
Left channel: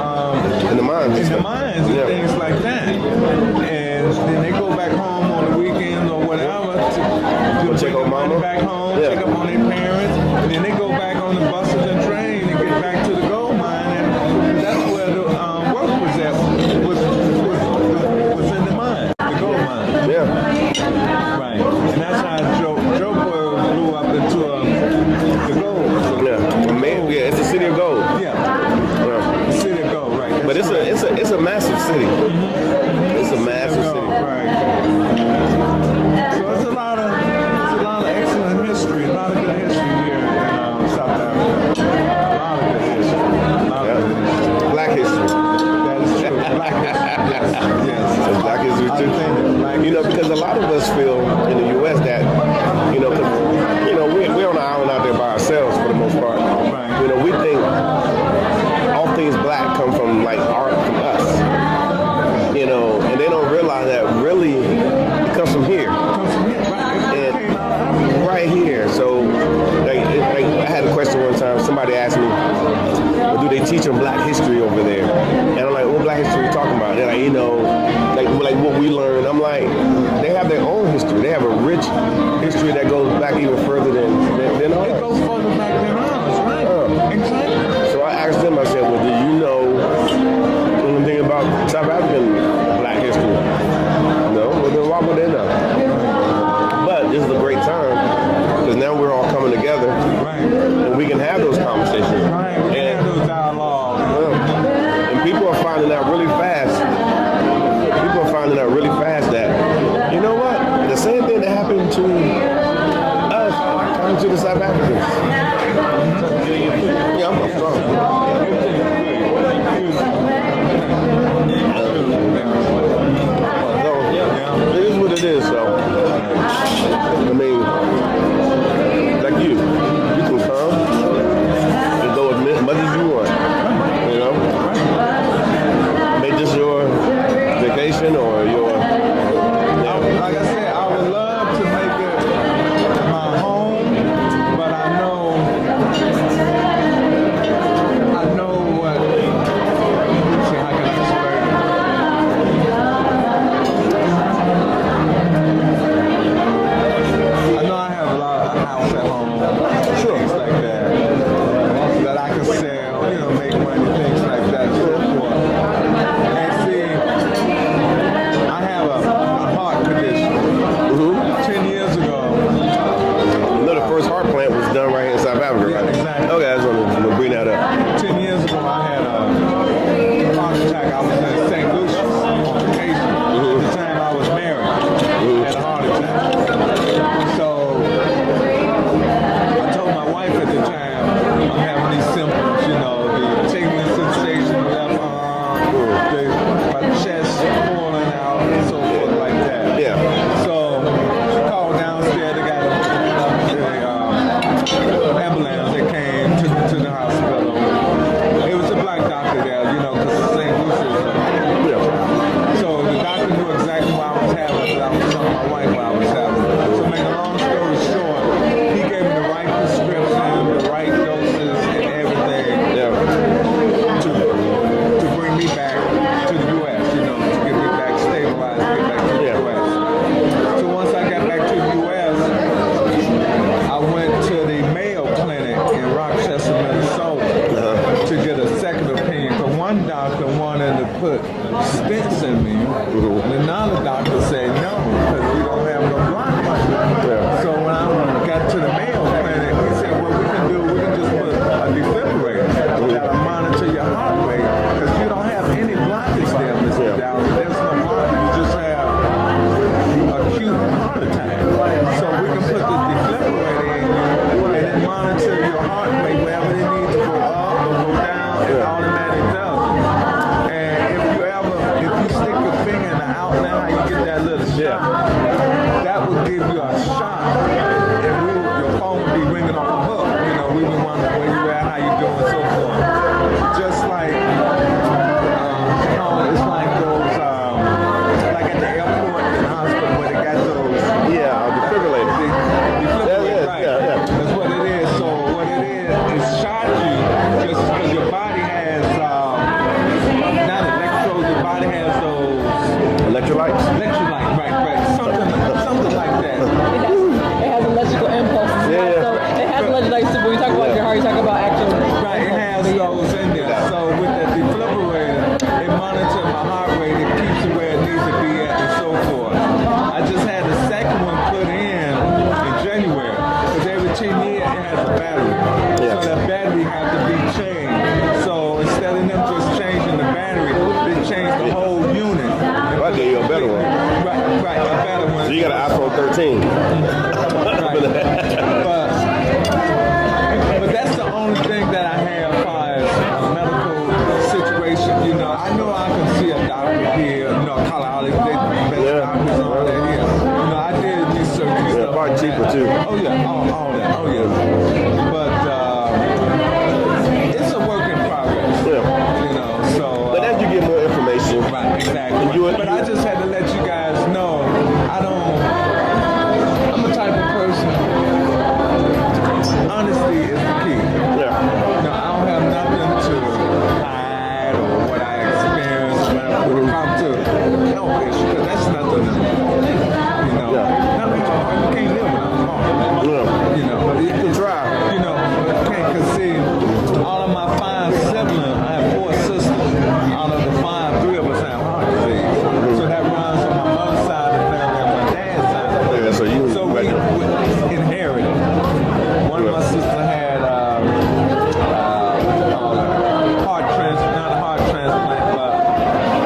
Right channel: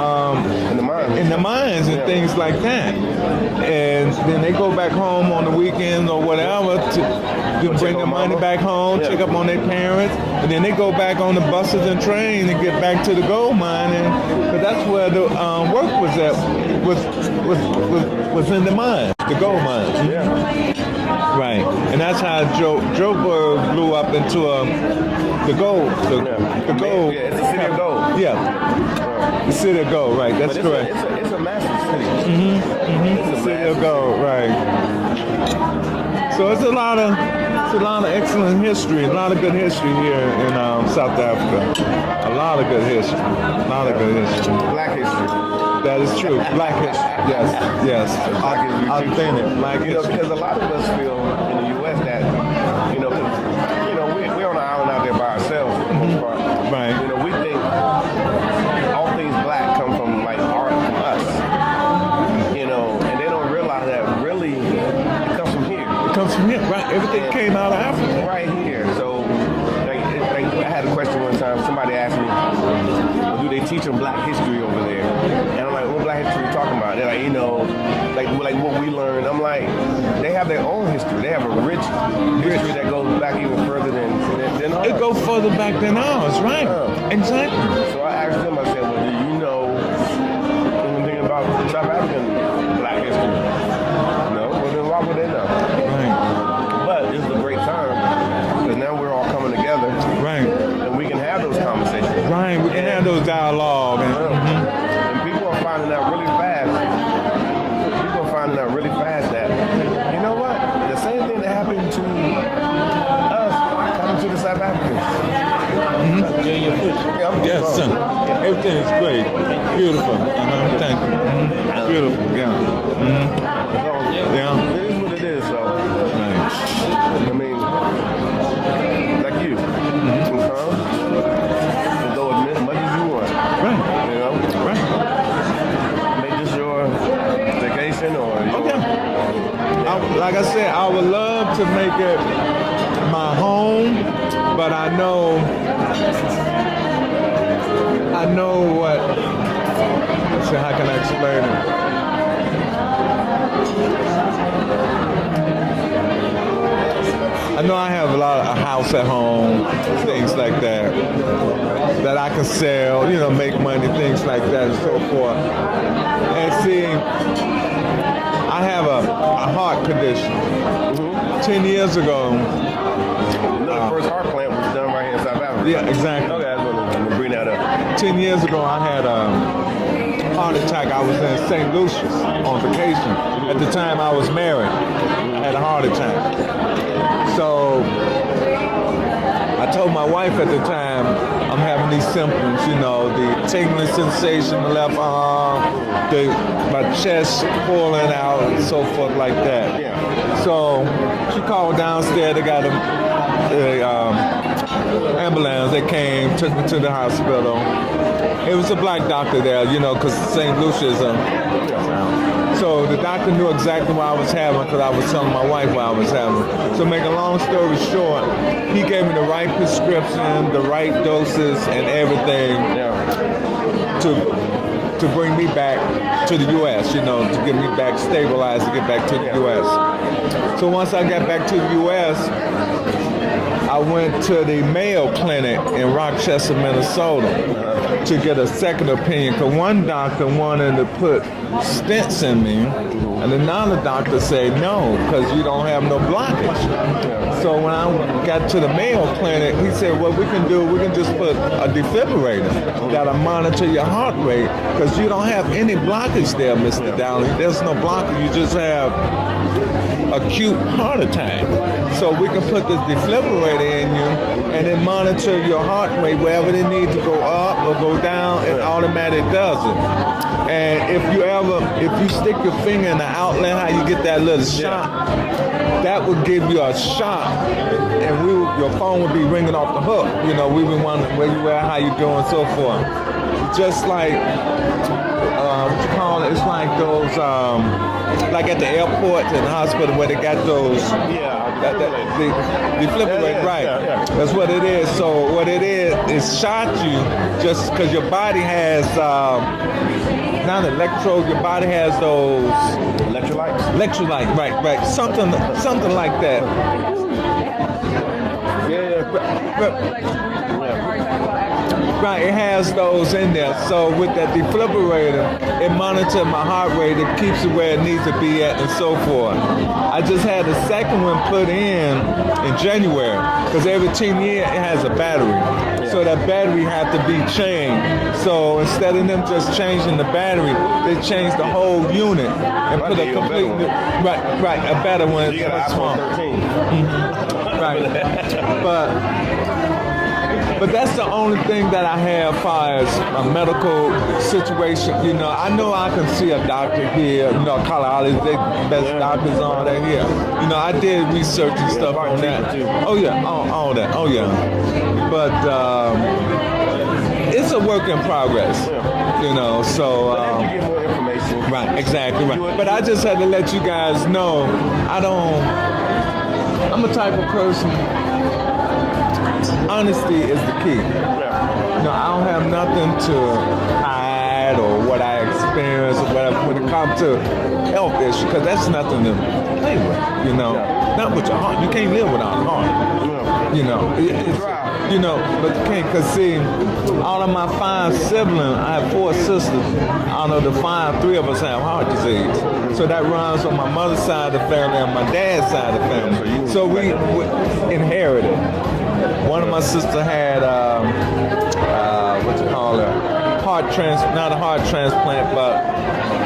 In the mines. in the mines and Yeah. things like that. And then they go back home on the weekends or whatever to check bring on their money mama. back home, Yeah. check up on their parents. And then they go back on the buses and trains and get back to the gold mine. And that's where the work was at, was in the mine, the gold mine. Yeah. Right. And that's how Joburg grew up into the gold. Yeah, it's a city of gold. Yeah. Yeah. City of gold, right. That's But it's a massive city. It's a massive city. Right. So it's a lot of excellent history, a lot of good history here in South Africa. A lot of good history. A lot of good history. Black history. That is true. Black history. Yes. Yes. It's black history too. Authentic black You know, history. because a lot of us feel in the U.S. that, we're on an island out there by ourselves for the most part. Right. You know, we think all things black come from like art from us. You know, and they don't realize that really it comes from here. Comes from here, right? It And- came out of Africa. Right here. So, like, I had a question one time. Somebody asked me, well, do they teach them black history over there? And I'm like, what black history are you talking about? They're like, like what we learned. I'm like, they have their own history. They have a rich history that goes back even further than It ours. goes further back than ours, right? Exactly. So I asked them, I said, well, do you know anything about South African black history? No? Well, then why would they know? But this is a great time because now we're all coming together Right. and we can have those conversations. Right. We can have those dialogues. And people are finding out really fast. People are finding out really fast that, you know what? The same thing that happened to us happened to the South Africans. Yeah, I'm Yes, strong. sir. Everything is great. Beautiful. Thank you. Beautiful. Yeah. So Yeah. it is what it is. So I mean, like you can come and go as much as you want. You know, make this your vacation or your. Like I said, I would love to make it my home, but I know what. So how can I explain it? I know I have a house at home, things like that I can sell, make money, things like that, so forth. And see, I have a heart condition. wife while I was having it. So make a long story short, he gave me the right prescription, the right doses, and everything to bring me back to the U.S., you know, to get me back stabilized, to get back to the U.S. So once I got back to the U.S., I went to the Mayo Clinic in Rochester, Minnesota to get a second opinion. Because one doctor wanted to put stents in me, and another doctor said no, because you don't have no blockage. So when I got to the Mayo Clinic, he said, what we can just put a defibrillator that'll monitor your heart rate, because you don't have any blockage there, Mr. Dowling. There's no blockage, you just have acute heart attack. So we can put this defibrillator in you, and it monitor your heart rate wherever it needs to go up or go down, it automatically does it. And if you stick your finger in the outlet, how you get that little shot, that would give you a shot, and your phone would be ringing off the hook. You know, we would wonder where you at, how you doing, so forth. Just like, it's like those, like at the airport and the hospital where they got those. Defibrillators. Defibrillator, right. That's what it is. So what it is shot you just because your body has, not electrodes, your body has those. Electrolytes. Electrolyte, right. Something like that. It has electrical impulses. Yeah. So it has electrolytes too. When you talk about your heart, you talk about actually. Right, it has those in there. So with that defibrillator, it monitors my heart rate, it keeps it where it needs to be at, and so forth. I just had the second one put in January, because every 10 years it has a battery. So that battery have to be changed. So instead of them just changing the battery, they changed the whole unit. I gave you a better one. Right, a better one. So you got an iPhone 13. But that's the only thing that I have as far as a medical situation. You know, I know I can see a doctor here, you know, Colorado, they best doctors all that here. You know, I did research and stuff probably on cheaper that. too. Oh yeah, all that. Oh yeah. But it's a work in progress. You know, so. But as you get more information. Right, exactly. Right. But I just had to let you guys know, I'm a type of person, honesty is the key. You know, I don't have nothing to hide or what I experience, whatever, when it comes to health issues, because that's nothing to live with, you know. Not with your heart, you can't live without your heart. You know, you try. You know, but you can't, because see, out of my 5 siblings, I have 4 sisters. Out of the 5, 3 of us have heart disease. So that runs on my mother's side of the family and my dad's side of the family. So we inherited. One of my sisters had what you call it, heart transplant, not a heart transplant, but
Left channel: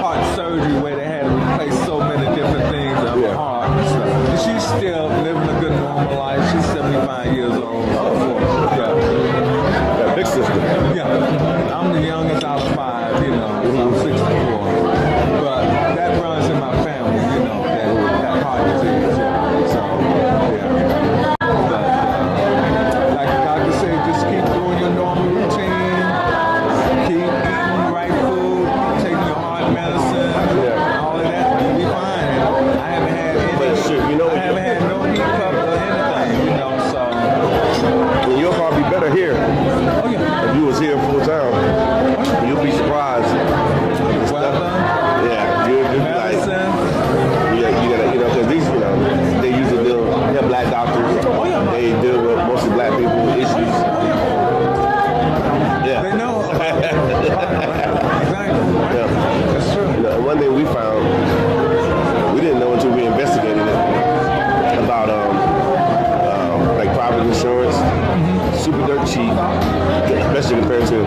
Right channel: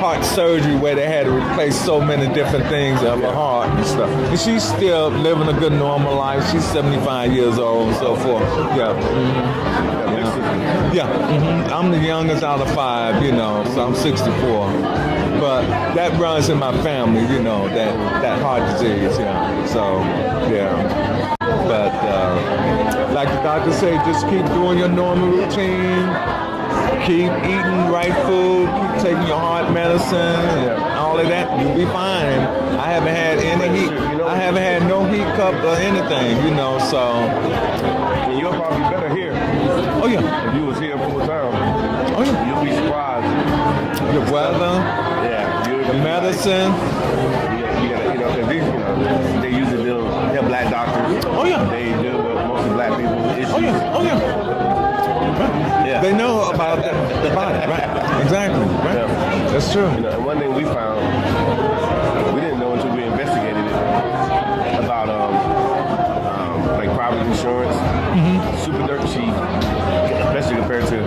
heart surgery, where they had to replace so many different things of her heart and stuff. And she's still living a good normal life. She's 75 years old and so forth. That big sister. Yeah. I'm the youngest out of 5, you know, so I'm 64. But that runs in my family, you know, that heart disease. So, yeah. But, like the doctor said, just keep doing your normal routine, keep eating right food, keep taking your heart medicine, all of that, you'll be fine. I haven't had no hiccup or anything, you know, so. And you'll probably be better here. Oh, yeah. If you was here full time, you'll be surprised. You'll be medicine. You gotta, because these, they usually they're black doctors. They deal with mostly black people issues. They know about that. Exactly. That's true. One thing we found, we didn't know until we investigated it, about like private insurance, super dirt cheap, especially compared to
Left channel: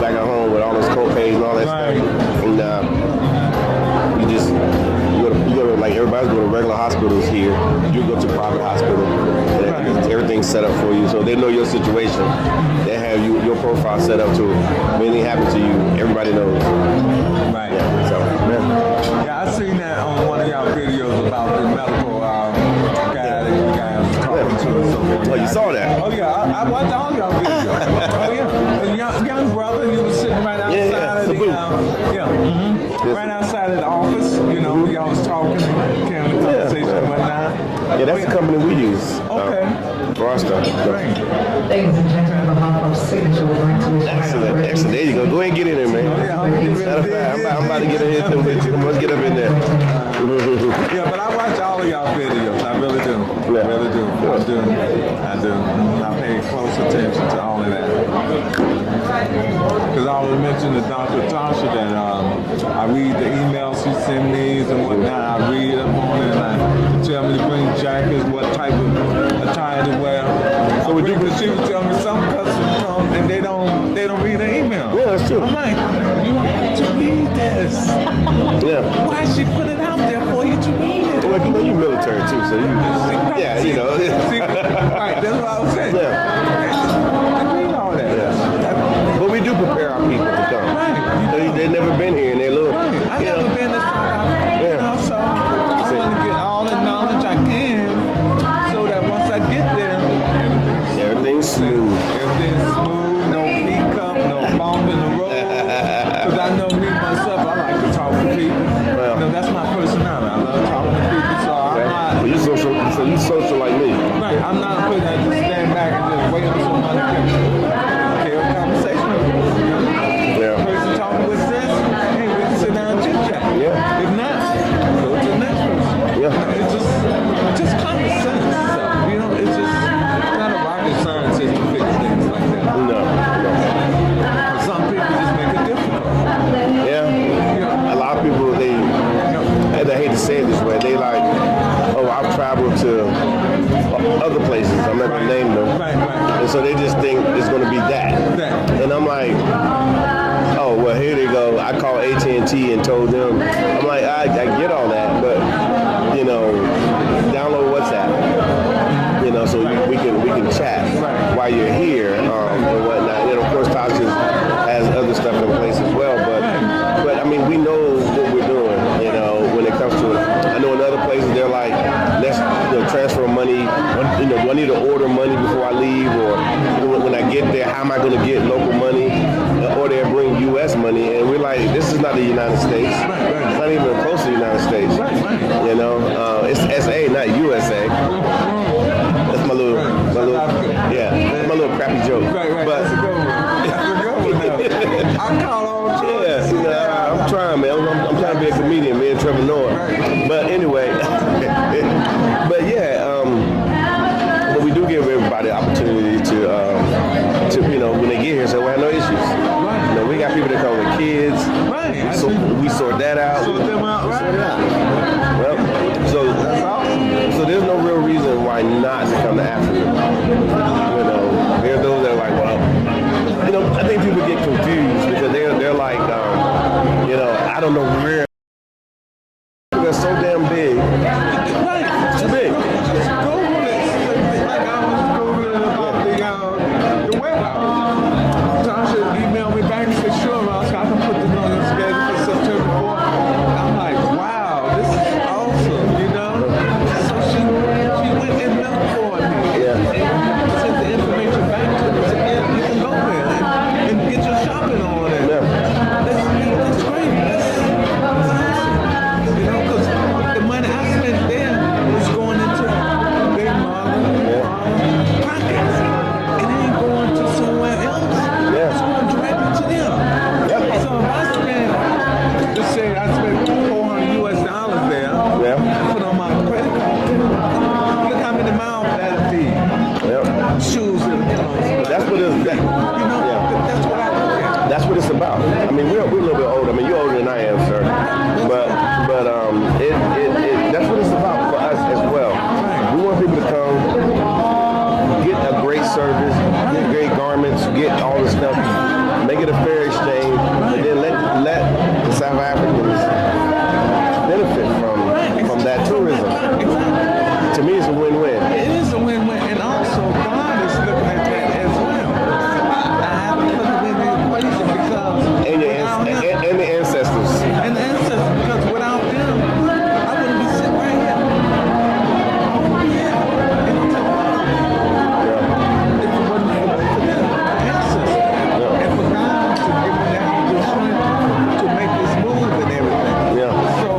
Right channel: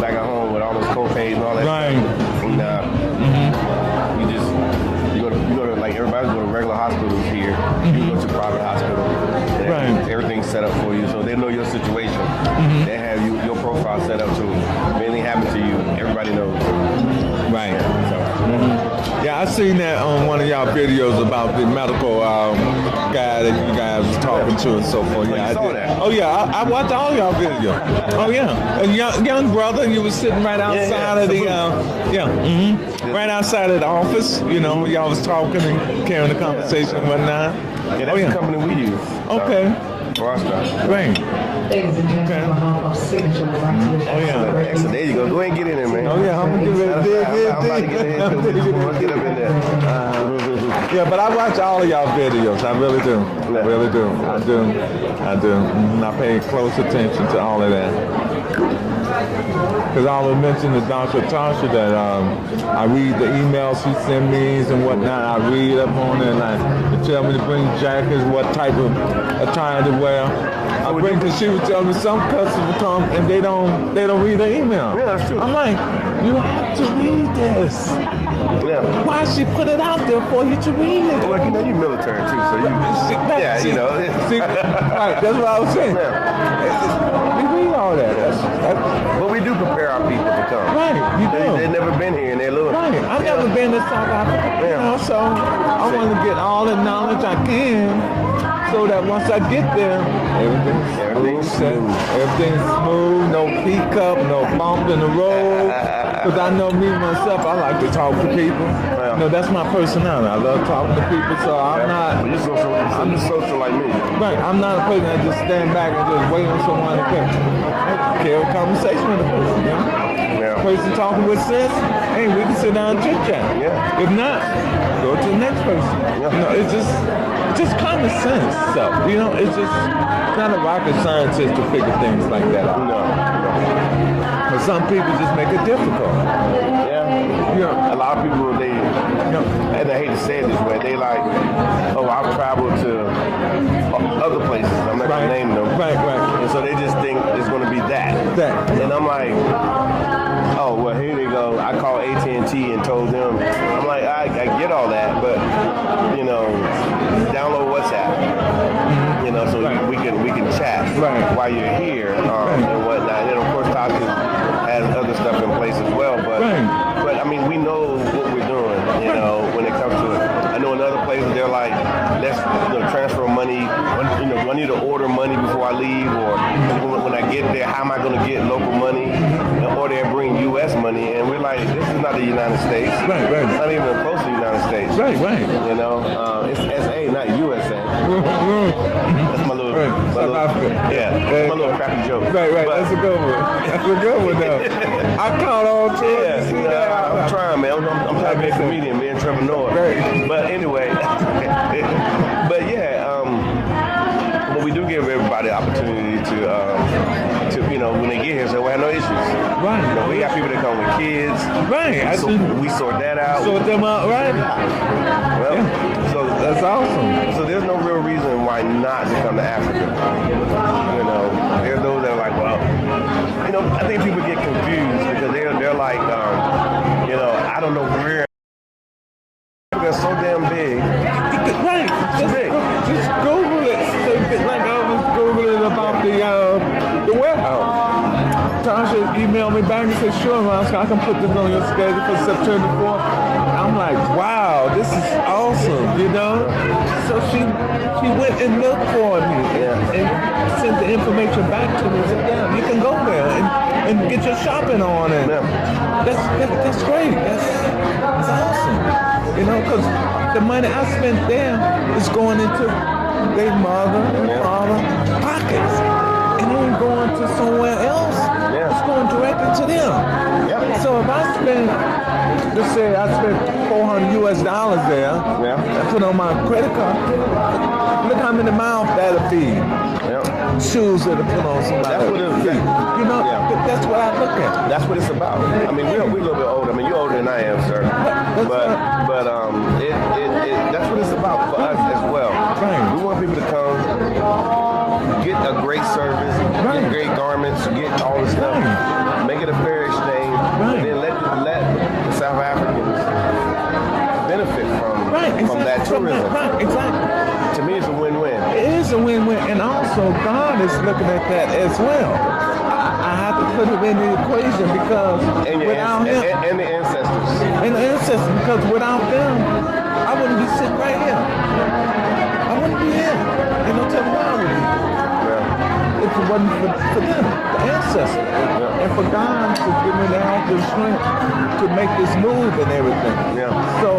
back at home with all those co-pays and all that stuff. And you go to like everybody's going to regular hospitals here. You go to private hospital, and everything's set up for you, so they know your situation. They have your profile set up to if anything happens to you, everybody knows. Right. Yeah. So. Yeah, I seen that on one of y'all videos about the medical guy that you guys was talking to and so forth. Oh, you saw that? Oh yeah, I watched all y'all videos. Oh yeah, a young brother, you was sitting right outside of the right outside of the office. You know, y'all was talking and carrying the conversation and whatnot. Yeah, that's the company we use. Okay. Rosco. Great. Ladies and gentlemen, on behalf of Signature, we'd like to wish Excellent, excellent. There you go. Go ahead and get in there, man. I'm about to get in here with you. Come on, let's get up in there. Yeah, but I watch all of y'all videos. I really do. Yeah. I really do. I do. I pay close attention to all of that. Because I was mentioning to Dr. Tasha that I read the emails she sends me and whatnot. I read up on it and I tell me to bring jackets, what type of attire to wear. So we do. She would tell me some customers come and they don't read the email. Yeah, that's true. I'm like, you have to read this. Yeah. Why she put it out there for you to read it? Well, you know, you're military too, so you. Yeah, you know. See, right, that's what I was saying. But we do prepare our people to come. They've never been here, and they're little. I've never been to South Africa, so I want to get all the knowledge I can, so that once I get there, everything's smooth. Everything's smooth, no peacup, no bump in the road. Because I know me myself, I like to talk with people. Yeah. No, that's my personality. I love talking to people, so I'm not. You social like me. Right, I'm not a person that stand back and just wait for someone to carry a conversation. Yeah. Person talking with sense, hey, we can sit down and chit chat. Yeah. If not, go to the next person. Yeah. You know, it's just common sense. So, you know, it's just not a rocket scientist to fix things like that. No. But some people just make it difficult. Yeah. A lot of people, and I hate to say it this way, they like, oh, I've traveled to other places. I'm not going to name them. Right. And so they just think it's going to be that. And I'm like, oh, well, here they go. I called AT&T and told them. I'm like, I get all that, but, you know, download WhatsApp. You know, so we can chat while you're here and whatnot. And of course, Tasha has other stuff in place as well. But I mean, we know what we're doing. You know, when it comes to, I know in other places they're like, let's transfer money. You know, do I need to order money before I leave, or when I get there, how am I going to get local money? Or they'll bring U.S. money, and we're like, this is not the United States. It's not even close to the United States. You know, it's SA, not USA. That's my little, that's my little crappy joke. But I caught on to it. yeah, I'm trying, man. I'm trying to be a comedian, be an entrepreneur. But anyway, but yeah, but we do give everybody the opportunity to you know, when they get here, say, well, I have no issues. You know, we got people that come with kids. Right. So we sort that out. Sort them out, right? Well, so That's awesome. So there's no real reason why not to come to Africa. You know, there are those that are like, well, you know, I think people get confused because they're like, you know, I don't know where. Africa's so damn big. It's too big. Just Google it. Like I was Googling about the warehouse. Tasha emailed me back and said, sure, Rosco, I can put the building together for September 4th. I'm like, wow, this is awesome, you know? So she went and looked for it and sent the information back to me. You can go there and get your shopping on it. That's great. That's awesome. You know, because the money I spent there is going into their mother, father pockets. And it ain't going to somewhere else. It's going directly to them. So if I spend, just say I spent $400 US there, put on my credit card, look how many miles that'll be. Shoes and clothes. That's what it's. You know, that's what I look at. That's what it's about. I mean, we're a little bit older. I mean, you're older than I am, sir. But that's what it's about for us as well. We want people to come, get a great service, get great garments, get all this stuff, make it a fair exchange, and then let the South Africans benefit from that tourism. To me, it's a win-win. It is a win-win, and also God is looking at that as well. I have to put it in the equation because And the ancestors. And the ancestors, because without them, I wouldn't be sitting right here. I wouldn't be here. They don't take care of me. If it wasn't for the ancestors. And for God to give me that opportunity to make this move and everything. So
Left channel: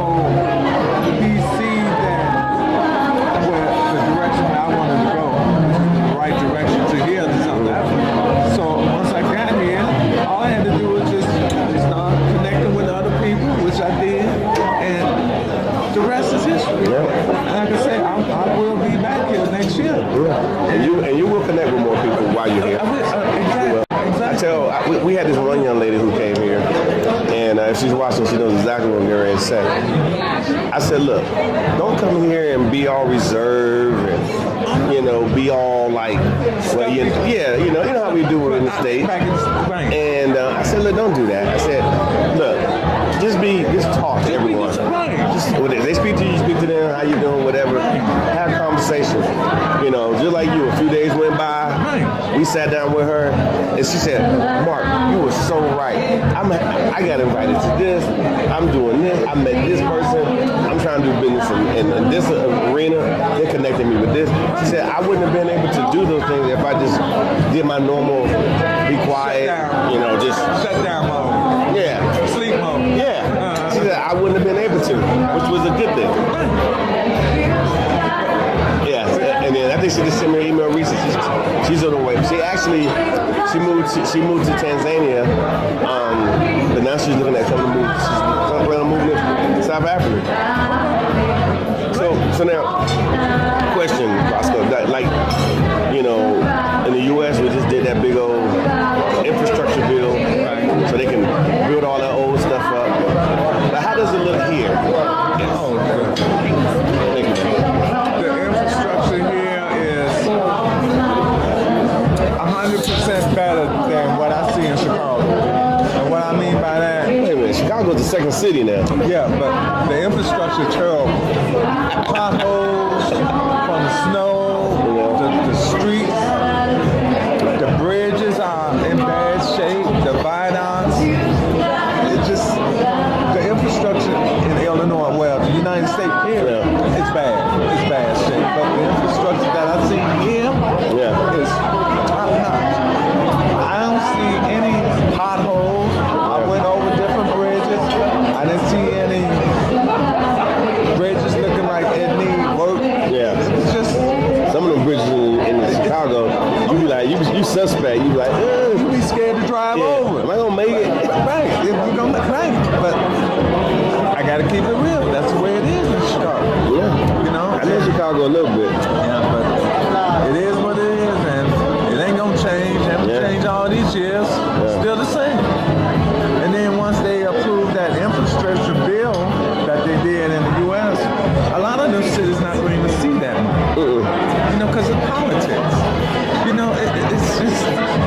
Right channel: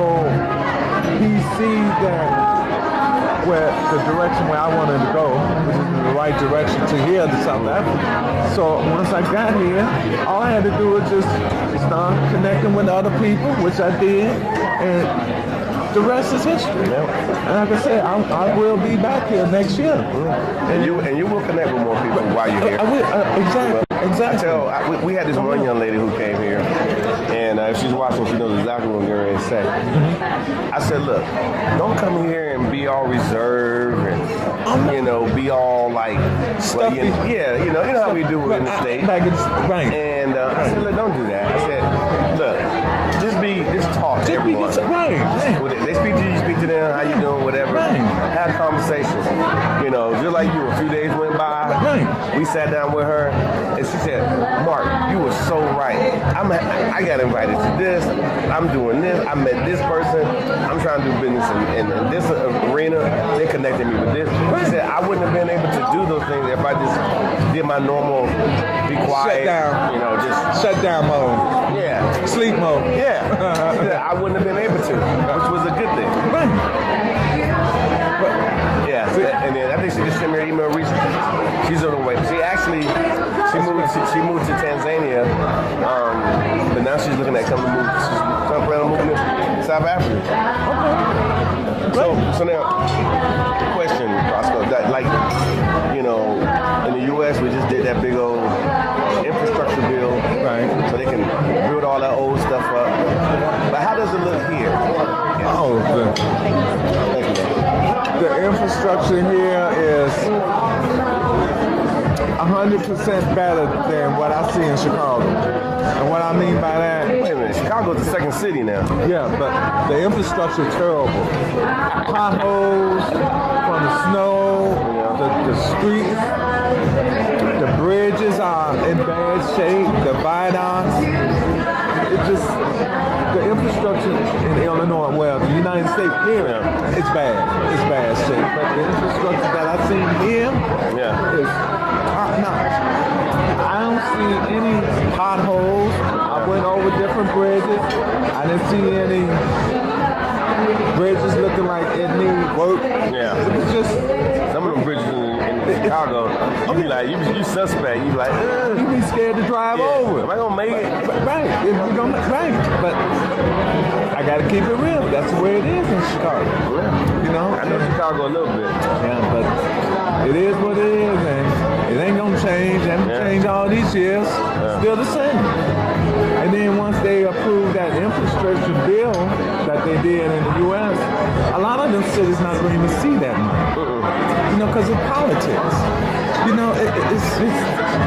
we see that, well, the Yeah. And you will connect with more people while you're here. You will. We had this one young lady who came here, and if she's watching, she knows exactly what I'm going to say. I said, look, don't come here and be all reserved and, be all like, well, you know how we do it in the States. And I said, look, don't do that. I said, look, just talk to everyone. If they speak to you, speak to them, how you doing, whatever. Have conversations. Just like you, a few days went by, we sat down with her, and she said, Mark, you were so right. I got invited to this. I'm doing this. I met this person. I'm trying to do business in this arena. They connected me with this. She said, I wouldn't have been able to do those things if I just did my normal, be quiet, just Shut down mode. yeah. Sleep mode. Yeah. She said, I wouldn't have been able to, which was a good thing. Yeah. And then I think she just sent me an email recently. She's on the way. She moved to Tanzania, but now she's looking at coming to move. She's planning on moving to South Africa. So now, question, Rosco, in the U.S. we just did that big old infrastructure bill, so they can build all that old stuff up. But how does it look here? Thank you, man. The infrastructure here is 100% better than what I see in Chicago. And what I mean by that, Wait a minute, Chicago's the second city now. yeah, but the infrastructure is terrible. Potholes from the snow, the streets, the bridges are in bad shape, the viaducts. It just, the infrastructure in Illinois, well, the United States here, it's bad. It's bad shape. But the infrastructure that I've seen here is top notch. I don't see any potholes. I went over different bridges. I didn't see any bridges looking like it need work. Yeah. It was just, Some of them bridges in Chicago, you be like, you suspect. You be like, you be scared to drive over. am I gonna make it? Right. If you don't, right. But I gotta keep it real. That's the way it is in Chicago. Yeah. I know Chicago a little bit. But it is what it is, and it ain't gonna change. Haven't changed all these years. Still the same. And then once they approve that infrastructure bill that they did in the U.S., a lot of those cities not going to see that. Because of politics. It's just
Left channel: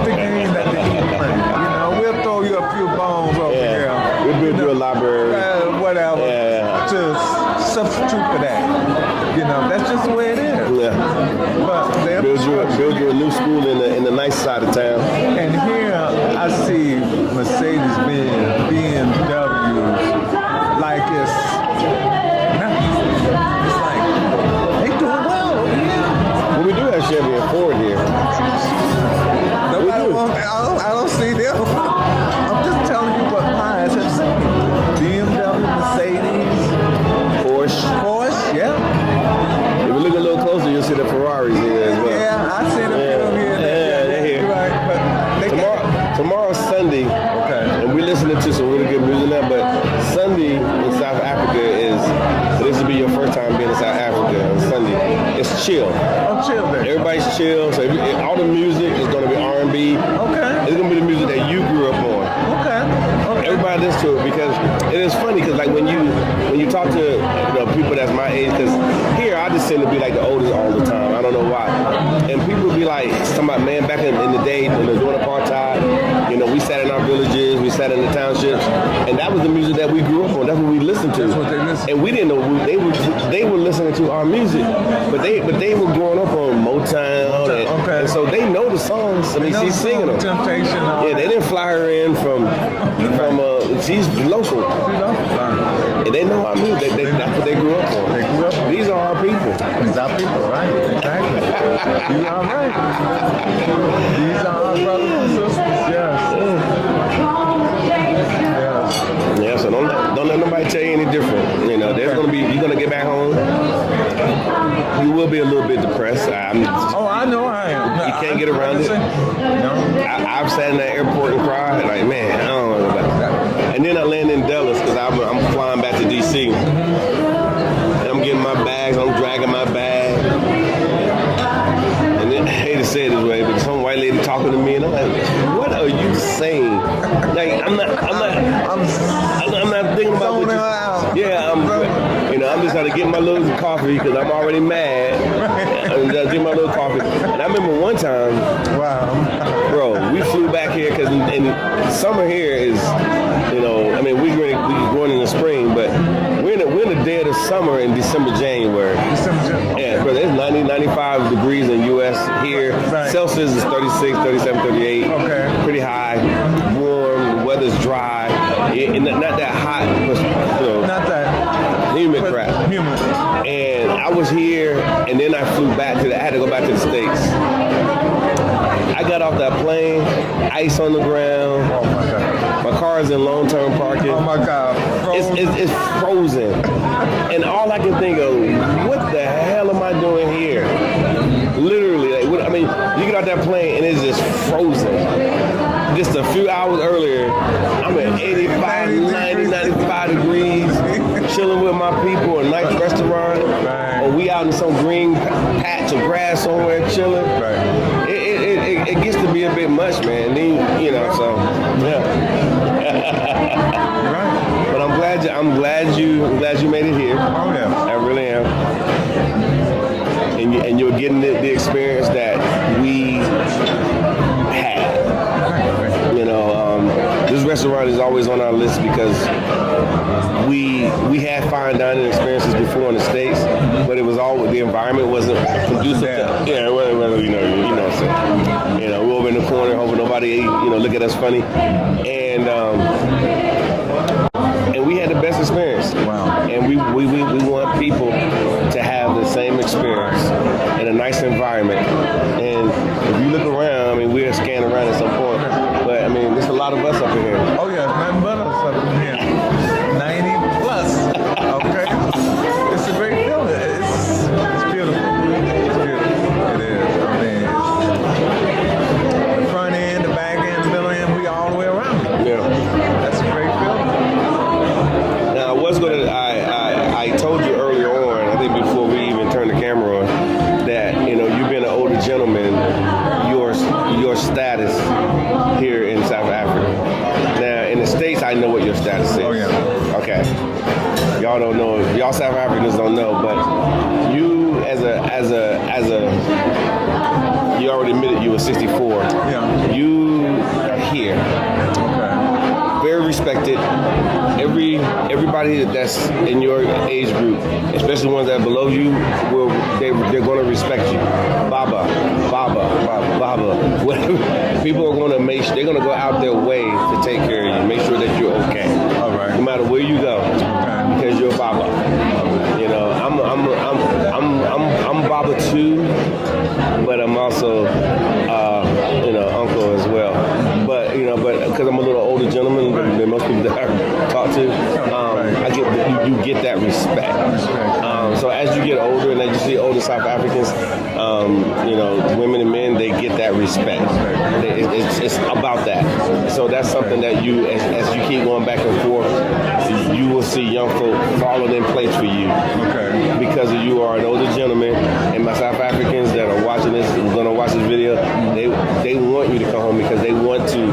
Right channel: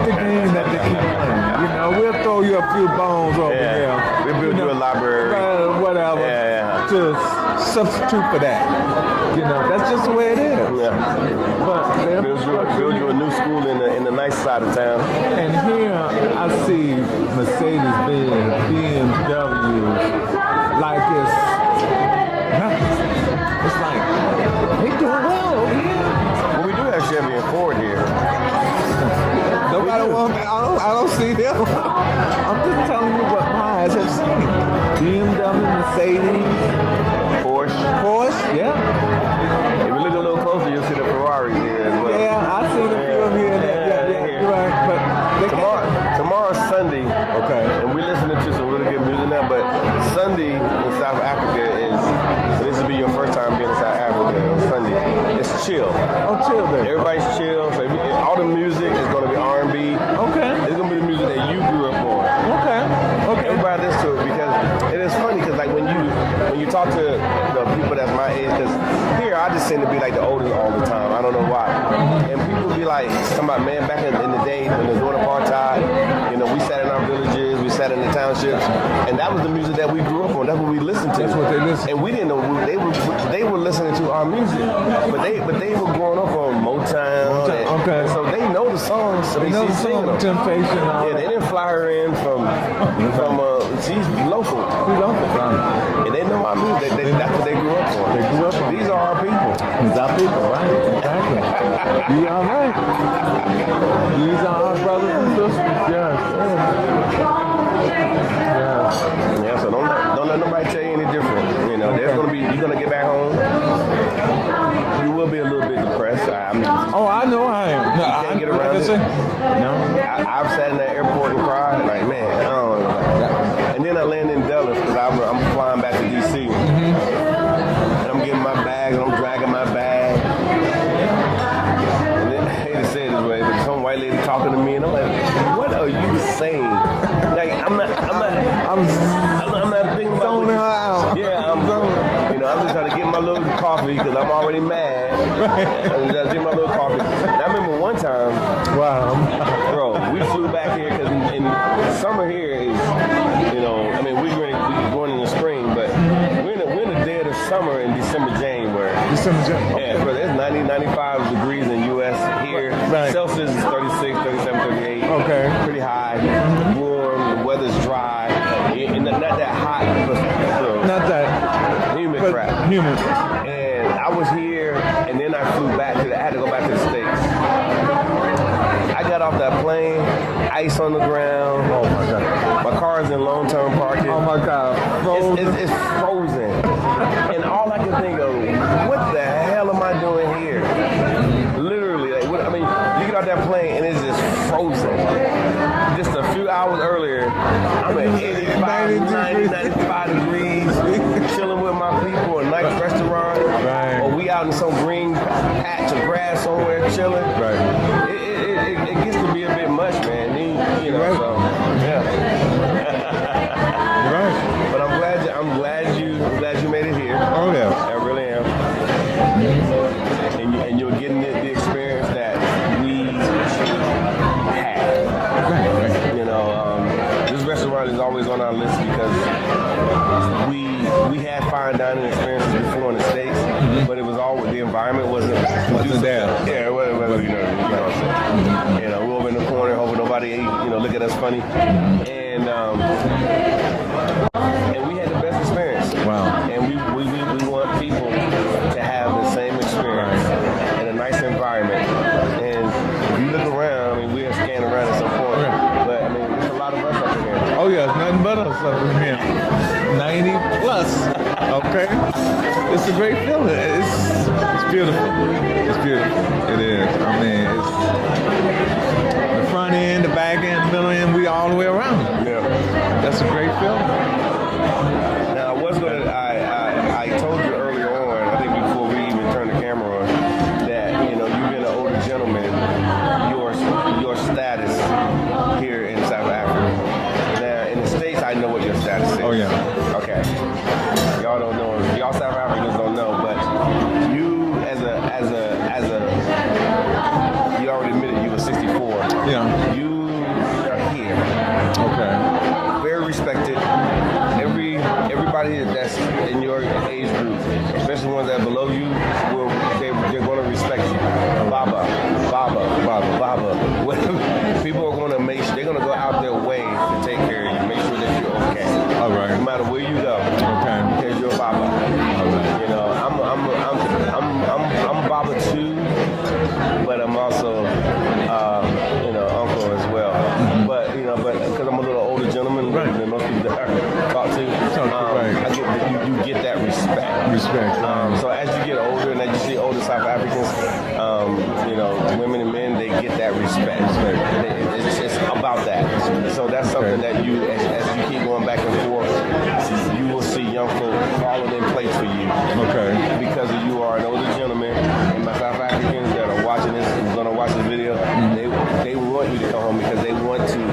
the game that we keep playing. We'll throw you a few bones over there. We'll build you a library. Whatever. To substitute for that. That's just the way it is. Yeah. But Build you a new school in the nice side of town. and here I see Mercedes-Benz, BMWs, like it's like they doing well. Well, we do have Chevy and Ford here. We do. I don't see them. I'm just telling you what my eyes have seen. BMW, Mercedes, Porsche. yeah. If we look a little closer, you'll see the Ferraris here as well. Yeah, I see them here. They're here. Right, Tomorrow's Sunday, and we're listening to some really good music now, but Sunday in South Africa this will be your first time being in South Africa on Sunday. It's chill. I'm chill there. Everybody's chill, so all the music is going to be R&B. Okay. It's going to be the music that you grew up on. Okay. Everybody listens to it because it is funny because like when you talk to people that's my age, because here I just seem to be like the oldest all the time. I don't know why. And people be like talking about, man, back in the day when they were doing apartheid, we sat in our villages, we sat in the townships, and that was the music that we grew up on. That's what we listened to. And we didn't know they were listening to our music, but they were growing up on Motown, and so they know the songs. I mean, she's singing them. Temptation. Yeah, they didn't fly her in from she's local. And they know our music. That's what they grew up on. These are our people. These are people, right? Exactly. You are right. These are our brothers and sisters. Yes. Yeah, so don't let nobody tell you any different. You're gonna get back home. You will be a little bit depressed. I know I am. You can't get around it. I've sat in that airport and cried, like, man, I don't know about that. And then I land in Dallas because I'm flying back to D.C. And I'm getting my bags, I'm dragging my bag. say it this way, but some white lady talking to me, and I'm like, what are you saying? Like, I'm not thinking about what you. Yeah, I'm just trying to get my little coffee because I'm already mad. And just get my little coffee. And I remember one time, bro, we flew back here because in summer here is, we're going in the spring, but we're in the dead of summer in December, January. Yeah, bro, it's 90, 95 degrees in U.S. here. Right. Celsius is 36, 37, 38. Okay. Pretty high, warm, the weather's dry. And not that hot, but, not that humid crap. And I was here, and then I flew back I had to go back to the States. I got off that plane, ice on the ground. My car is in long-term parking. Oh my God. It's frozen. And all I can think of, what the hell am I doing here? Literally, you get out that plane and it's just frozen. Just a few hours earlier, I'm at 85, 90, 95 degrees, chilling with my people, a nice restaurant, or we out in some green patch of grass somewhere chilling. It gets to be a bit much, man. So yeah. But I'm glad you made it here. Oh yeah, I really am. And you're getting the experience that we had. This restaurant is always on our list because we had fine dining experiences before in the States, but it was the environment wasn't conducive. Yeah, well, you know what I'm saying. We're over in the corner hoping nobody look at us funny, and we had the best experience. Wow. And we want people to have the same experience in a nice environment. And if you look around, we'll scan around at some point, but there's a lot of us up here. Oh yeah, nothing but us up here. 90 plus. Okay. It's a great feeling. It's beautiful. It's beautiful. It is. The front end, the back end, the middle end, we all the way around it. Yeah. That's a great feeling. Now I told you earlier on, I think before we even turned the camera on, that you being an older gentleman, your status here in South Africa. Now in the States, I know what your status is. Oh yeah. Okay. Y'all don't know. Y'all South Africans don't know, but you as a you already admitted you were 64. Yeah. You are here. Very respected. Everybody that's in your age group, especially ones that are below you, they're going to respect you. Baba. People are going to they're going to go out their way to take care of you, make sure that you're okay. All right. No matter where you go, because you're Baba. I'm Baba too, but I'm also uncle as well. But because I'm a little older gentleman than most people that I talk to, you get that respect. So as you get older and as you see older South Africans, women and men, they get that respect. It's about that. So that's something that as you keep going back and forth, you will see young folk falling in place for you. Okay. Because you are an older gentleman, and my South Africans that are watching this, going to watch this video, they want you to come home because they want to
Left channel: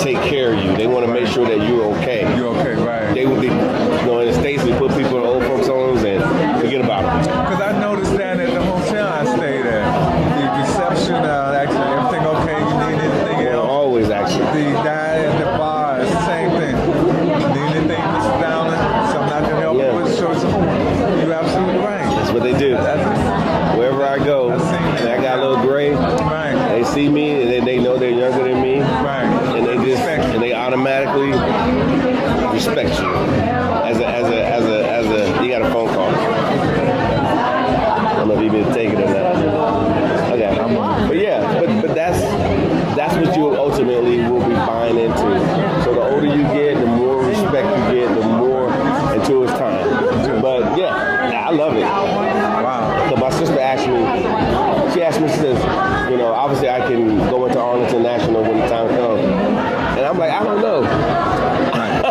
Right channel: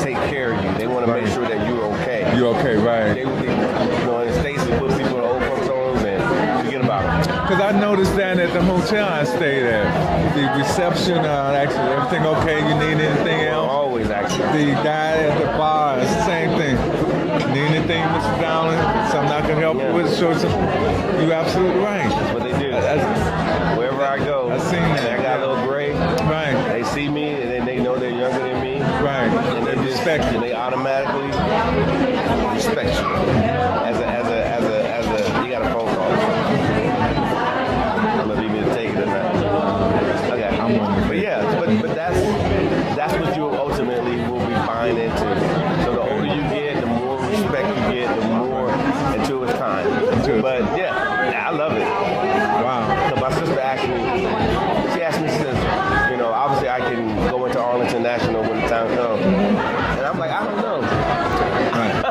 take care of you. They want to make sure that you're okay. You're okay, right? They would be, in the States, they put people in old folks' homes and forget about it. Because I noticed that at the hotel I stayed at, the reception, actually, everything okay? You need anything else? Always, actually. The guy at the bar, it's the same thing. Need anything, Mr. Fowler? Something I can help you with? Sure, you're absolutely right. That's what they do. Wherever I go, and I got a little gray, right. They see me and they know they're younger than me, right. And they automatically respect you. As a you got a phone call. I don't know if you need to take it or not. Okay. But yeah, but that's what you ultimately will be buying into. So the older you get, the more respect you get, the more until it's time. But yeah, I love it. Wow. So my sister asked me, she says, obviously I can go into Arlington National when the time comes. And I'm like, I don't know. Right.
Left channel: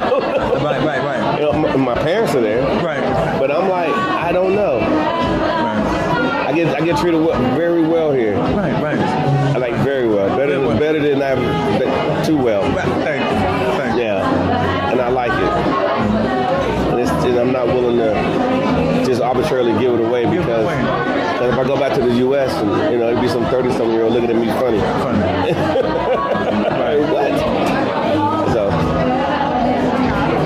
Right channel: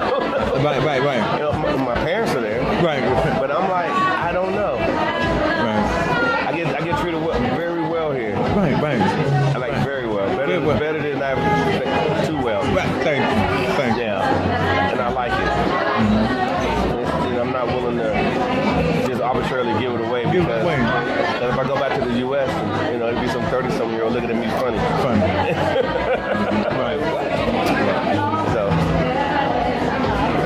My parents are there. Right. But I'm like, I don't know. Right. I I get treated very well here. Right. I like very well. Better than too well. Right. Thank you. Yeah, and I like it. And I'm not willing to just arbitrarily give it away because if I go back to the U.S. and it'd be some 30-something-year-old looking at me funny. So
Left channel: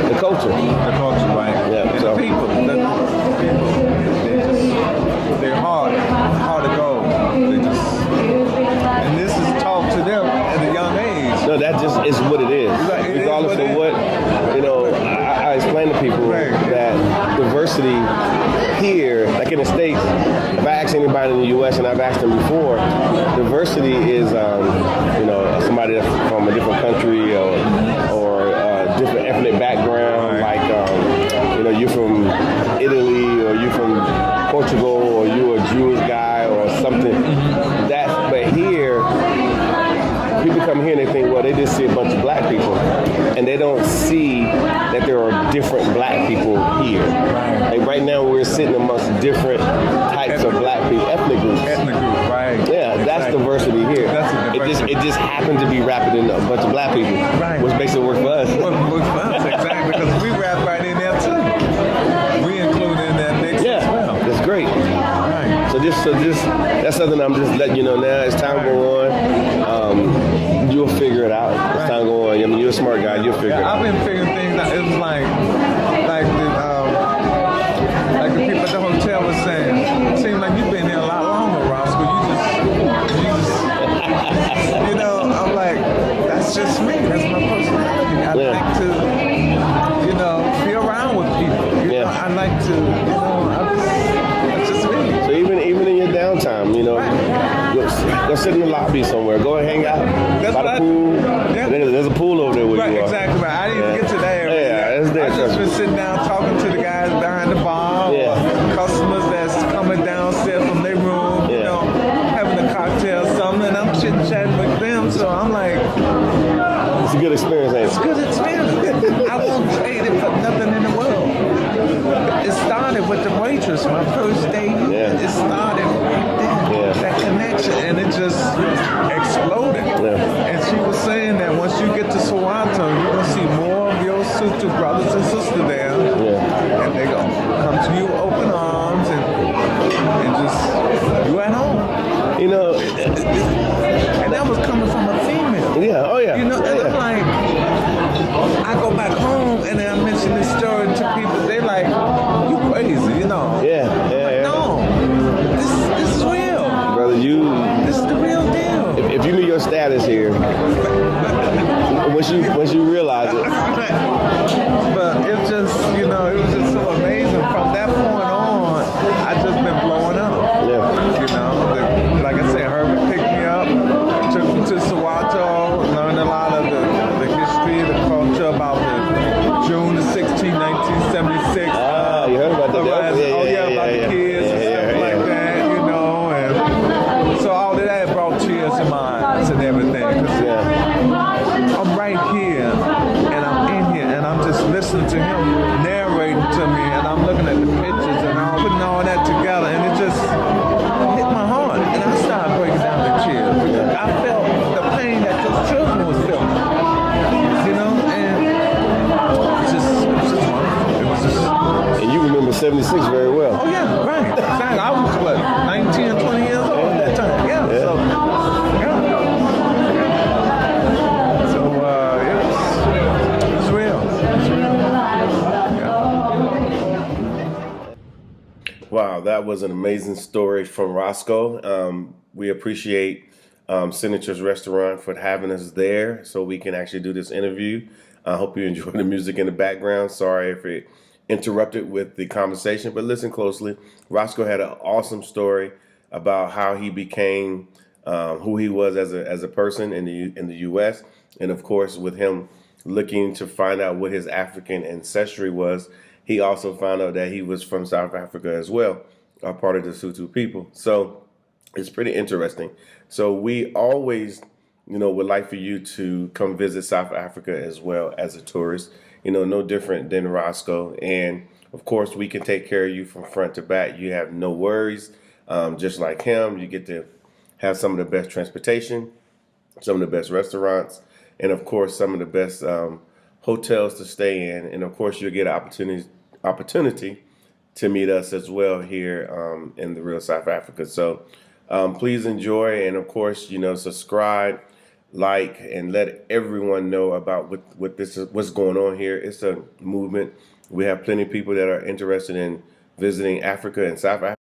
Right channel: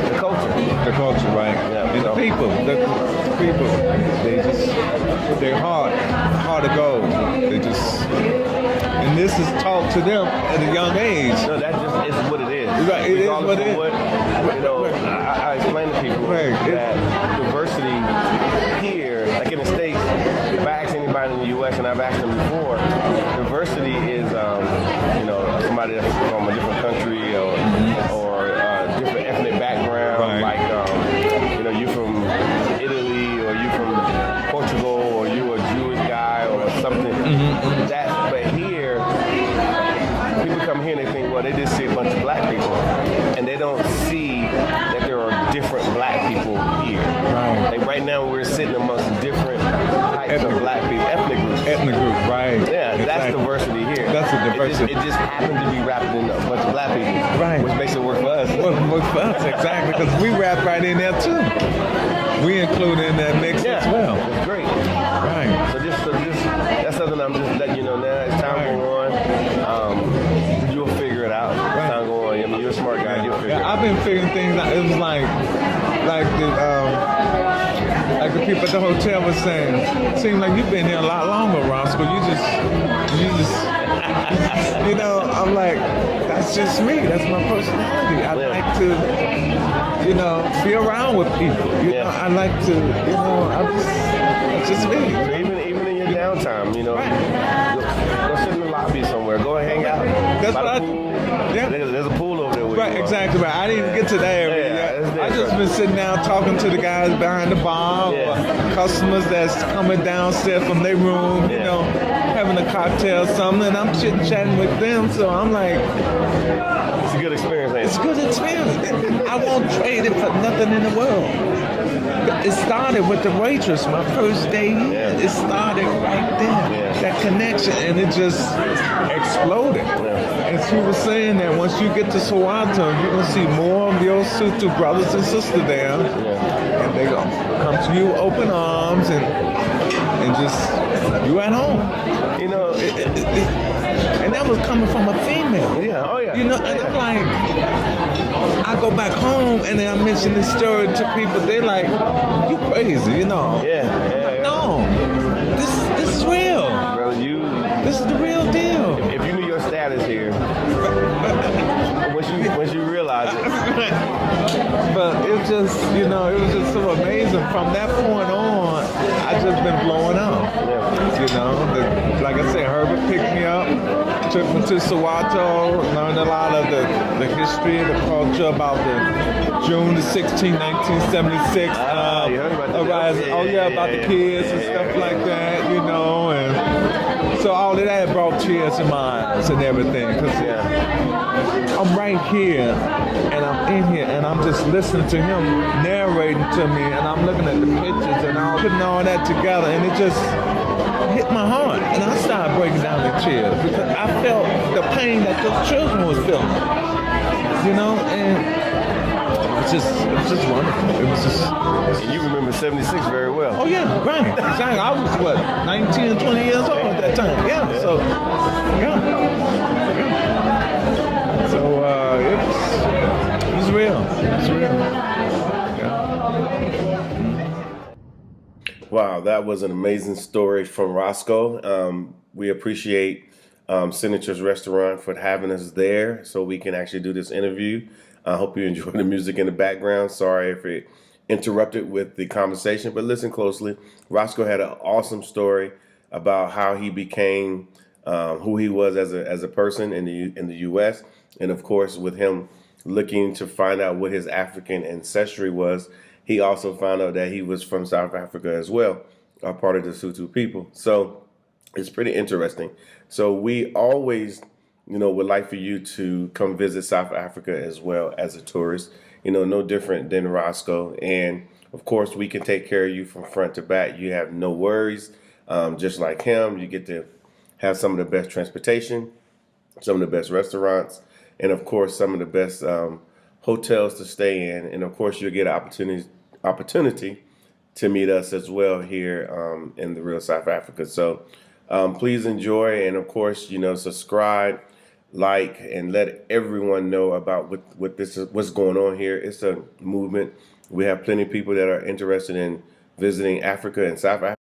the culture, right? Yeah, The people. They're hard to go. And this is taught to them at a young age. No, that just is what it is. Right, Regardless of what, I explain to people that diversity here, like in the States, if I ask anybody in the U.S. and I've asked them before, diversity is, somebody that's from a different country or different ethnic background, like, you're from Italy or you're from Portugal or you're a Jewish guy or something. But here, people come here and they think, well, they just see a bunch of black people, and they don't see that there are different black people here. And right now, we're sitting amongst different types of black people, ethnic groups. Right. Yeah, that's diversity here. That's the diversity. It just happens to be wrapped in a bunch of black people, which makes it work for us. Work for us, exactly, because we rap right in there too. We include in that mix as well. That's great. Right. So that's something I'm just letting you know now. As time go on, you'll figure it out. As time go on, I mean, you're a smart guy. You'll figure it out. I've been figuring things out. It was like the people at the hotel was saying. It seems like you've been here a lot longer, Rosco. You just, I'm like, that's just me. That's my personality. I like to, be around with people. I like to, it's just me. So even in your downtime, go sit in the lobby somewhere. Go and hang out by the pool. There's a pool over there where you are. Exactly right. I didn't even get to that area. It's there. I just been sitting down talking to the guys behind the bar, or customers that's coming downstairs from their room, having a cocktail or something, and I'm chit-chatting with them, so I'm like... It's a good experience, ain't it? It's a good experience. I won't trade it for nothing in the world. It started with the waitress, my first day here. It started right there. That connection, and it just exploded. And she was saying that once you get to Soweto, you're going to see more of your Sutu brothers and sisters there. And they going to come to you with open arms and just, you at home. And that was coming from a female. Yeah, oh yeah. And I'm like, I go back home and I mention this story to people, they're like, you crazy, No, this is real. Brother, this is the real deal. If you knew your status here, once you realize it. But it just, it was just so amazing. From that point on, I just been blowing up. But like I said, Herbert picked me up, took me to Soweto, learned a lot of the history and the culture about the June the 16th, 1976. You heard about that? About the kids and stuff like that, and so all of that brought tears to my eyes and everything. Cause I'm right here, and I'm in here, and I'm just listening to him narrating to me, and I'm looking at the pictures, and I'm putting all that together, and it just hit my heart, and I started breaking down the tears. I felt the pain that those children was feeling, and it was just wonderful. It was just... And you remember 76 very well. Oh yeah, right. Exactly. I was 19 or 20 years old at the time. So it was real. Wow, that was an amazing story from Rosco. We appreciate Senator's Restaurant for having us there so we can actually do this interview. I hope you enjoy the music in the background. Sorry if it interrupted with the conversation, but listen closely. Rosco had an awesome story about how he became who he was as a person in the U.S. And of course, with him looking to find out what his African ancestry was, he also found out that he was from South Africa as well, a part of the Sutu people. So it's pretty interesting. So we always, would like for you to come visit South Africa as well as a tourist. No different than Rosco. And of course, we can take care of you from front to back. You have no worries. just like him. You get to have some of the best transportation, some of the best restaurants, and of course some of the best hotels to stay in. And of course you'll get an opportunity to meet us as well here in the real South Africa. So please enjoy, and of course, subscribe, like, and let everyone know about what's going on here. It's a movement. We have plenty of people that are interested in visiting Africa and South Africa.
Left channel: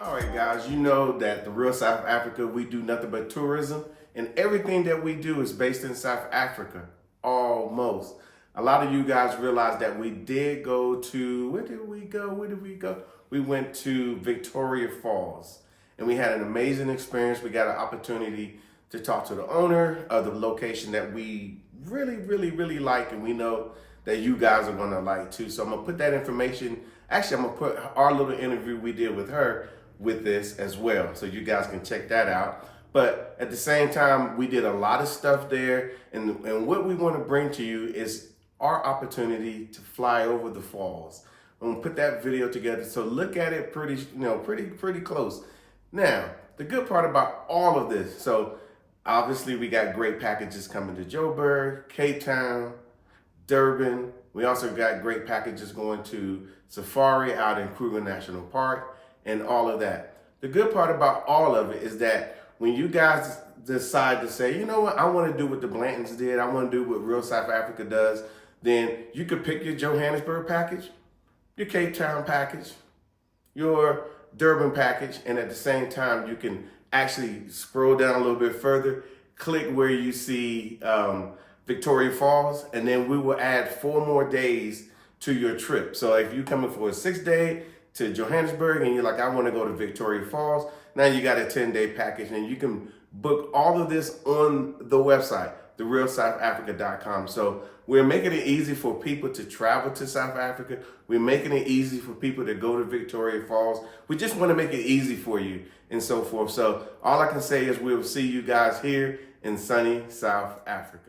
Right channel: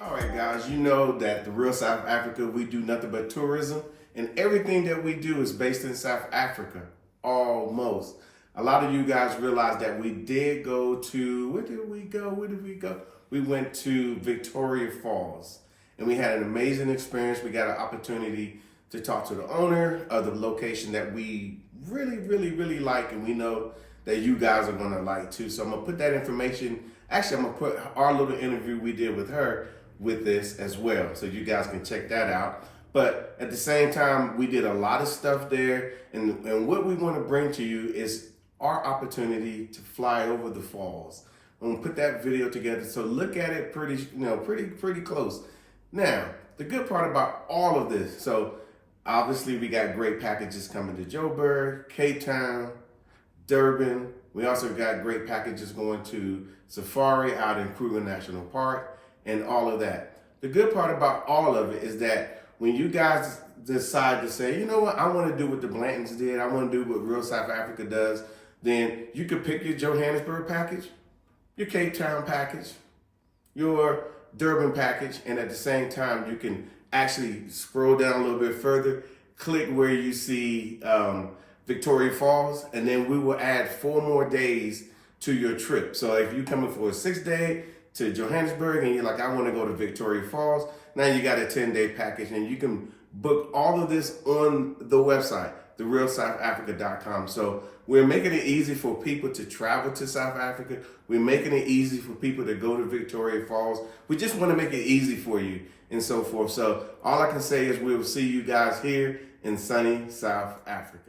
All right, guys, you know that the real South Africa, we do nothing but tourism, and everything that we do is based in South Africa, almost. A lot of you guys realize that we did go to, where did we go? We went to Victoria Falls, and we had an amazing experience. We got an opportunity to talk to the owner of the location that we really like, and we know that you guys are gonna like too. So I'm gonna put that information, actually I'm gonna put our little interview we did with her with this as well, so you guys can check that out. But at the same time, we did a lot of stuff there, and what we want to bring to you is our opportunity to fly over the falls. I'm gonna put that video together, so look at it pretty close. Now, the good part about all of this, so obviously we got great packages coming to Joburg, Cape Town, Durban. We also got great packages going to Safari out in Kruger National Park, and all of that. The good part about all of it is that when you guys decide to say, you know what, I want to do what the Blantons did, I want to do what real South Africa does, then you could pick your Johannesburg package, your Cape Town package, your Durban package, and at the same time, you can actually scroll down a little bit further, click where you see Victoria Falls, and then we will add 4 more days to your trip. So if you're coming for a 6-day to Johannesburg and you're like, I want to go to Victoria Falls, now you got a 10-day package, and you can book all of this on the website, therealsouthafrica.com. So we're making it easy for people to travel to South Africa. We're making it easy for people to go to Victoria Falls. We just want to make it easy for you and so forth. So all I can say is we'll see you guys here in sunny South Africa.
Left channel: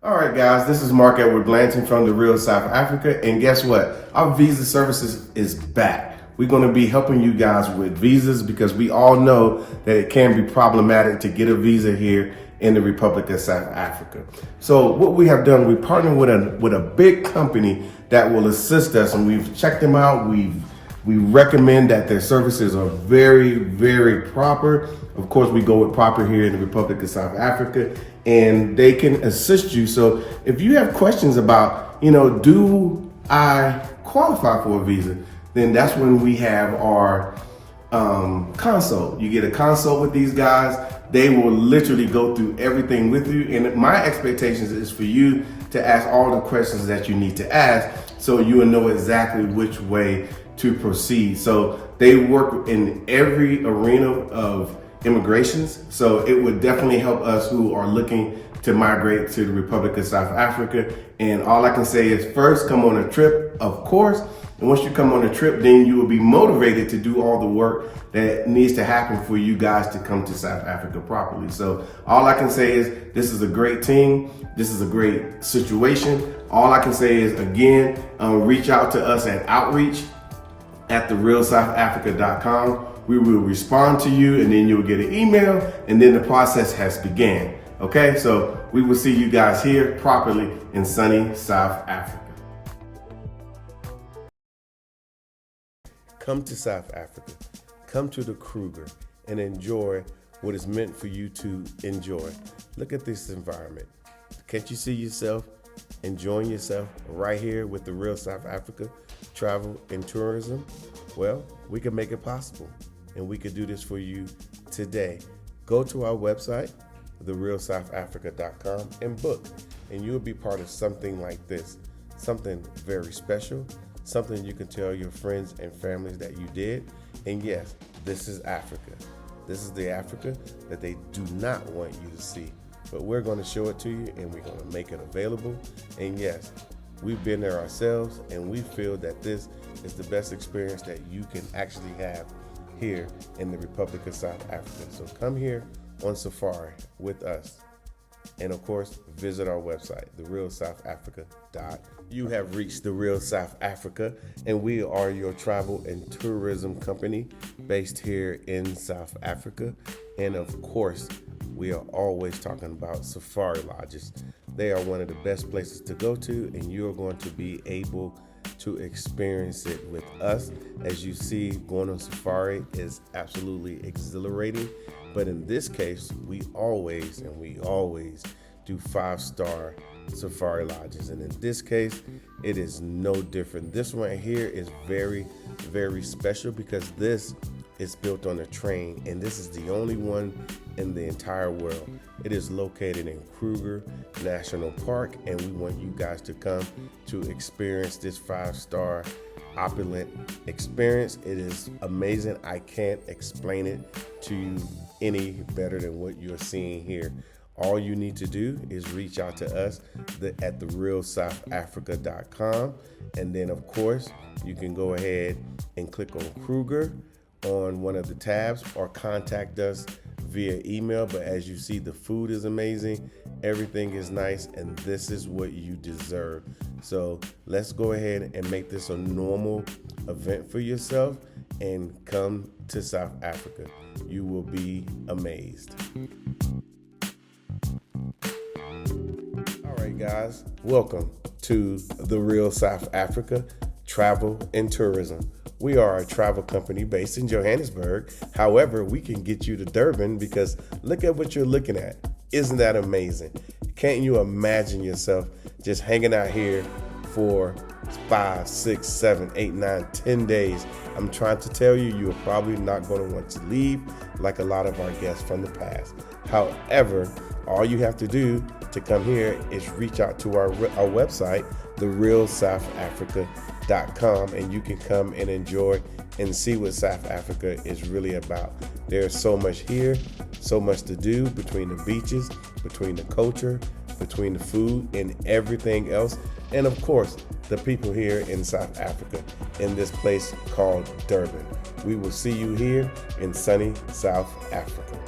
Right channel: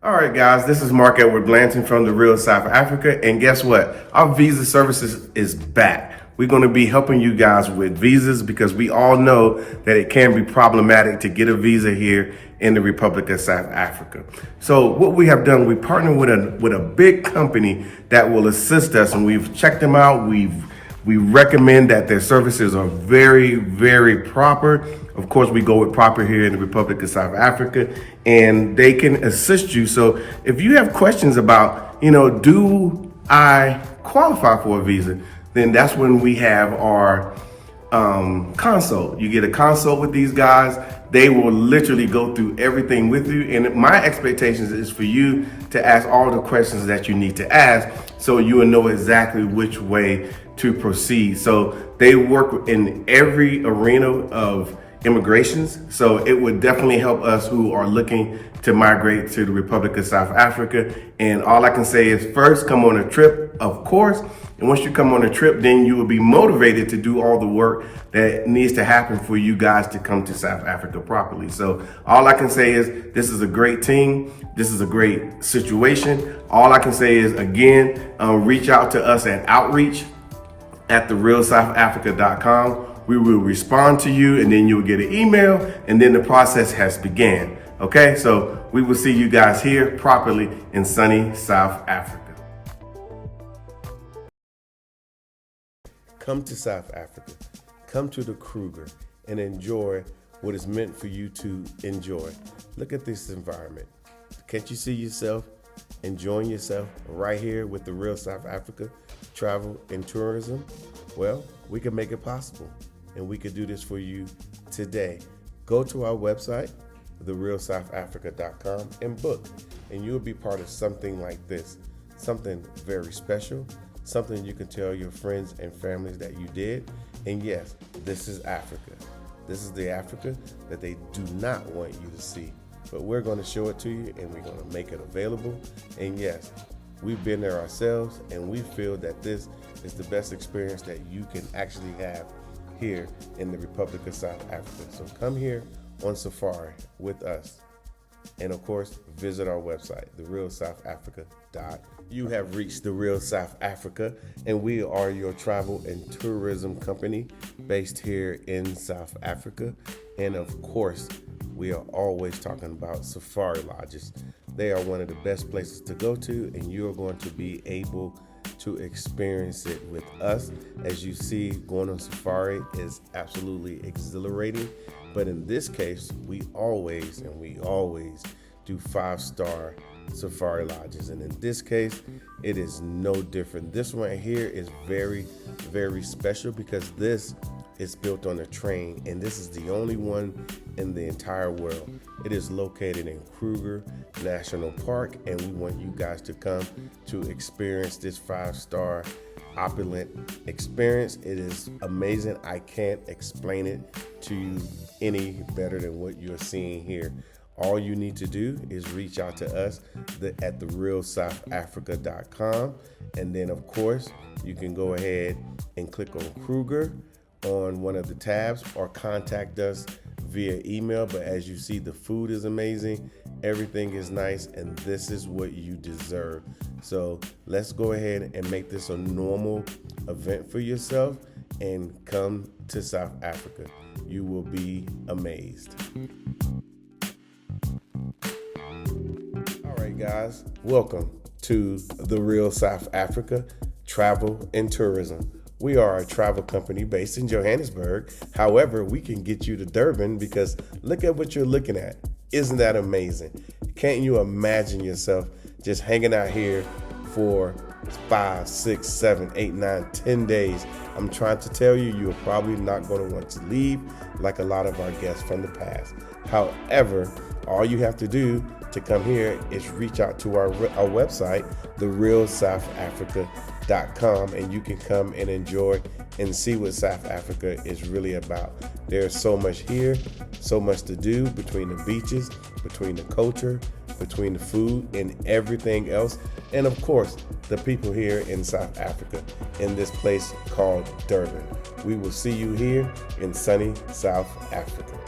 All right, guys, this is Mark Edward Blanton from the Real South Africa. And guess what? Our visa services is back. We're going to be helping you guys with visas because we all know that it can be problematic to get a visa here in the Republic of South Africa. So what we have done, we partnered with a big company that will assist us, and we've checked them out. We recommend that their services are very proper. Of course, we go with proper here in the Republic of South Africa, and they can assist you. So if you have questions about, do I qualify for a visa, then that's when we have our consult. You get a consult with these guys. They will literally go through everything with you. And my expectations is for you to ask all the questions that you need to ask so you will know exactly which way to proceed. So they work in every arena of immigrations. So it would definitely help us who are looking to migrate to the Republic of South Africa. And all I can say is first, come on a trip, of course. And once you come on a trip, then you will be motivated to do all the work that needs to happen for you guys to come to South Africa properly. So all I can say is this is a great team. This is a great situation. All I can say is, again, reach out to us at outreach@therealsouthafrica.com. We will respond to you, and then you'll get an email, and then the process has began. Okay, so we will see you guys here properly in sunny South Africa. come to South Africa, come to the Kruger and enjoy what is meant for you to enjoy. Look at this environment. Can't you see yourself enjoying yourself right here with the Real South Africa Travel and Tourism? Well, we can make it possible, and we could do this for you today. Go to our website, therealsouthafrica.com, and book, and you'll be part of something like this, something very special, something you can tell your friends and families that you did. And yes, this is Africa. This is the Africa that they do not want you to see, but we're going to show it to you, and we're going to make it available. And yes, we've been there ourselves, and we feel that this is the best experience that you can actually have here in the Republic of South Africa. So come here on safari with us. And of course, visit our website, therealsouthafrica.com. You have reached the Real South Africa, and we are your travel and tourism company based here in South Africa. And of course, we are always talking about safari lodges. They are one of the best places to go to, and you're going to be able to experience it with us. As you see, going on safari is absolutely exhilarating. But in this case, we always do 5-star safari lodges. And in this case, it is no different. This one right here is very, very special because this is built on a train, and this is the only one in the entire world. It is located in Kruger National Park, and we want you guys to come to experience this 5-star opulent experience. It is amazing. I can't explain it to you any better than what you're seeing here. All you need to do is reach out to us at therealsouthafrica.com, and then of course you can go ahead and click on Kruger on one of the tabs or contact us via email. But as you see, the food is amazing, everything is nice, and this is what you deserve. So let's go ahead and make this a normal event for yourself and come to South Africa. You will be amazed. All right, guys, welcome to the Real South Africa Travel and Tourism. We are a travel company based in Johannesburg. However, we can get you to Durban because look at what you're looking at. Isn't that amazing? Can't you imagine yourself just hanging out here for 5, 6, 7, 8, 9, 10 days? I'm trying to tell you, you're probably not going to want to leave like a lot of our guests from the past. However, all you have to do to come here is reach out to our website, therealsouthafrica.com, and you can come and enjoy and see what South Africa is really about. There's so much here, so much to do between the beaches, between the culture, between the food and everything else. And of course, the people here in South Africa in this place called Durban. We will see you here in sunny South Africa.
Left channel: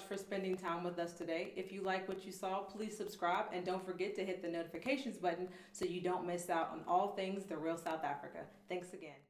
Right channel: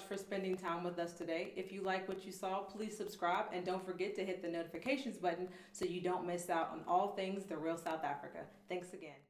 much for spending time with us today. If you like what you saw, please subscribe and don't forget to hit the notifications button so you don't miss out on all things The Real South Africa. Thanks again.